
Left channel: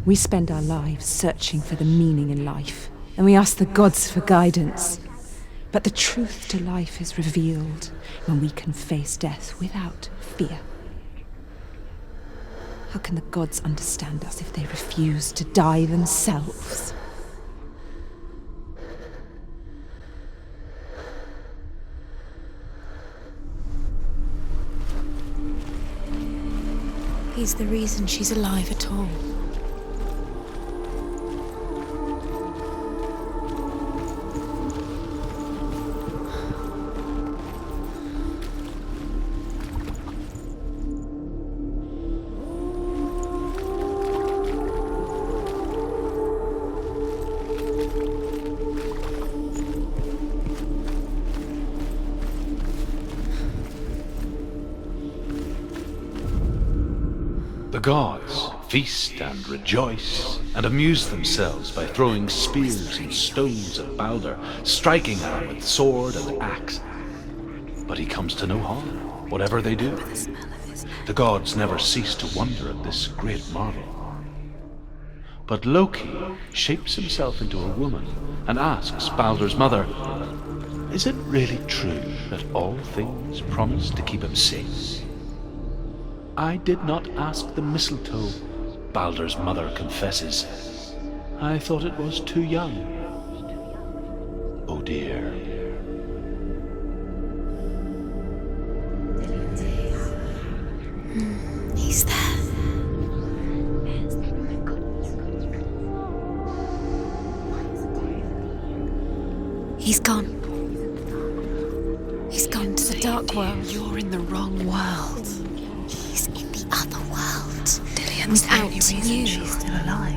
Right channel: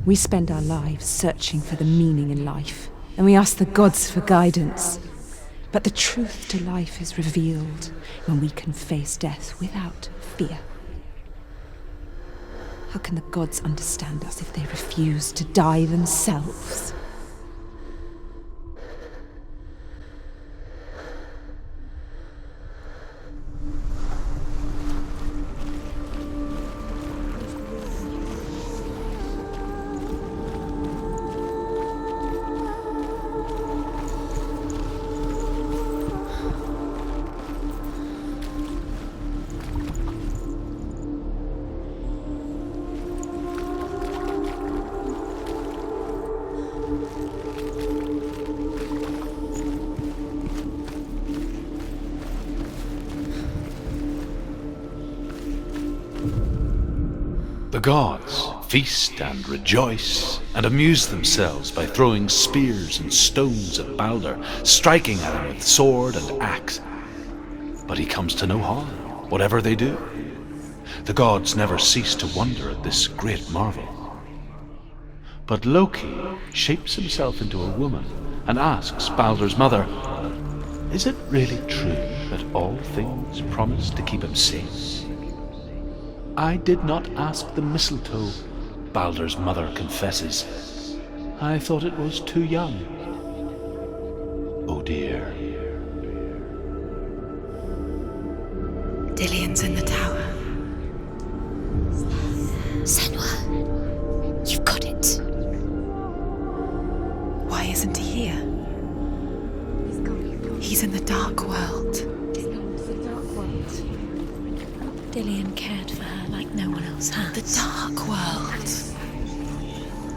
We spend our lives searching for the meaning in life, and we ask the gods for guidance. But the truth to life is revealed when we can face death without fear. How can the gods understand us if they refuse to die themselves? He's the reason she's alive at all. The gods feast and rejoice and amuse themselves by throwing spears and stones at Balder, striking at him with sword and axe. But he comes to no harm, whatever they do. The gods never cease to wonder at this great marvel. But Loki shapes himself into a woman and asks Balder's mother, "Is it really true that all things promise to keep him safe?" "I did not ask the mistletoe," Balder's mother confesses. "I thought it was too young." Oh dear. Dillian's in the tower. He's there. Senua, you've got it. Why isn't he here? He's gone. He's in the dark world. He's gone to the dark world. You're in the wrong world. Dillian cared for her like no one else. The dark Dillian's world. the only reason she's still alive.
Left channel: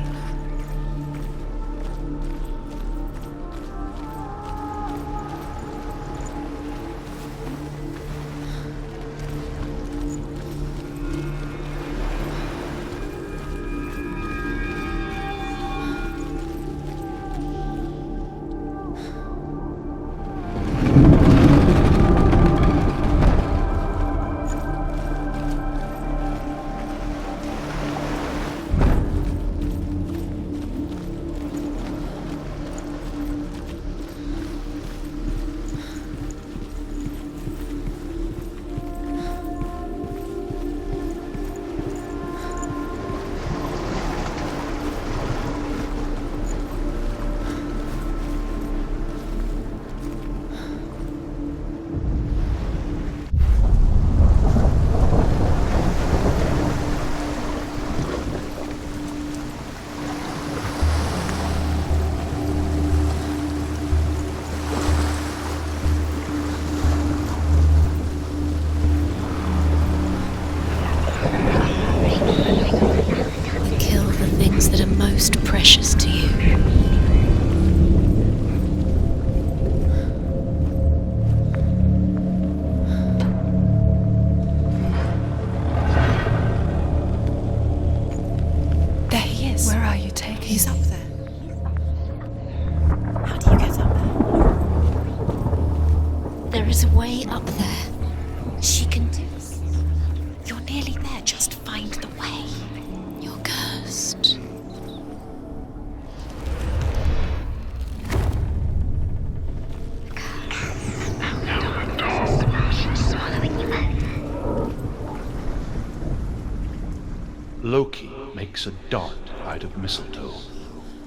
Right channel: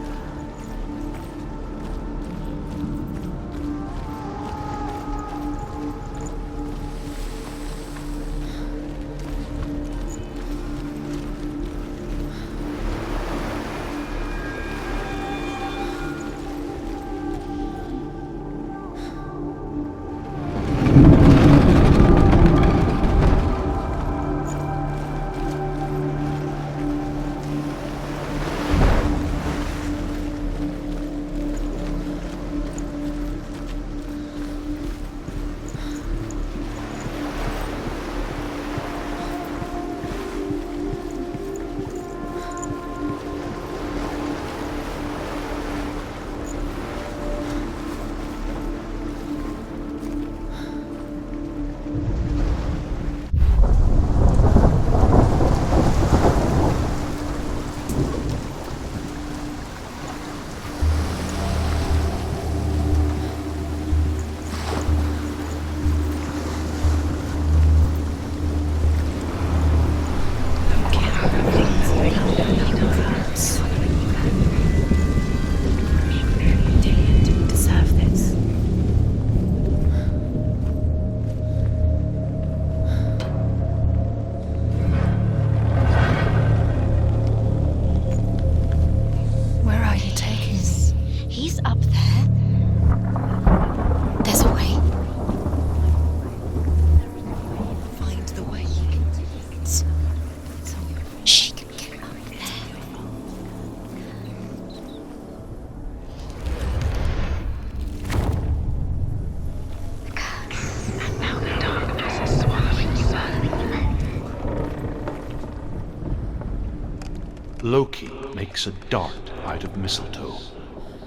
Loki makes a dart out of mistletoe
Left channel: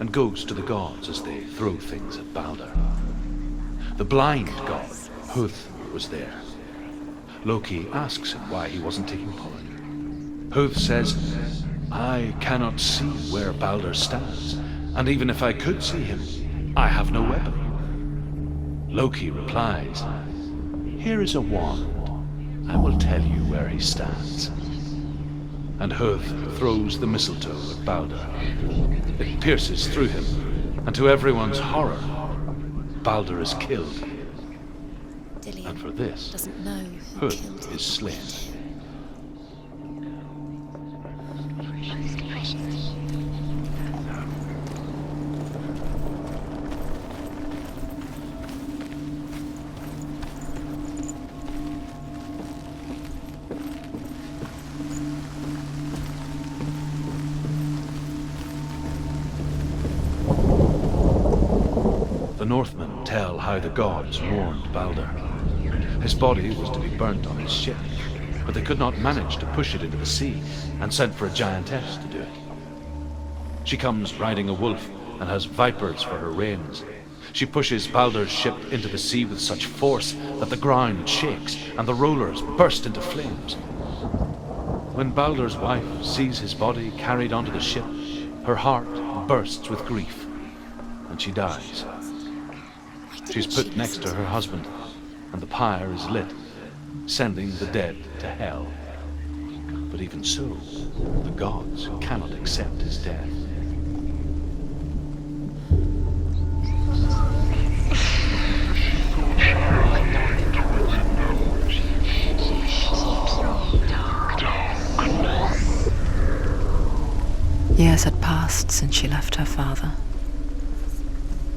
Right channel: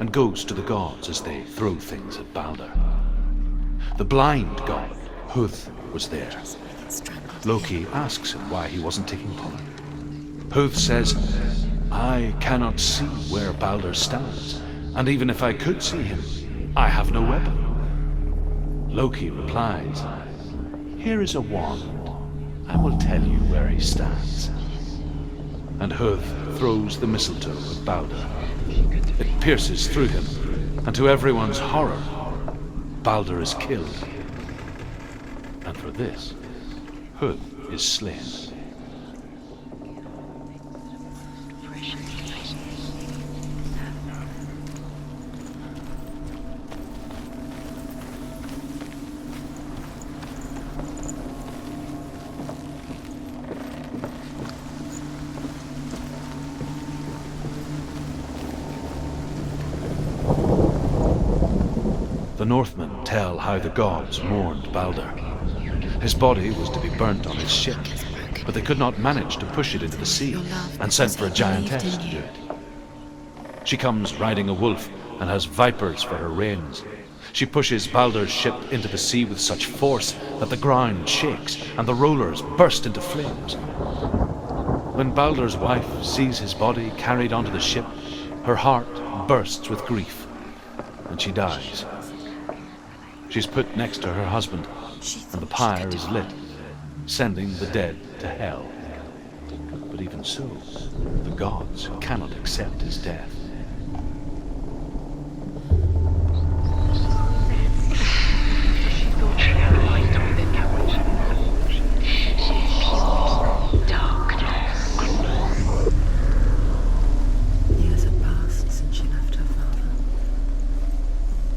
and goes to the gods as they throw things at Balder. The blind god, Huth, was there. Loki asks him why he wasn't taking part. Huth says, "I cannot see where Balder stands, and even if I could see him, I have no weapon." Loki replies, "Here is a wand. I will tell you where he stands." And Huth throws the mistletoe at Balder. It pierces through him, and to everyone's horror, Balder is killed. And for this, Huth is slain. The Northmen tell how the gods mourned Balder. His body was to be burnt on his ship, but they could not manage to push it into the sea, and sent for a giantess to do it. She comes riding a wolf and has vipers for her reins. She pushes Balder's ship into the sea with such force that the ground shakes and the rollers burst into flames. When Balder's wife sees his body carried onto the ship, her heart bursts with grief, and she dies. She's put next to her husband, and the pyre is lit, sending the dead to hell. But even so, the gods cannot accept his death. Years had passed since she left her father.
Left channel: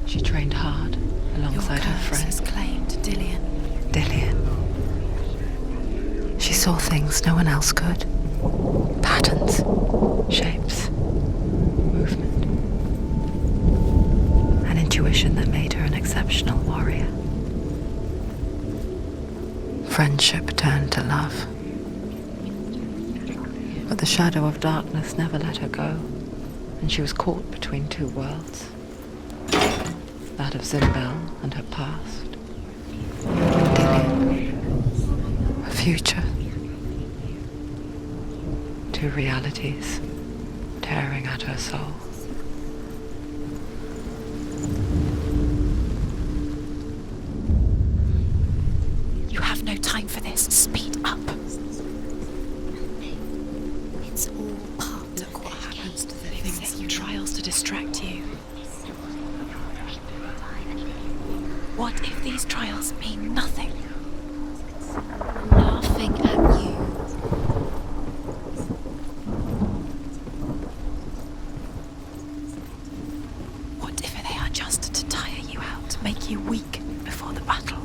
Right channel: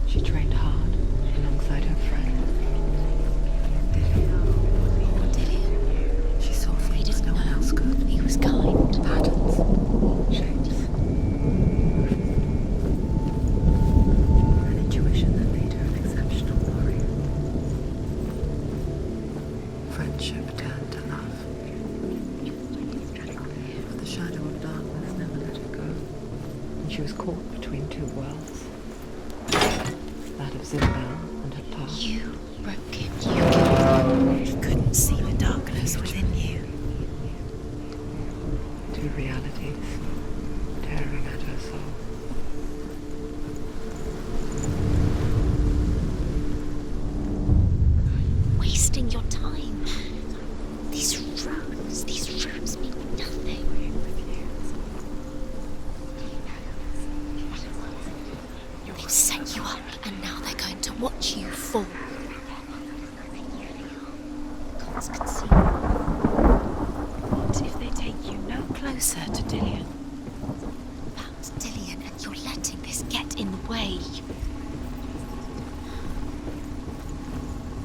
She trained hard alongside her friend. Dillian. She saw things no one else could. He was kind. Patterns, shapes, movement. An intuition that made her an exceptional warrior. Friendship turned to love. But the shadow of darkness never let her go, and she was caught between two worlds. That of Zimbel and her past. You broke it. You couldn't see the A darkness. future. Two realities tearing at her soul. Wasting your time. You have no time for this. Speed up. These rooms mean nothing. It's all part of what happens to the things and trials to distract you. They'll set you up, and now they're going to watch you fall. What if these trials mean nothing? Laughing at you. What if they take you no closer to Dillian? That's Dillian, and you're letting this get in the way. What if they are just to tire you out, to make you weak before the battle?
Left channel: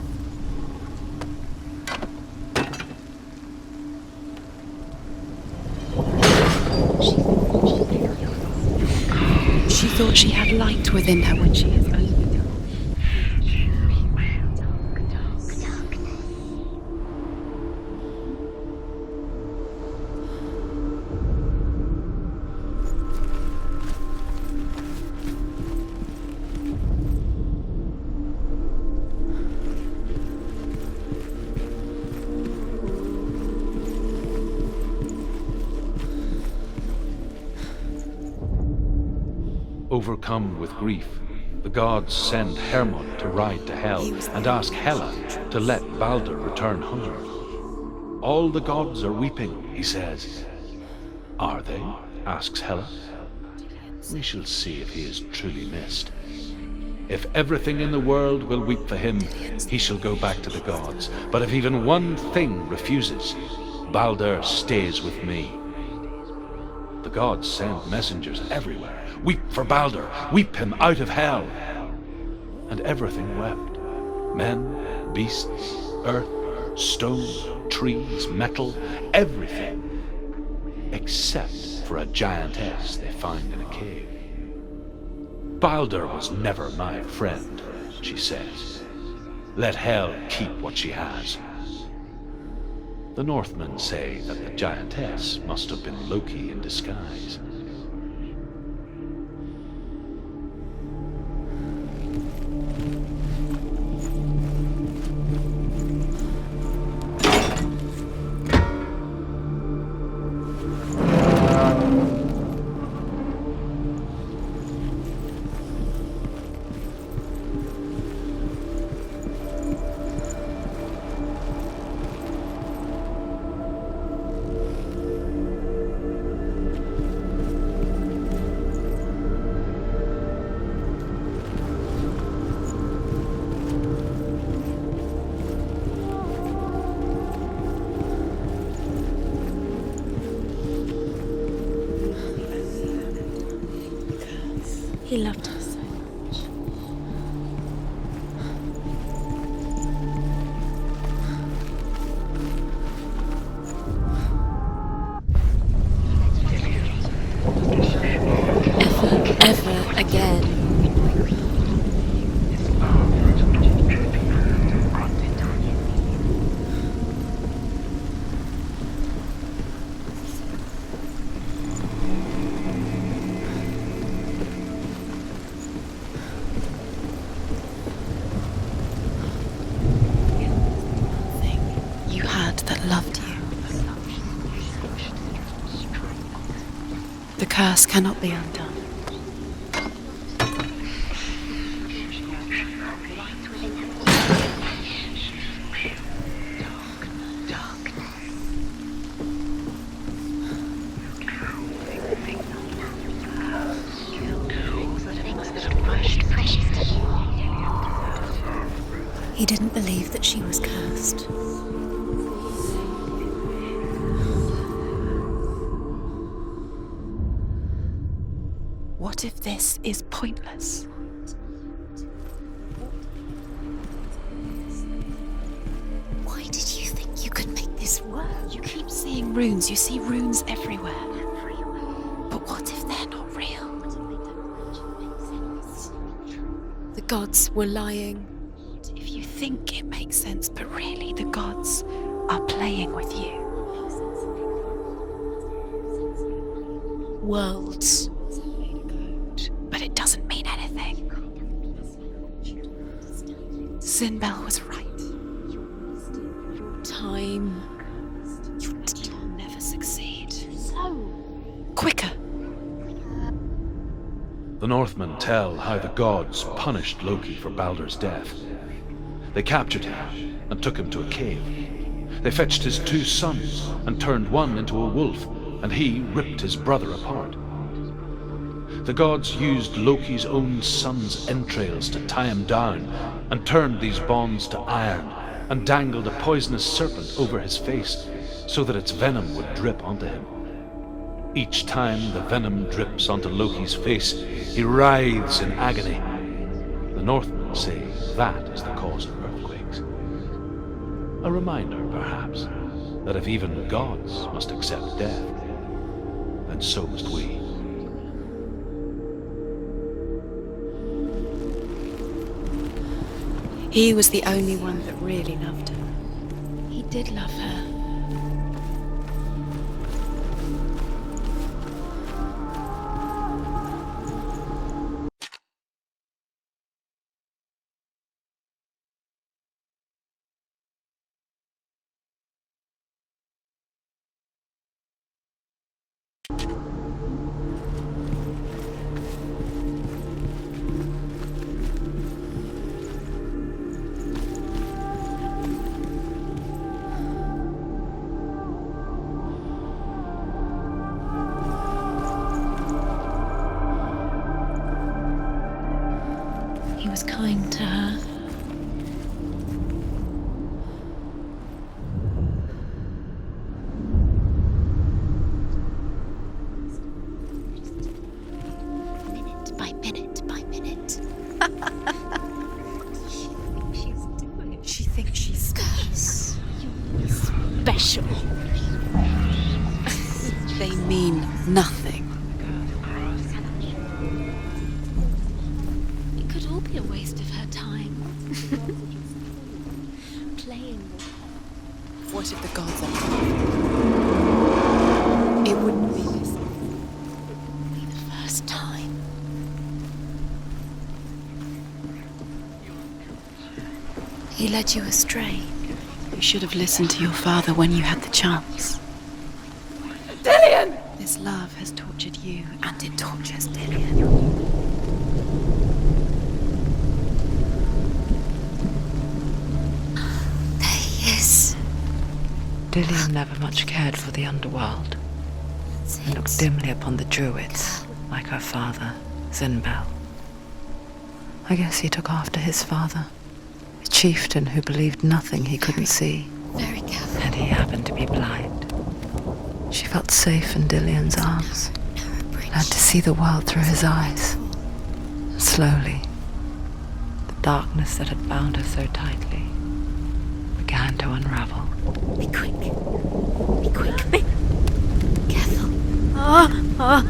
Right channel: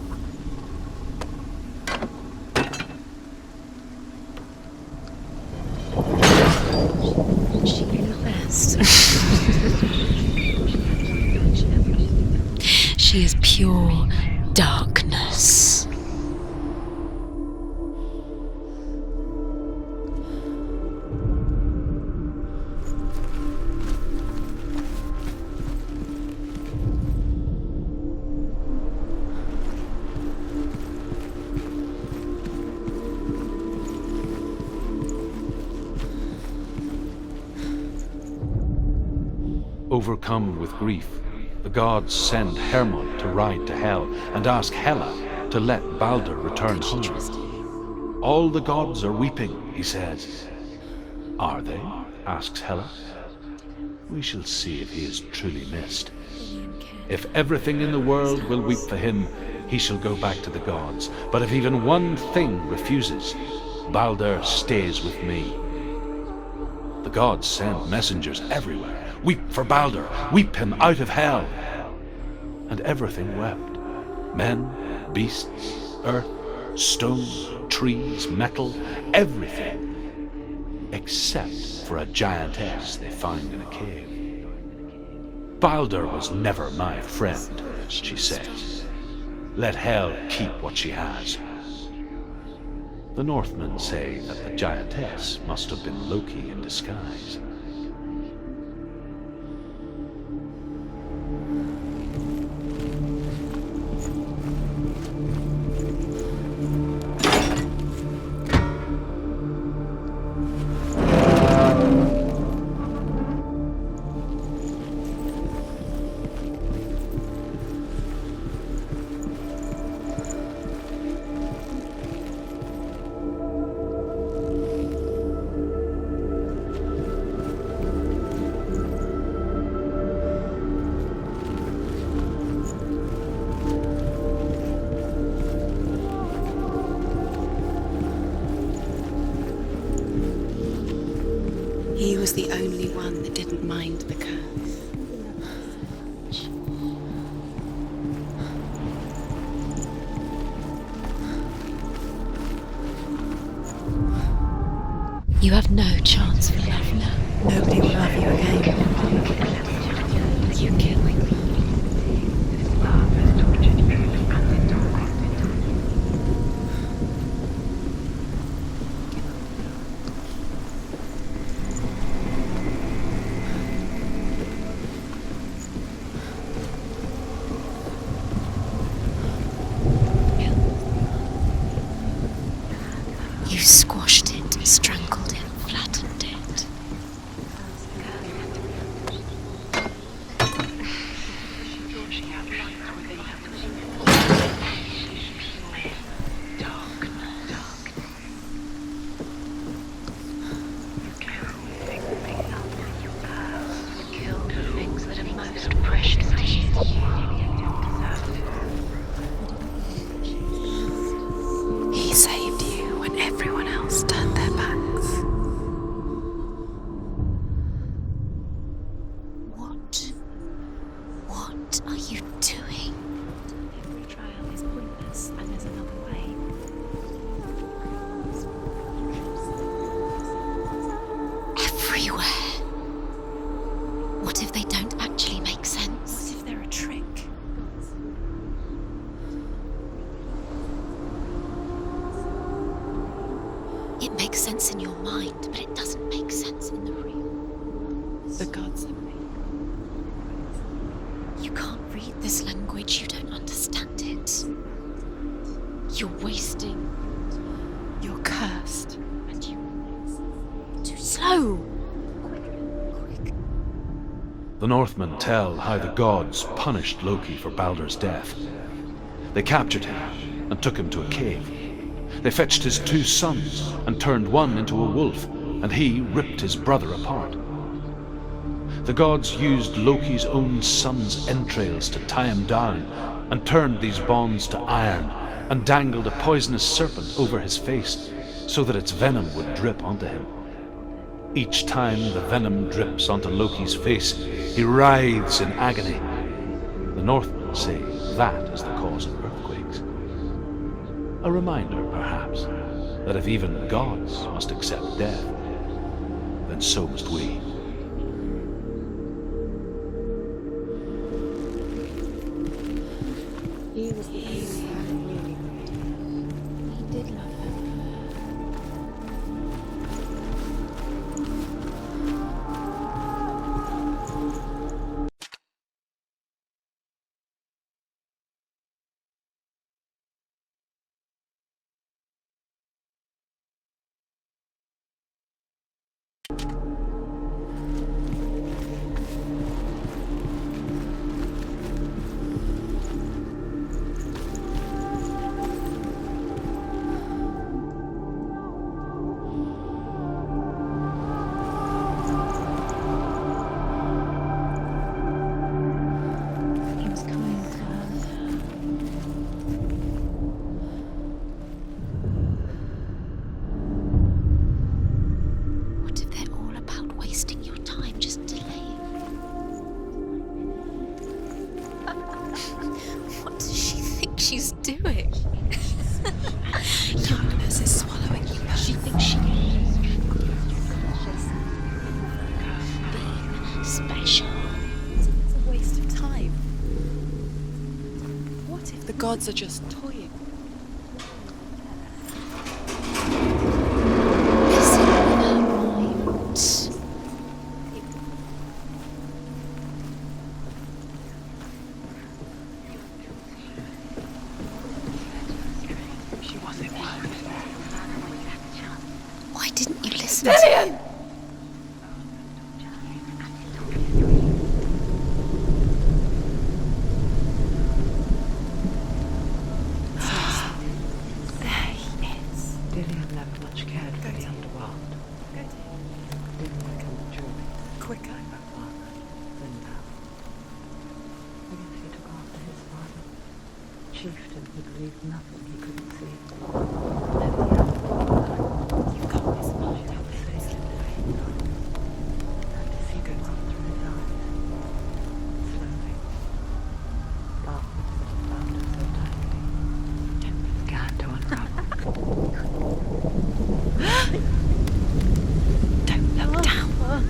She knew best. She thought she had light within her when she has nothing. She is pure darkness. Overcome with grief, the gods send Hermod to ride to Hell and ask Hela to let Balder return home. All the gods are weeping, he says. Are they? Asks Hela. We shall see if he is truly missed. If everything in the world will weep for him, he shall go back to the gods. But if even one thing refuses, Balder stays with me. The gods send messengers everywhere. Weep for Balder, weep him out of hell. And everything wept. Men, beasts, earth, stone, trees, metal, everything. Except for a giantess they find in a cave. Balder was never my friend, she says. Let hell keep what she has. The Northmen say that the giantess must have been Loki in disguise. He was the only one that didn't mind the curse. He loved her so much. You have no chance of loving her. Nobody will love you again. Ever again. You can. The curse cannot be undone. He didn't believe that she was cursed. He saved you when everyone else turned their backs. What if this is pointless? What are you doing? Why did you think you could make this work? You keep seeing runes. You see runes everywhere. Everywhere. But what if they're not real? What if they don't actually make sense? What if they're a trick? The gods were lying. What if you think it makes sense, but really the gods are playing with you? It makes sense in your mind, but it doesn't make sense in the real world. The gods elude, but it doesn't mean anything. You can't read this language, you don't understand. Sinbel was right. You're wasting time. You're cursed. You'll never succeed. Slow! Quicker! The Northmen tell how the gods punished Loki for Baldur's death. They captured him and took him to a cave. They fetched his 2 sons and turned one into a wolf, and he ripped his brother apart. The gods used Loki's own son's entrails to tie him down, and turned these bonds to iron, and dangled a poisonous serpent over his face, so that its venom would drip onto him. Each time the venom drips onto Loki's face, he writhes in agony. The Northmen say that is the cause of earthquakes. A reminder, perhaps, that if even gods must accept death, then so must we. He was the only one that really loved her. He did love her. He was kind to her. What if they're all about wasting your time, just delaying minute by minute by minute? What does she think she's doing? She's you're special. She thinks she is. They mean nothing. Special. Waste of time. Could all be a waste of her time. What if the gods are just toying, playing with her? What if the gods are listen, it wouldn't be the first time. He led you astray. You should have listened to your father when you had the chance. Why didn't you listen? Dillian! This love has tortured you, and it tortures Dillian. Dillian never much cared for the underworld, and looked dimly upon the druids, like her father, Zinbel. I guess he took after his father, a chieftain who believed nothing he couldn't see, and he happened to be blind. She felt safe in Dillian's arms, had to see the world through his eyes. Slowly, the darkness that had bound her so tightly began to unravel. Be quick. Be quick. Careful. Don't look down.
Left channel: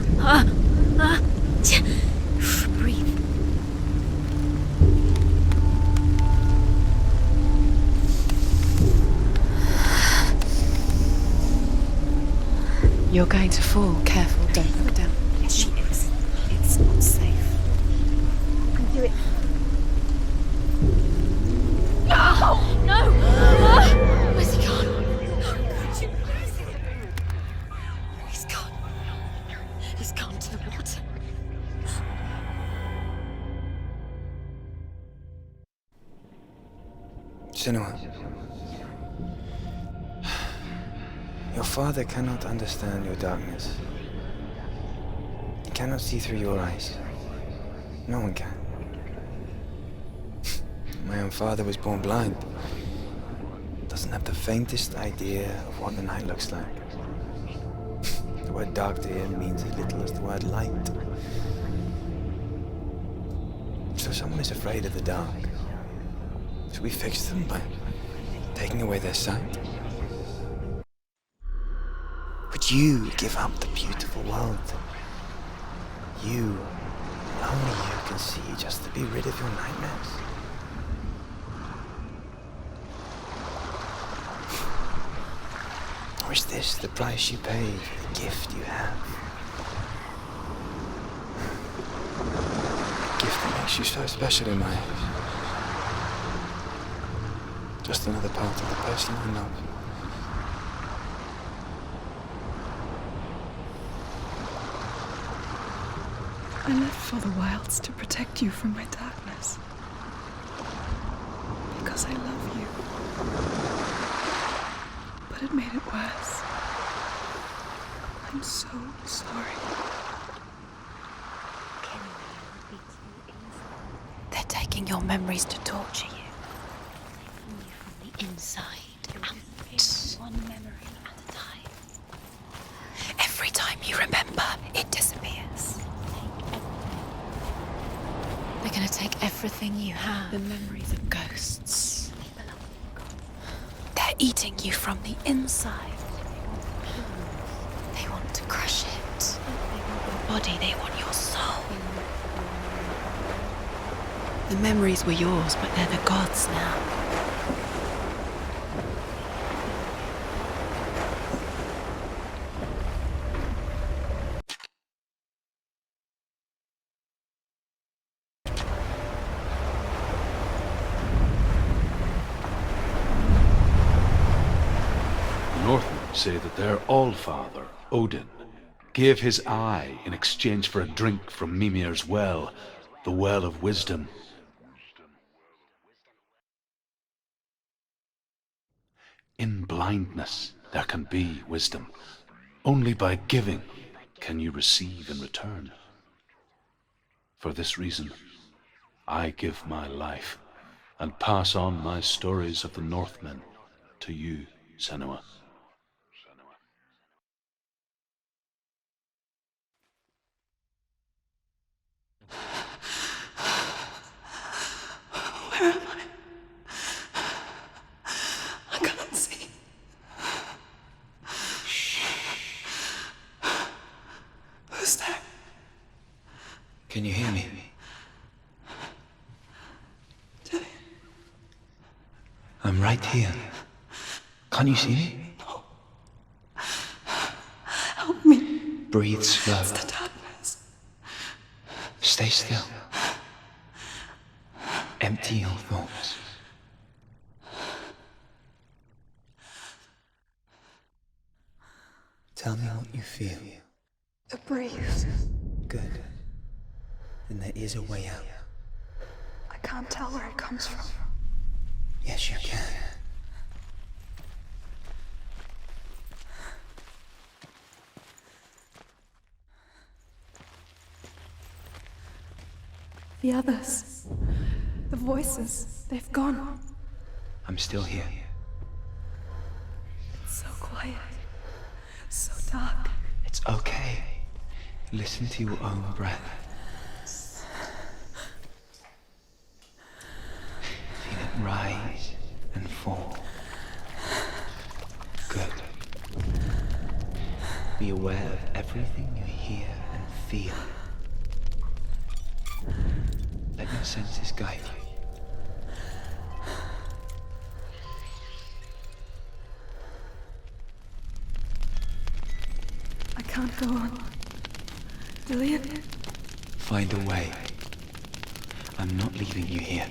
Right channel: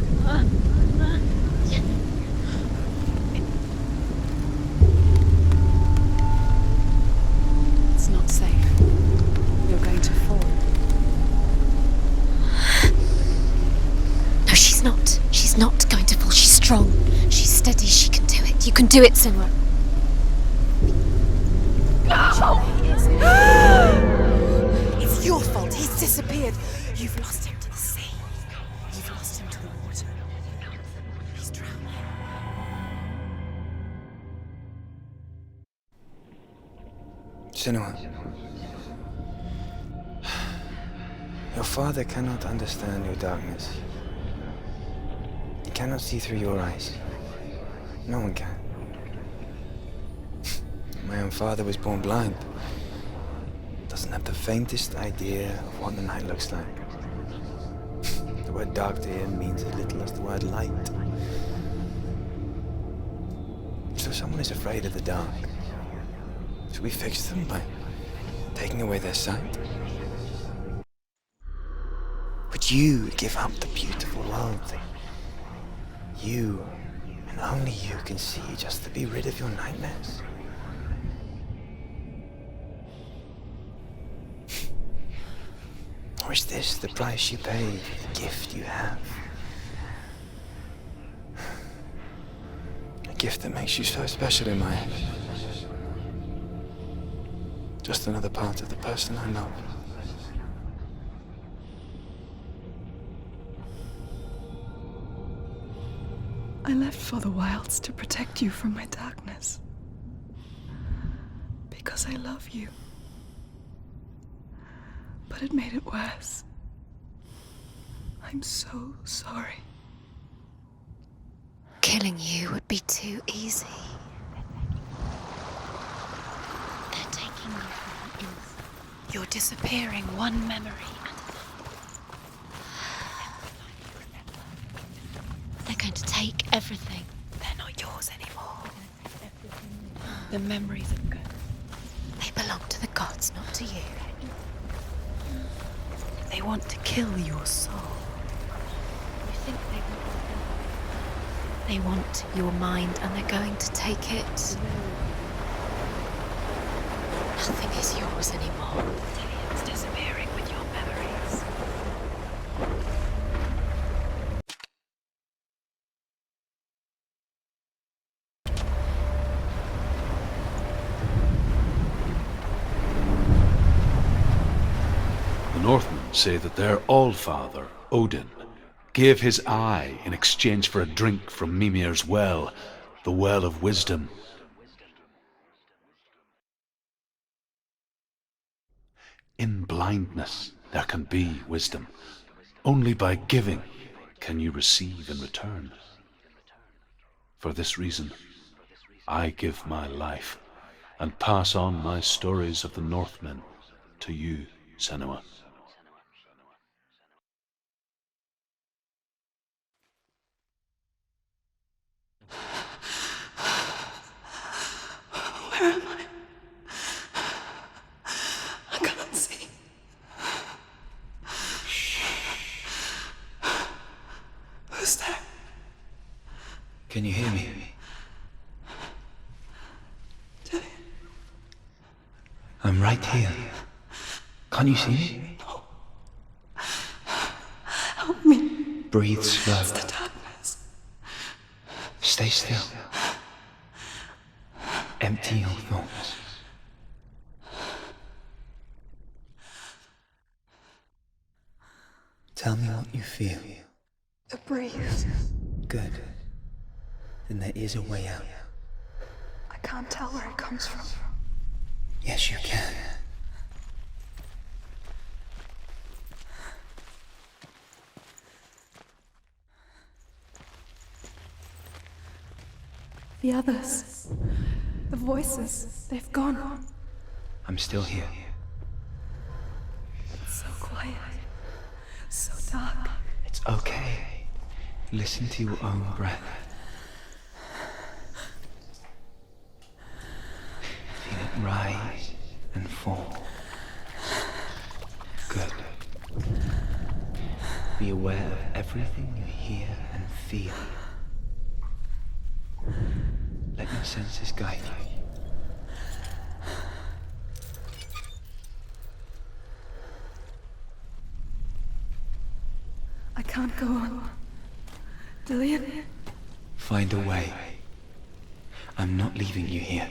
Breathe. It's not safe. You're going to fall. Careful. No, she's not. She's not going to fall. She's strong. She's steady. She can do it. You can do it, Senua. No! Where's he gone? It's your fault. He's disappeared. You've lost him to the sea. He's gone. You've lost him to the Just gone to the water. He's drowned. Senua, your father cannot understand your darkness. He cannot see through your eyes. No one can. My own father was born blind. Doesn't have the faintest idea of what the night looks like. The word dark to him means as little as the word light. So someone is afraid of the dark. Should we fix them by taking away their sight? Would you give up the beautiful world that you, and only you, can see just to be rid of your nightmares? Or is this the price you pay for the gift you have? A gift that makes you so special in my eyes. Just another part of the person I love. I left for the wilds to protect you from my darkness. Because I love you. But it made it worse. I'm so sorry. Killing you would be too easy. They're taking your memories to torture you. They're taking you from the inside. You're disappearing one memory at a time. Every time you remember, it disappears. They're going to take everything. They're not yours anymore. They're going to take everything you have. The memories of ghosts. They belong to the gods, not to you. They're eating you from the inside. They want to kill your soul. They want to crush it. They want your body. They want your soul. They want your mind, and they're going to take it. The memories were yours, but they're the gods now. Nothing is yours anymore. It's disappearing with your memories. The Northmen say that their Allfather, Odin, gave his eye in exchange for a drink from Mimir's well, the Well of Wisdom. In blindness there can be wisdom. Only by giving can you receive in return. For this reason, I give my life and pass on my stories of the Northmen to you, Senua. Where am I? I can't see. Who's there? Can you hear me? Dillian. I'm right here. Can't you see me? No. Help me. Breathe slow. It's the darkness. Stay still. Empty your thoughts. Tell me what you feel. A breeze. Good. Then there is a way out. I can't tell where it comes from. Yes, you can. The others. The voices. They've gone. I'm still here. It's so quiet. So dark. It's okay. Listen to your own breath. Feel it rise and fall. Good. Be aware of everything you hear and feel. Let your senses guide you. I can't go on. Dillian? Find a way. I'm not leaving you here.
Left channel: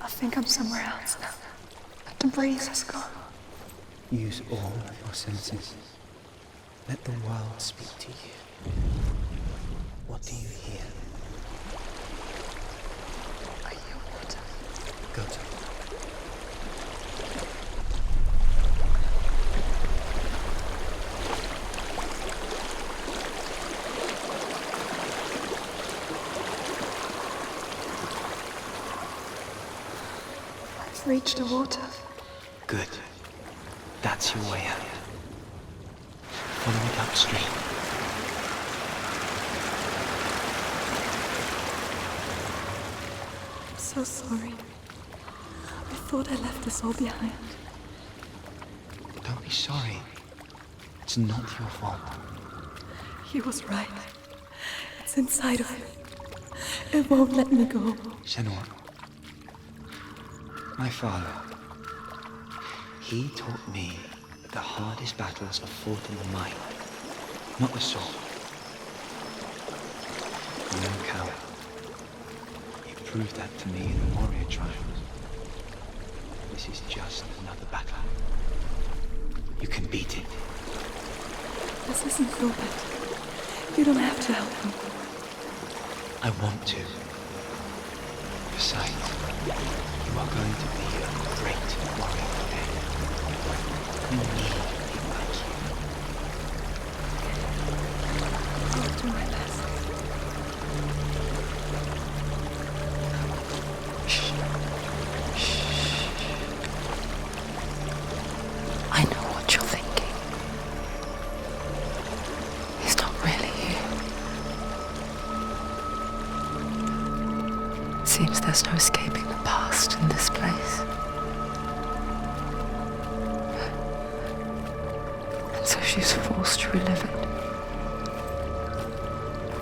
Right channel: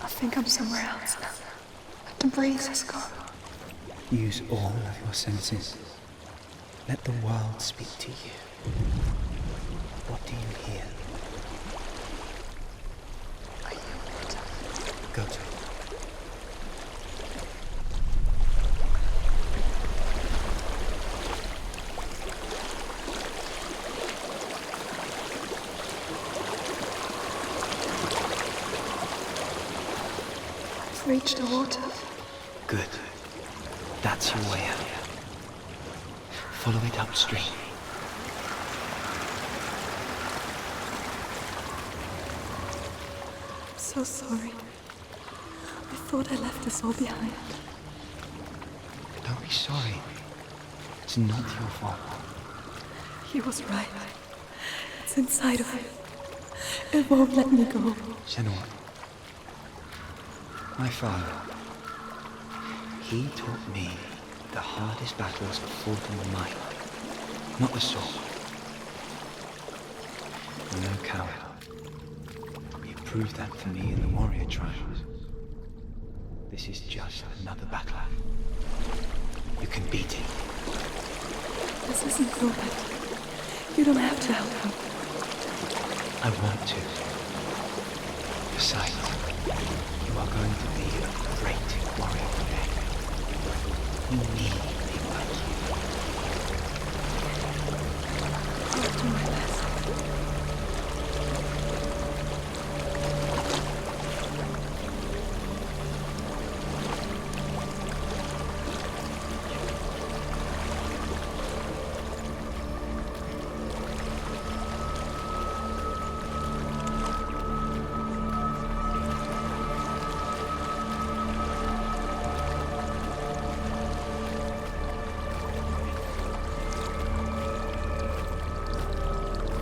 I think I'm somewhere else now. The breeze has gone. Use all of your senses. Let the world speak to you. What do you hear? I hear water. Good. I've reached the water. Good. That's your way out. Follow it upstream. I'm so sorry. I thought I left this all behind. Don't be sorry. It's not your fault. He was right. It's inside of me. It won't let me go. Senua. My father. He taught me that the hardest battles are fought in the mind, not the sword. I'm no coward. You proved that to me in the warrior trials. This is just another battle. You can beat it. This isn't your battle. You don't have to help me. I want to. Besides, you are going to be a great warrior today. You need people like you. I'll do my best. I know what you're thinking. He's not really here. Seems there's no escaping the past in this place. So she's forced to relive it all.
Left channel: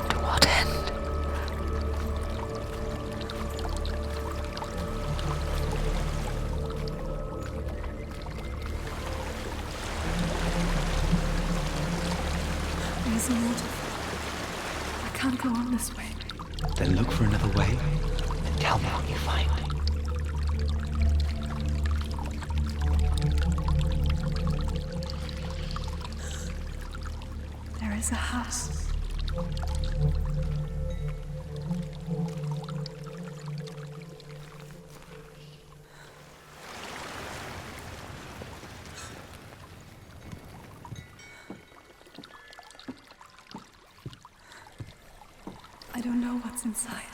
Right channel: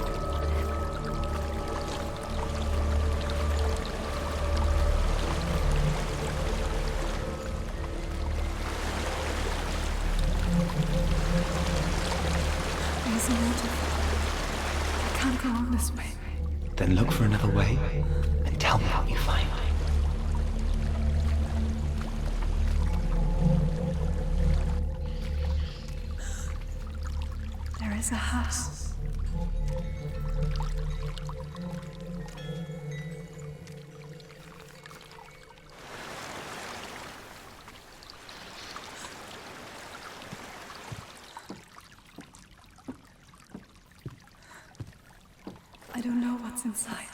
To what end? There's a waterfall. I can't go on this way. Then look for another way and tell me what you find. There is a house. I don't know what's inside.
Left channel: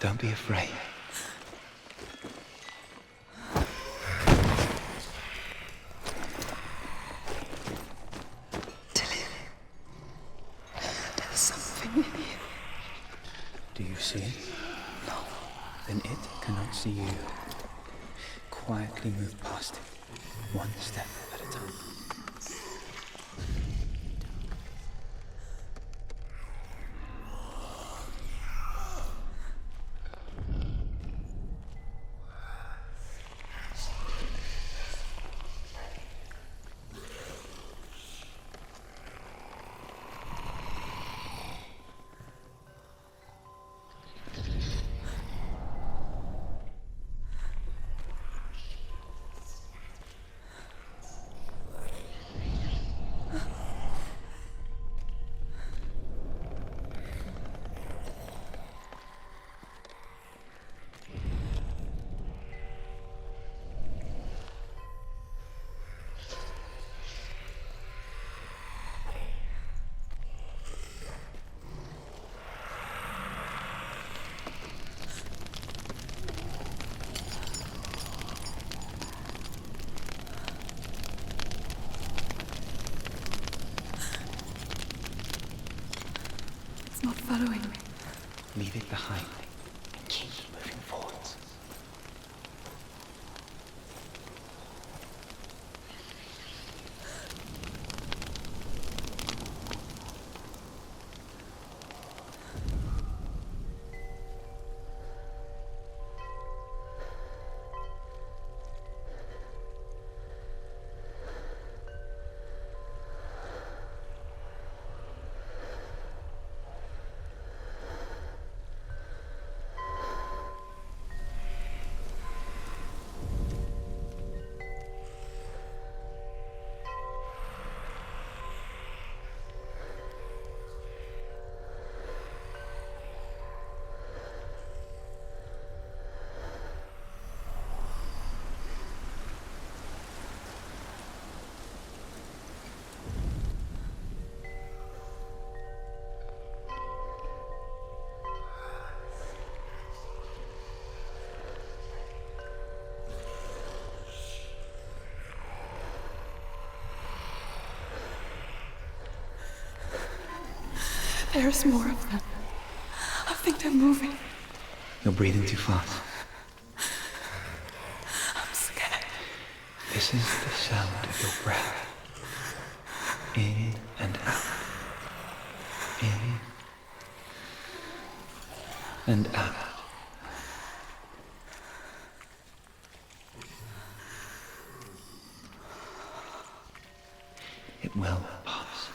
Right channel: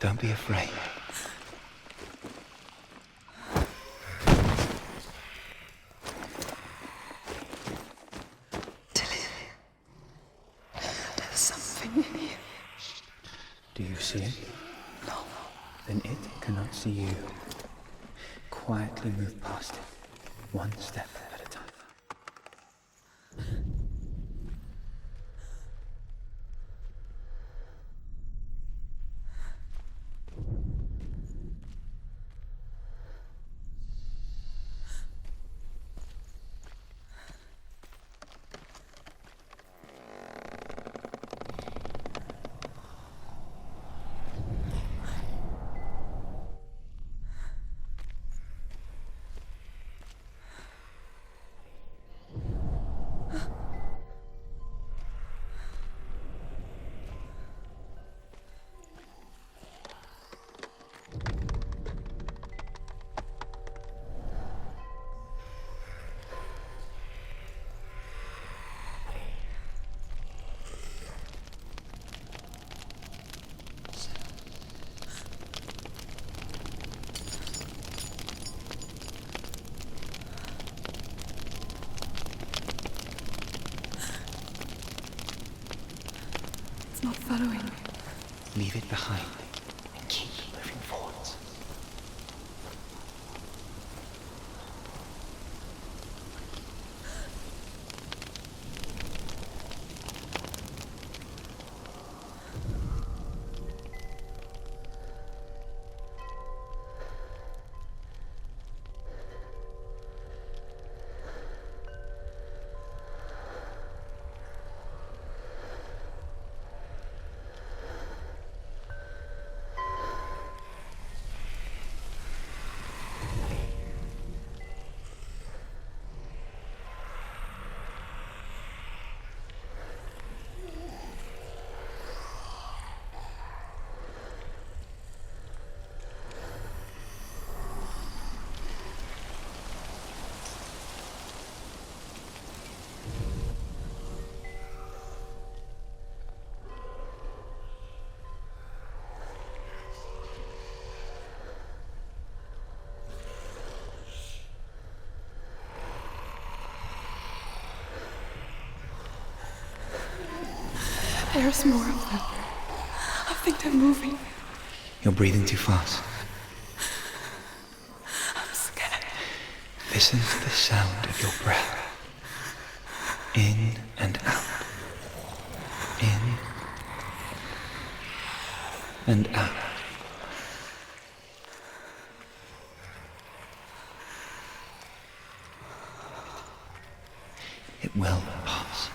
Don't be afraid. Tilly, there's something in here. Do you see it? No. Then it cannot see you. Quietly move past it, one step at a time. It's not following me. Leave it behind and keep moving forwards. There's more of them. I think they're moving. You're breathing too fast. I'm scared. Listen to the sound of your breath. In and out. In and out. It will pass.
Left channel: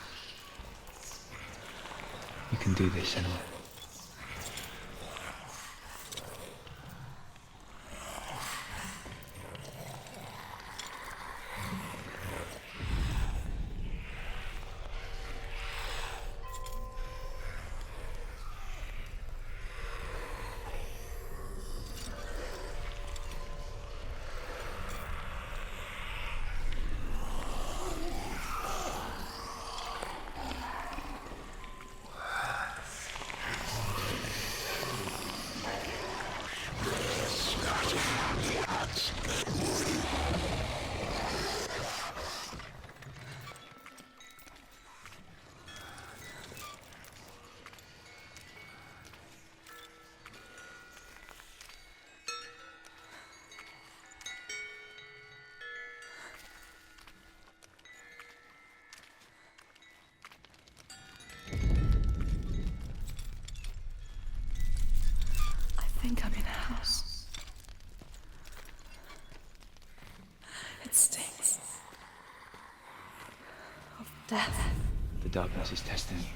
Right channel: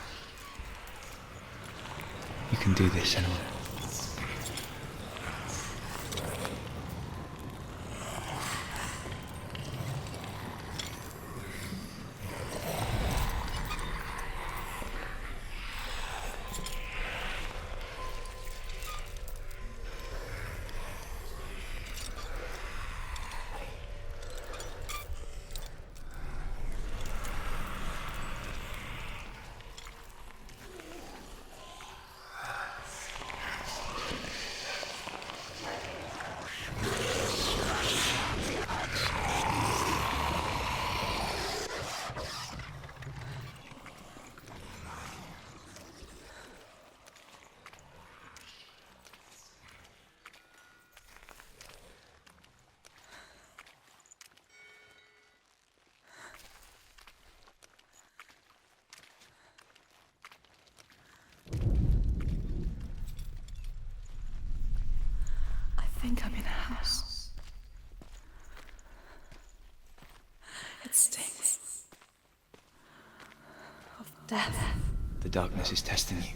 You can do this, Senua. I think I'm in a house. It stinks of death. The darkness is testing you,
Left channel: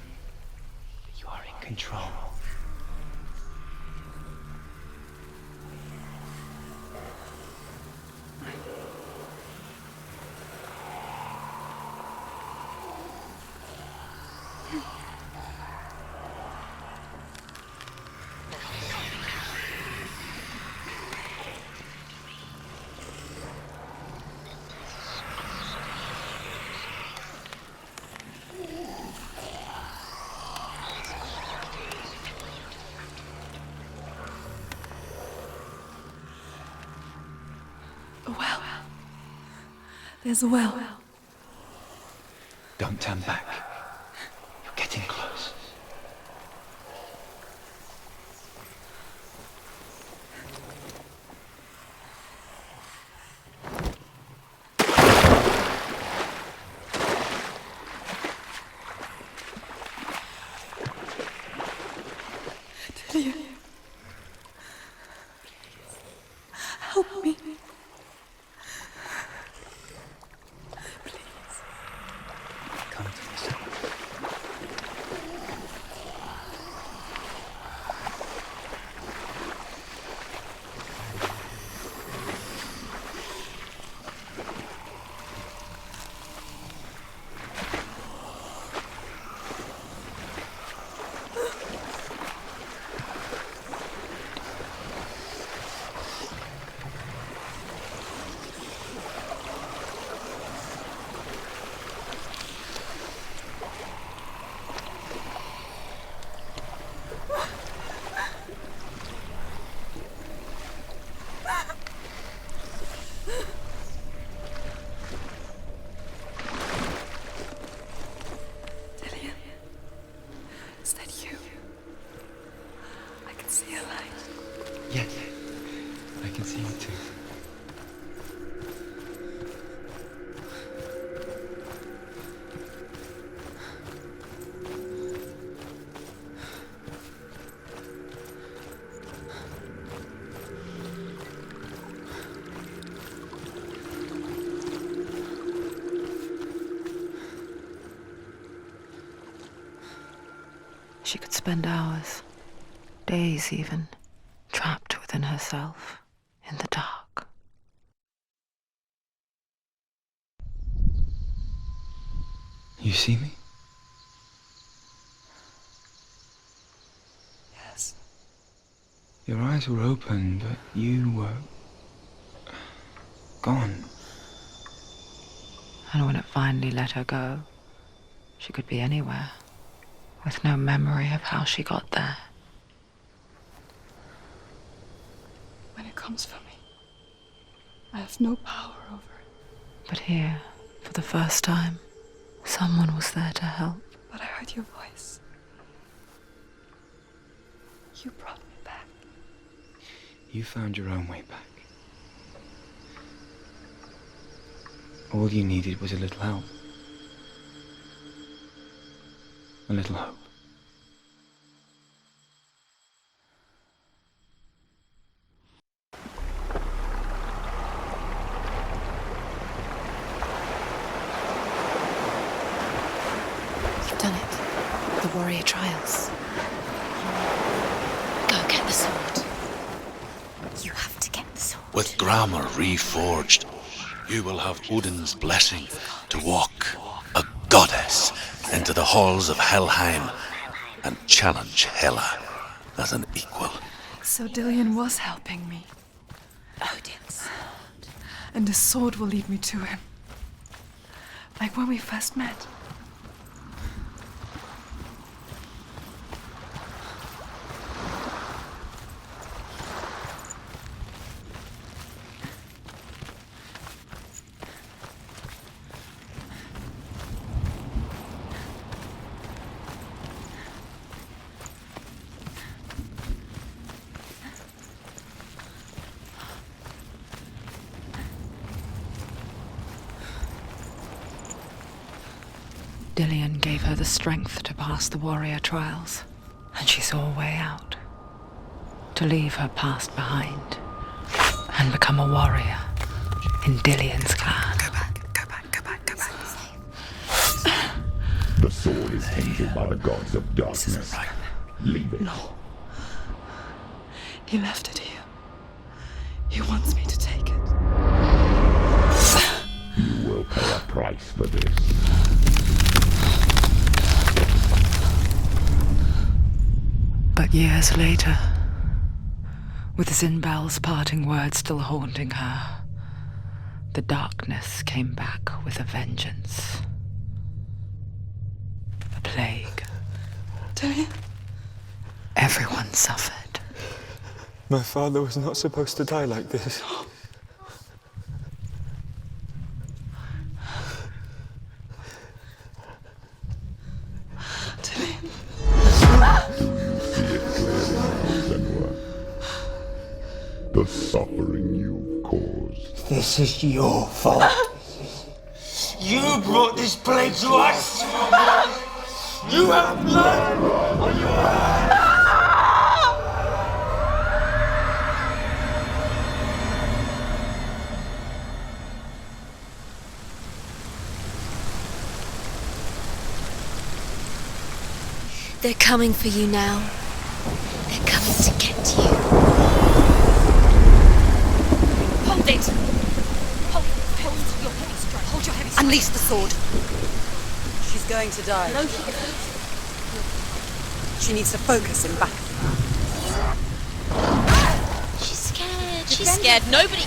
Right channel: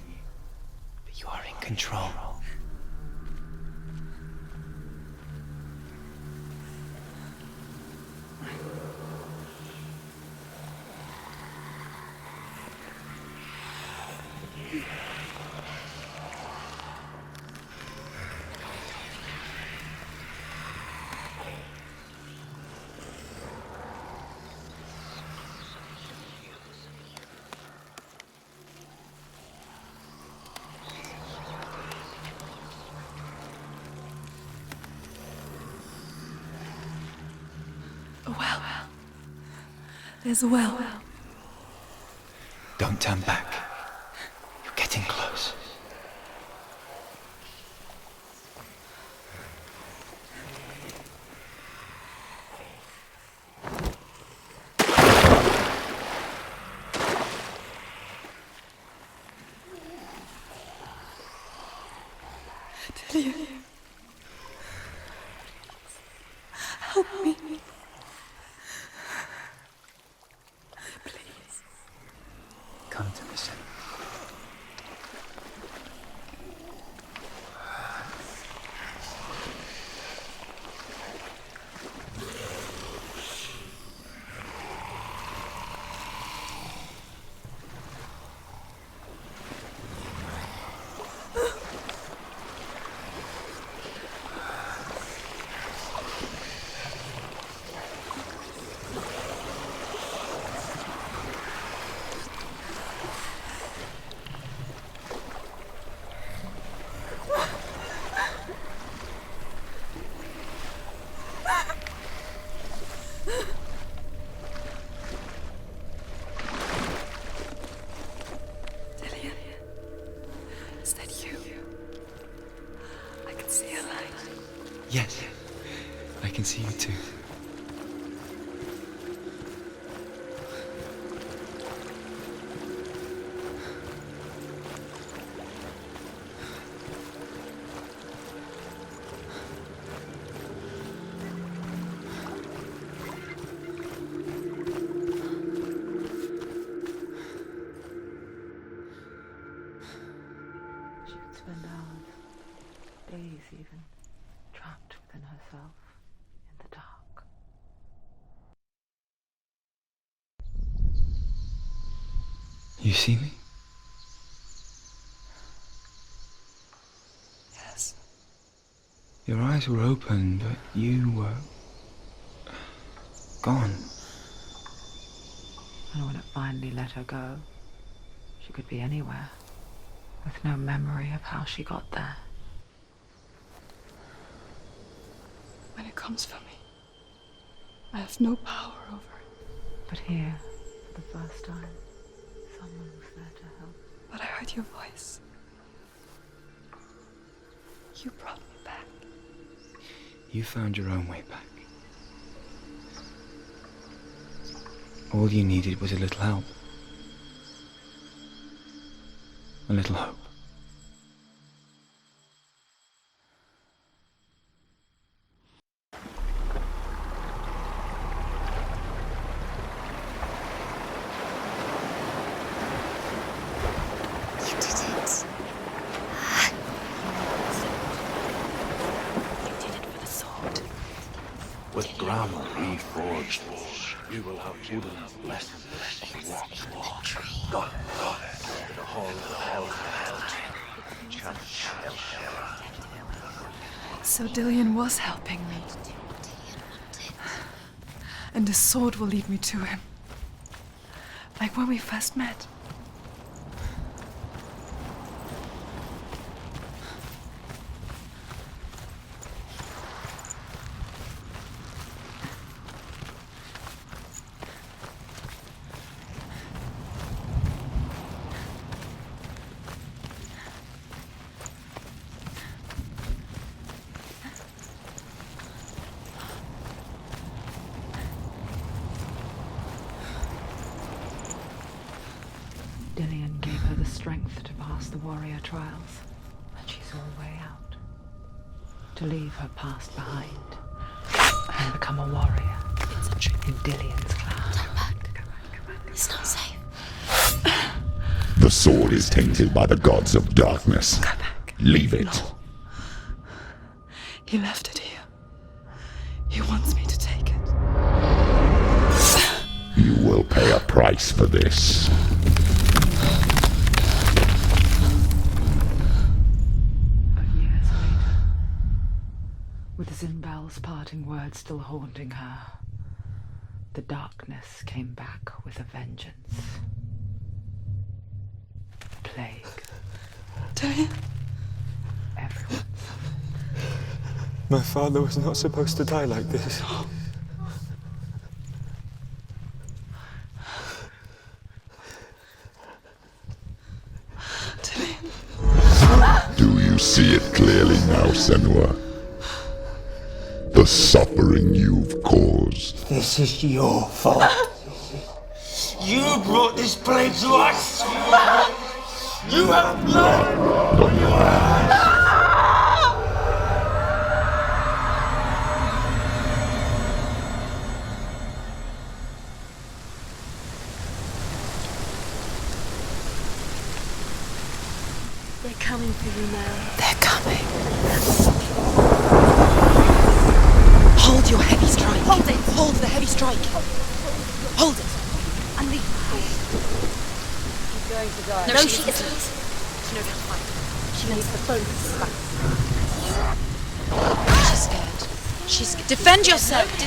but you are in control. There's a well. Don't turn back. You're getting close. Delia. Help me. Please. Can't listen. Delia. Is that you? I can see a light. Yes, I can see you too. She could spend hours, days even, trapped within herself, in the dark. You see me? Yes. Your eyes were open, but you were gone. And when it finally let her go, she could be anywhere, with no memory of how she got there. When it comes for me, I have no power over it. But here, for the first time, someone was there to help. But I heard your voice. You brought me back. You found your own way back. All you needed was a little help. A little hope. You've done it. You did it. The warrior trials. Go get the sword. You did it for the sword. You have to get the sword. With grammar reforged, you will have Odin's blessing to walk, a goddess, into the halls of Helheim and challenge Hela as an equal. So Dillian was helping me. And the sword will lead me to him. Like when we first met. Dillian gave her the strength to pass the warrior trials, and she saw a way out. To leave her past behind and become a warrior in Dillian's clan. Go back. It's not safe. The sword is tainted by the gods of darkness. Leave it. No. He left it here. He wants me to take it. You will pay a price for this. But years later, with Zinbel's parting words still haunting her, the darkness came back with a vengeance. A plague. Dillian? Everyone suffered. My father was not supposed to die like this. Do you see it clearly now, Senua? The suffering you've caused. This is your fault. You brought this plague to us! You have blood on your hands! They're coming for you now. They're coming. They're coming to get you. Hold your heavy strike. Hold it. Hold the heavy strike. Hold it. Hold your heavy strike. Unleash the sword. She's going to die. No, she isn't. She needs to focus in battle. She's Defend yourself. Nobody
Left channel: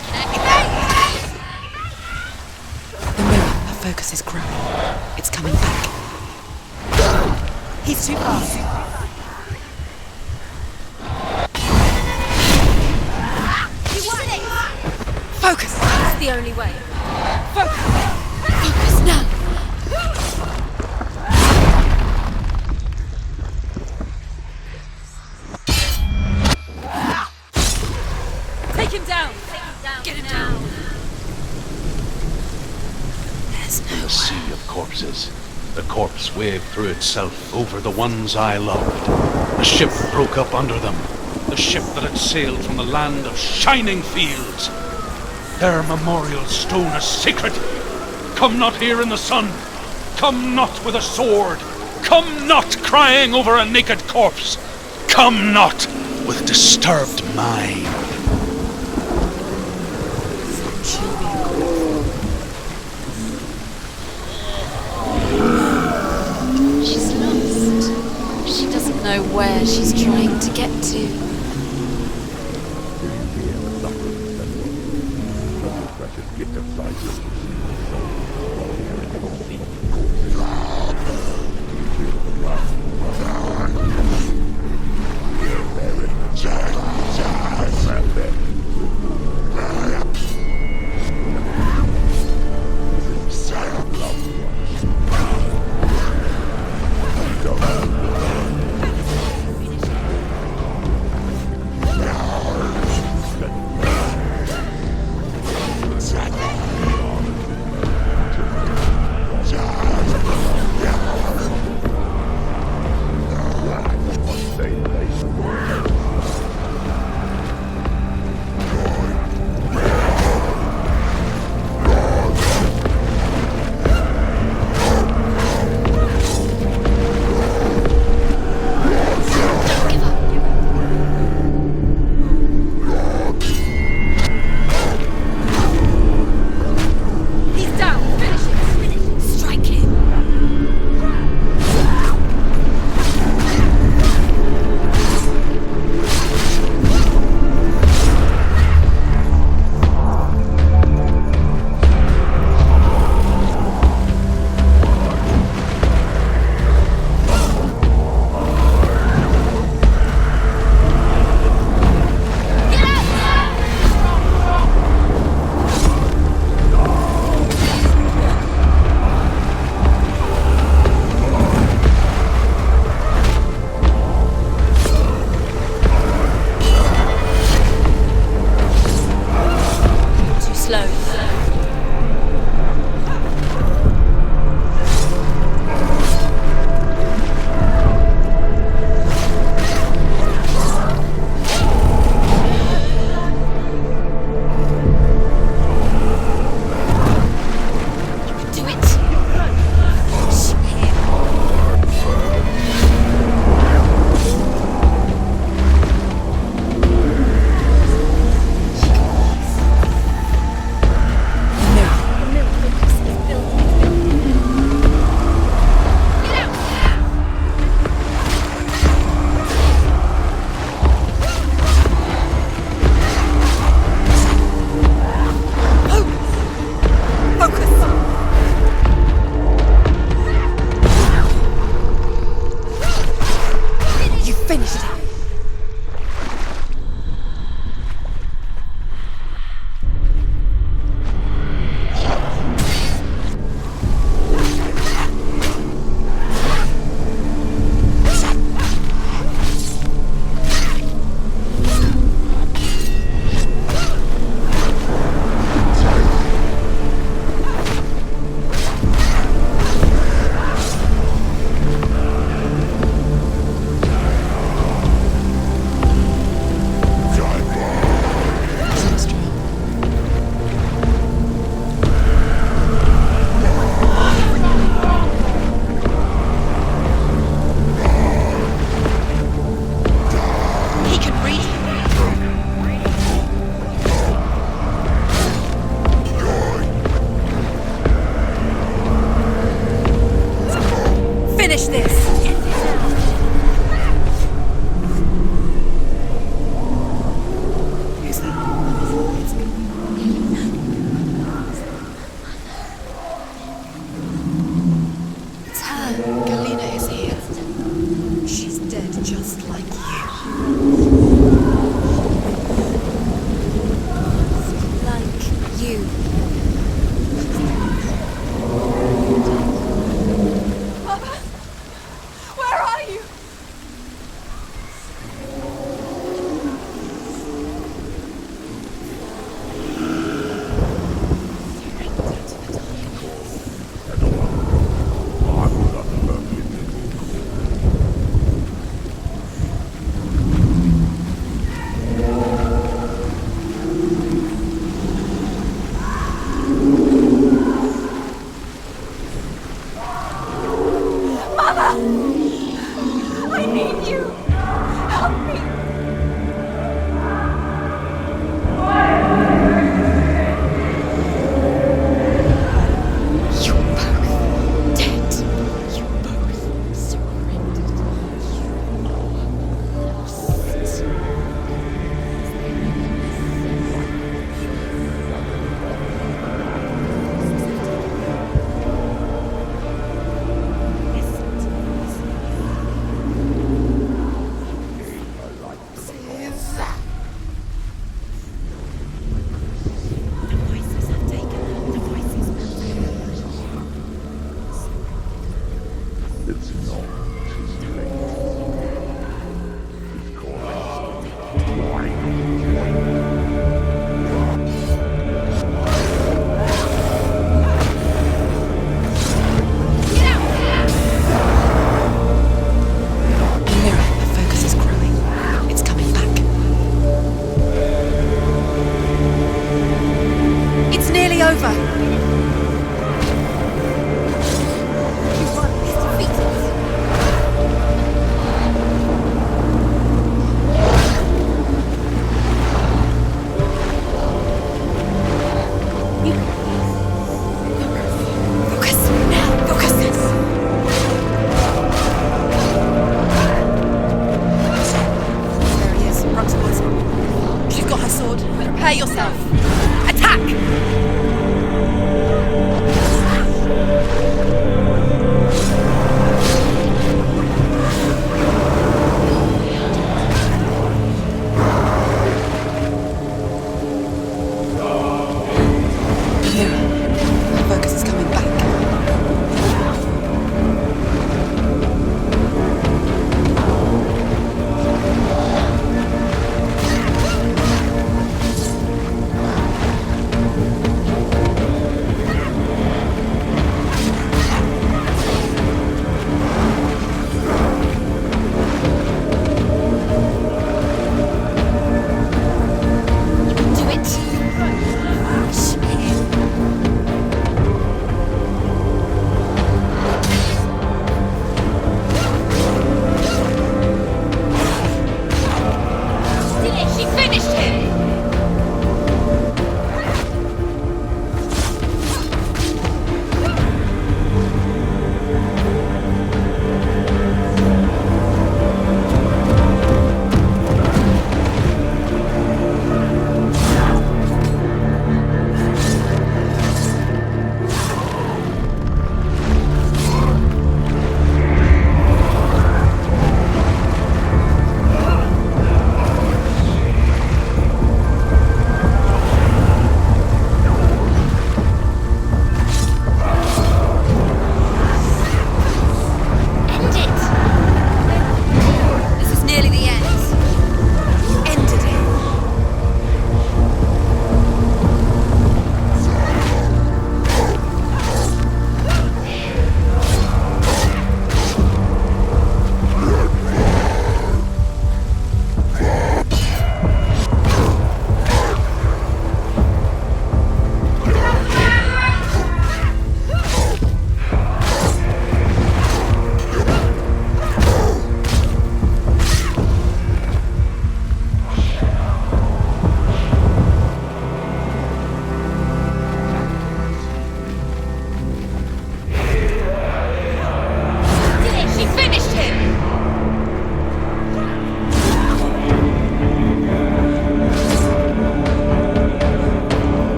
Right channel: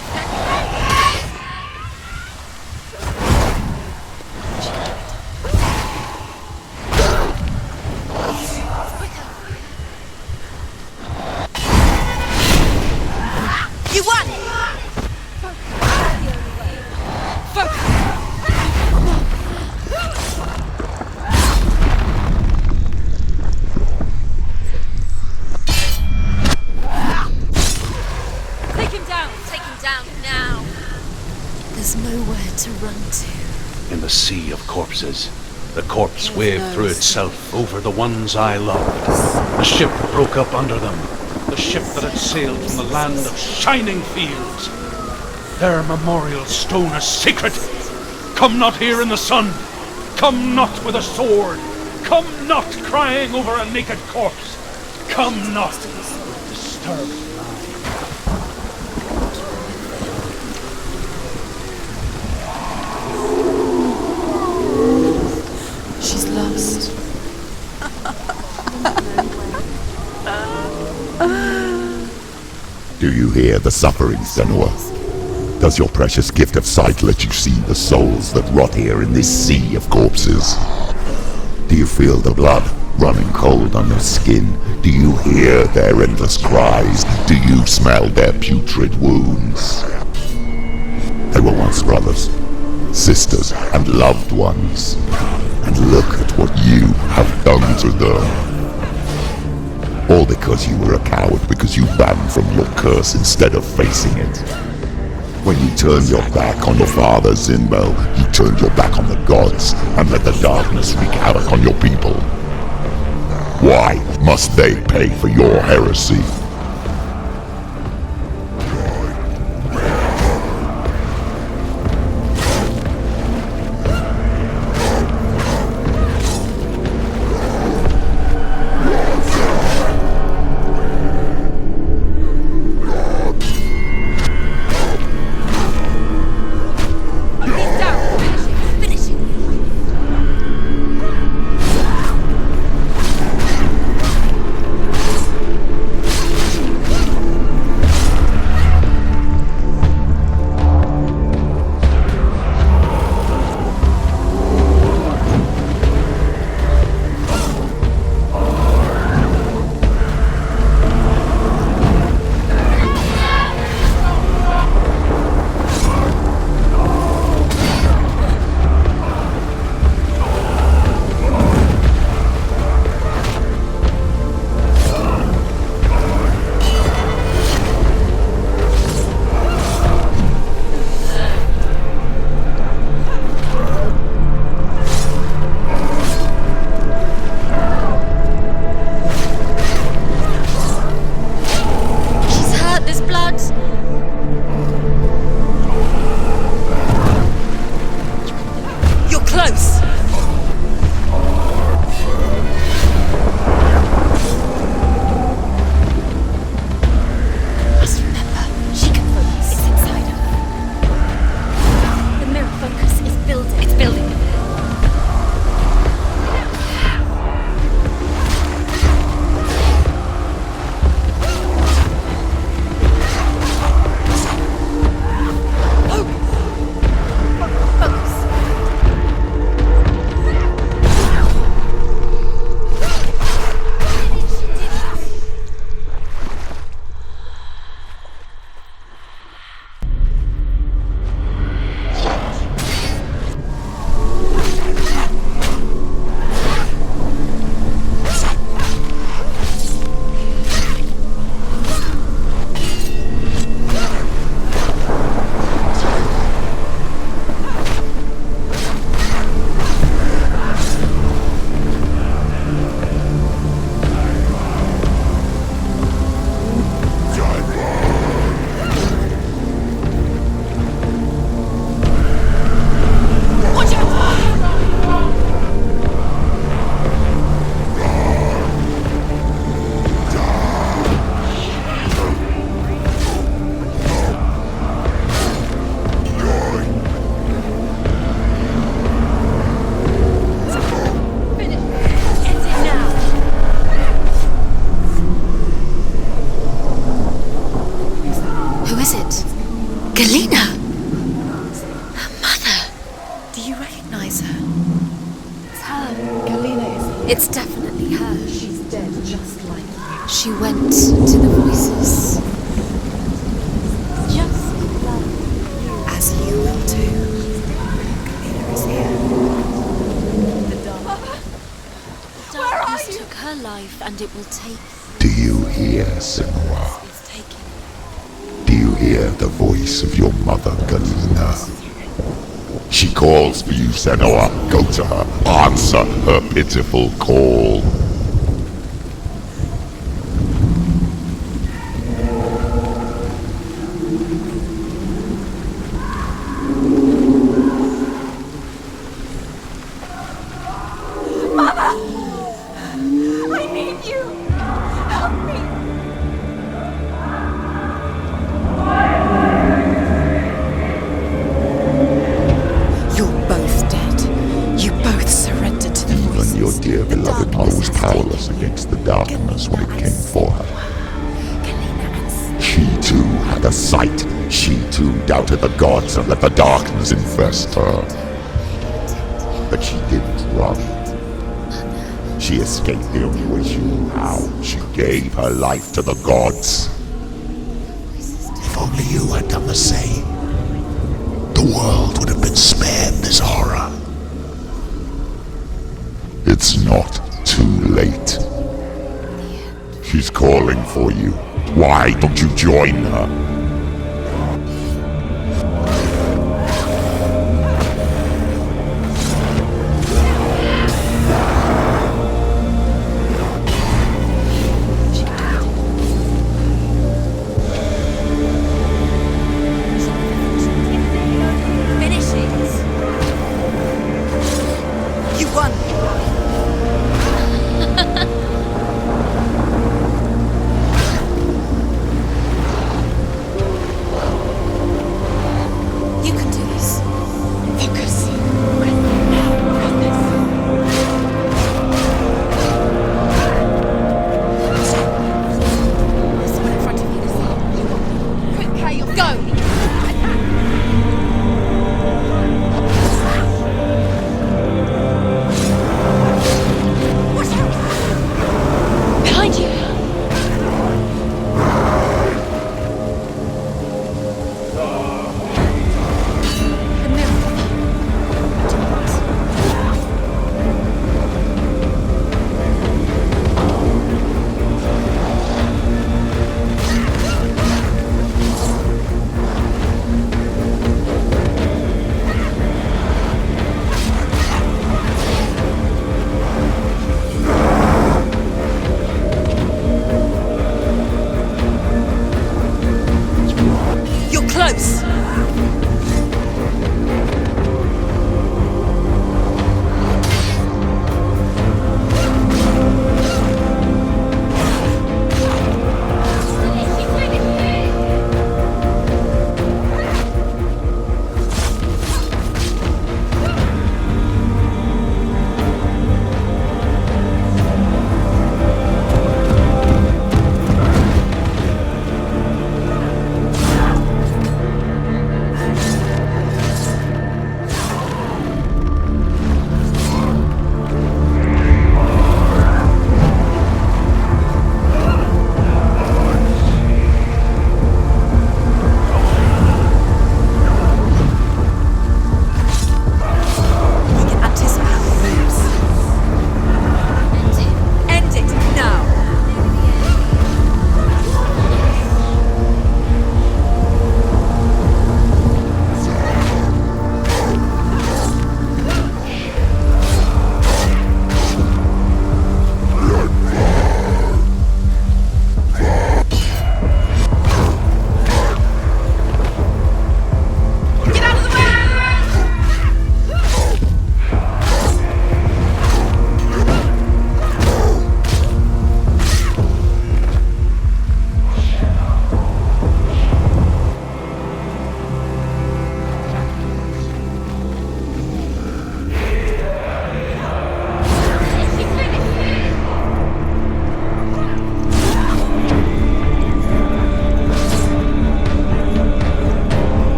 The focus is cracked. It's coming back. He's too fast. You won! Focus. That's the only way. Focus. Now. Take him down. Take him down. Get him now. There's nowhere to run to. There's In the sea of corpses, the corpse waved through itself over the ones I loved. The ship broke up under them. The ship that had sailed from the land of shining fields. Their memorial stone is sacred. Come not here in the sun. Come not with a sword. Come not crying over a naked corpse. Come not with disturbed mind. She's lost. She's lost. She doesn't know where she's trying to get to. Do you hear the suffering, Senua? Does your precious gift of sight let you see the souls that rot here in this sea of corpses? Do you feel the blood running cold on your skin? Do you hear their endless cries? Do you smell their putrid wounds? They were once brothers, sisters, and loved ones. And look at what you have done to them. All because you were a coward, because you ran from your curse instead of facing it. When you turned your back on your father, Zinbel, you turned your back on the gods and let the darkness wreak havoc on your people. Why must they pay for your heresy? She went to the voices. Just like you. As you will do. Mama! Where are you? Took her life and it will take. Do you hear, Senua? Do you hear the voice of your mother, Galina? She calls for you, Senua. Go to her. Answer her pitiful call. Mama! I need you! Help me! You're both dead. You both surrendered to the Even voices. your dear beloved mother was powerless against the darkness when it came for her. She too had a sight. She too doubted the gods and let the darkness infest her. But she didn't run. She escaped the only way she knew how. She gave her life to the gods. If only you had done the same, the world would have been spared this horror. It's not too late. She's calling for you. Why don't you join her? It's coming back. It's nearly over. Finishes. You won.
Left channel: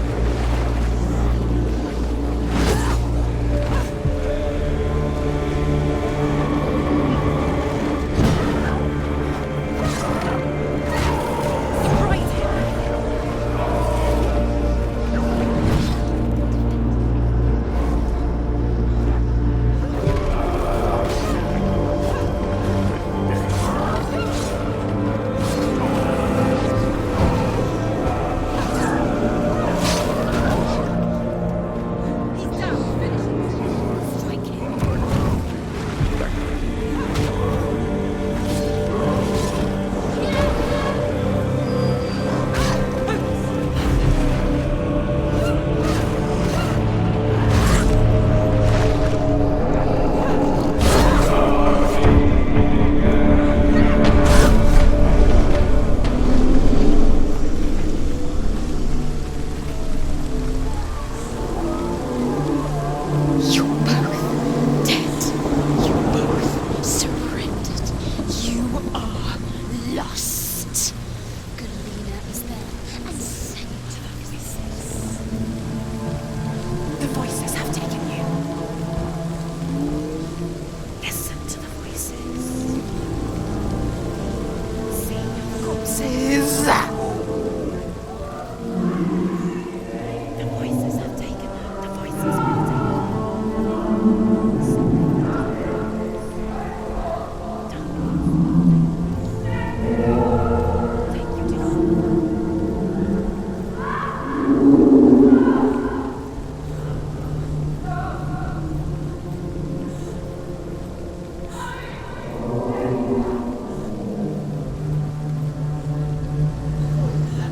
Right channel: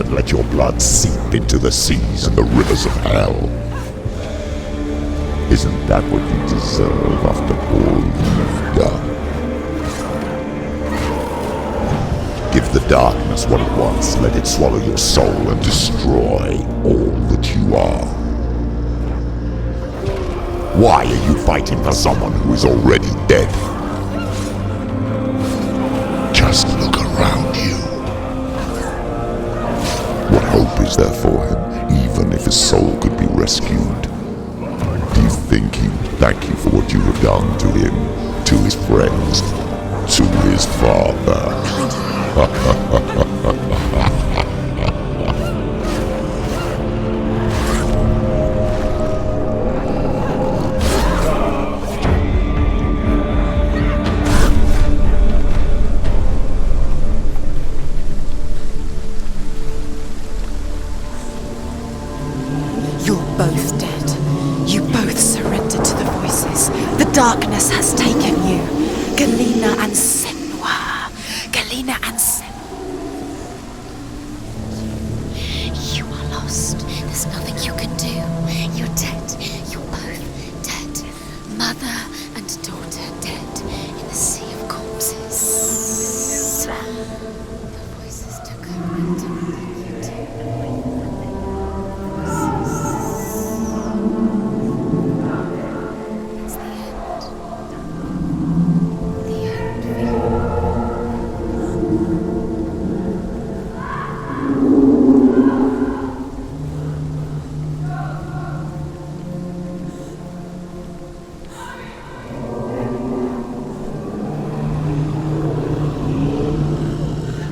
and let your blood seep into the seas and the rivers of hell. Isn't that what you deserve after all you've done? Give the darkness what it wants, let it swallow your soul and destroy all that you are. Why are you fighting for someone who is already dead? Just look around you. What hope is there for him, even if his soul could be rescued? Do you think he would thank you for what you have done to him, to his friends, to his father? You're both dead. You both surrendered to the voices. The darkness has taken you. Galena and Senua. Galena and Senua. You are lost. There's nothing you can do. You're dead. You're both dead. Mother and daughter dead in the sea of corpses. The voices took her. The voices have taken her. The voices.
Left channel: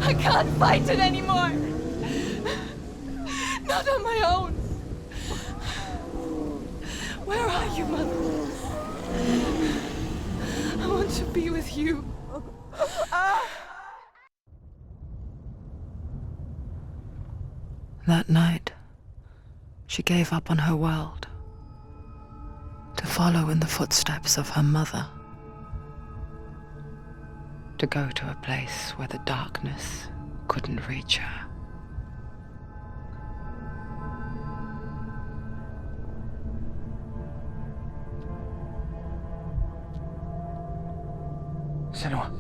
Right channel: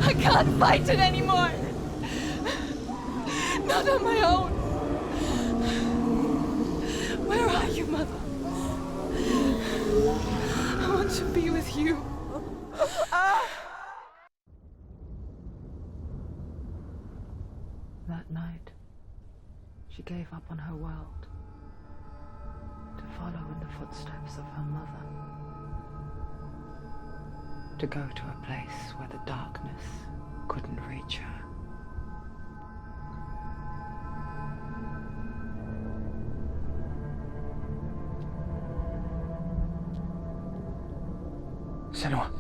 I can't fight it anymore. Not on my own. Where are you, Mother? I want to be with you. That night, she gave up on her world to follow in the footsteps of her mother, to go to a place where the darkness couldn't reach her. Senua,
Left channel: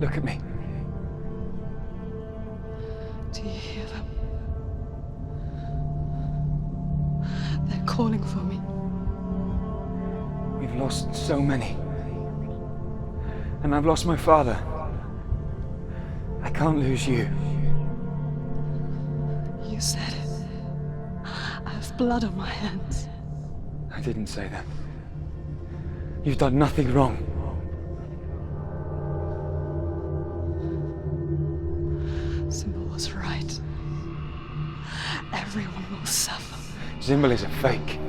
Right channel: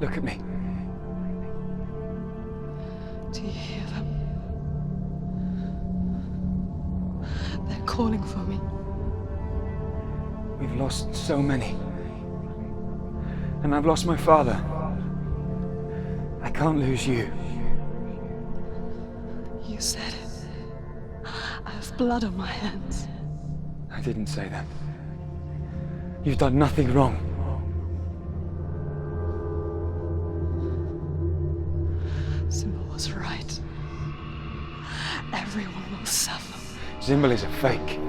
look at me. Do you hear them? They're calling for me. We've lost so many. And I've lost my father. I can't lose you. You said it. I have blood on my hands. I didn't say that. You've done nothing wrong. Symbol was right. Everyone will suffer. Zimbel is a fake.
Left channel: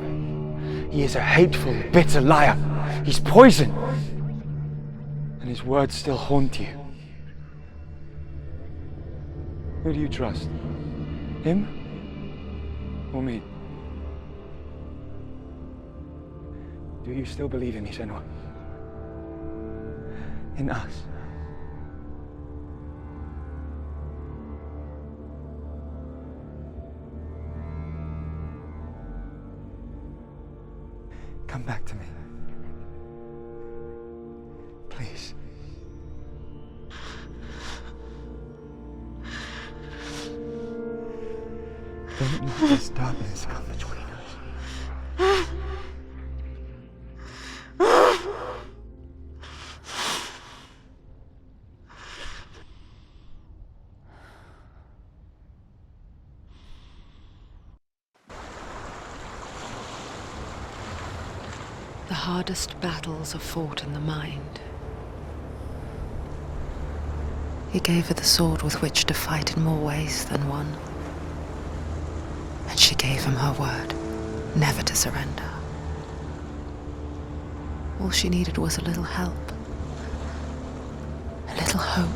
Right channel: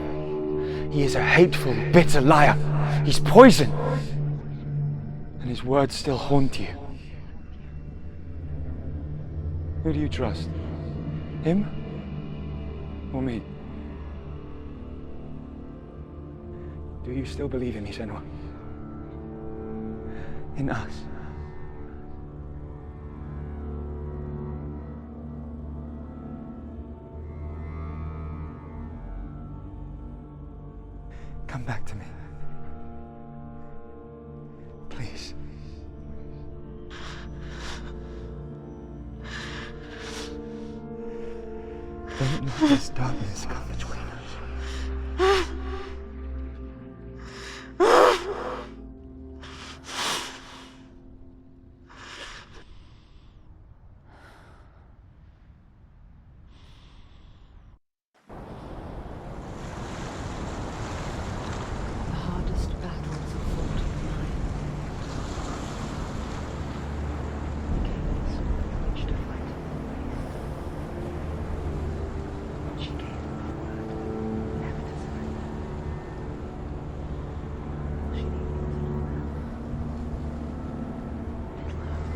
He is a hateful, bitter liar. He's poison. And his words still haunt you. Who do you trust? Him? Or me? Do you still believe in me, Senua? In us? Come back to me. Please. Don't let this darkness come between us. The hardest battles are fought in the mind. He gave her the sword with which to fight in more ways than one. And she gave him her word, never to surrender. All she needed was a little help, a little hope.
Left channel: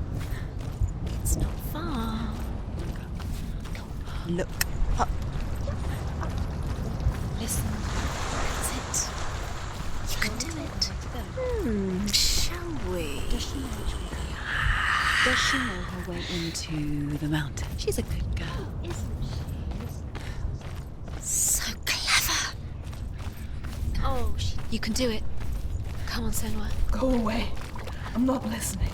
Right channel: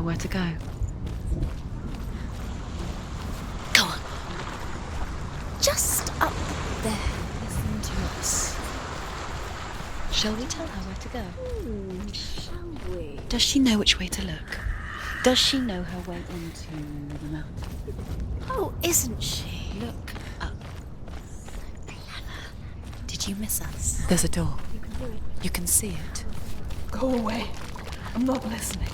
her where to go. It's not far. Go on, look up. Just up there. Listen to us. Shall we tell her where to go? Shall we? Does she know which way to look? Does she know her way into the mountain? She's a good girl. Oh, isn't she? Look up. So clever. Did you miss us? There's a door. You can do it. You can see it. Come on, Senua. Go away. I'm not listening.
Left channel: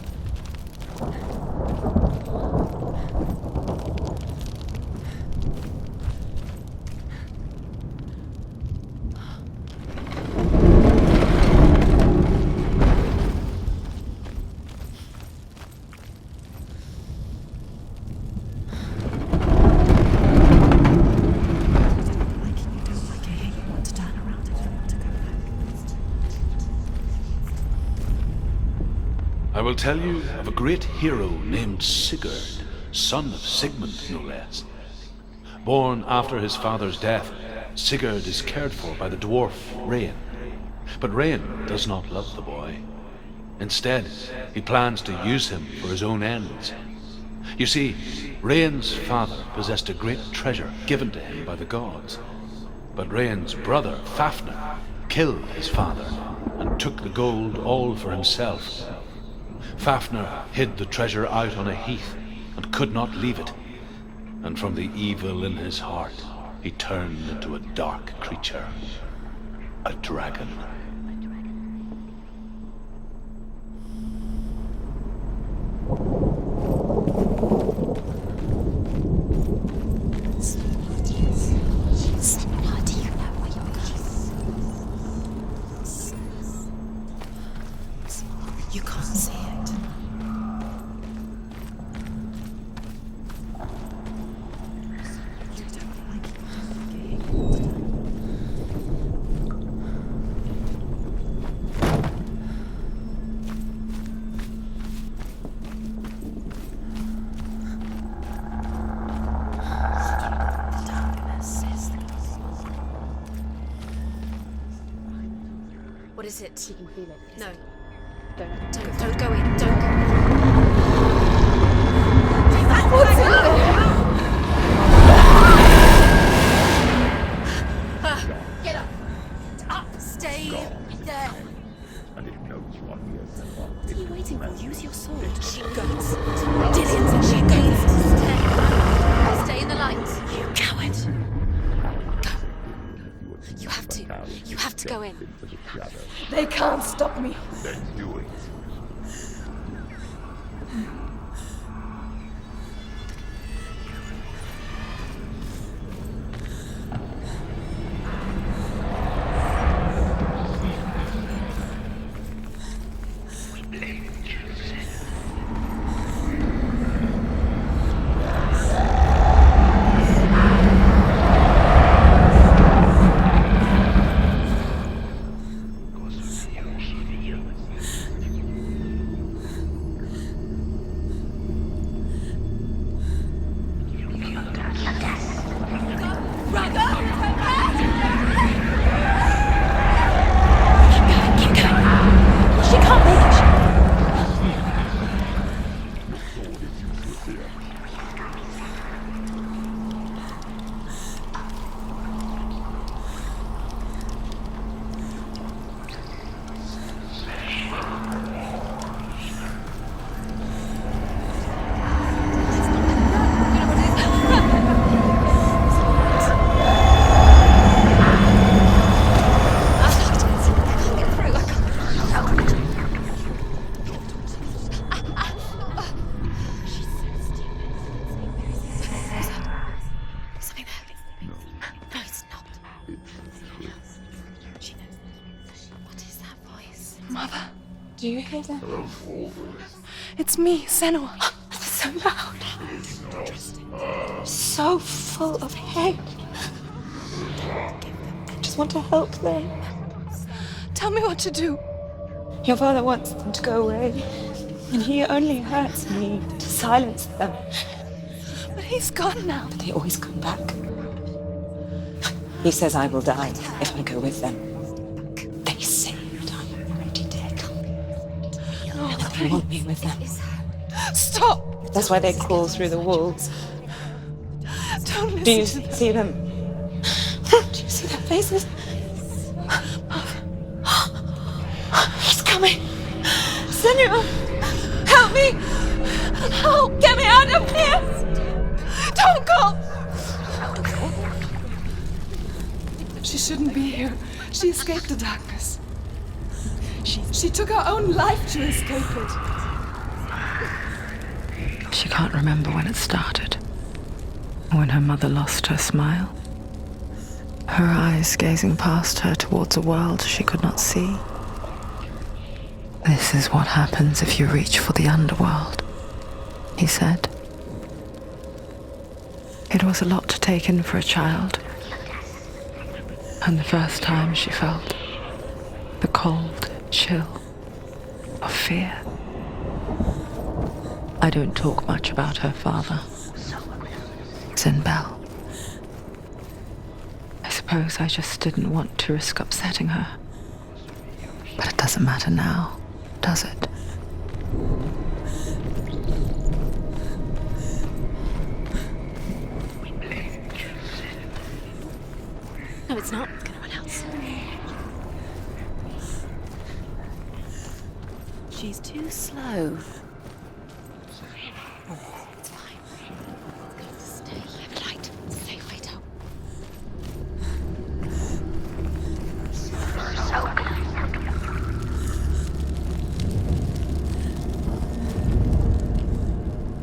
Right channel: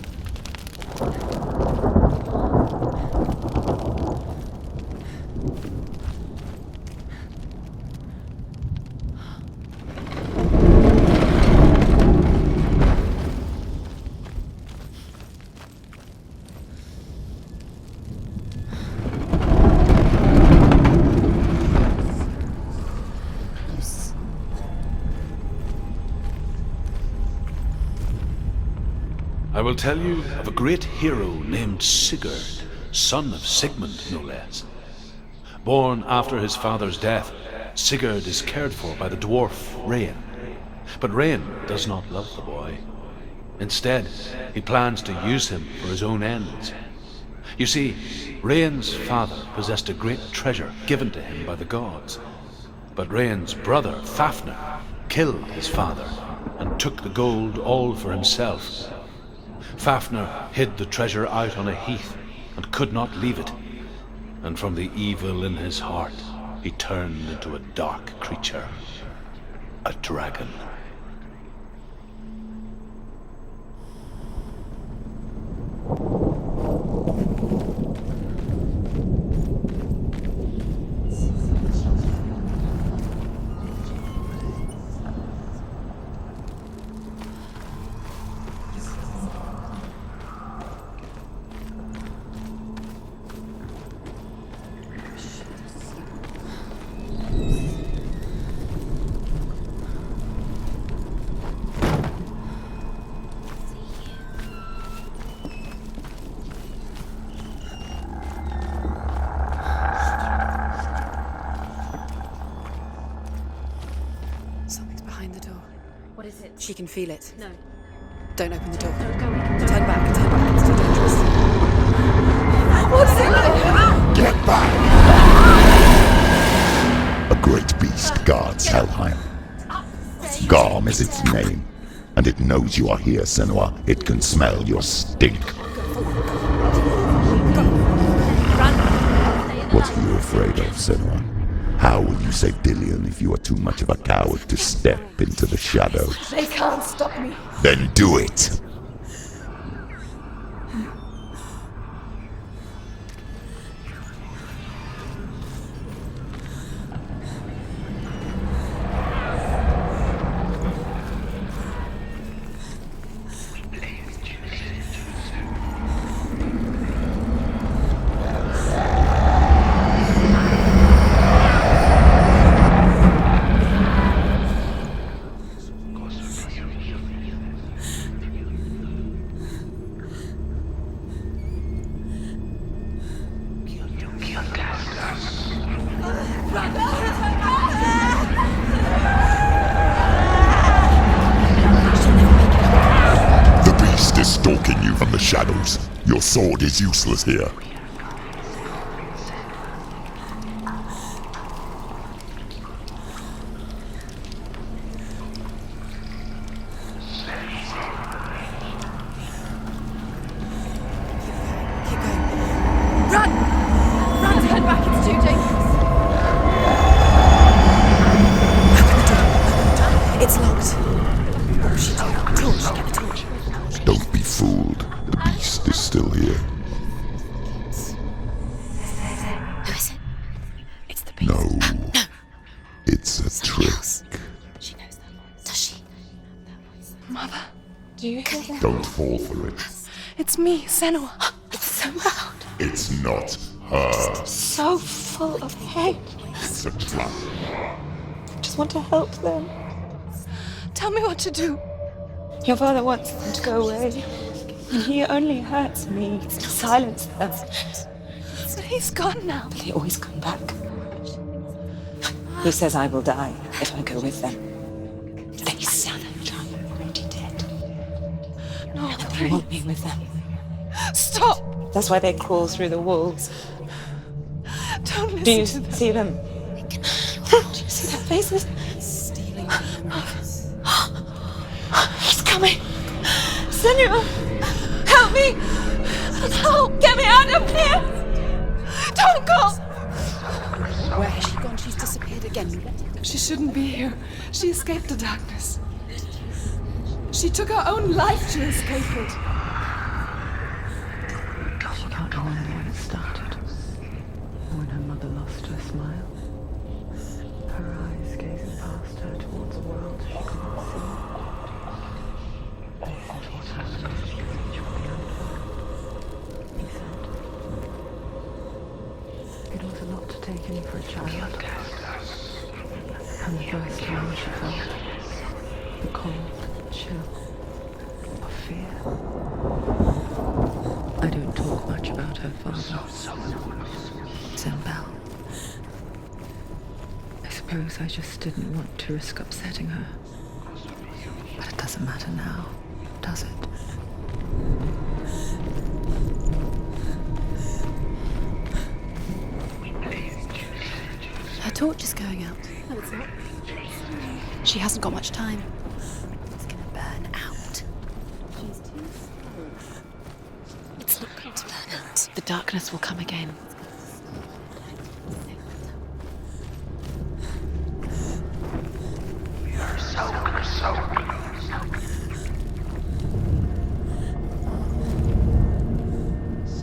I will tell you of a great hero named Sigurd, son of Sigmund, no less. Born after his father's death, Sigurd is cared for by the dwarf Rain. But Rain does not love the boy. Instead, he plans to use him for his own ends. You see, Rain's father possessed a great treasure given to him by the gods. But Rain's brother, Fafnir, killed his father and took the gold all for himself. Fafnir hid the treasure out on a heath and could not leave it. And from the evil in his heart, he turned into a dark creature, a dragon. She can feel it. No. Don't open the door. Don't go in. Don't Turn back. What's in there? Get back! A great beast guards Helheim. Garm is its name, and it knows you are here, Senua. It can smell your stink. What are you afraid of, Senua? How would you say Dillion if you are too much of a coward to step into the shadows? They can't stop me. Then do it! Your sword is useless here. Don't be fooled. The beast is still here. No. It's a trick. Mother, do you hear that? Don't fall for it. It's me, Senua. It's so loud. It's not her. So full of hate. It's a trap. I just want to help them. Tell me what to do. Your father wants them to go away. And he only hurts me to silence them. But he's gone now. But they always come back. He says I will die if I go with them. They say that I'm already dead. No, They want me with them. Stop! That's why they crawl through the walls. Don't listen Do you to them. see them? Do you see their faces? He's coming! Senua! Help me! Help! Get me out of here! Don't go! Where has she gone? She's disappeared again. She shouldn't be here. She escaped the darkness. She took her own life to escape it. She can't remember when it started. When her mother lost her smile. Her eyes gazing past her towards a world she could not see. This is what happens if you reach for the underworld, he said. It was a lot to take in for a child. And the first time she felt the cold chill of fear. I don't talk much about her father, Sinbel. I suppose I just didn't want to risk upsetting her. But it doesn't matter now, does it? Her torch is going out. No, it's not. She hasn't got much time. Burn out. She's too slow. It's not going to burn out. The darkness will come again. It's going to stay. Light. Stay right up.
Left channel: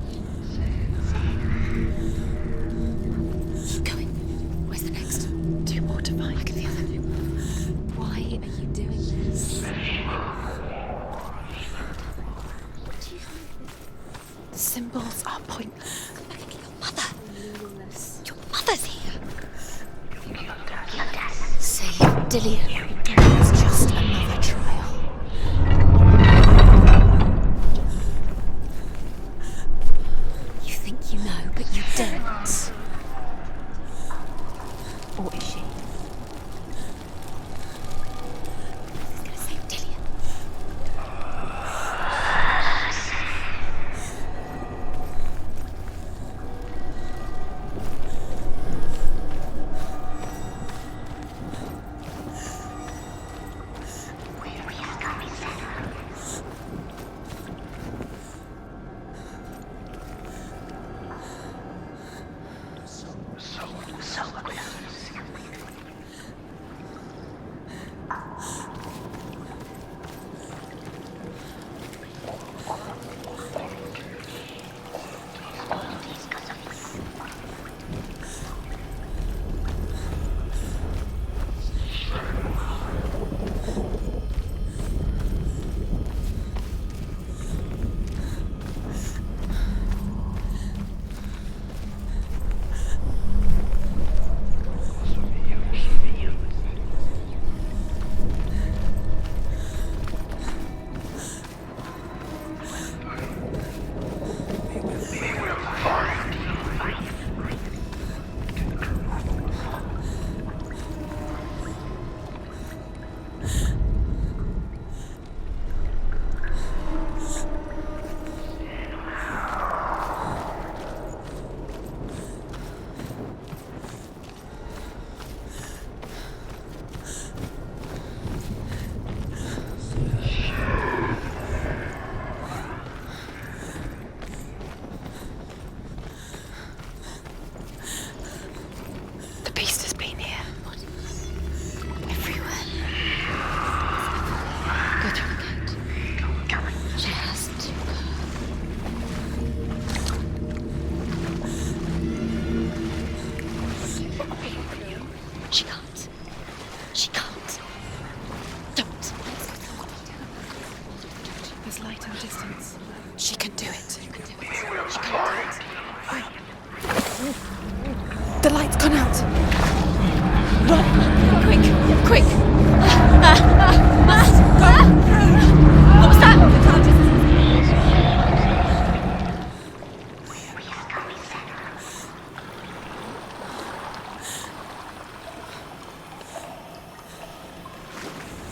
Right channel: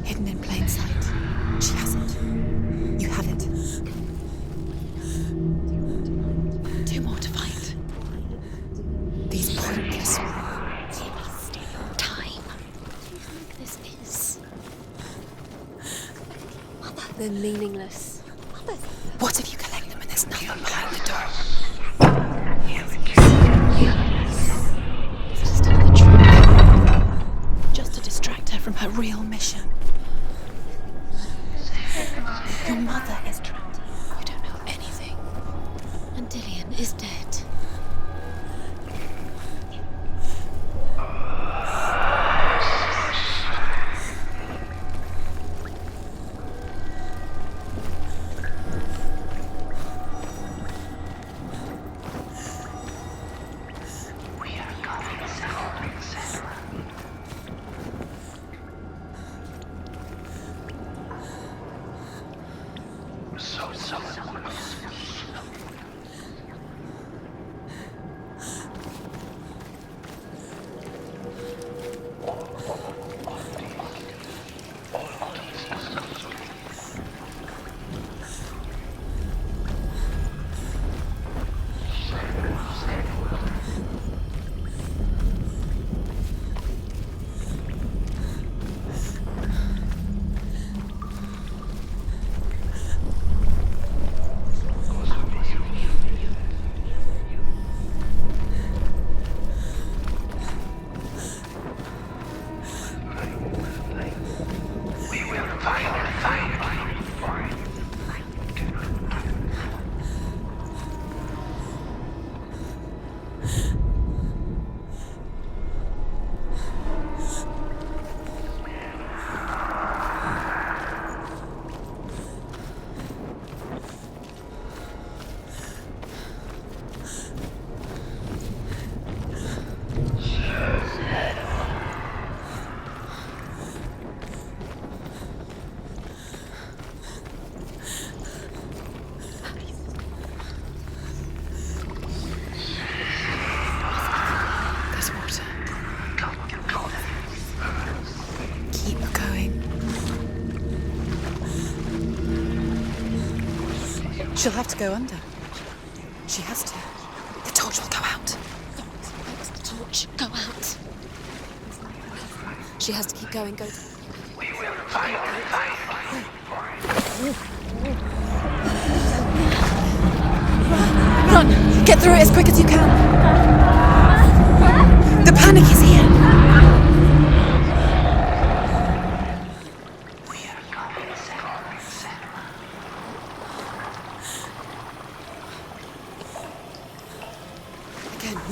Hidden in plain sight. She hasn't. You have it. Going. Where's the next? 2 more to find. Look at the other 2 more to find. Why are you doing this? These pointless time. What do you think this is? The symbols are pointless. Mother. They're meaningless. Your mother's here. What if you collect them and there's nothing behind the door? Say it, Dillian. Just to distract her from her real mission. You think you know, but you don't. Your mother is trapped. You don't know anything. Or is she? And Dillian is dead. Say Dillian. She'll have to go under. She can't. She has to. She can't. The torch will go out. Don't let the torch go out. There's light in the distance. She has to keep going. Do it. The light's gone out. Run! Get through it as quick as you can. The panic is here. What's that?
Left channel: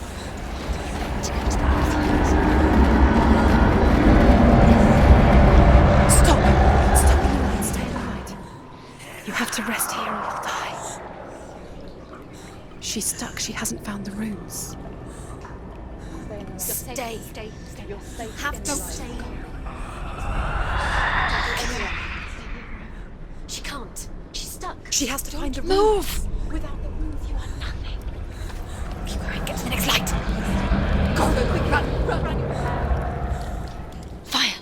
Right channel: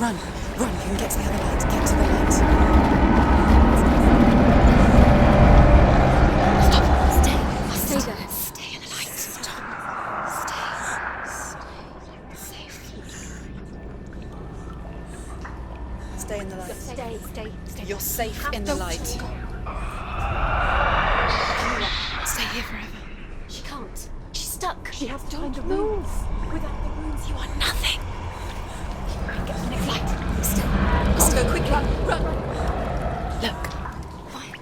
Run and get some light to get to the lights. stuck. She hasn't found the runes. Stay in the light. Stay. You're safe Have in to the light. stay here forever. She can't. She's stuck. She has to find the Move! runes. Without the runes, you are nothing. Get to the next light. Go quick, run. Look. Fire.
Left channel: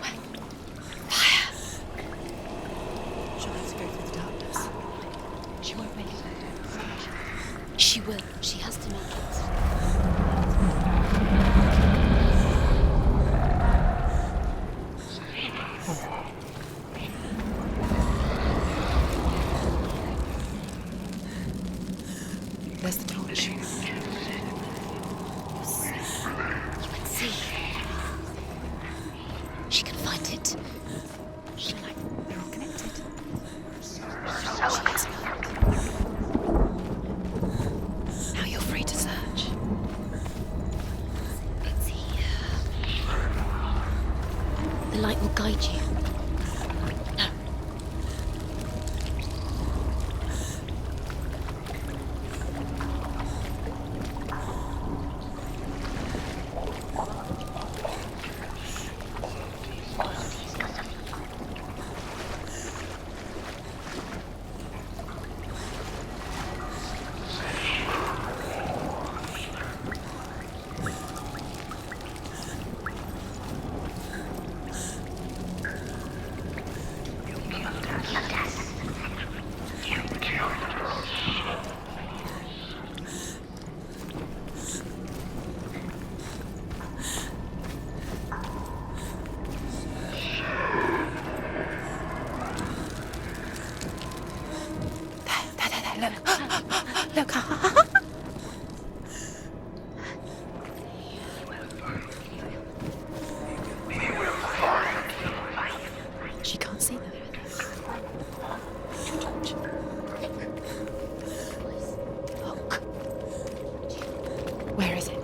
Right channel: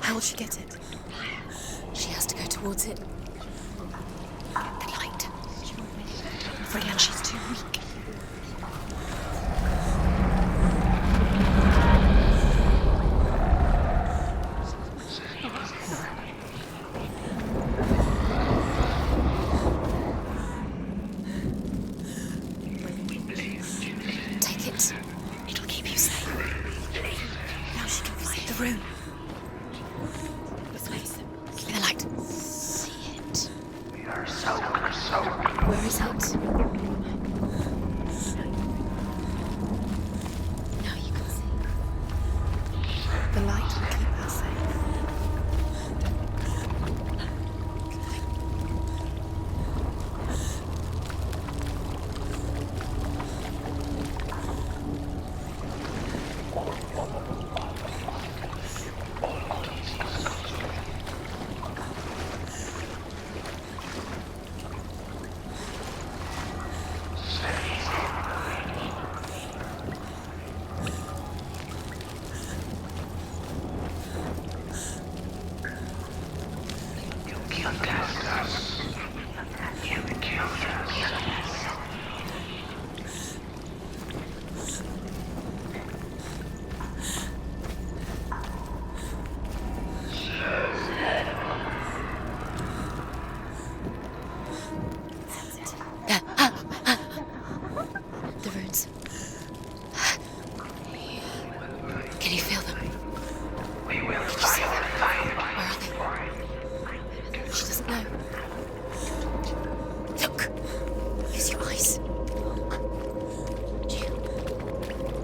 How will she get it? Fire. She has to go towards it. She'll have to go through the darkness. The light. She won't make it. Freya, she's too weak. She will. She has to know it. Where's the torch? Take it. It'll keep you safe. You can see how she can find the rune. She can find it. Keep the light. Where is it? Now you're free to search. Now you can see it's here. The light will keep us safe. The light will guide you. No. Look. The runes. Can you feel them? Where are they? She can't see them. She doesn't know. Look. Use your eyes. Look. Where is it?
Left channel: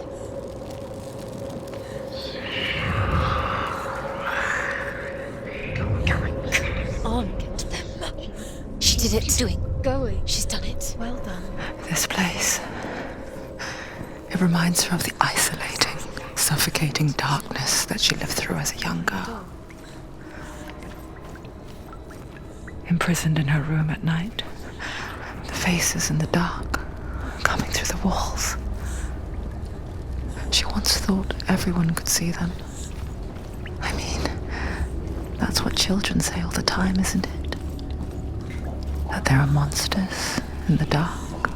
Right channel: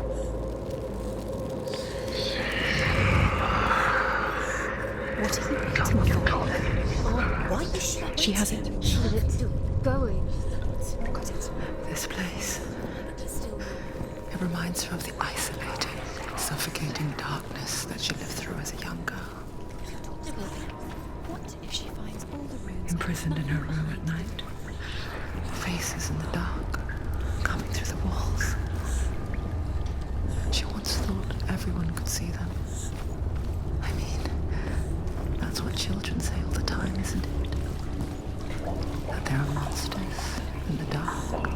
She has it. She did it. Keep doing. Going. She's done it. Well done. This place. It reminds her of the isolating, suffocating darkness that she lived through as a young girl. Imprisoned in her room at night. The faces in the dark, coming through the walls. She once thought everyone could see them. I mean, that's what children say all the time, isn't it? That there are monsters in the dark.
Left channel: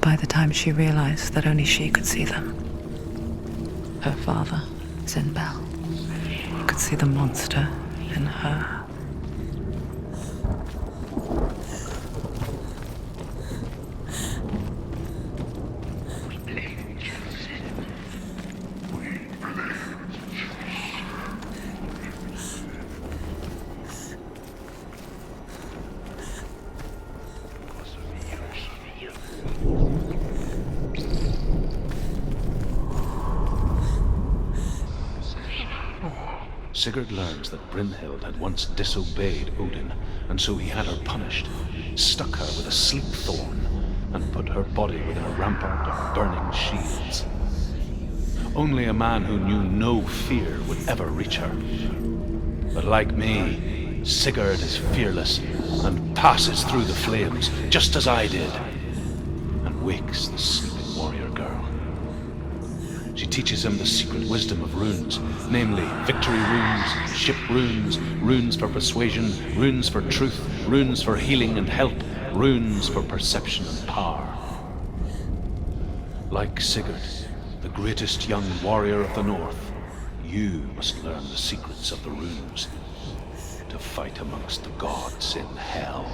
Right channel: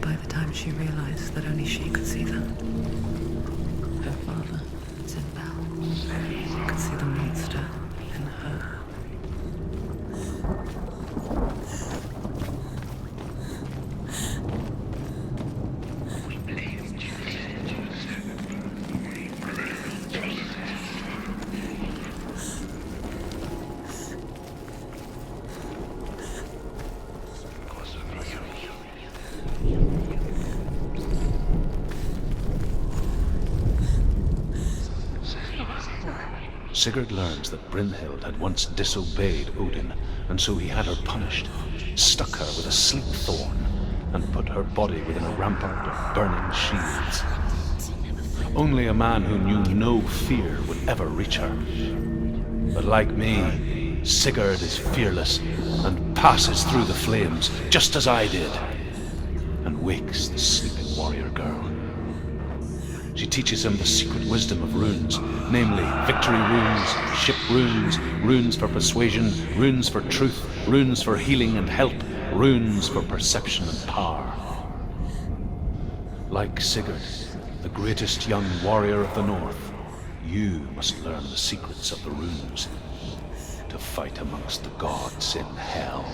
By the time she realized that only she could see them, her father, Zinbel, could see the monster in her. Sigurd learns that Brynhild had once disobeyed Odin, and so he had her punished, stuck her with a sleep thorn, and put her body within a rampart of burning shields. Only a man who knew no fear would ever reach her. But like me, Sigurd is fearless and passes through the flames, just as I did, and wakes the sleeping warrior girl. She teaches him the secret wisdom of runes, namely victory runes, ship runes, runes for persuasion, runes for truth, runes for healing and help, runes for perception and power. Like Sigurd, the greatest young warrior of the North, you must learn the secrets of the runes to fight amongst the gods in hell.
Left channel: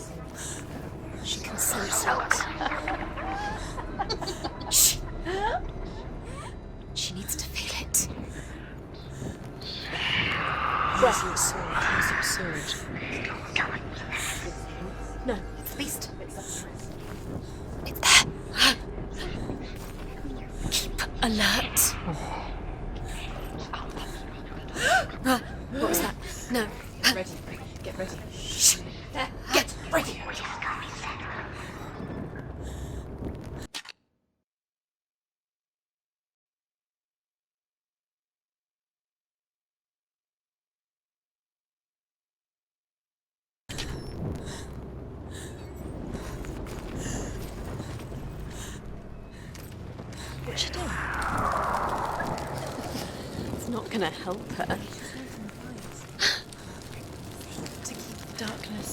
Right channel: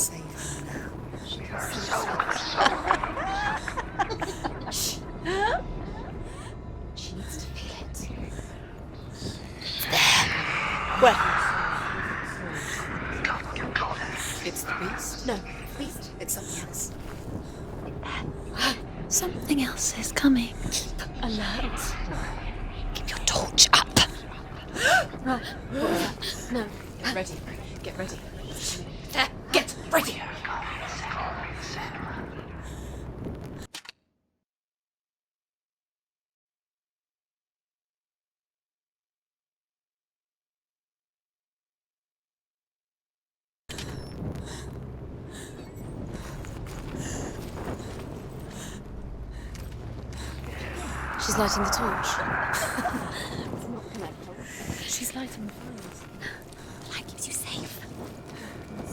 safe. She can sense it. Shh. She needs to feel it. Where? It's absurd. It's the beast. No, it's the beast. It's something else. It's there. Something else is coming. Keep alert. Keep your torch up. What was that? No. Ready. Get ready. There. Get ready. What's she doing? She's lighting the torch. It's not gonna help her. She's lighting the fire. That keeps you safe. To keep the darkness.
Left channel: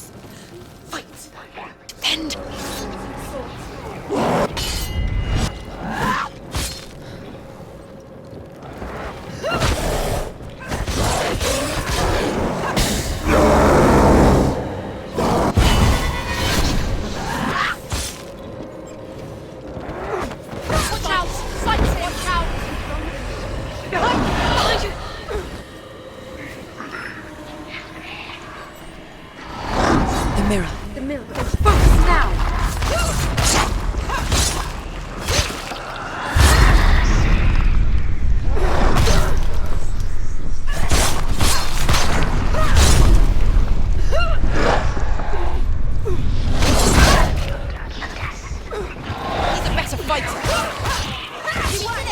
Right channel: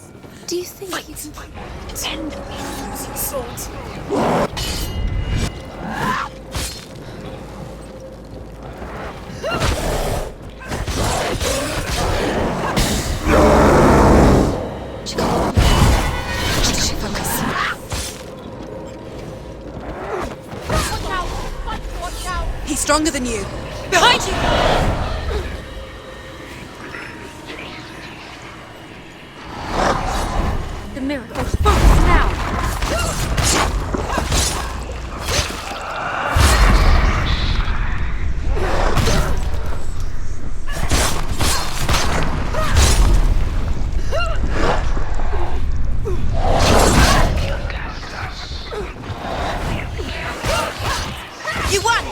Do you think you can defend me using swords? He's stronger than you. Behind you! The mirror. The mirror. Focus now! You won!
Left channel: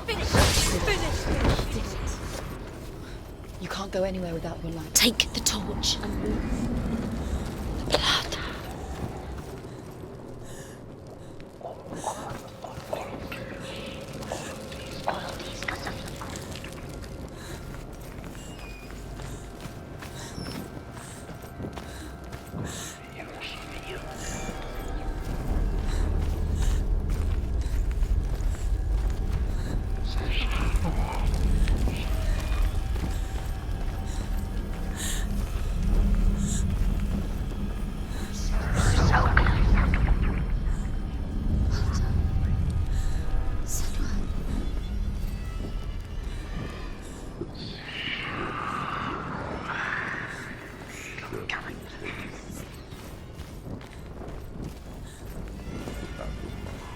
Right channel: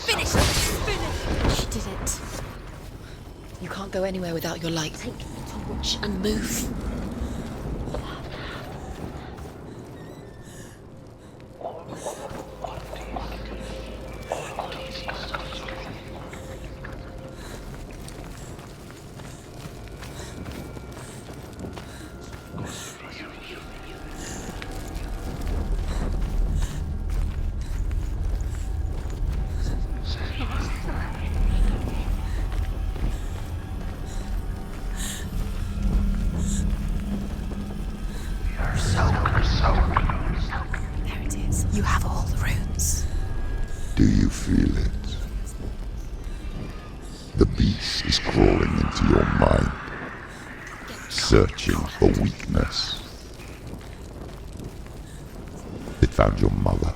Finish! Finish! She did it. You can't go anywhere without your light. Take the torch and move. Blood. There it is. You have all the runes. Do you feel it? The beast is crawling into your mind, searching for weakness. It found your mother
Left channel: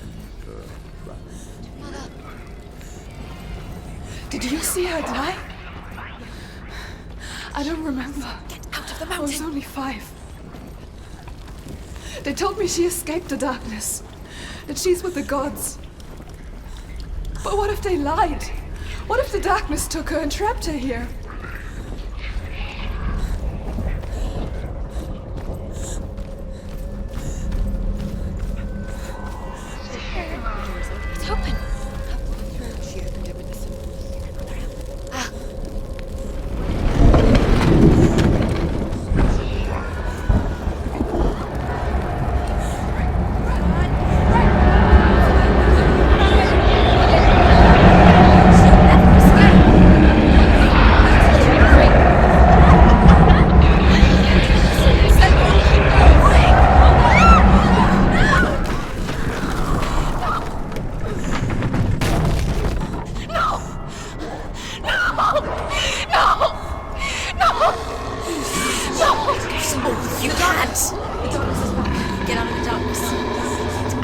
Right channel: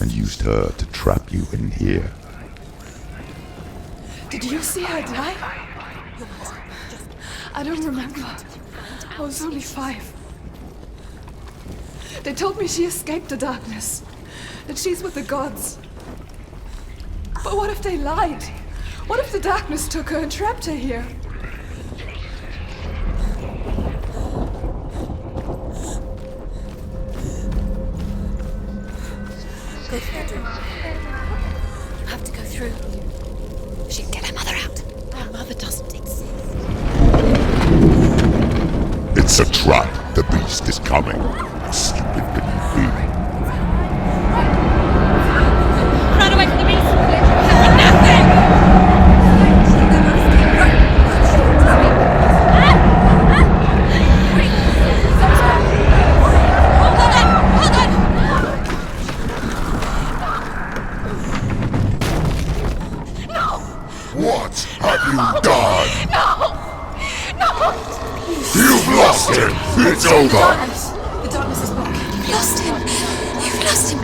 and used her to trap you in here. Did you see her die? I don't remember. I was only 5. They told me she escaped the darkness, that she's with the gods. But what if they lied? What if the darkness took her and trapped her here? It's open. I have to go through. She can get her mother out. Our mother doesn't exist. It's a trap. The beast is coming. Stupid little thing. Run away from the beast! What have you done? No! You've lost it. It's over. The darkness is back. You've lost him. You've lost him.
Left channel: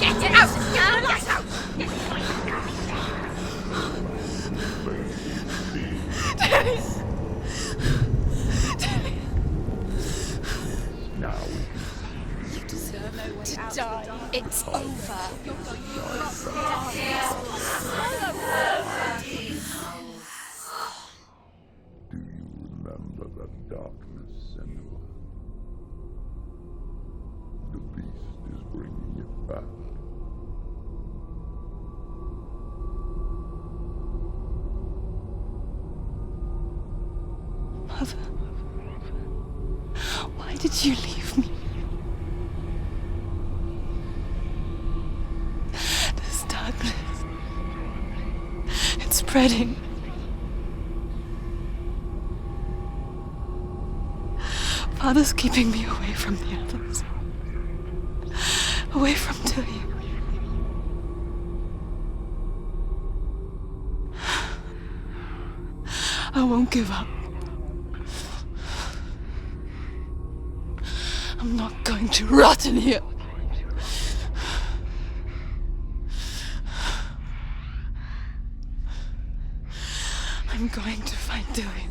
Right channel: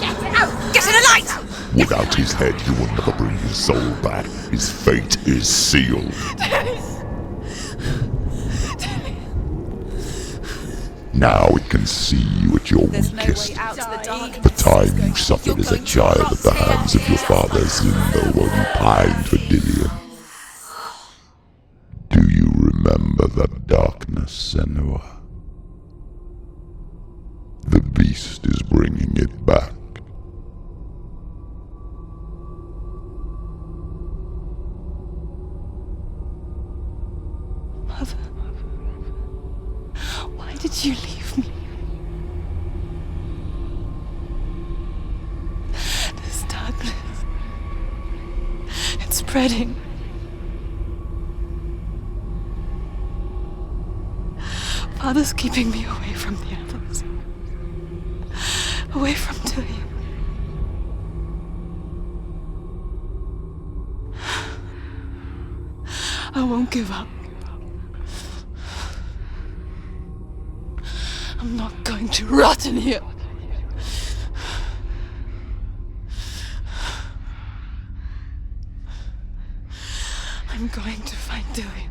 Get it out! Get to the light! Without his head, he will never bring his soul back. His fate is sealed. Now it can see you at your weakest. The time you suffered as a child at the hands of your father Zuno while you pined for Dillion. Do you remember that darkness, Senua? The beast is bringing it back. Mother, why did you leave me? This darkness. spreading. Father's keeping me away from the others. Away from Tilly. I won't give up. I'm not going to rot in here. I'm going to find Tilly.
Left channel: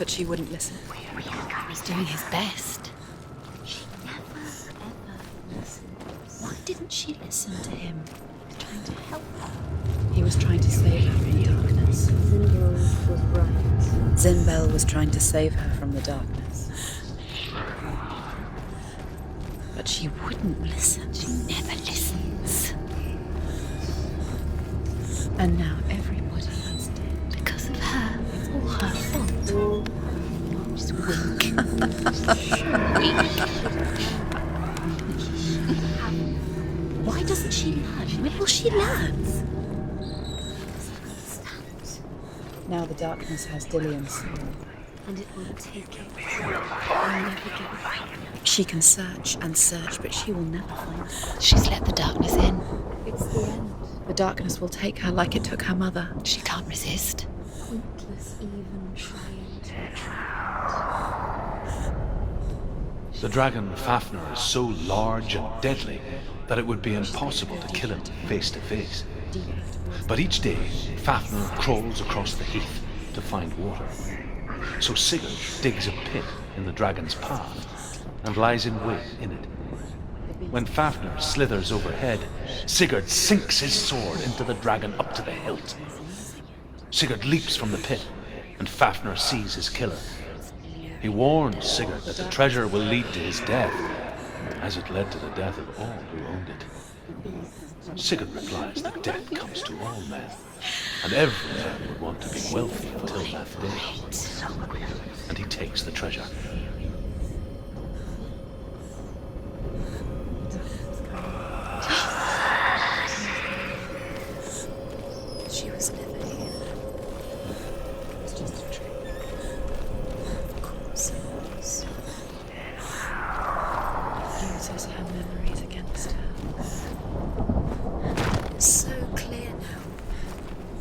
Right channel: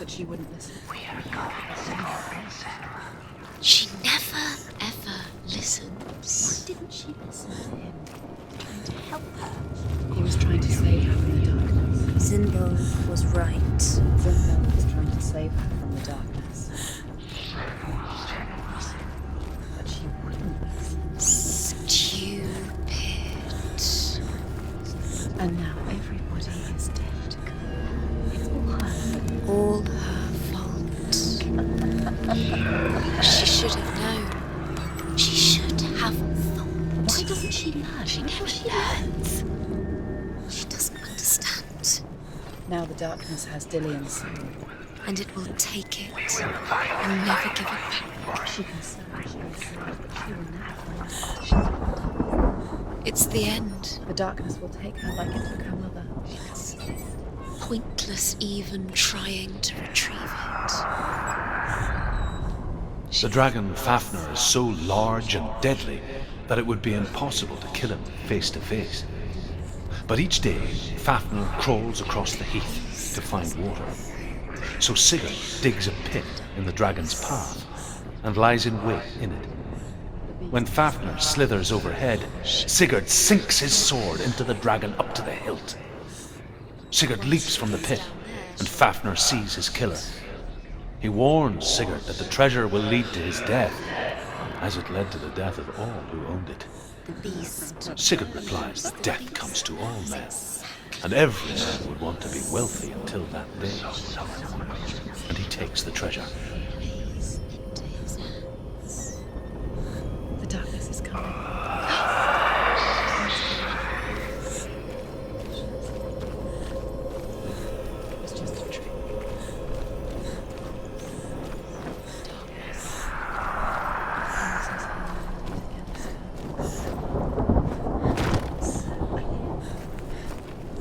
But she wouldn't listen. He was doing his best. She never, ever listens. Why didn't she listen to him? Trying to help her. He was trying to save her from the darkness. Zinbel was right. Zinbel was trying to save her from the darkness. But she wouldn't listen. She never disappeared. And now everybody is dead. Because of her. It's all her fault. All her fault. She should have known. She should have. Why doesn't she learn? When will she learn? She doesn't understand. Now the darkness has Dillian's soul. And it will take it. And never give it back. She can search and search, but she will never find it. She's let the darkness in. It's the end. The darkness will take her like it took her mother. She can't resist. Pointless even trying to retrieve it. The dragon Fafnir is so large and deadly that it would be impossible to kill him face to face. But each day, Fafnir crawls across the heath to find water. So Sigurd digs a pit in the dragon's path and lies in wait in it. When Fafnir slithers overhead, Sigurd sinks his sword into the dragon up to the hilt. Sigurd leaps from the pit, and Fafnir sees his killer. He warns Sigurd that the treasure will lead to his death, as it led to the death of all who owned it. Sigurd replies that death comes to all men, and every man would want to be wealthy until that day. And he takes the treasure. The darkness is coming. She was never here. It was just a trick. Of course it was. He uses her memories against her. So clear now.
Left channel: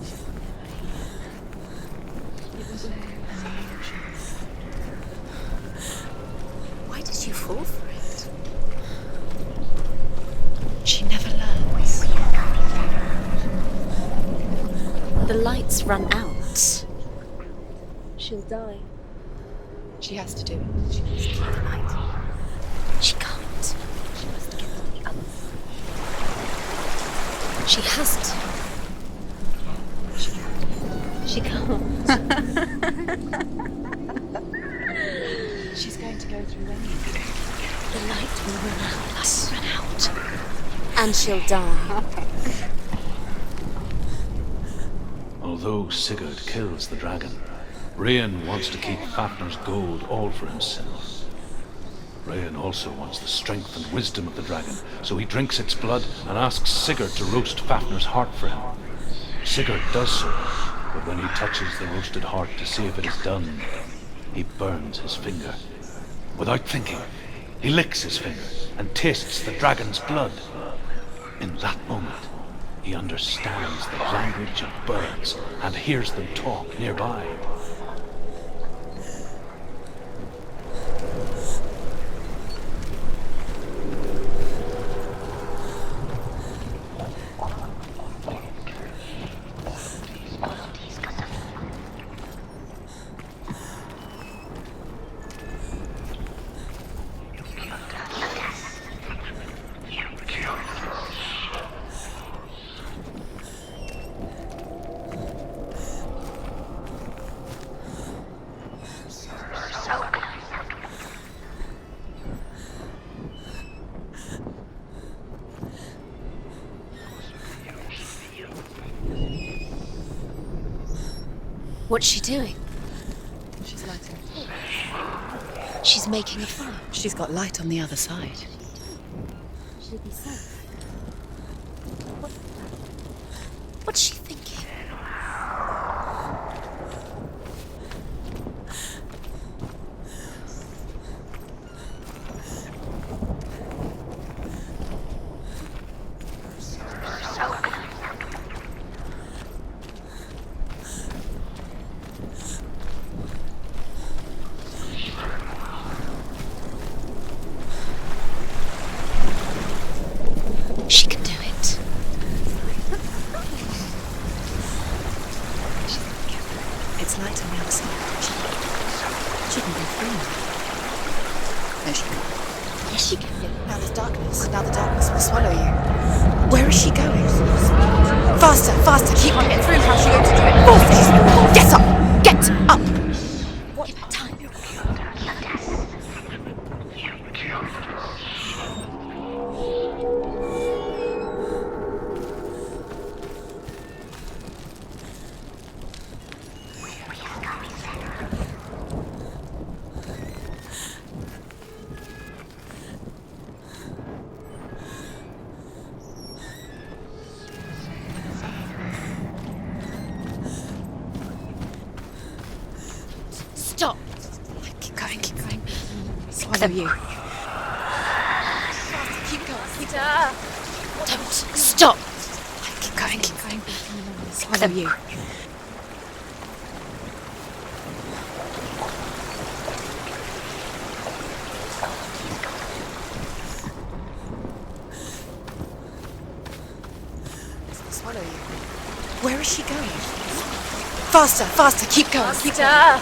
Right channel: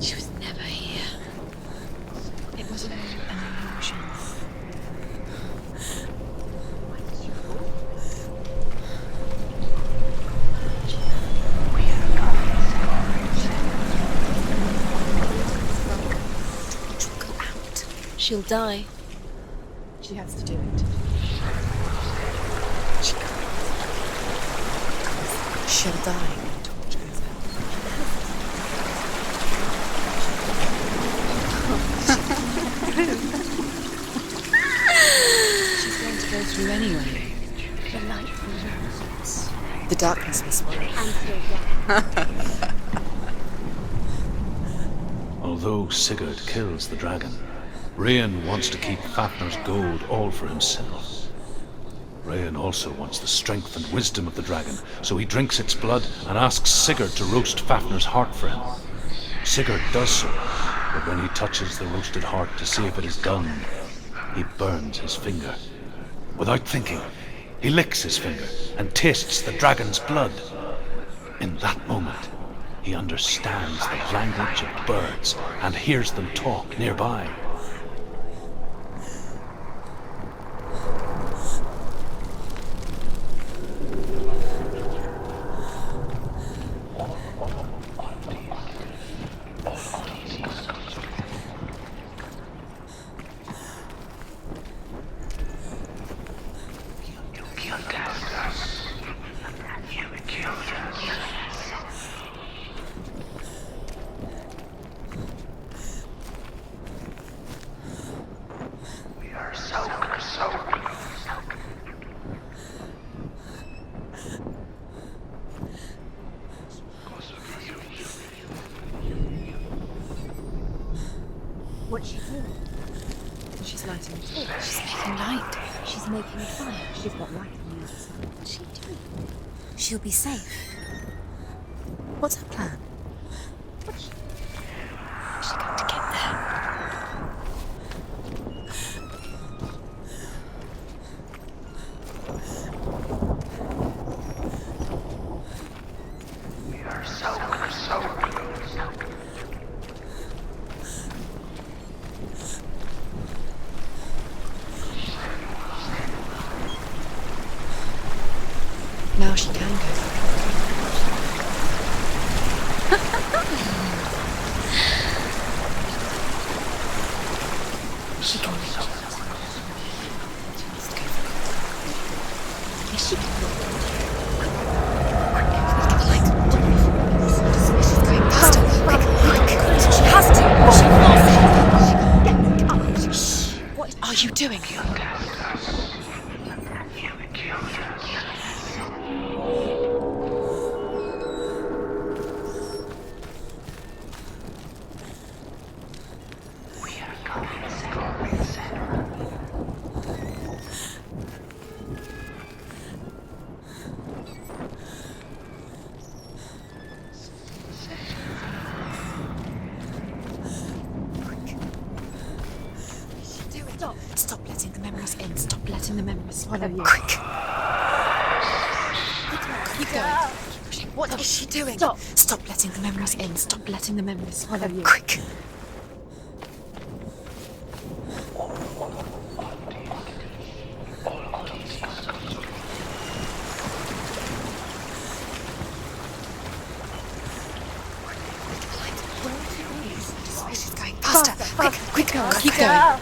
She was never here. It was all an illusion. Why did you fall for it? She never learns. The lights run out. She'll go out. She'll die. She has to do it. She can't. She'll die. She has to. She can't. She's going to go through anyway. The light will run out. The darkness will spoil. And she'll die. Although Sigurd kills the dragon, Rayan wants to keep Fafnir's gold all for himself. Rayan also wants the strength and wisdom of the dragon, so he drinks its blood and asks Sigurd to roast Fafnir's heart for him. Sigurd does so, but when he touches the roasted heart to see if it is done, he burns his finger. Without thinking, he licks his finger and tastes the dragon's blood. In that moment, he understands the language of birds and hears them talk nearby. What's she doing? She's lighting a torch. She's making light. She's making a fire. She's got light on the other side. She'll be safe. What's her plan? What's she thinking? She's got to get there. Now she can. She can do it. Yes, she can. Allow the darkness to swallow you. Like, where is she going? Faster, faster, keep on it. She has to. Get up! Get up! What are you doing? Stop! Stop! Let's keep going. Letting the memory swallow you. Keep going. Keep going. What is she doing? Stop! Stop! Let's keep going. Letting the memory swallow you. Where is she going? Faster, faster, keep going, keep going.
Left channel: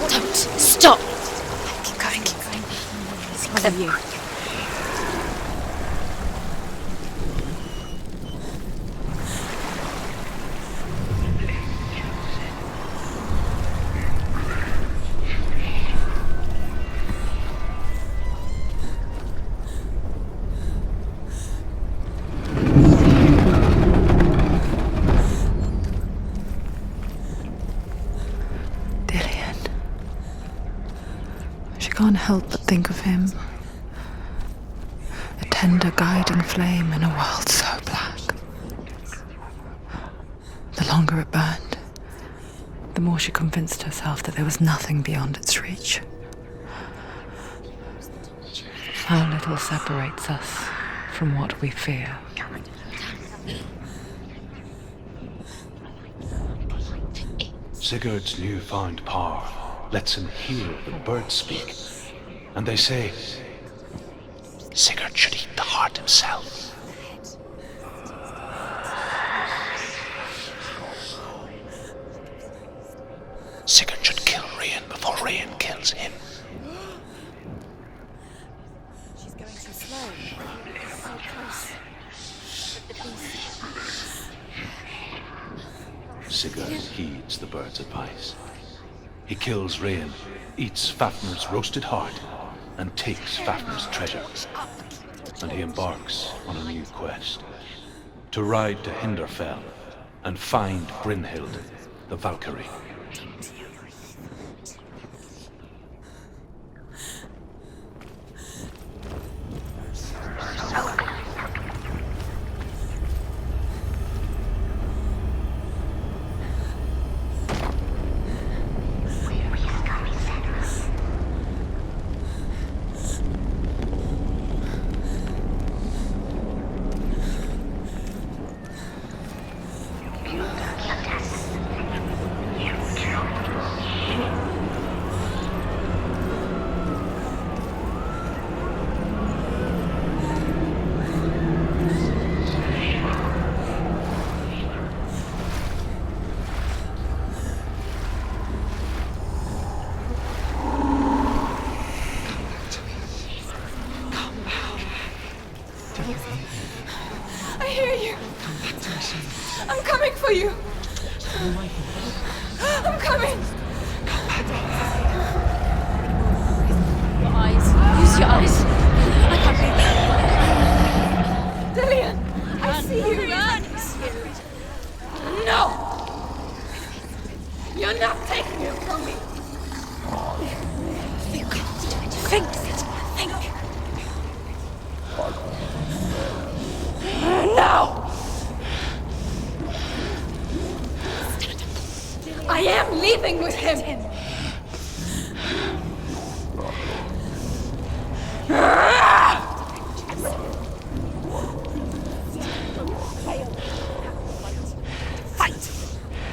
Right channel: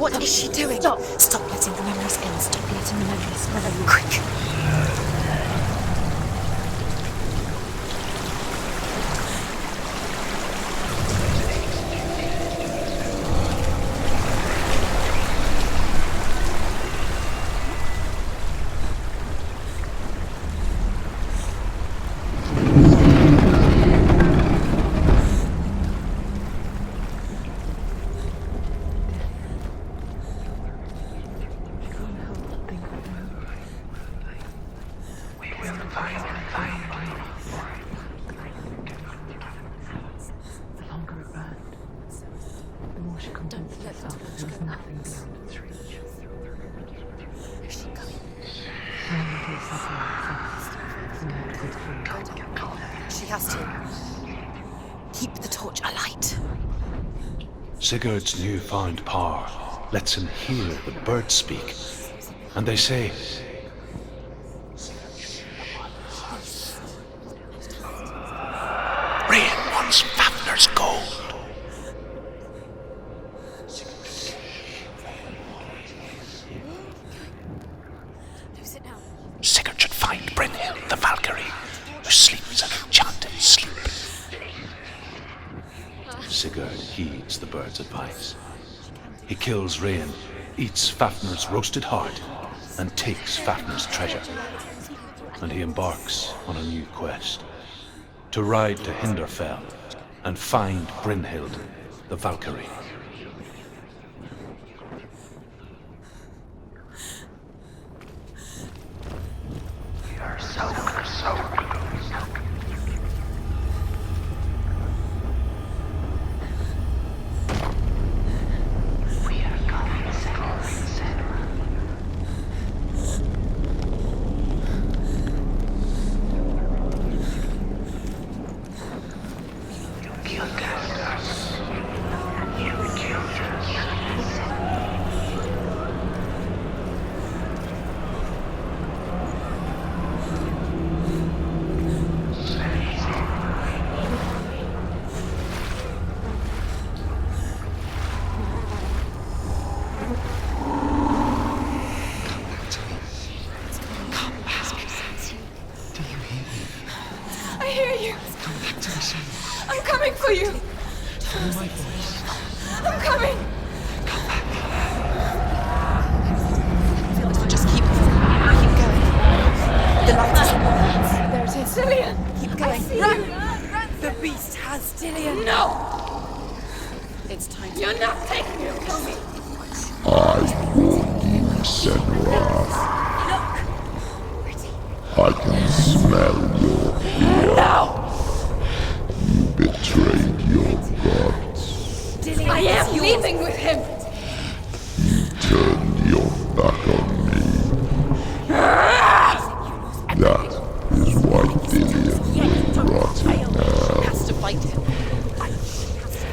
What is she doing? Stop! Stop! Let's keep going. Letting the memory swallow you. She can't help but think of him. A tender guiding flame in a world so black. The longer it burned, the more she convinced herself that there was nothing beyond its reach. How little separates us from what we fear. She has to keep the torch alight. Sigurd's newfound power lets him hear the birds speak. And they say, Sigurd should eat the heart himself. Rain wants Fafnir's gold. Sigurd should kill Rain before Rain kills him. Sigurd should find Brynhild, the Valkyrie, who sleeps an enchanted sleep. Sigurd heeds the bird's advice. He kills Rain, eats Fafnir's roasted heart, and takes Fafnir's treasure. And he embarks on a new quest, to ride to Hinderfell and find Brynhild, the Valkyrie. I'm coming for you. Follow my voice. I'm coming. Come back. Just use your eyes. Cillian, I see you. The beast has Cillian. No. It's time. You're not taking him from me. I warned you, Senua. I can smell your blood. No. You betrayed your god. I am leaving with him. Turn your back on me. That is why Dillian will rot in hell. To fight him. Fight.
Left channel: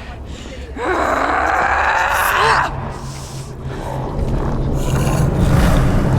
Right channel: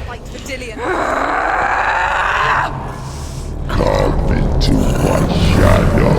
Fight for Dillian. Come into my shadow.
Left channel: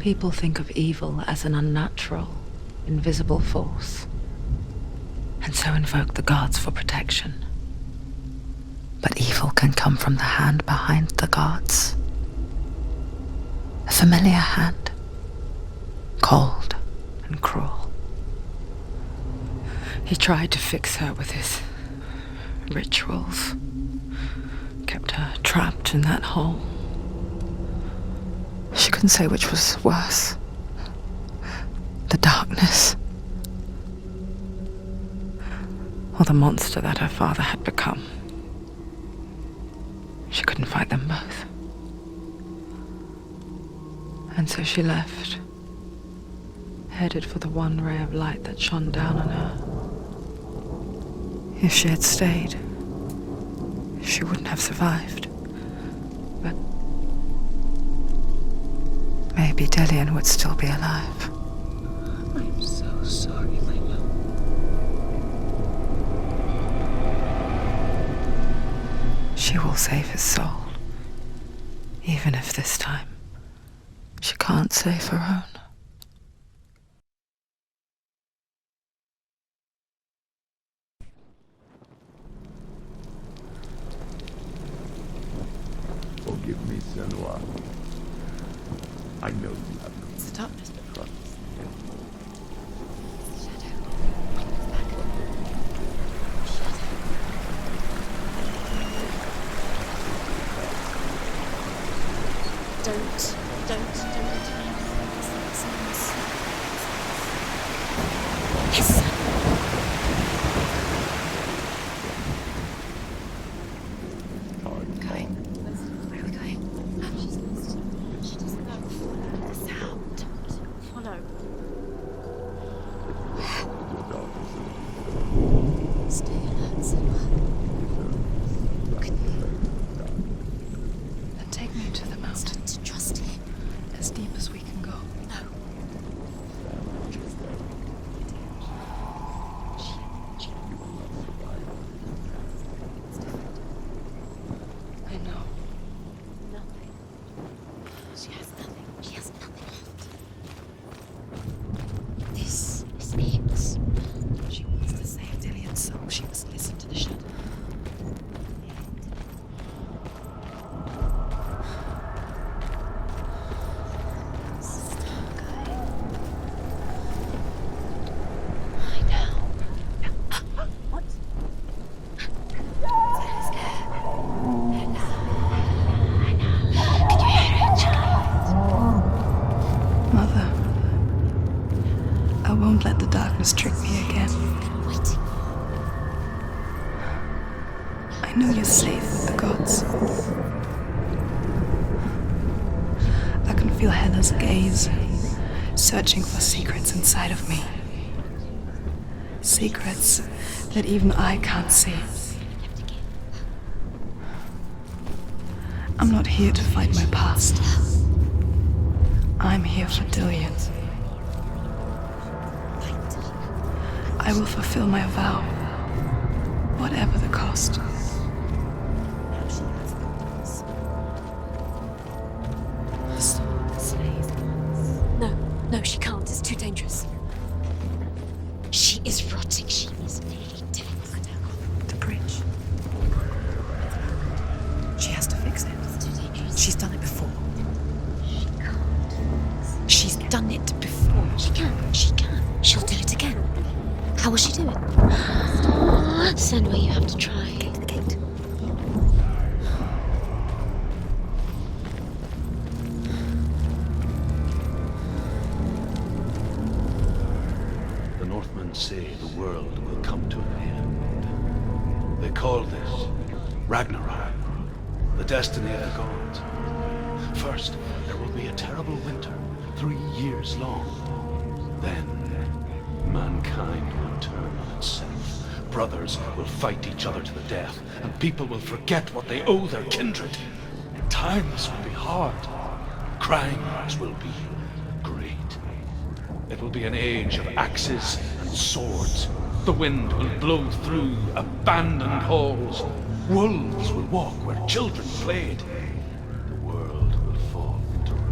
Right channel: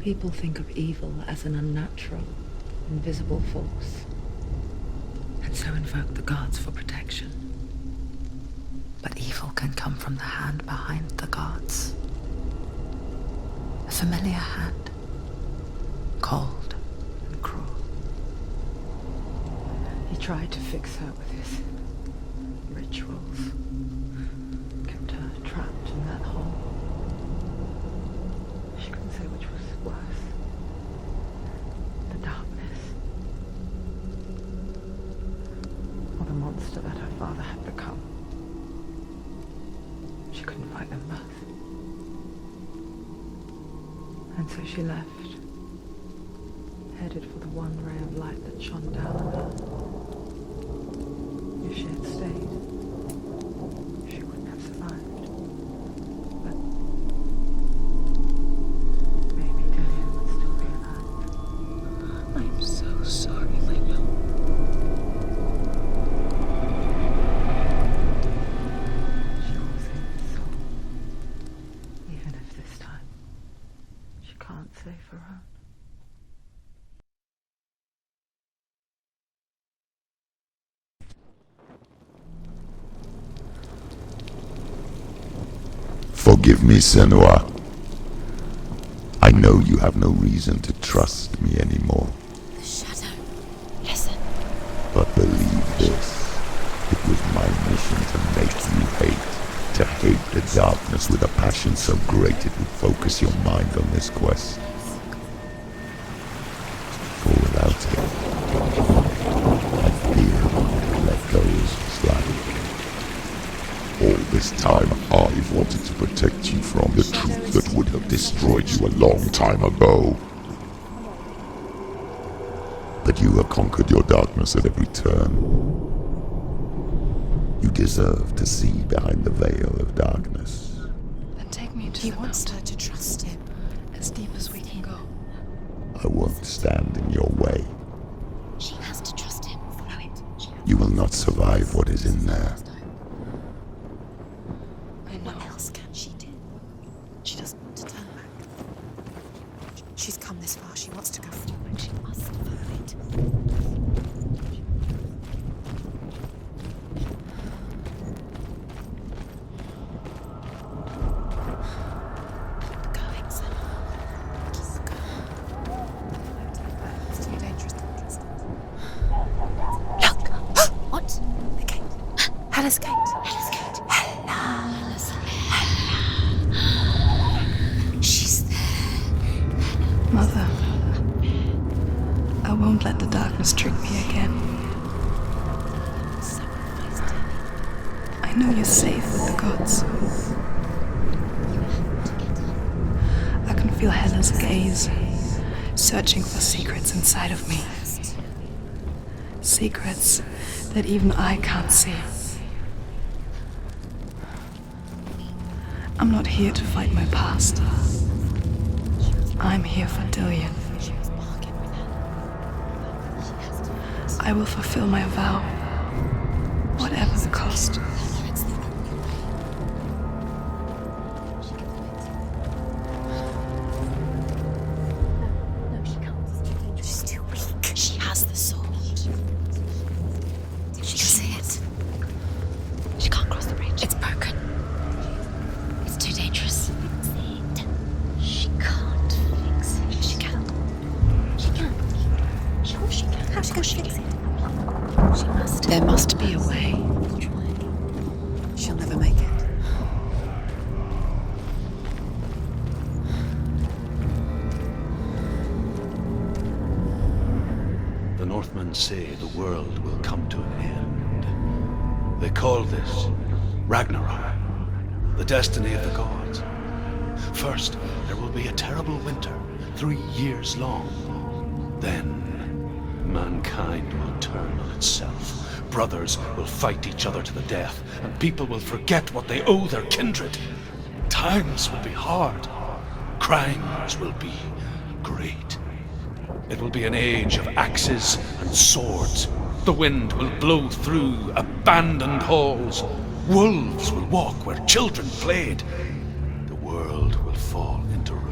People think of evil as an unnatural, invisible force, and so invoke the gods for protection. But evil can come from the hand behind the gods. A familiar hand, cold and cruel. He tried to fix her with his rituals, kept her trapped in that hole. She couldn't say which was worse. The darkness, or the monster that her father had become. She couldn't fight them both. And so she left, headed for the one ray of light that shone down on her. If she had stayed, she wouldn't have survived. But maybe Delian would still be alive. I'm so sorry, my love. She will save his soul, even if this time she can't save her own. Forgive me, Senua. I know you have no reason to trust me anymore. Listen. But believe this. It was my mission to make you hate. To hate the darkness with a passion so great it would focus your mind on this quest. Clear out here. I plead let those stand. All this time I've wanted to protect you from the truth that would have destroyed you a long time ago. But you have conquered your darkness at every turn. You deserve to see behind the veil of darkness. Then take me to the mountain. To trust him. As deep as we can go. I won't stand in your way. She has to trust him. You will not survive what is in there. I know. She did nothing. She doesn't want to tell us. She has nothing. She has nothing. She's come this far. She wants to go. She wants this to escapes. She wants to save Dillian's soul. She must listen to the shadow. What? The gate. Hella's gate. Hella's gate. She's there. Mother, I won't let the darkness trick me again. I know you're safe with the gods. I can feel Hella's gaze, searching for secrets inside of me. Secrets that even I can't see. I'm not here to fight my past. I'm here for Dillian. I will fulfill my vow, whatever the cost. No, she can't. It's too dangerous. It's too weak. She has the soul. She is rotting. She is dead. She can see it. The bridge. She can't cross the bridge. It's broken. She has to fix it. It's too dangerous. She's done it before. She can't fix it. She's done it before. She can. She can. She'll do it again. How will she do it? There must be a way. You have to try. She'll never make it. The Northmen say the world will come to an end. They call this Ragnarok, the destiny of the gods. First, there will be a terrible winter, 3 years long. Then, mankind will turn on itself. Brothers will fight each other to the death, and people will forget what they owe their kindred. Times will be hard. Crimes will be great. It will be an age of axes and swords. The wind will blow through abandoned halls. Wolves will walk where children played. The world will fall into ruin.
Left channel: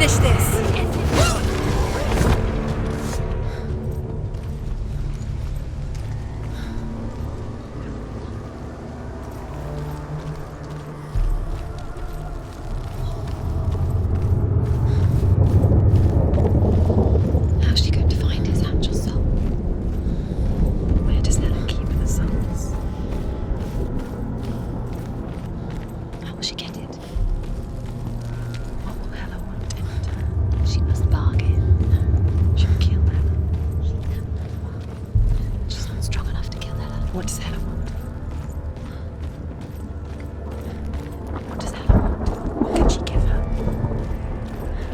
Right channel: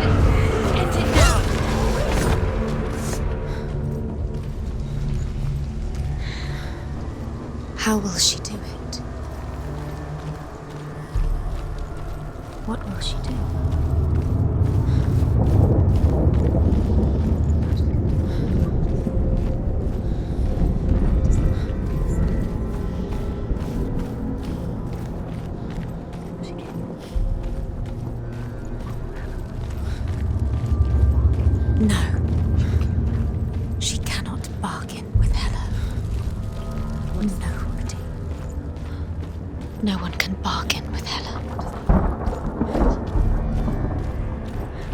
finish this. How will she do it? What will she do? How's she going to find his actual soul? Where does Helen keep her souls? How will she get it? What will Helen want in it? She must bargain. No. She'll kill him. She cannot bargain with Helen. She's not strong enough to kill Helen. What does Helen want? No one can bargain with Helen. What does Helen want? What can she give her?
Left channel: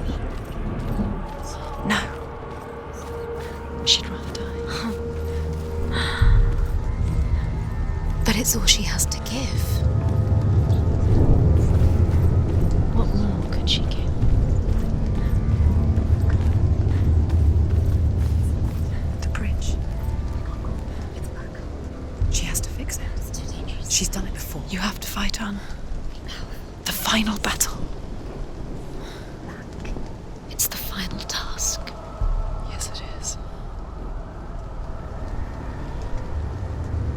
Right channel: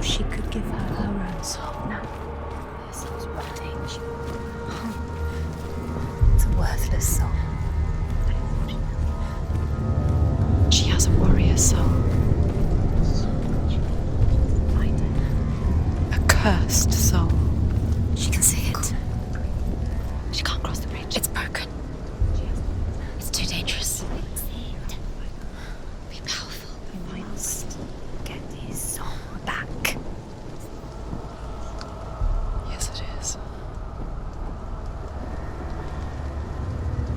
She could give her her own soul. No. She'd rather die. It's a worthless soul. But it's all she has to give. She has a warrior soul. What more could she give? A cursed soul. She can see it. The bridge. She can't cross the bridge. It's broken. She has to fix it. It's too dangerous. She's done it before. You have to fight on. Be powerful. The final battle. Get his soul back. It's the final task. Yes, it is.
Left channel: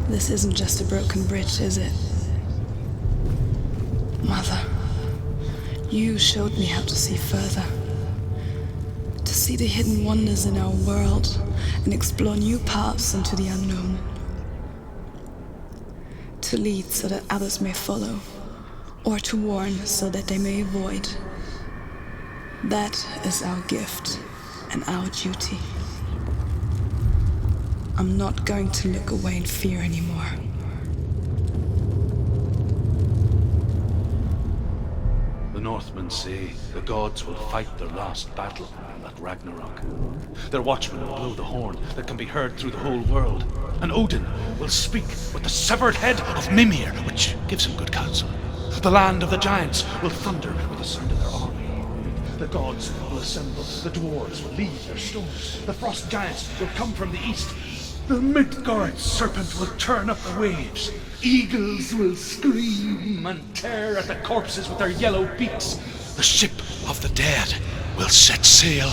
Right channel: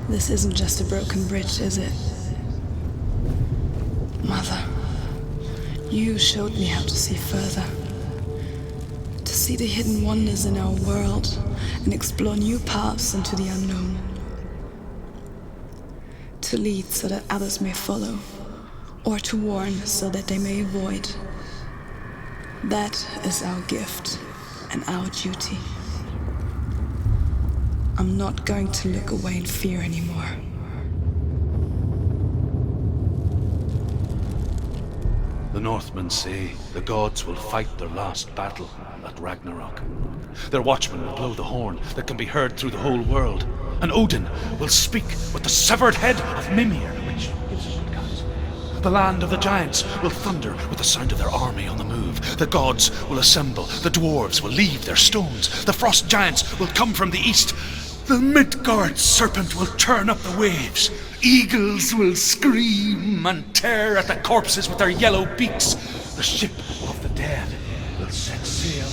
This isn't just a broken bridge, is it? Mother, you showed me how to see further. To see the hidden wonders in our world and explore new paths into the unknown. To lead so that others may follow, or to warn so that they may avoid. That is our gift and our duty. I'm not going to look away in fear anymore. The Northmen say the gods will fight their last battle at Ragnarok. Their watchmen will blow the horn that can be heard through the whole world. And Odin will speak with the severed head of Mimir, which gives him good counsel. The land of the giants will thunder with the sound of their army on the move. The gods will assemble. The dwarves will leave their stones. The frost giants will come from the east. The Midgard serpent will turn up the waves. Eagles will scream and tear at the corpses with their yellow beaks. The ship of the dead will set sail.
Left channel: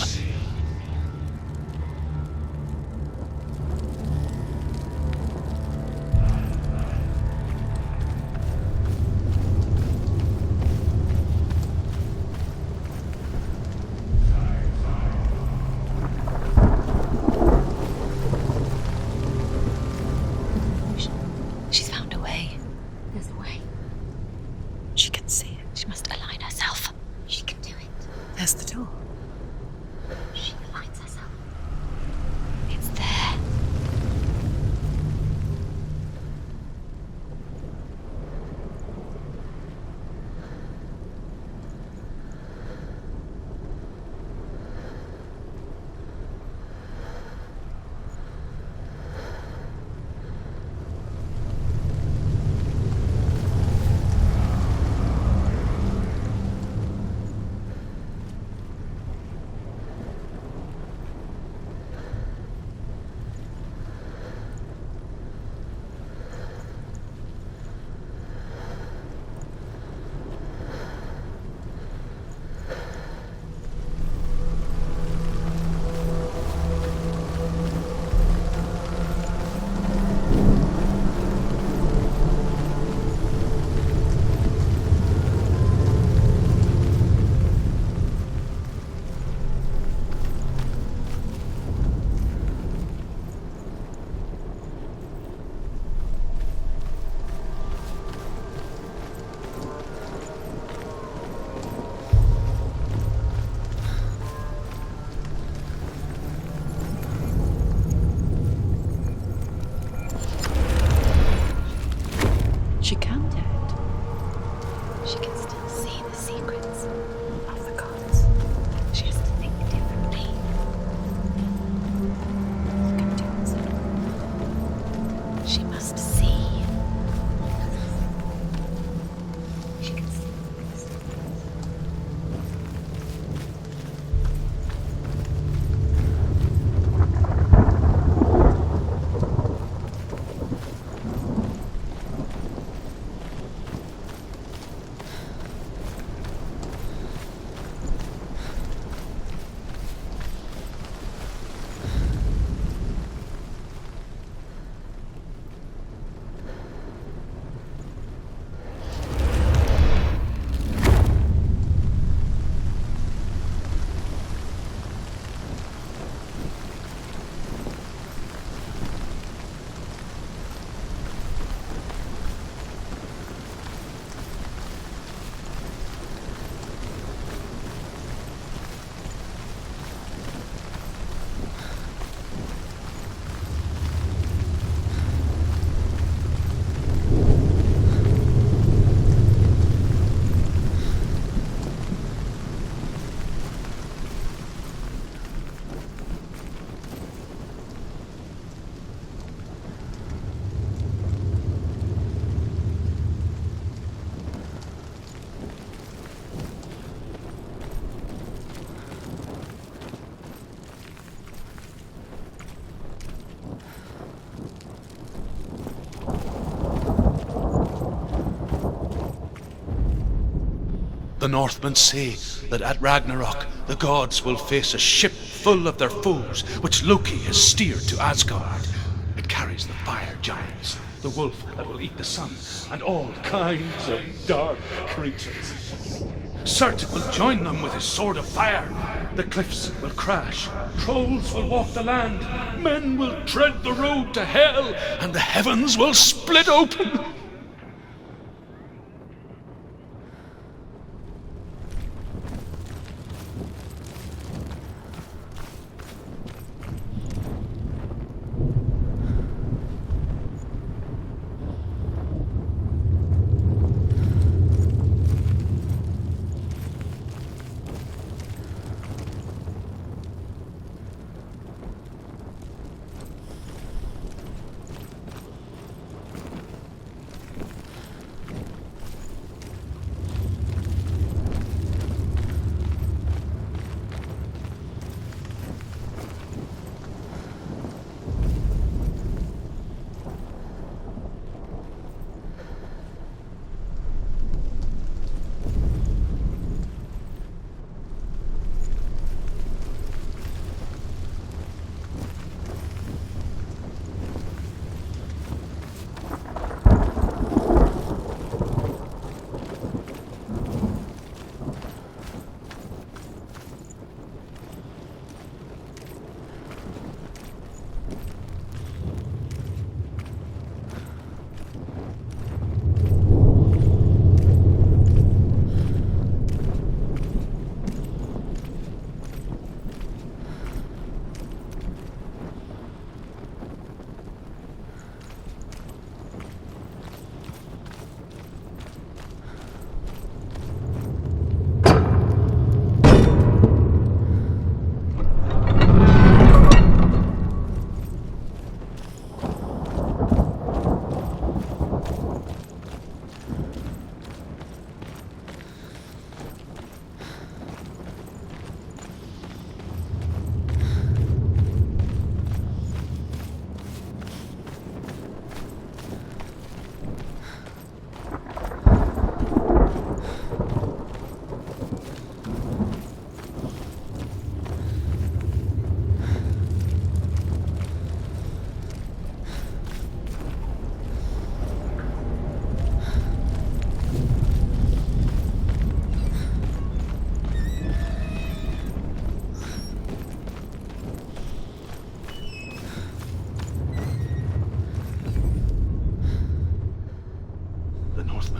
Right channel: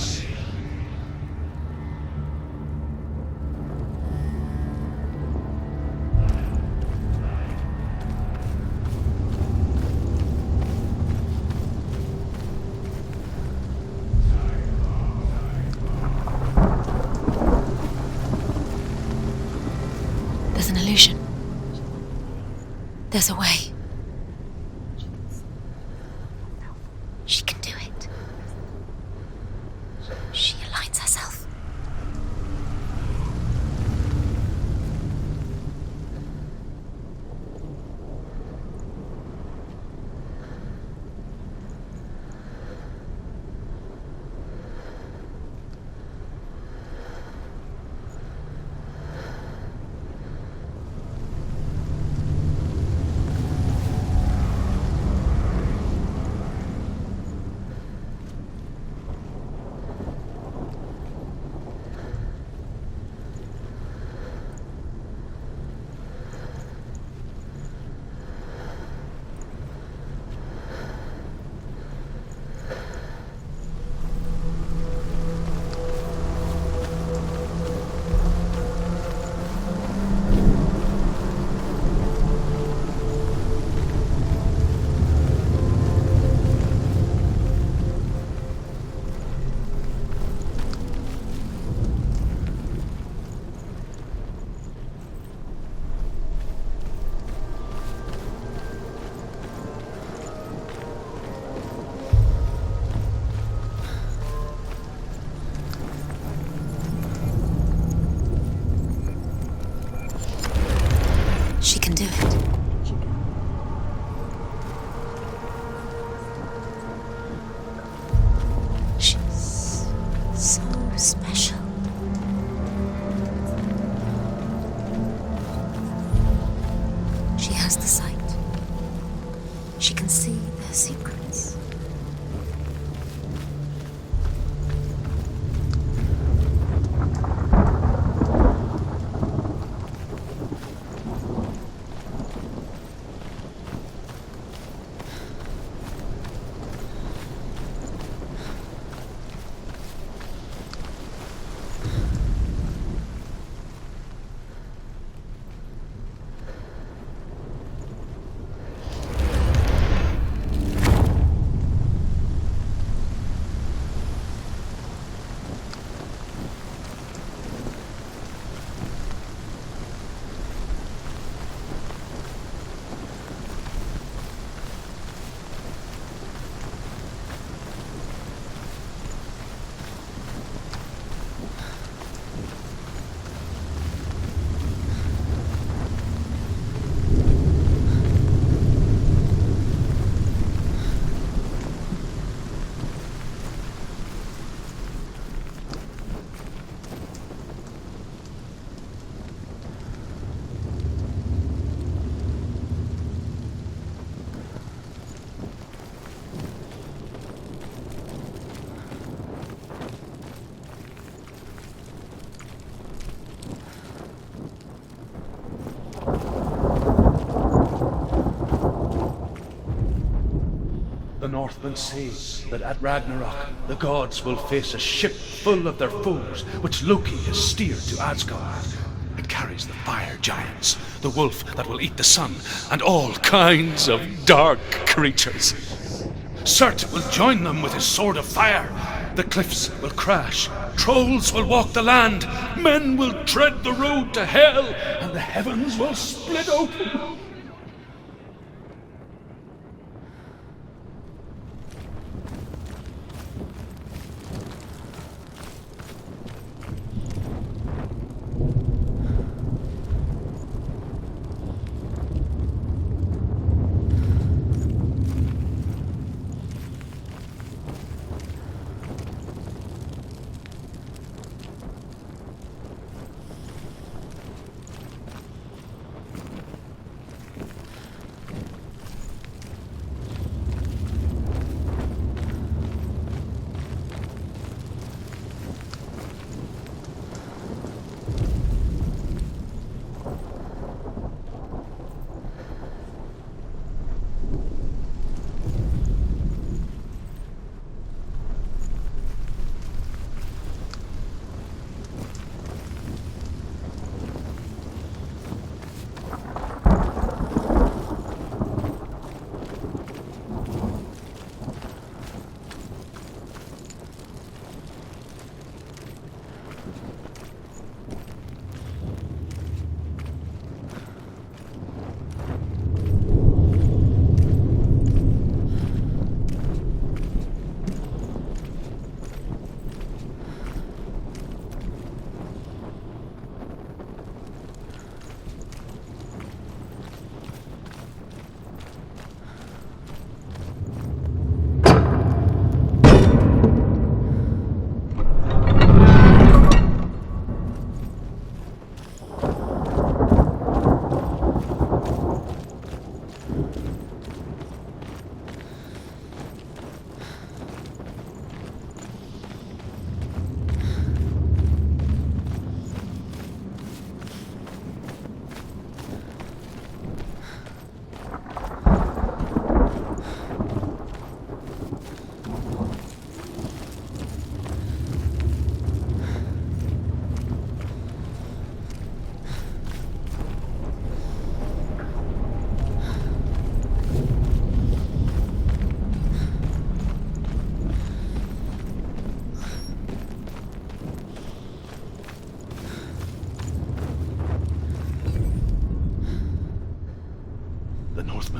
There's an illusion. She's found a way. There's a way. She can see it. She must align herself. She can do it. There's the door. She aligns herself. It's there. The Northmen say that at Ragnarok the gods will face a ship full of their foes, which Loki has steered to Asgard. It carries the fire giants, the wolf that will eat the sun, and all kinds of dark creatures. Surt will join them with his sword of fire. The cliffs will crash, trolls will walk the land, men will tread the road to hell, and the heavens will split open.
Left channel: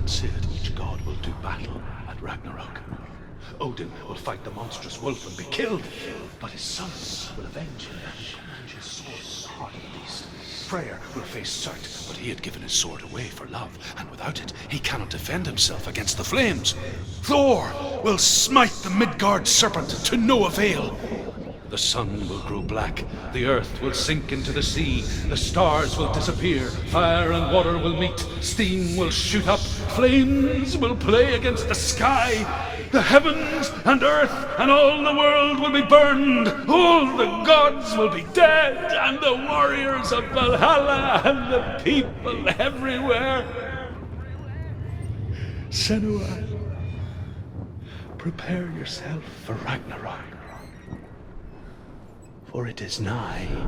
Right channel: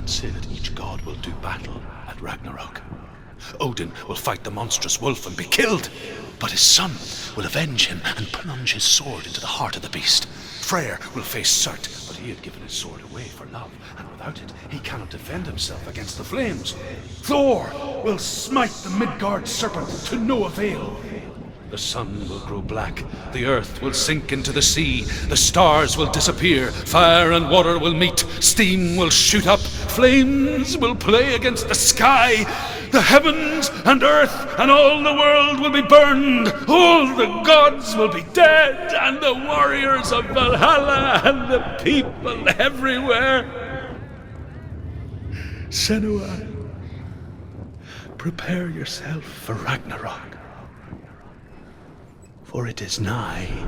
Say that each god will do battle at Ragnarok. Odin will fight the monstrous wolf and be killed, but his son will avenge him and plunge his sword into the heart of the beast. Freyr will face Surt, but he had given his sword away for love, and without it, he cannot defend himself against the flames. Thor will smite the Midgard serpent to no avail. The sun will grow black, the earth will sink into the sea, the stars will disappear, fire and water will meet, steam will shoot up, flames will play against the sky, the heavens and earth and all the world will be burned, all the gods will be dead, and the warriors of Valhalla and the people everywhere. Senua, prepare yourself for Ragnarok, for it is nigh.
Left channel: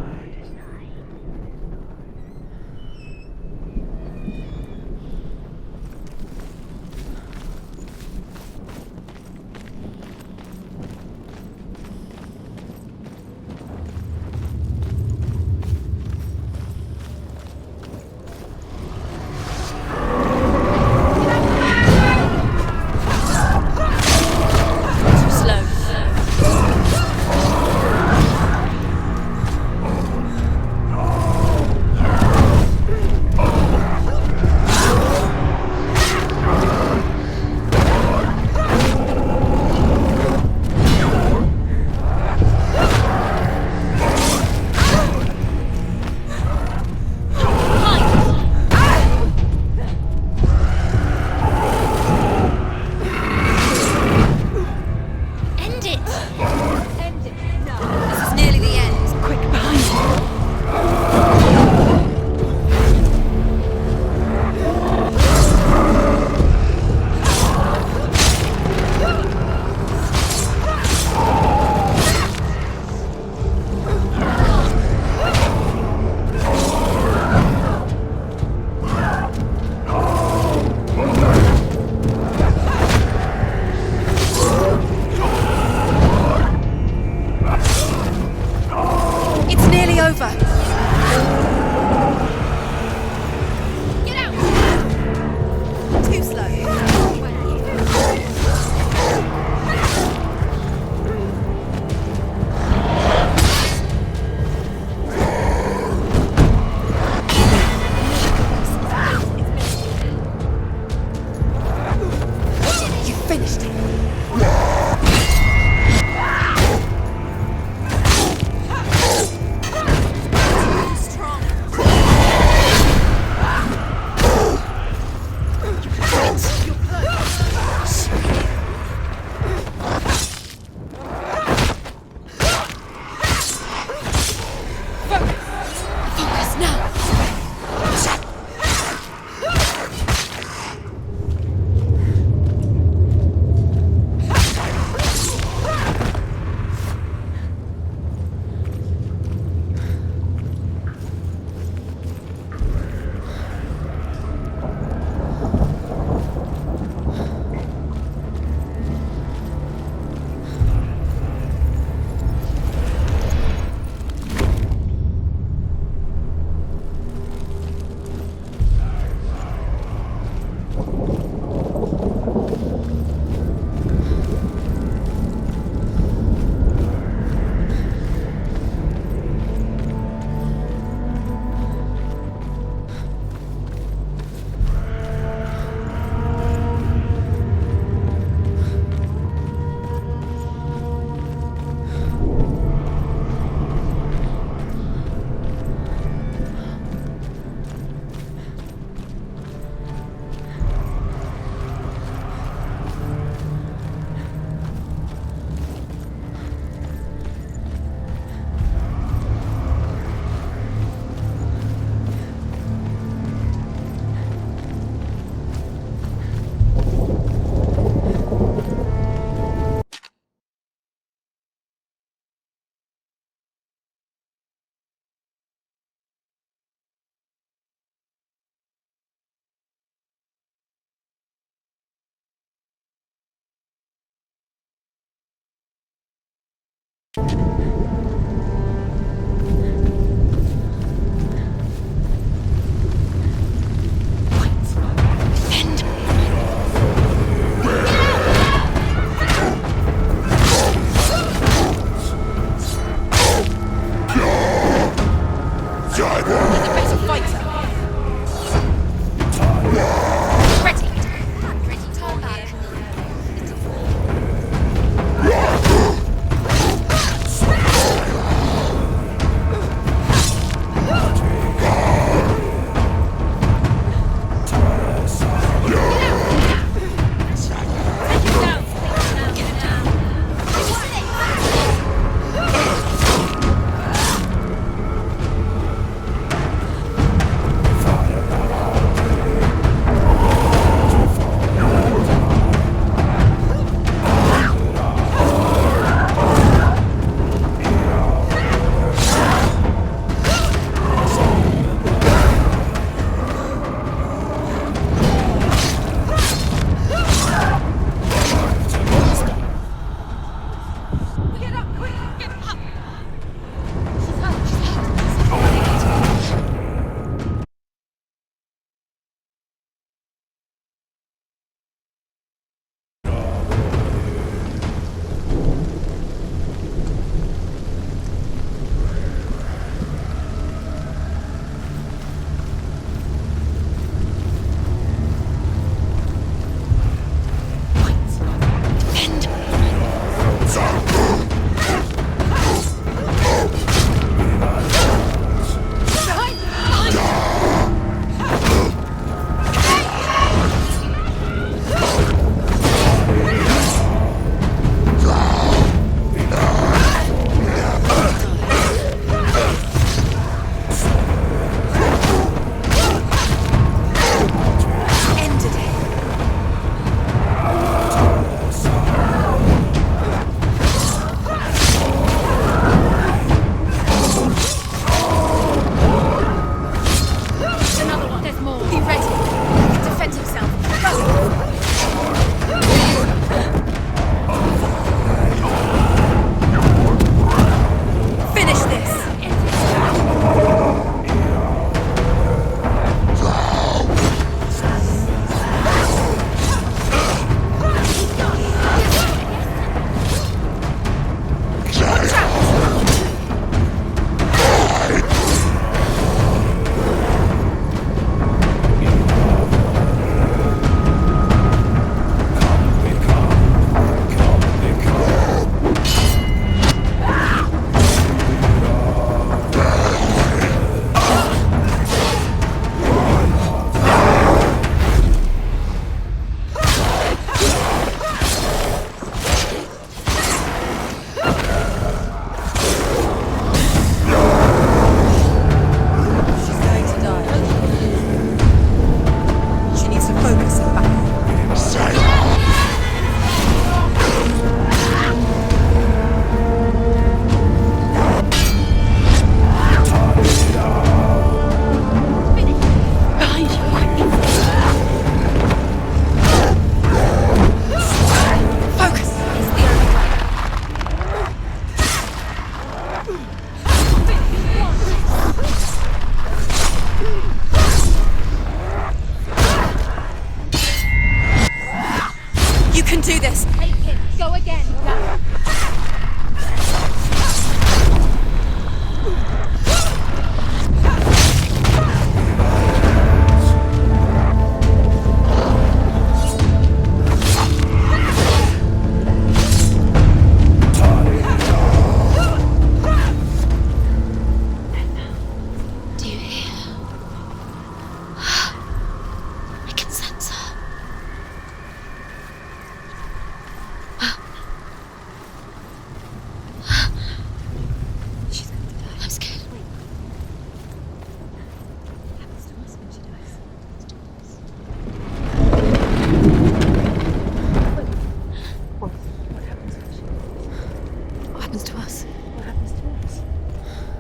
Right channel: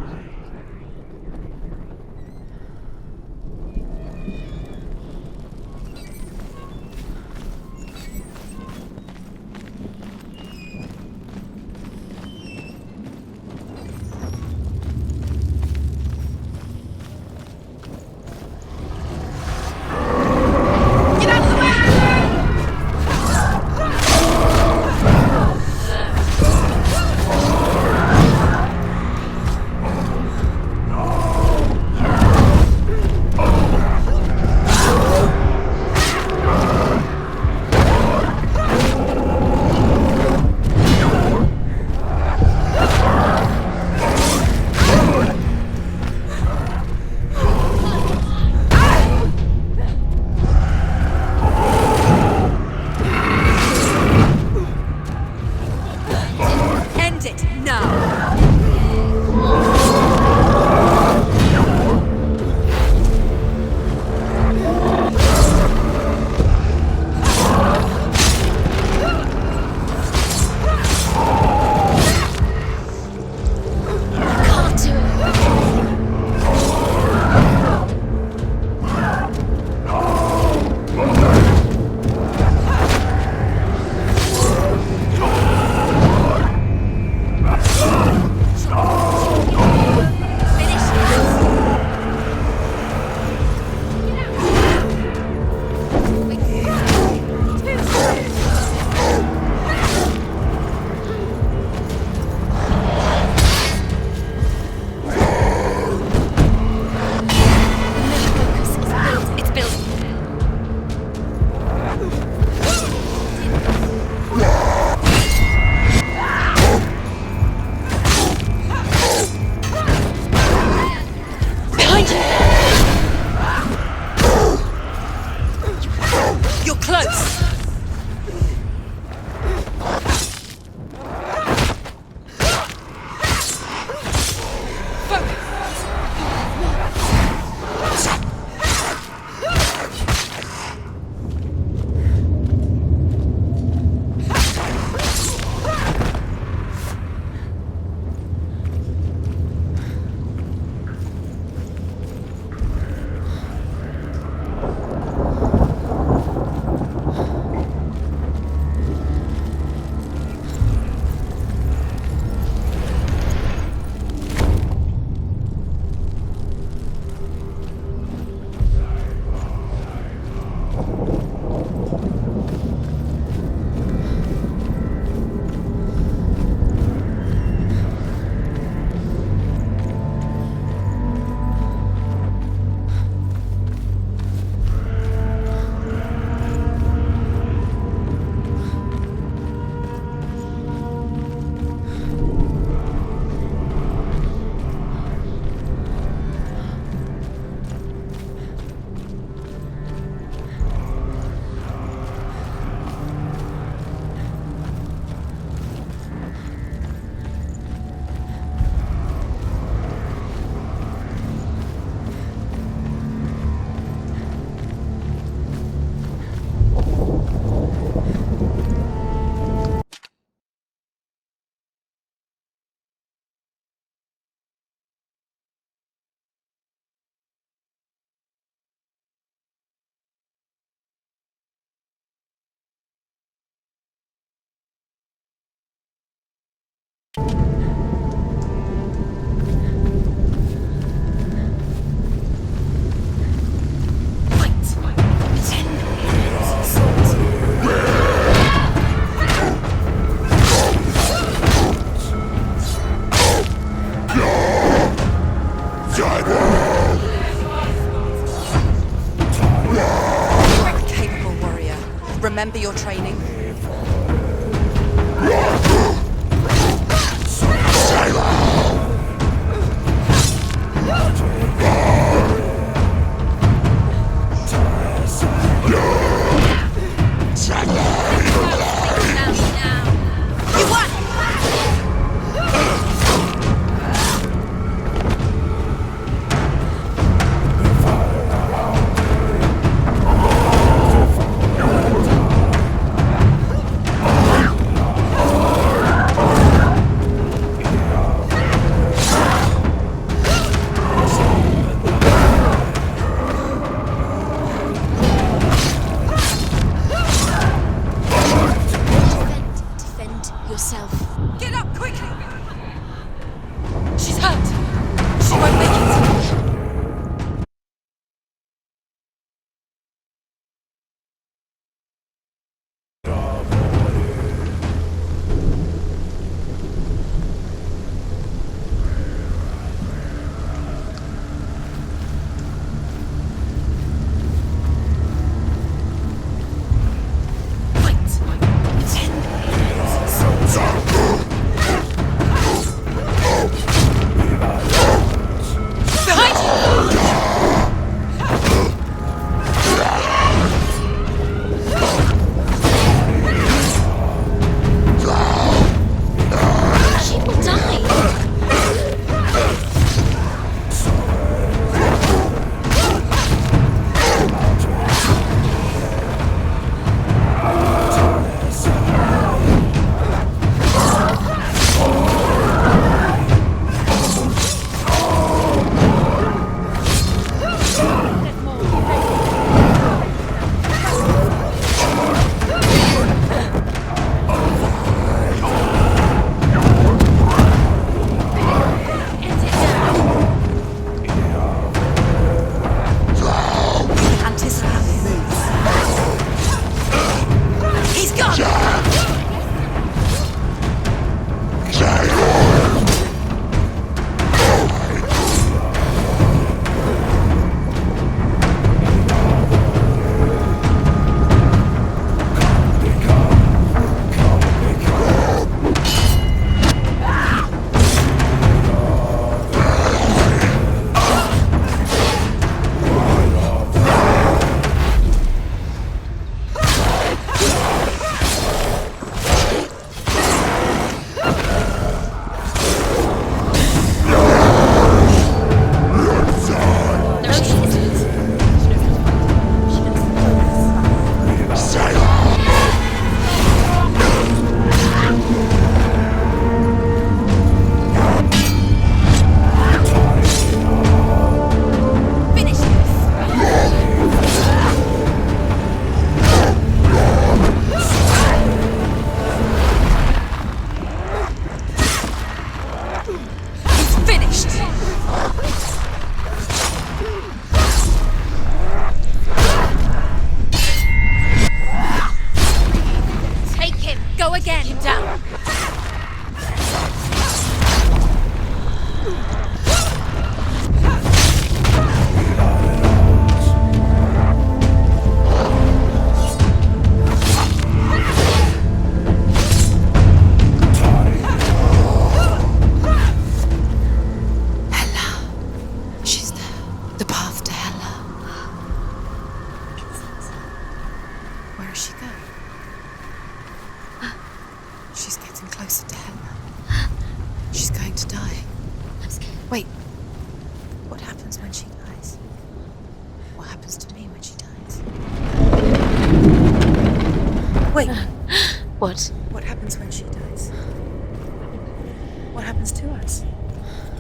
happens to us?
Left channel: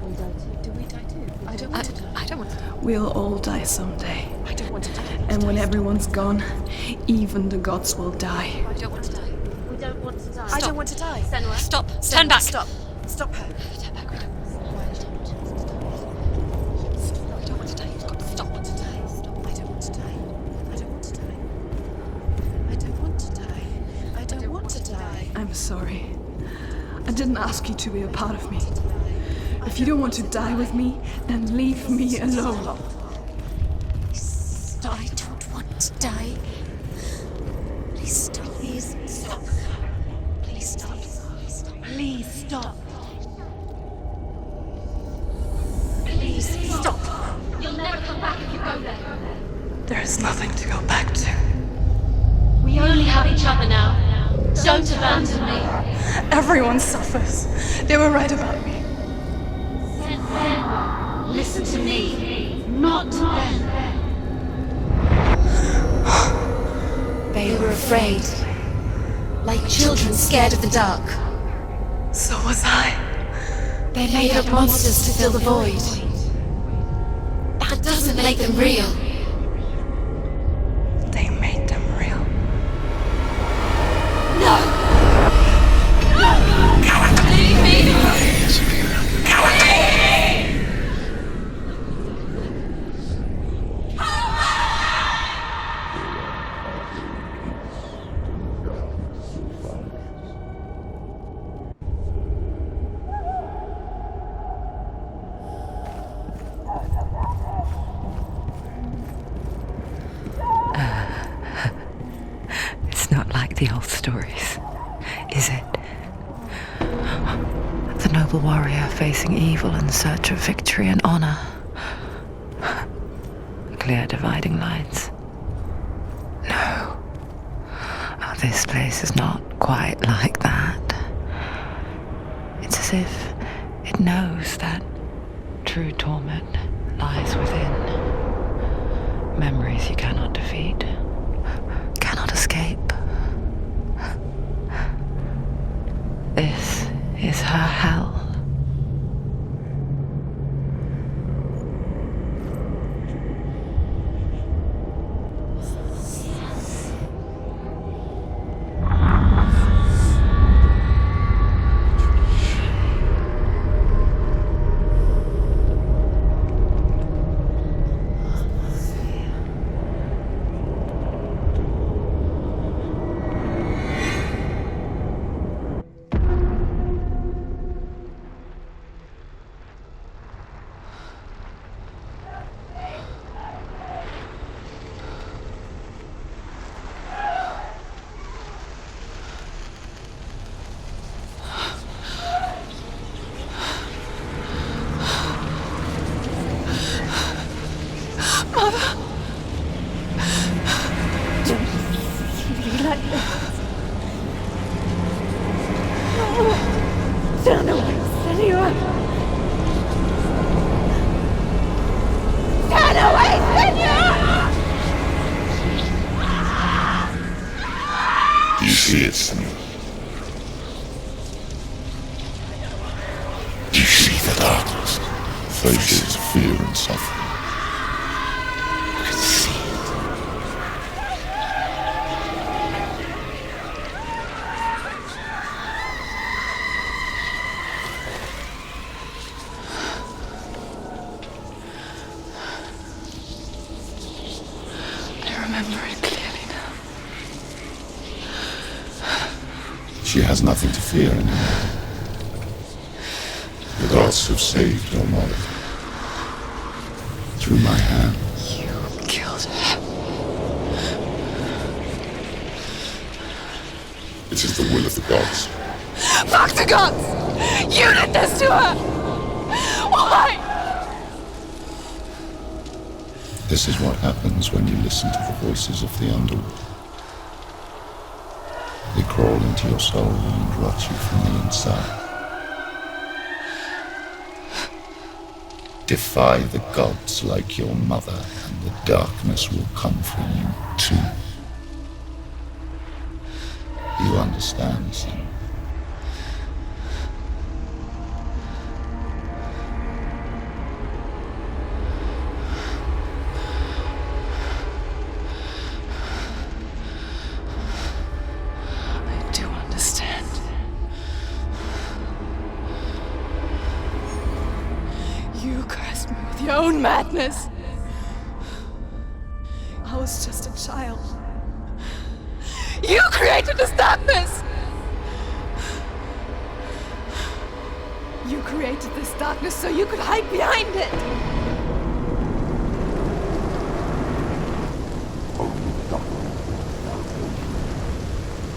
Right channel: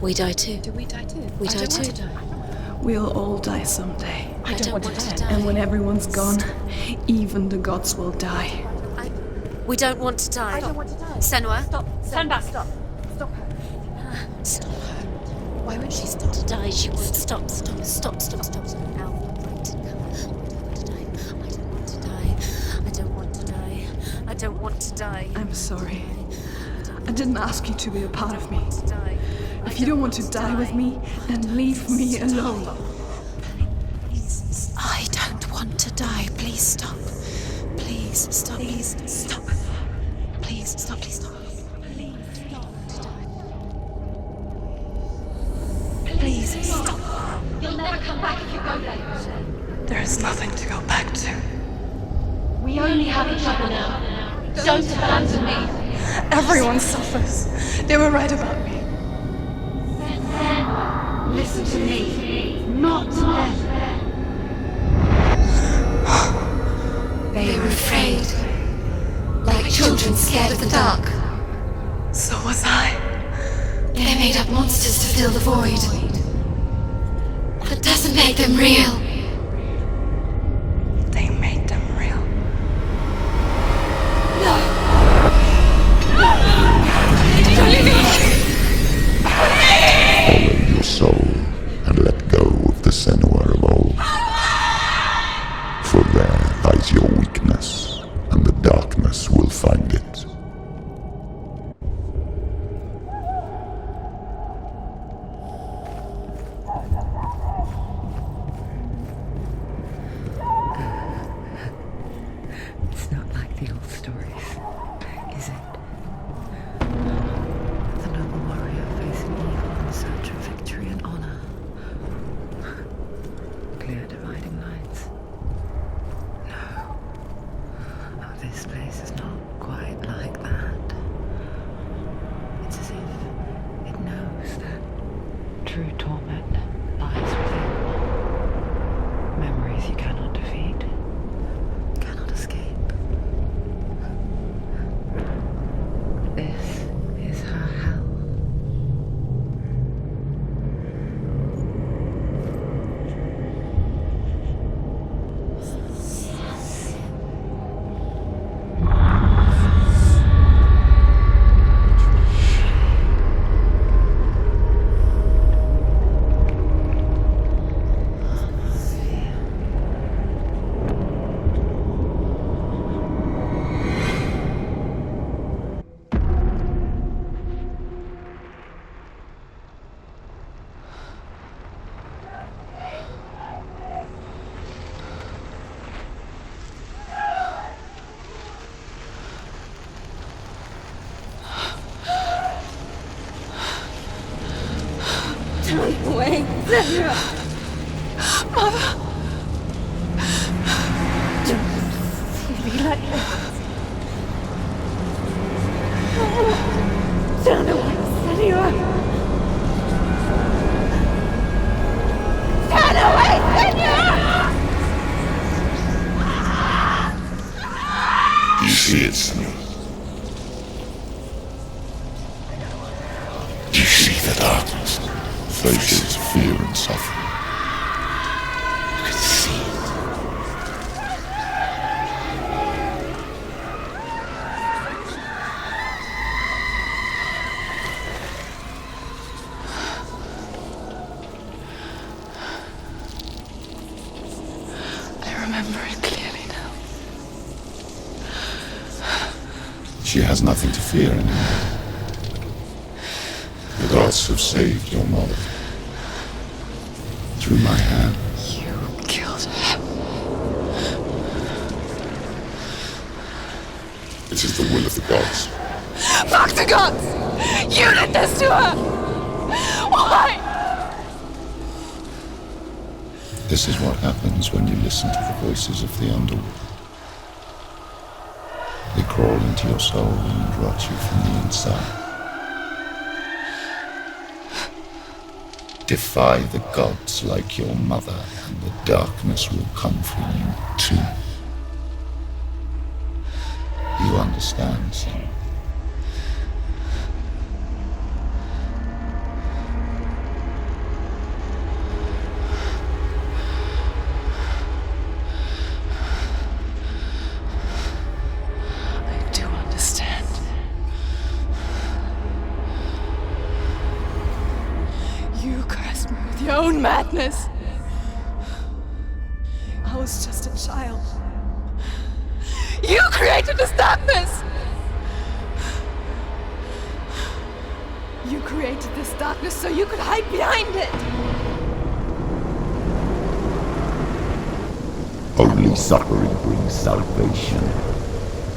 We die too. Do we die too? We I die don't too. want to die. I don't want to die. We'll all die someday. I don't want to die. And when everyone's gone, even the gods will die. We don't want to die. I don't want to die. Senua, stop. Turn back. Stop. Stop her. Stop. Why would she stop to die? She won't stop. Stop. I don't want to die. I'm sorry. I didn't ask you to be a part of me. If you don't want to die with me, then leave me alone. I don't want to die. Please stop. Please stop. Please stop. Please stop. Please stop. Please stop. You'll never come back if you go there. There is nothing to go back to. We only have each other now. Don't abandon me. Everyone suffers. They were right about me. Listen to me, not them. They were afraid. Like children scared of the dark. So was I. They made up monsters to fill the void. That doesn't make them real. They made them real. No! Follow your soul and let go of the Senua of old. For there lies your weakness, and the darkness will find it. It's not like the old stories, is it? The noble warrior facing evil in search of victory and honor. Clear dividing lines. No. Oh, this place is not quite like that. It's as if it knows that true torment lies within. Memories you cannot defeat, cannot escape. This is her hell. Wait, Mother! don't see me like this. Turn away, Senua! Turn away, Senua! Do you see it, Senua? Do you see the darkness? Faces of fear and suffering. You can see it. I remember it clearly now. She has nothing to fear anymore. The gods have saved your mother. Through my hand. You killed her. It is the will of the gods. Fuck the gods! You did this to her! Why? This is what happens when you listen to the voices of the underworld. They crawl into your soul and rot you from the inside. Defy the gods like your mother, and the darkness will come for you too. You understand, Senua? You cursed me with your own madness. I was just a child. You created this darkness! You created this darkness so you could hide behind it! Only suffering brings salvation.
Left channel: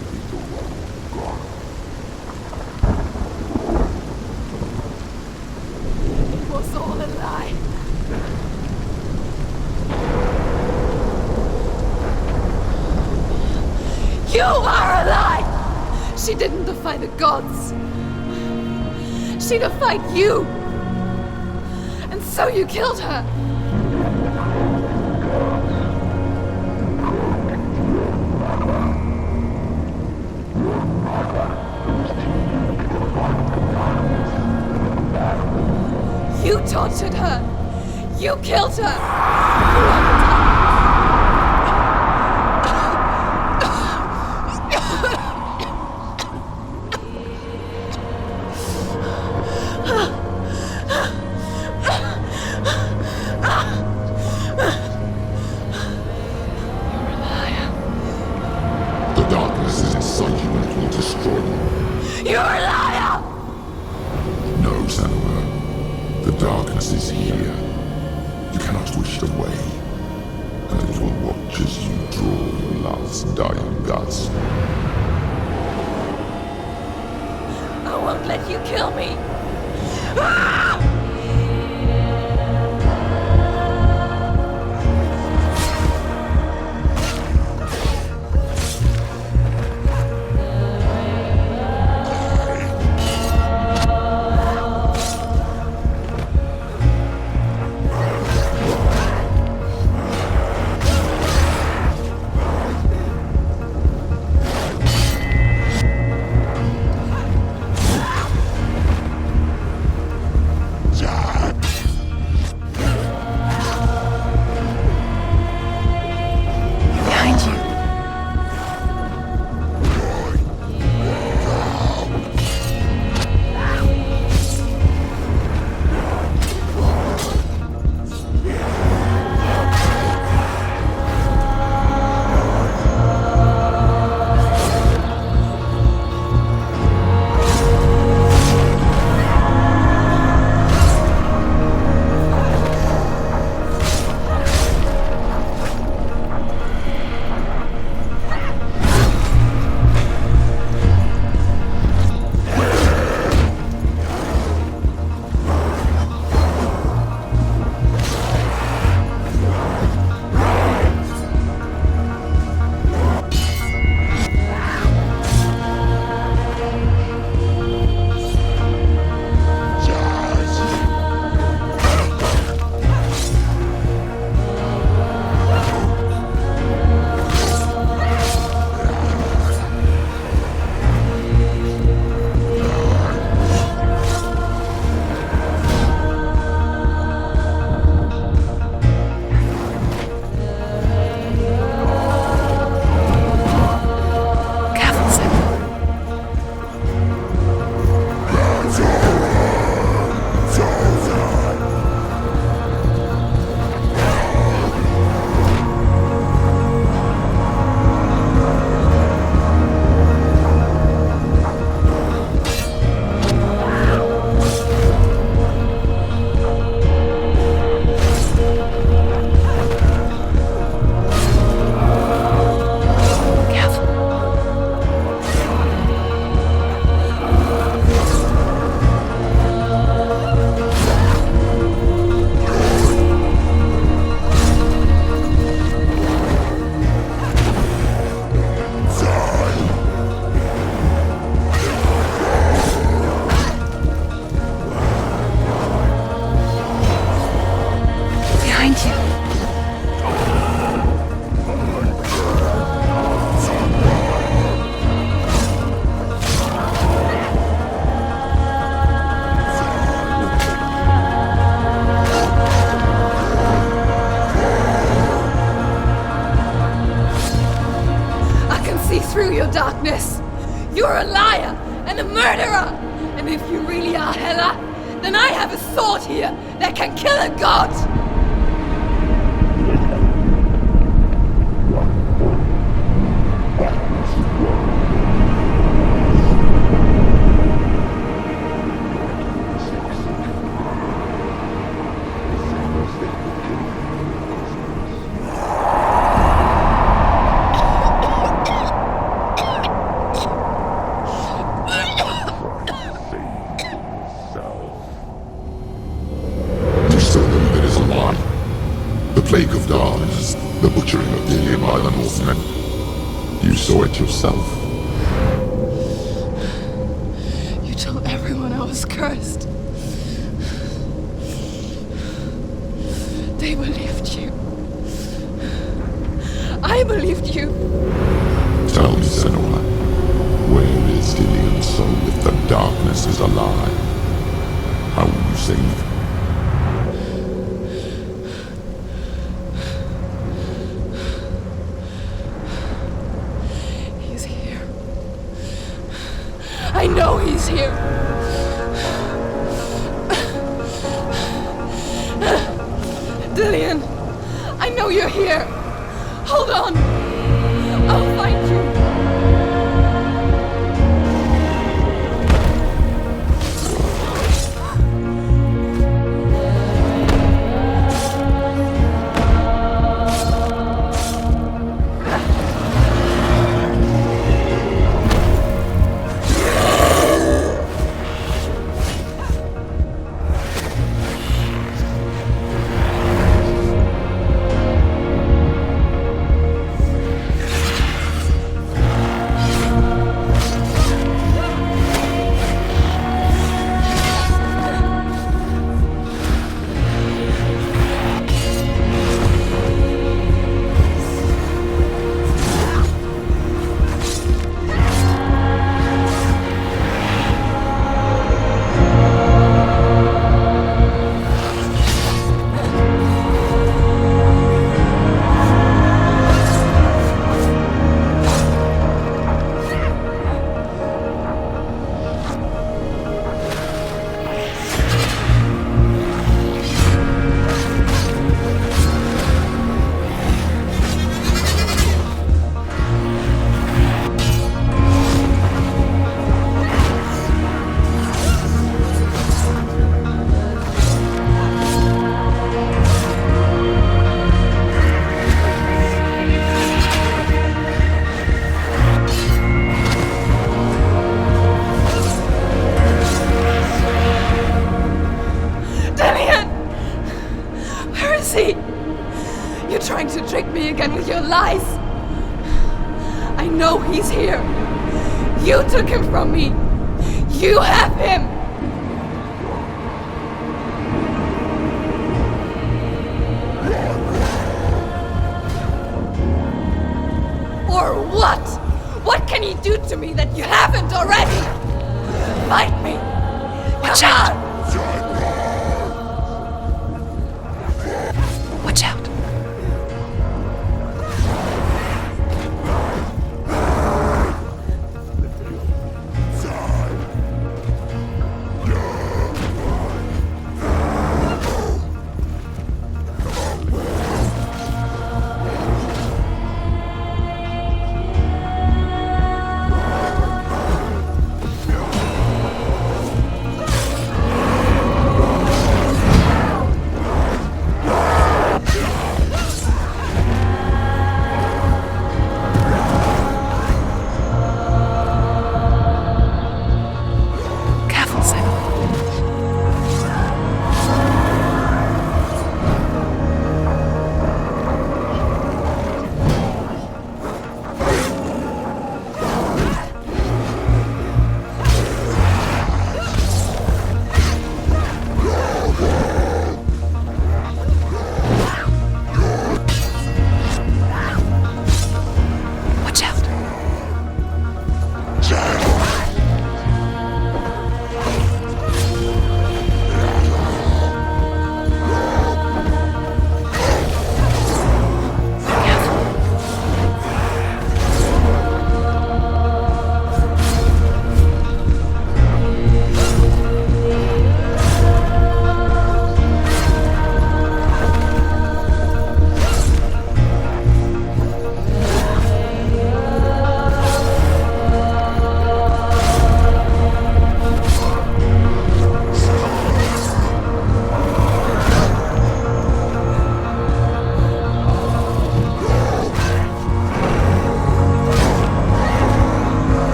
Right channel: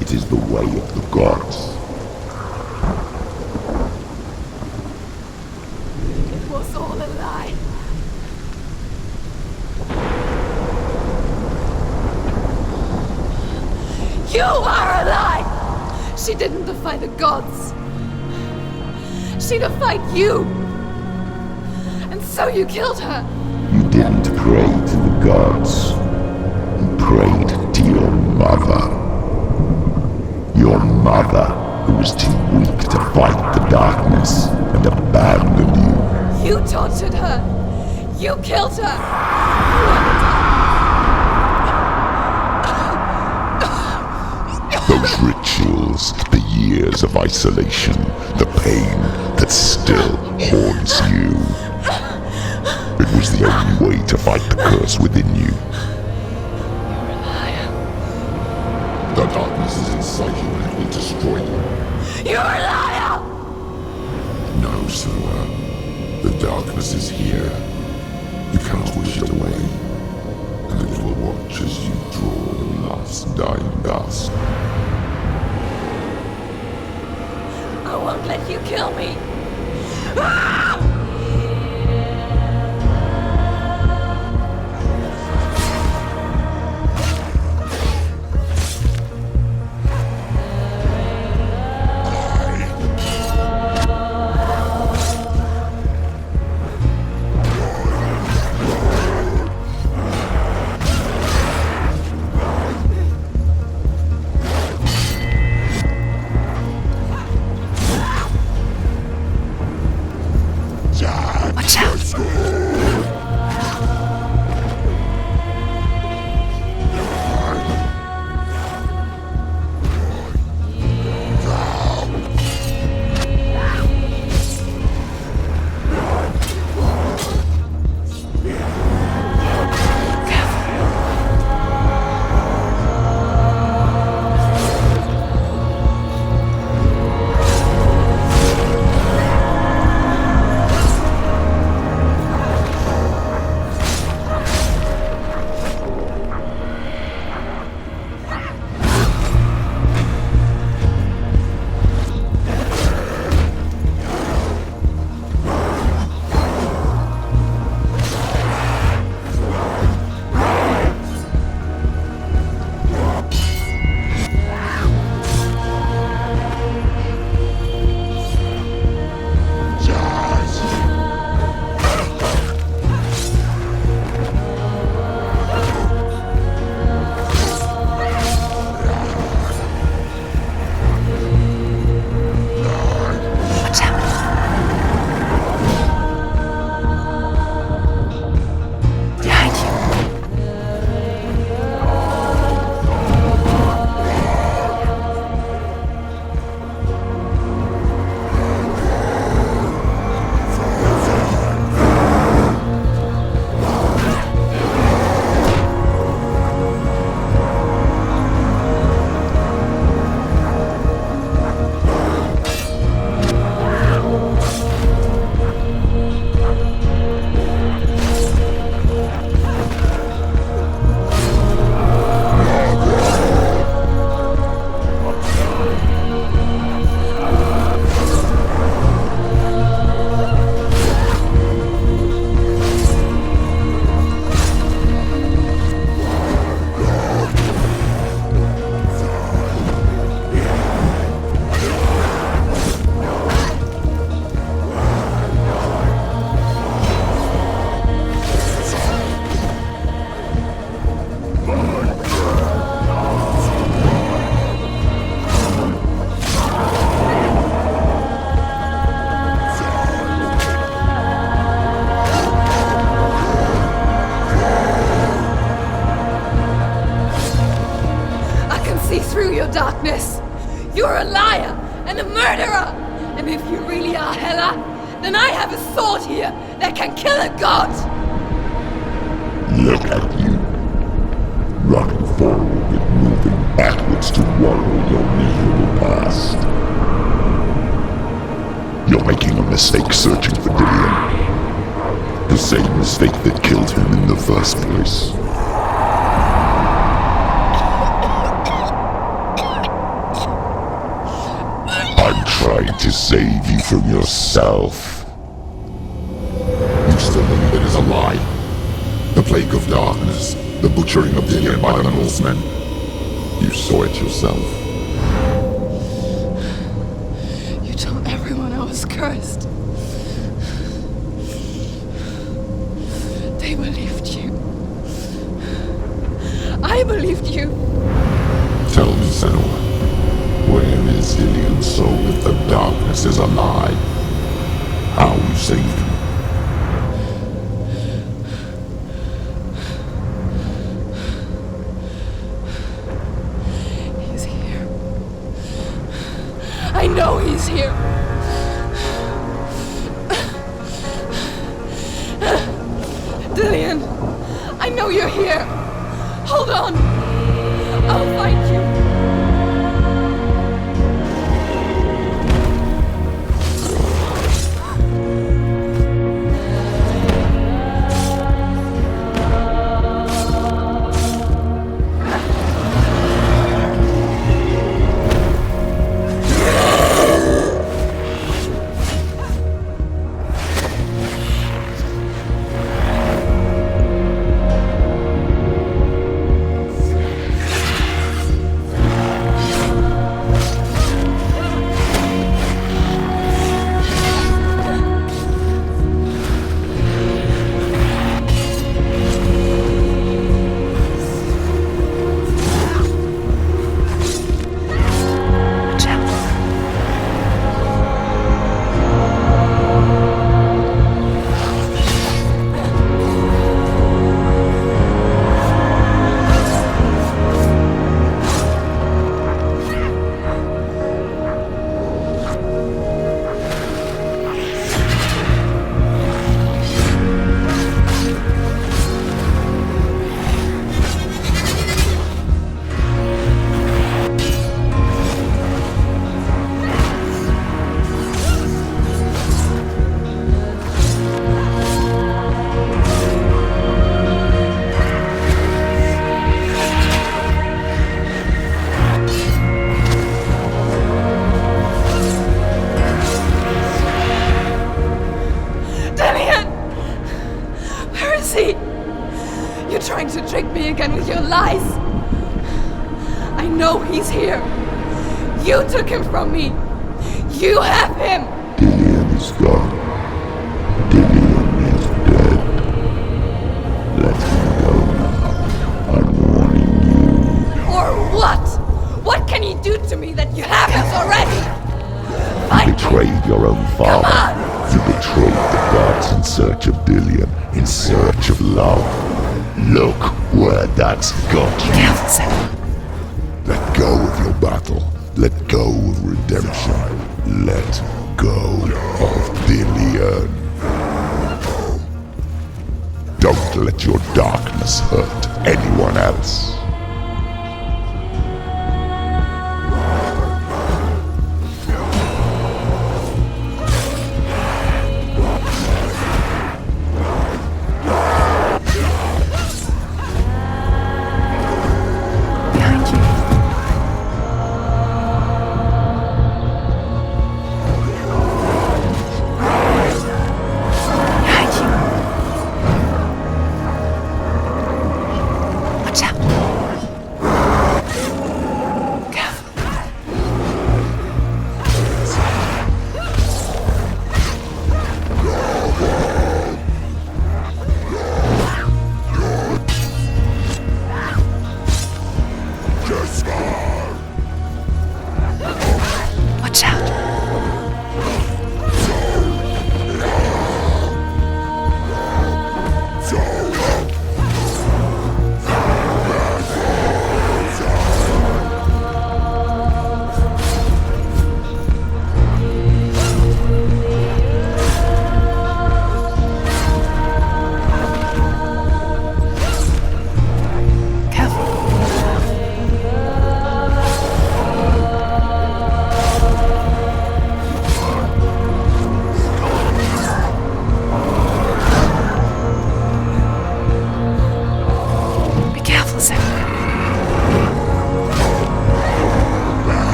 It is the way of the gods. It was all a lie. You are a lie! She didn't defy the gods. She defied you! And so you killed her! You didn't pray to the gods. You prayed to your mother. Your mother, who was too weak to fight the darkness and abandoned you. You tortured her! You killed her! You are the dark. Those rituals, the years of isolation, the pain that still haunts you. It was the only way to fight the curse within you. You're a liar. The darkness is inside you and it will destroy you. You're a liar! No, Senua. The darkness is here. You cannot wish it away. And it will watch as you draw your last dying gasp. I won't let you kill me! Ah! through your darkness. You're a liar and a murderer. And if you really are Hela, then I have a sword here that can kill a god! Look at you. Running forward and moving backwards to wallow your evil past. You're making a mistake searching for Dillion. The same mistake that killed him in the first place. I'm trying to save you from yourself. You still believe it is a lie? The plague of darkness, the butchering of Dillion by the Northmen. You saw it yourself. You told everyone I was cursed. They believed you. I believed you. Tell me, Senua, where is Dillion's soul if the darkness is a lie? How you saved him? He's here. I know he's here. Dillion, I know you're here. Hold on. I'll find you. You're trying to trick me again with your lies. I know he's here. You took him from me. You have him. Dillion is gone. Dillion is dead. Let him go. I'm warning you. Or what? What can he do to me that you haven't already? Find You betrayed your own father. Kashan! You betrayed the gods in search of Dillion, in search of love. Look where that's got you. Let go of your battle. Let go of redemption. Let go of Dillion. Don't let your darkness hurt anyone else.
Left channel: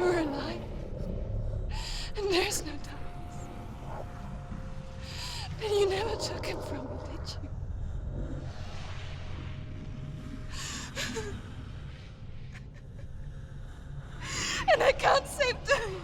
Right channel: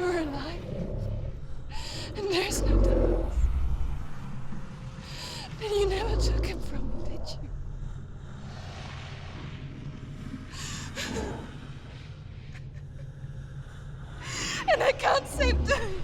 You're alive. And there's no Thomas. And you never took him from me, did you? And I can't save Diane.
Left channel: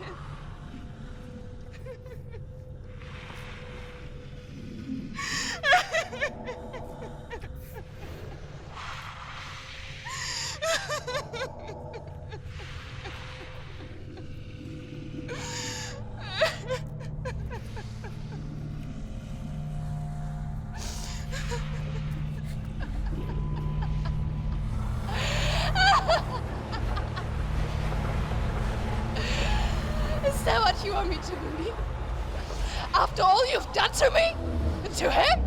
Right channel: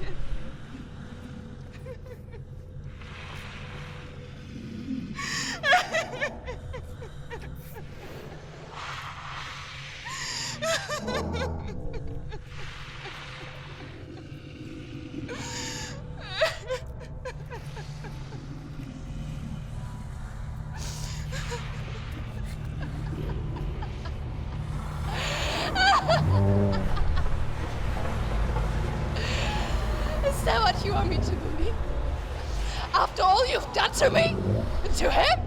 Is that what you want me to believe? After all you've done to me? And to him?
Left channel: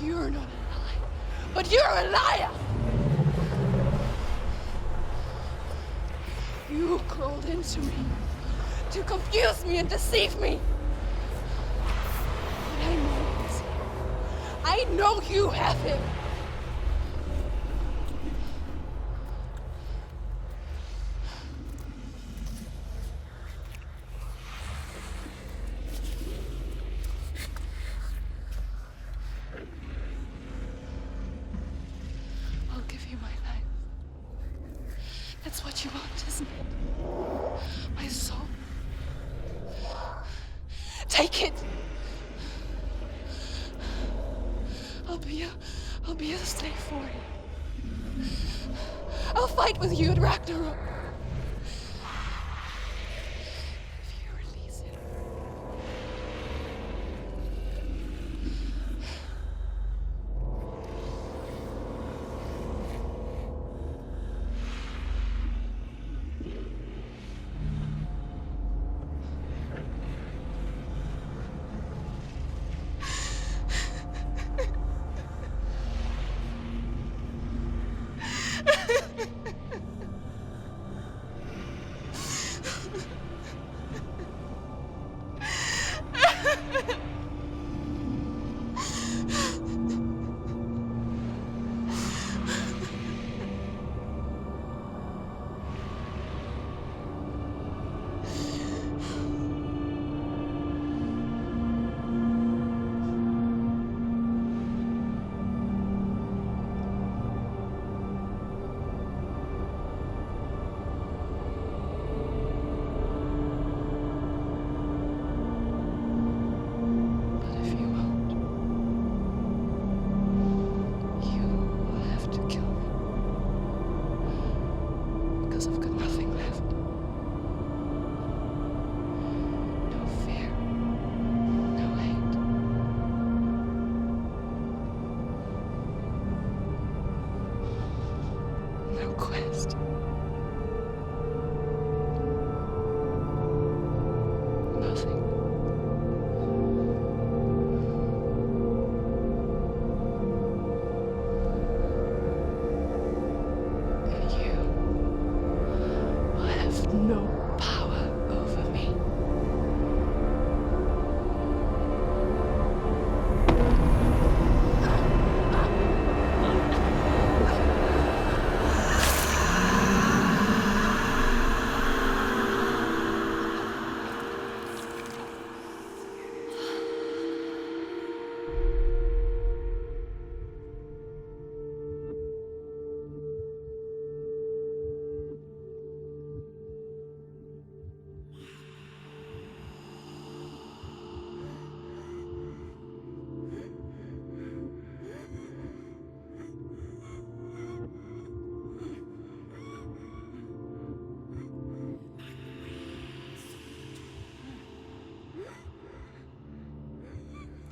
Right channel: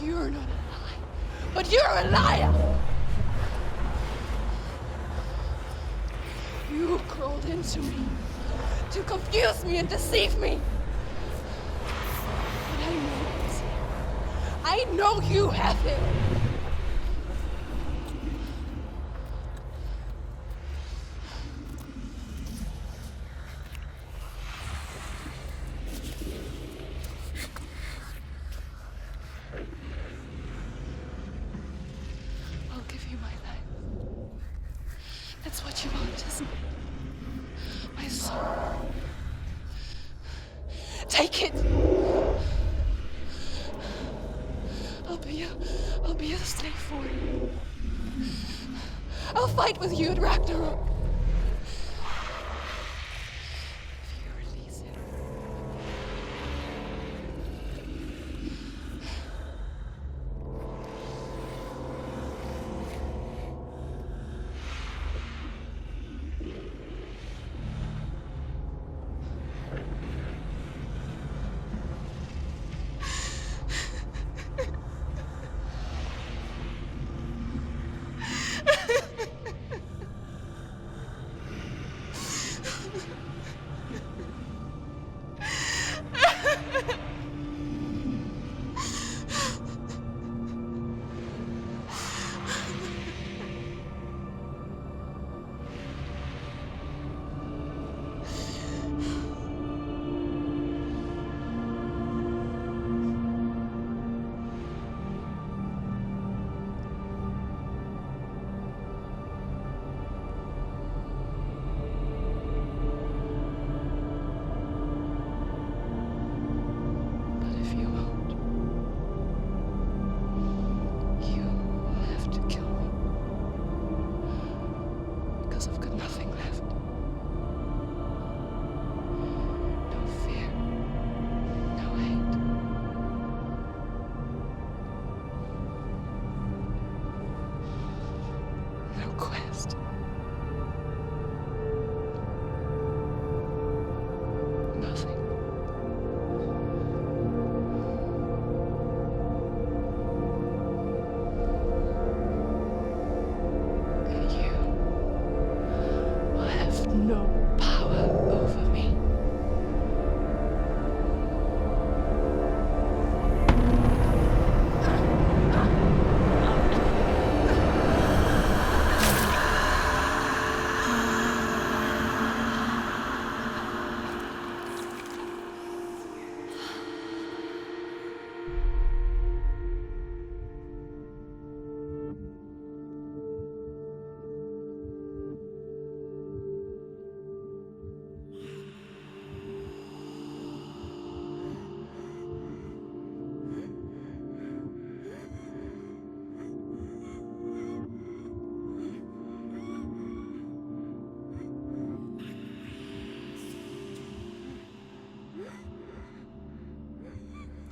You're not a lie, but you're a liar! You crawled into me to confuse me and deceive me. But I know he's here. I know you have him. I'll give you my life. That's what you want, isn't it? My soul. Take it. I'll be a slave for you. I'll fight with you at Ragnarok. If you release it. I've got nothing left. No fear. No hate. No quest. Nothing. No power over me.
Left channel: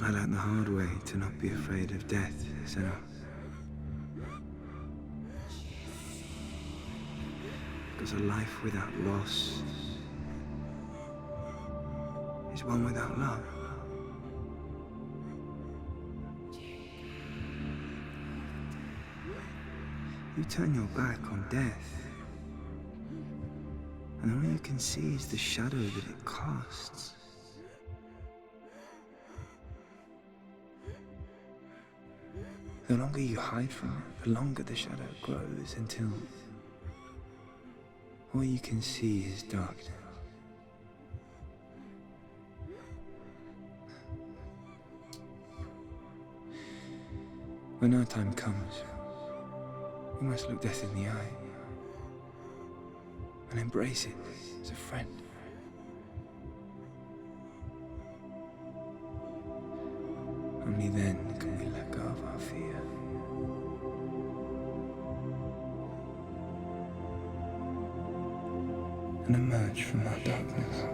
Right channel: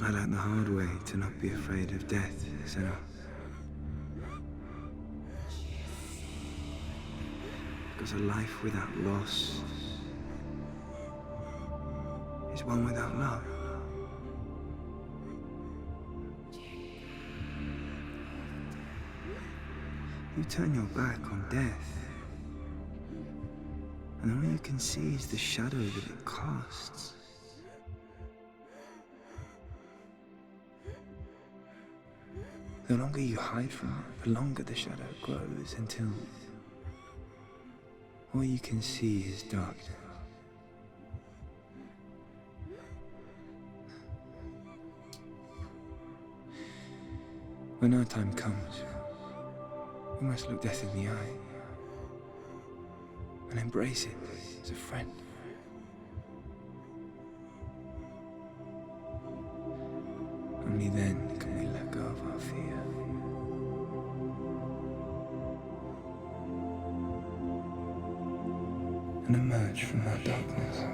I learned the hard way to not be afraid of death, Senua. Because a life without loss is one without love. You turn your back on death, and all you can see is the shadow that it casts. The longer you hide from it, the longer the shadow grows until all you can see is darkness. When our time comes, we must look death in the eye and embrace it as a friend. Only then can we let go of our fear. And emerge from our darkness.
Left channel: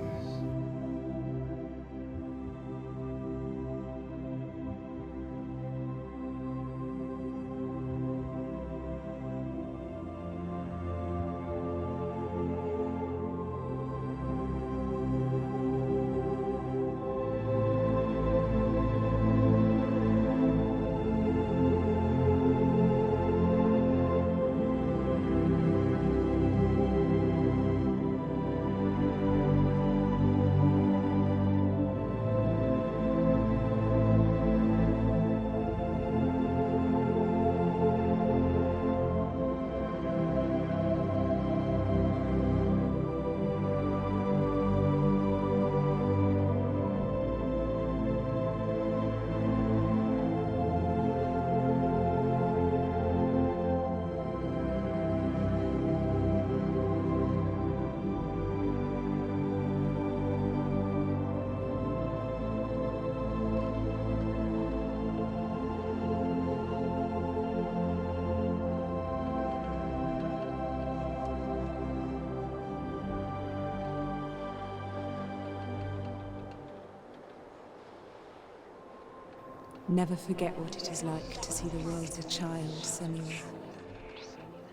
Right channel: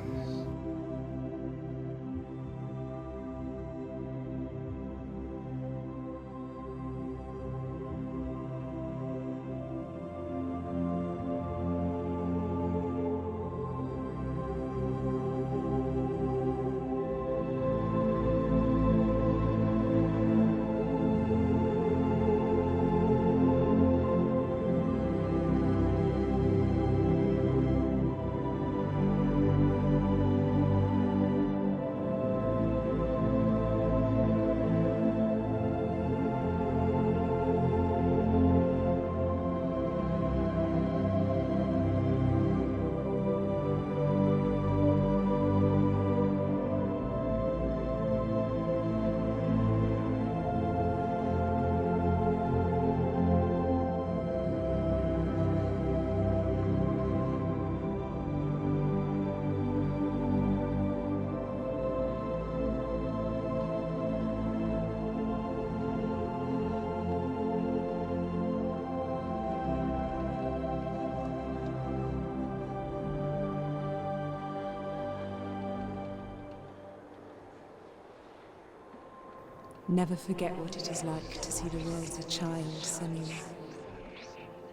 Never forget what it is like to see the world as a child, Senua.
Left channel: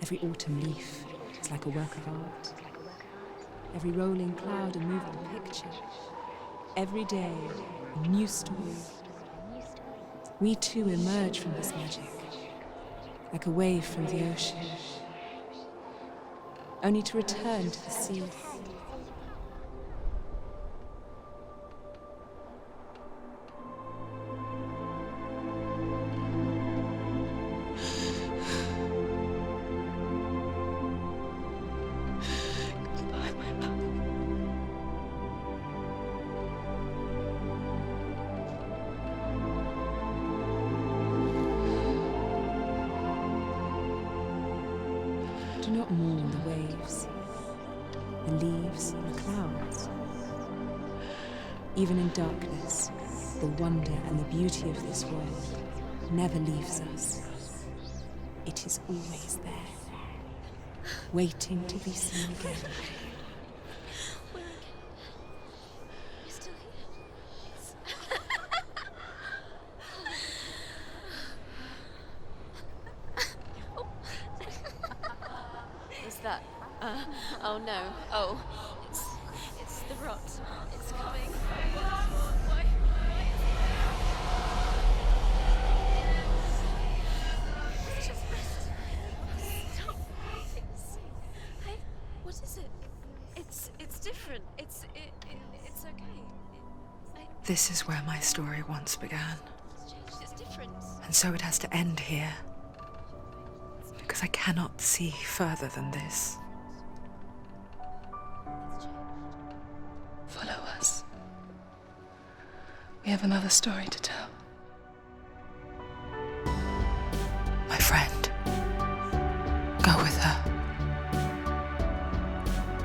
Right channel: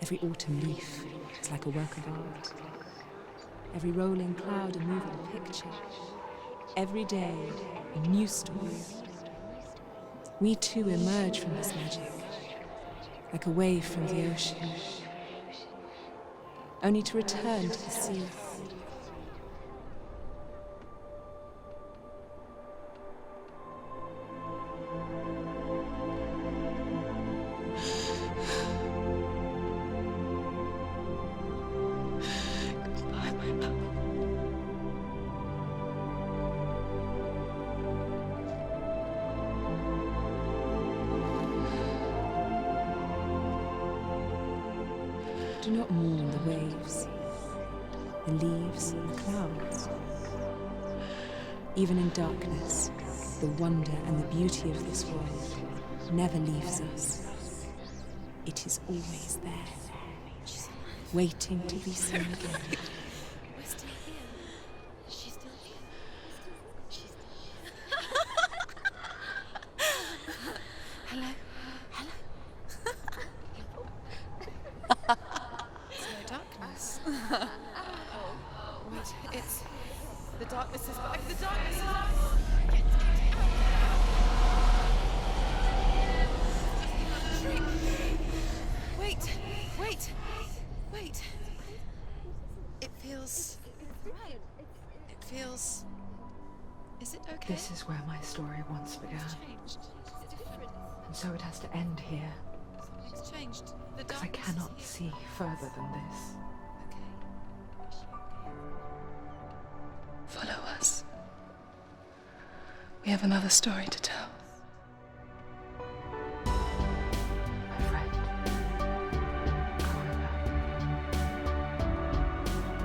Every autumn leaf is like a work of art. Every rolling cloud a moving picture. Every day a new story. We too emerge from this magic, like a wave from the ocean, only to return to the sea. Do not mourn the waves, the leaves, and the clouds. Even in darkness, the wonder and the beauty of this world never leaves us. It is always there, waiting to be seen again. Oh no. Oh. It's the rot. The darkness is back. The darkness is back. Wait. What is it? It feels... It's different. It feels... It's okay. Is it okay? This is where my story once began. It's different. And so it has to end here, It's changed. because I cannot see further than this. Follow us. We have another story to tell. My friend, go with her.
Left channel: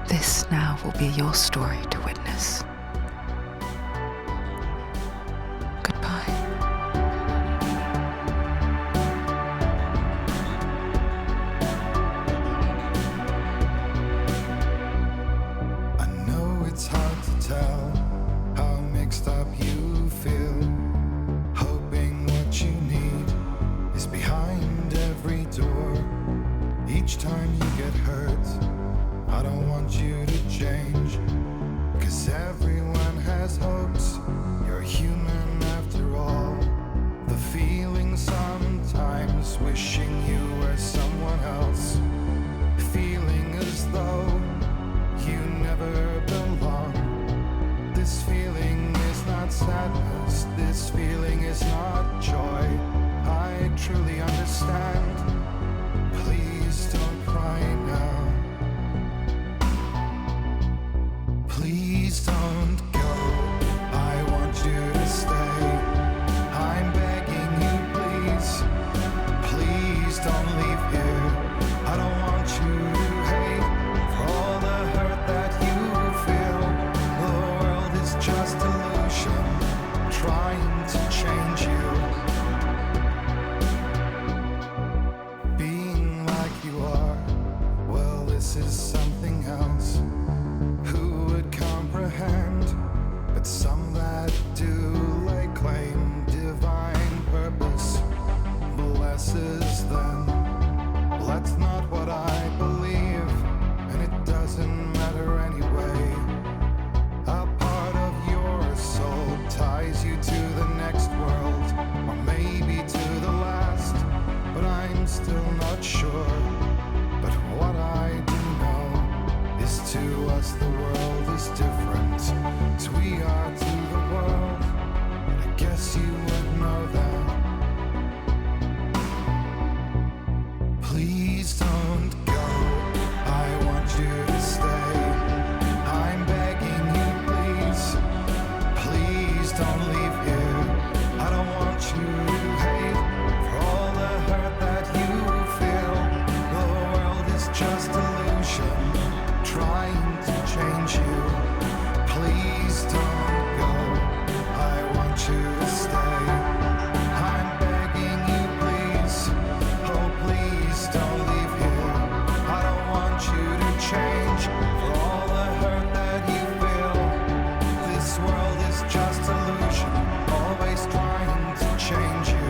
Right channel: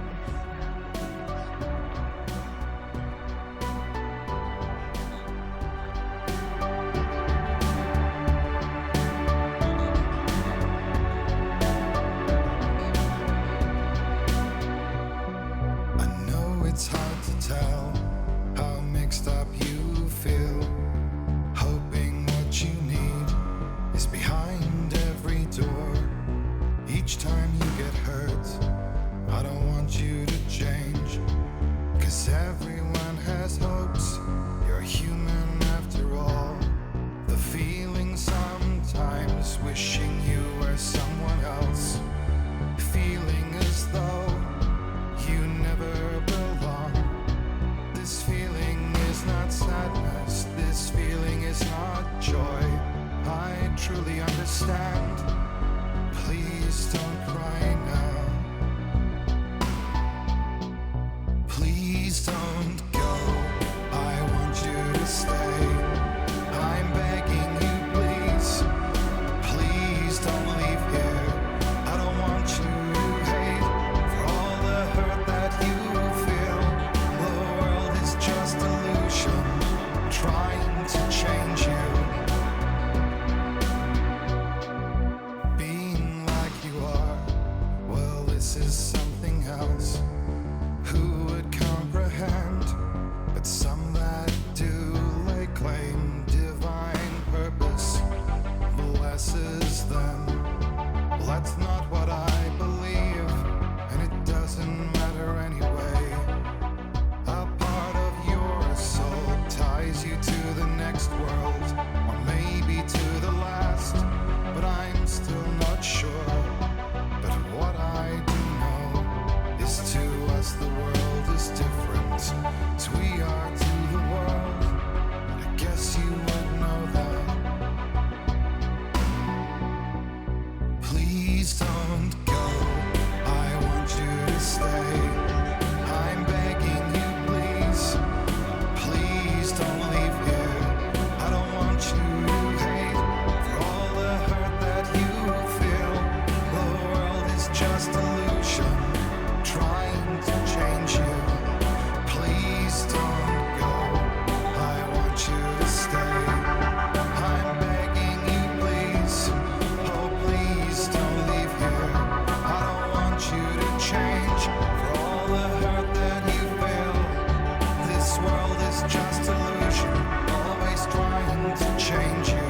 This now will be your story to witness. Goodbye. I know it's hard to tell how mixed up you feel, hoping what you need is behind every door. Each time you get hurt, I don't want you to change, 'cause everyone has hopes. You're human after all. The feeling sometimes wishing you were someone else, feeling as though you never belong. This feeling is not sadness, this feeling is not joy. I truly understand. Please don't cry now. Please don't go. I want you to stay. I'm begging you, please. Please don't leave here. I don't want you to hate for all the hurt that you feel. The world is just illusion, trying to change you. Being like you are, well, this is something else. Who would comprehend? But some that do lay claim divine purpose blesses them. Well, that's not what I believe, and it doesn't matter anyway. A part of your soul ties you to the next world, or maybe to the last, but I'm still not sure. But what I do know is to us the world is different as we are to the world. I guess you would know that. Please don't go. I want you to stay. I'm begging you, please. Please don't leave here. I don't want you to hate for all the hurt that you feel. The world is just illusion, trying to change you. Please don't go. I want you to stay. I'm begging you, please. Oh, please don't leave here. I don't want you to change for all the hurt that you feel. This world is just illusion, always trying to change you.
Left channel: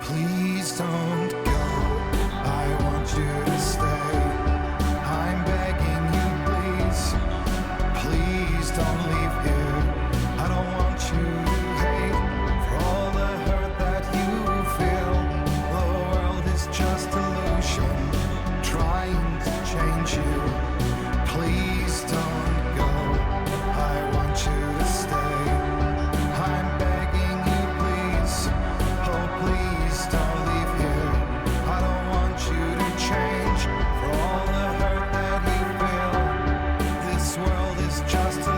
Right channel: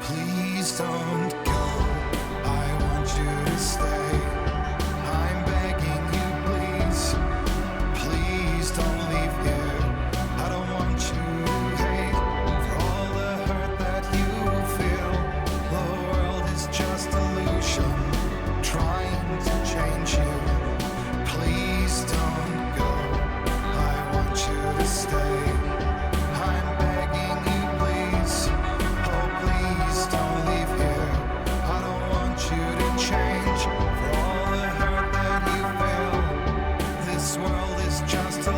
Please don't go. I want you to stay. I'm begging you, please. Please don't leave here. I don't want you to hate for all the hurt that you feel. The world is just illusion, trying to change you. Please don't go. I want you to stay. I'm begging you, please. Oh, please don't leave here. I don't want you to change for all the hurt that you feel. This world is just a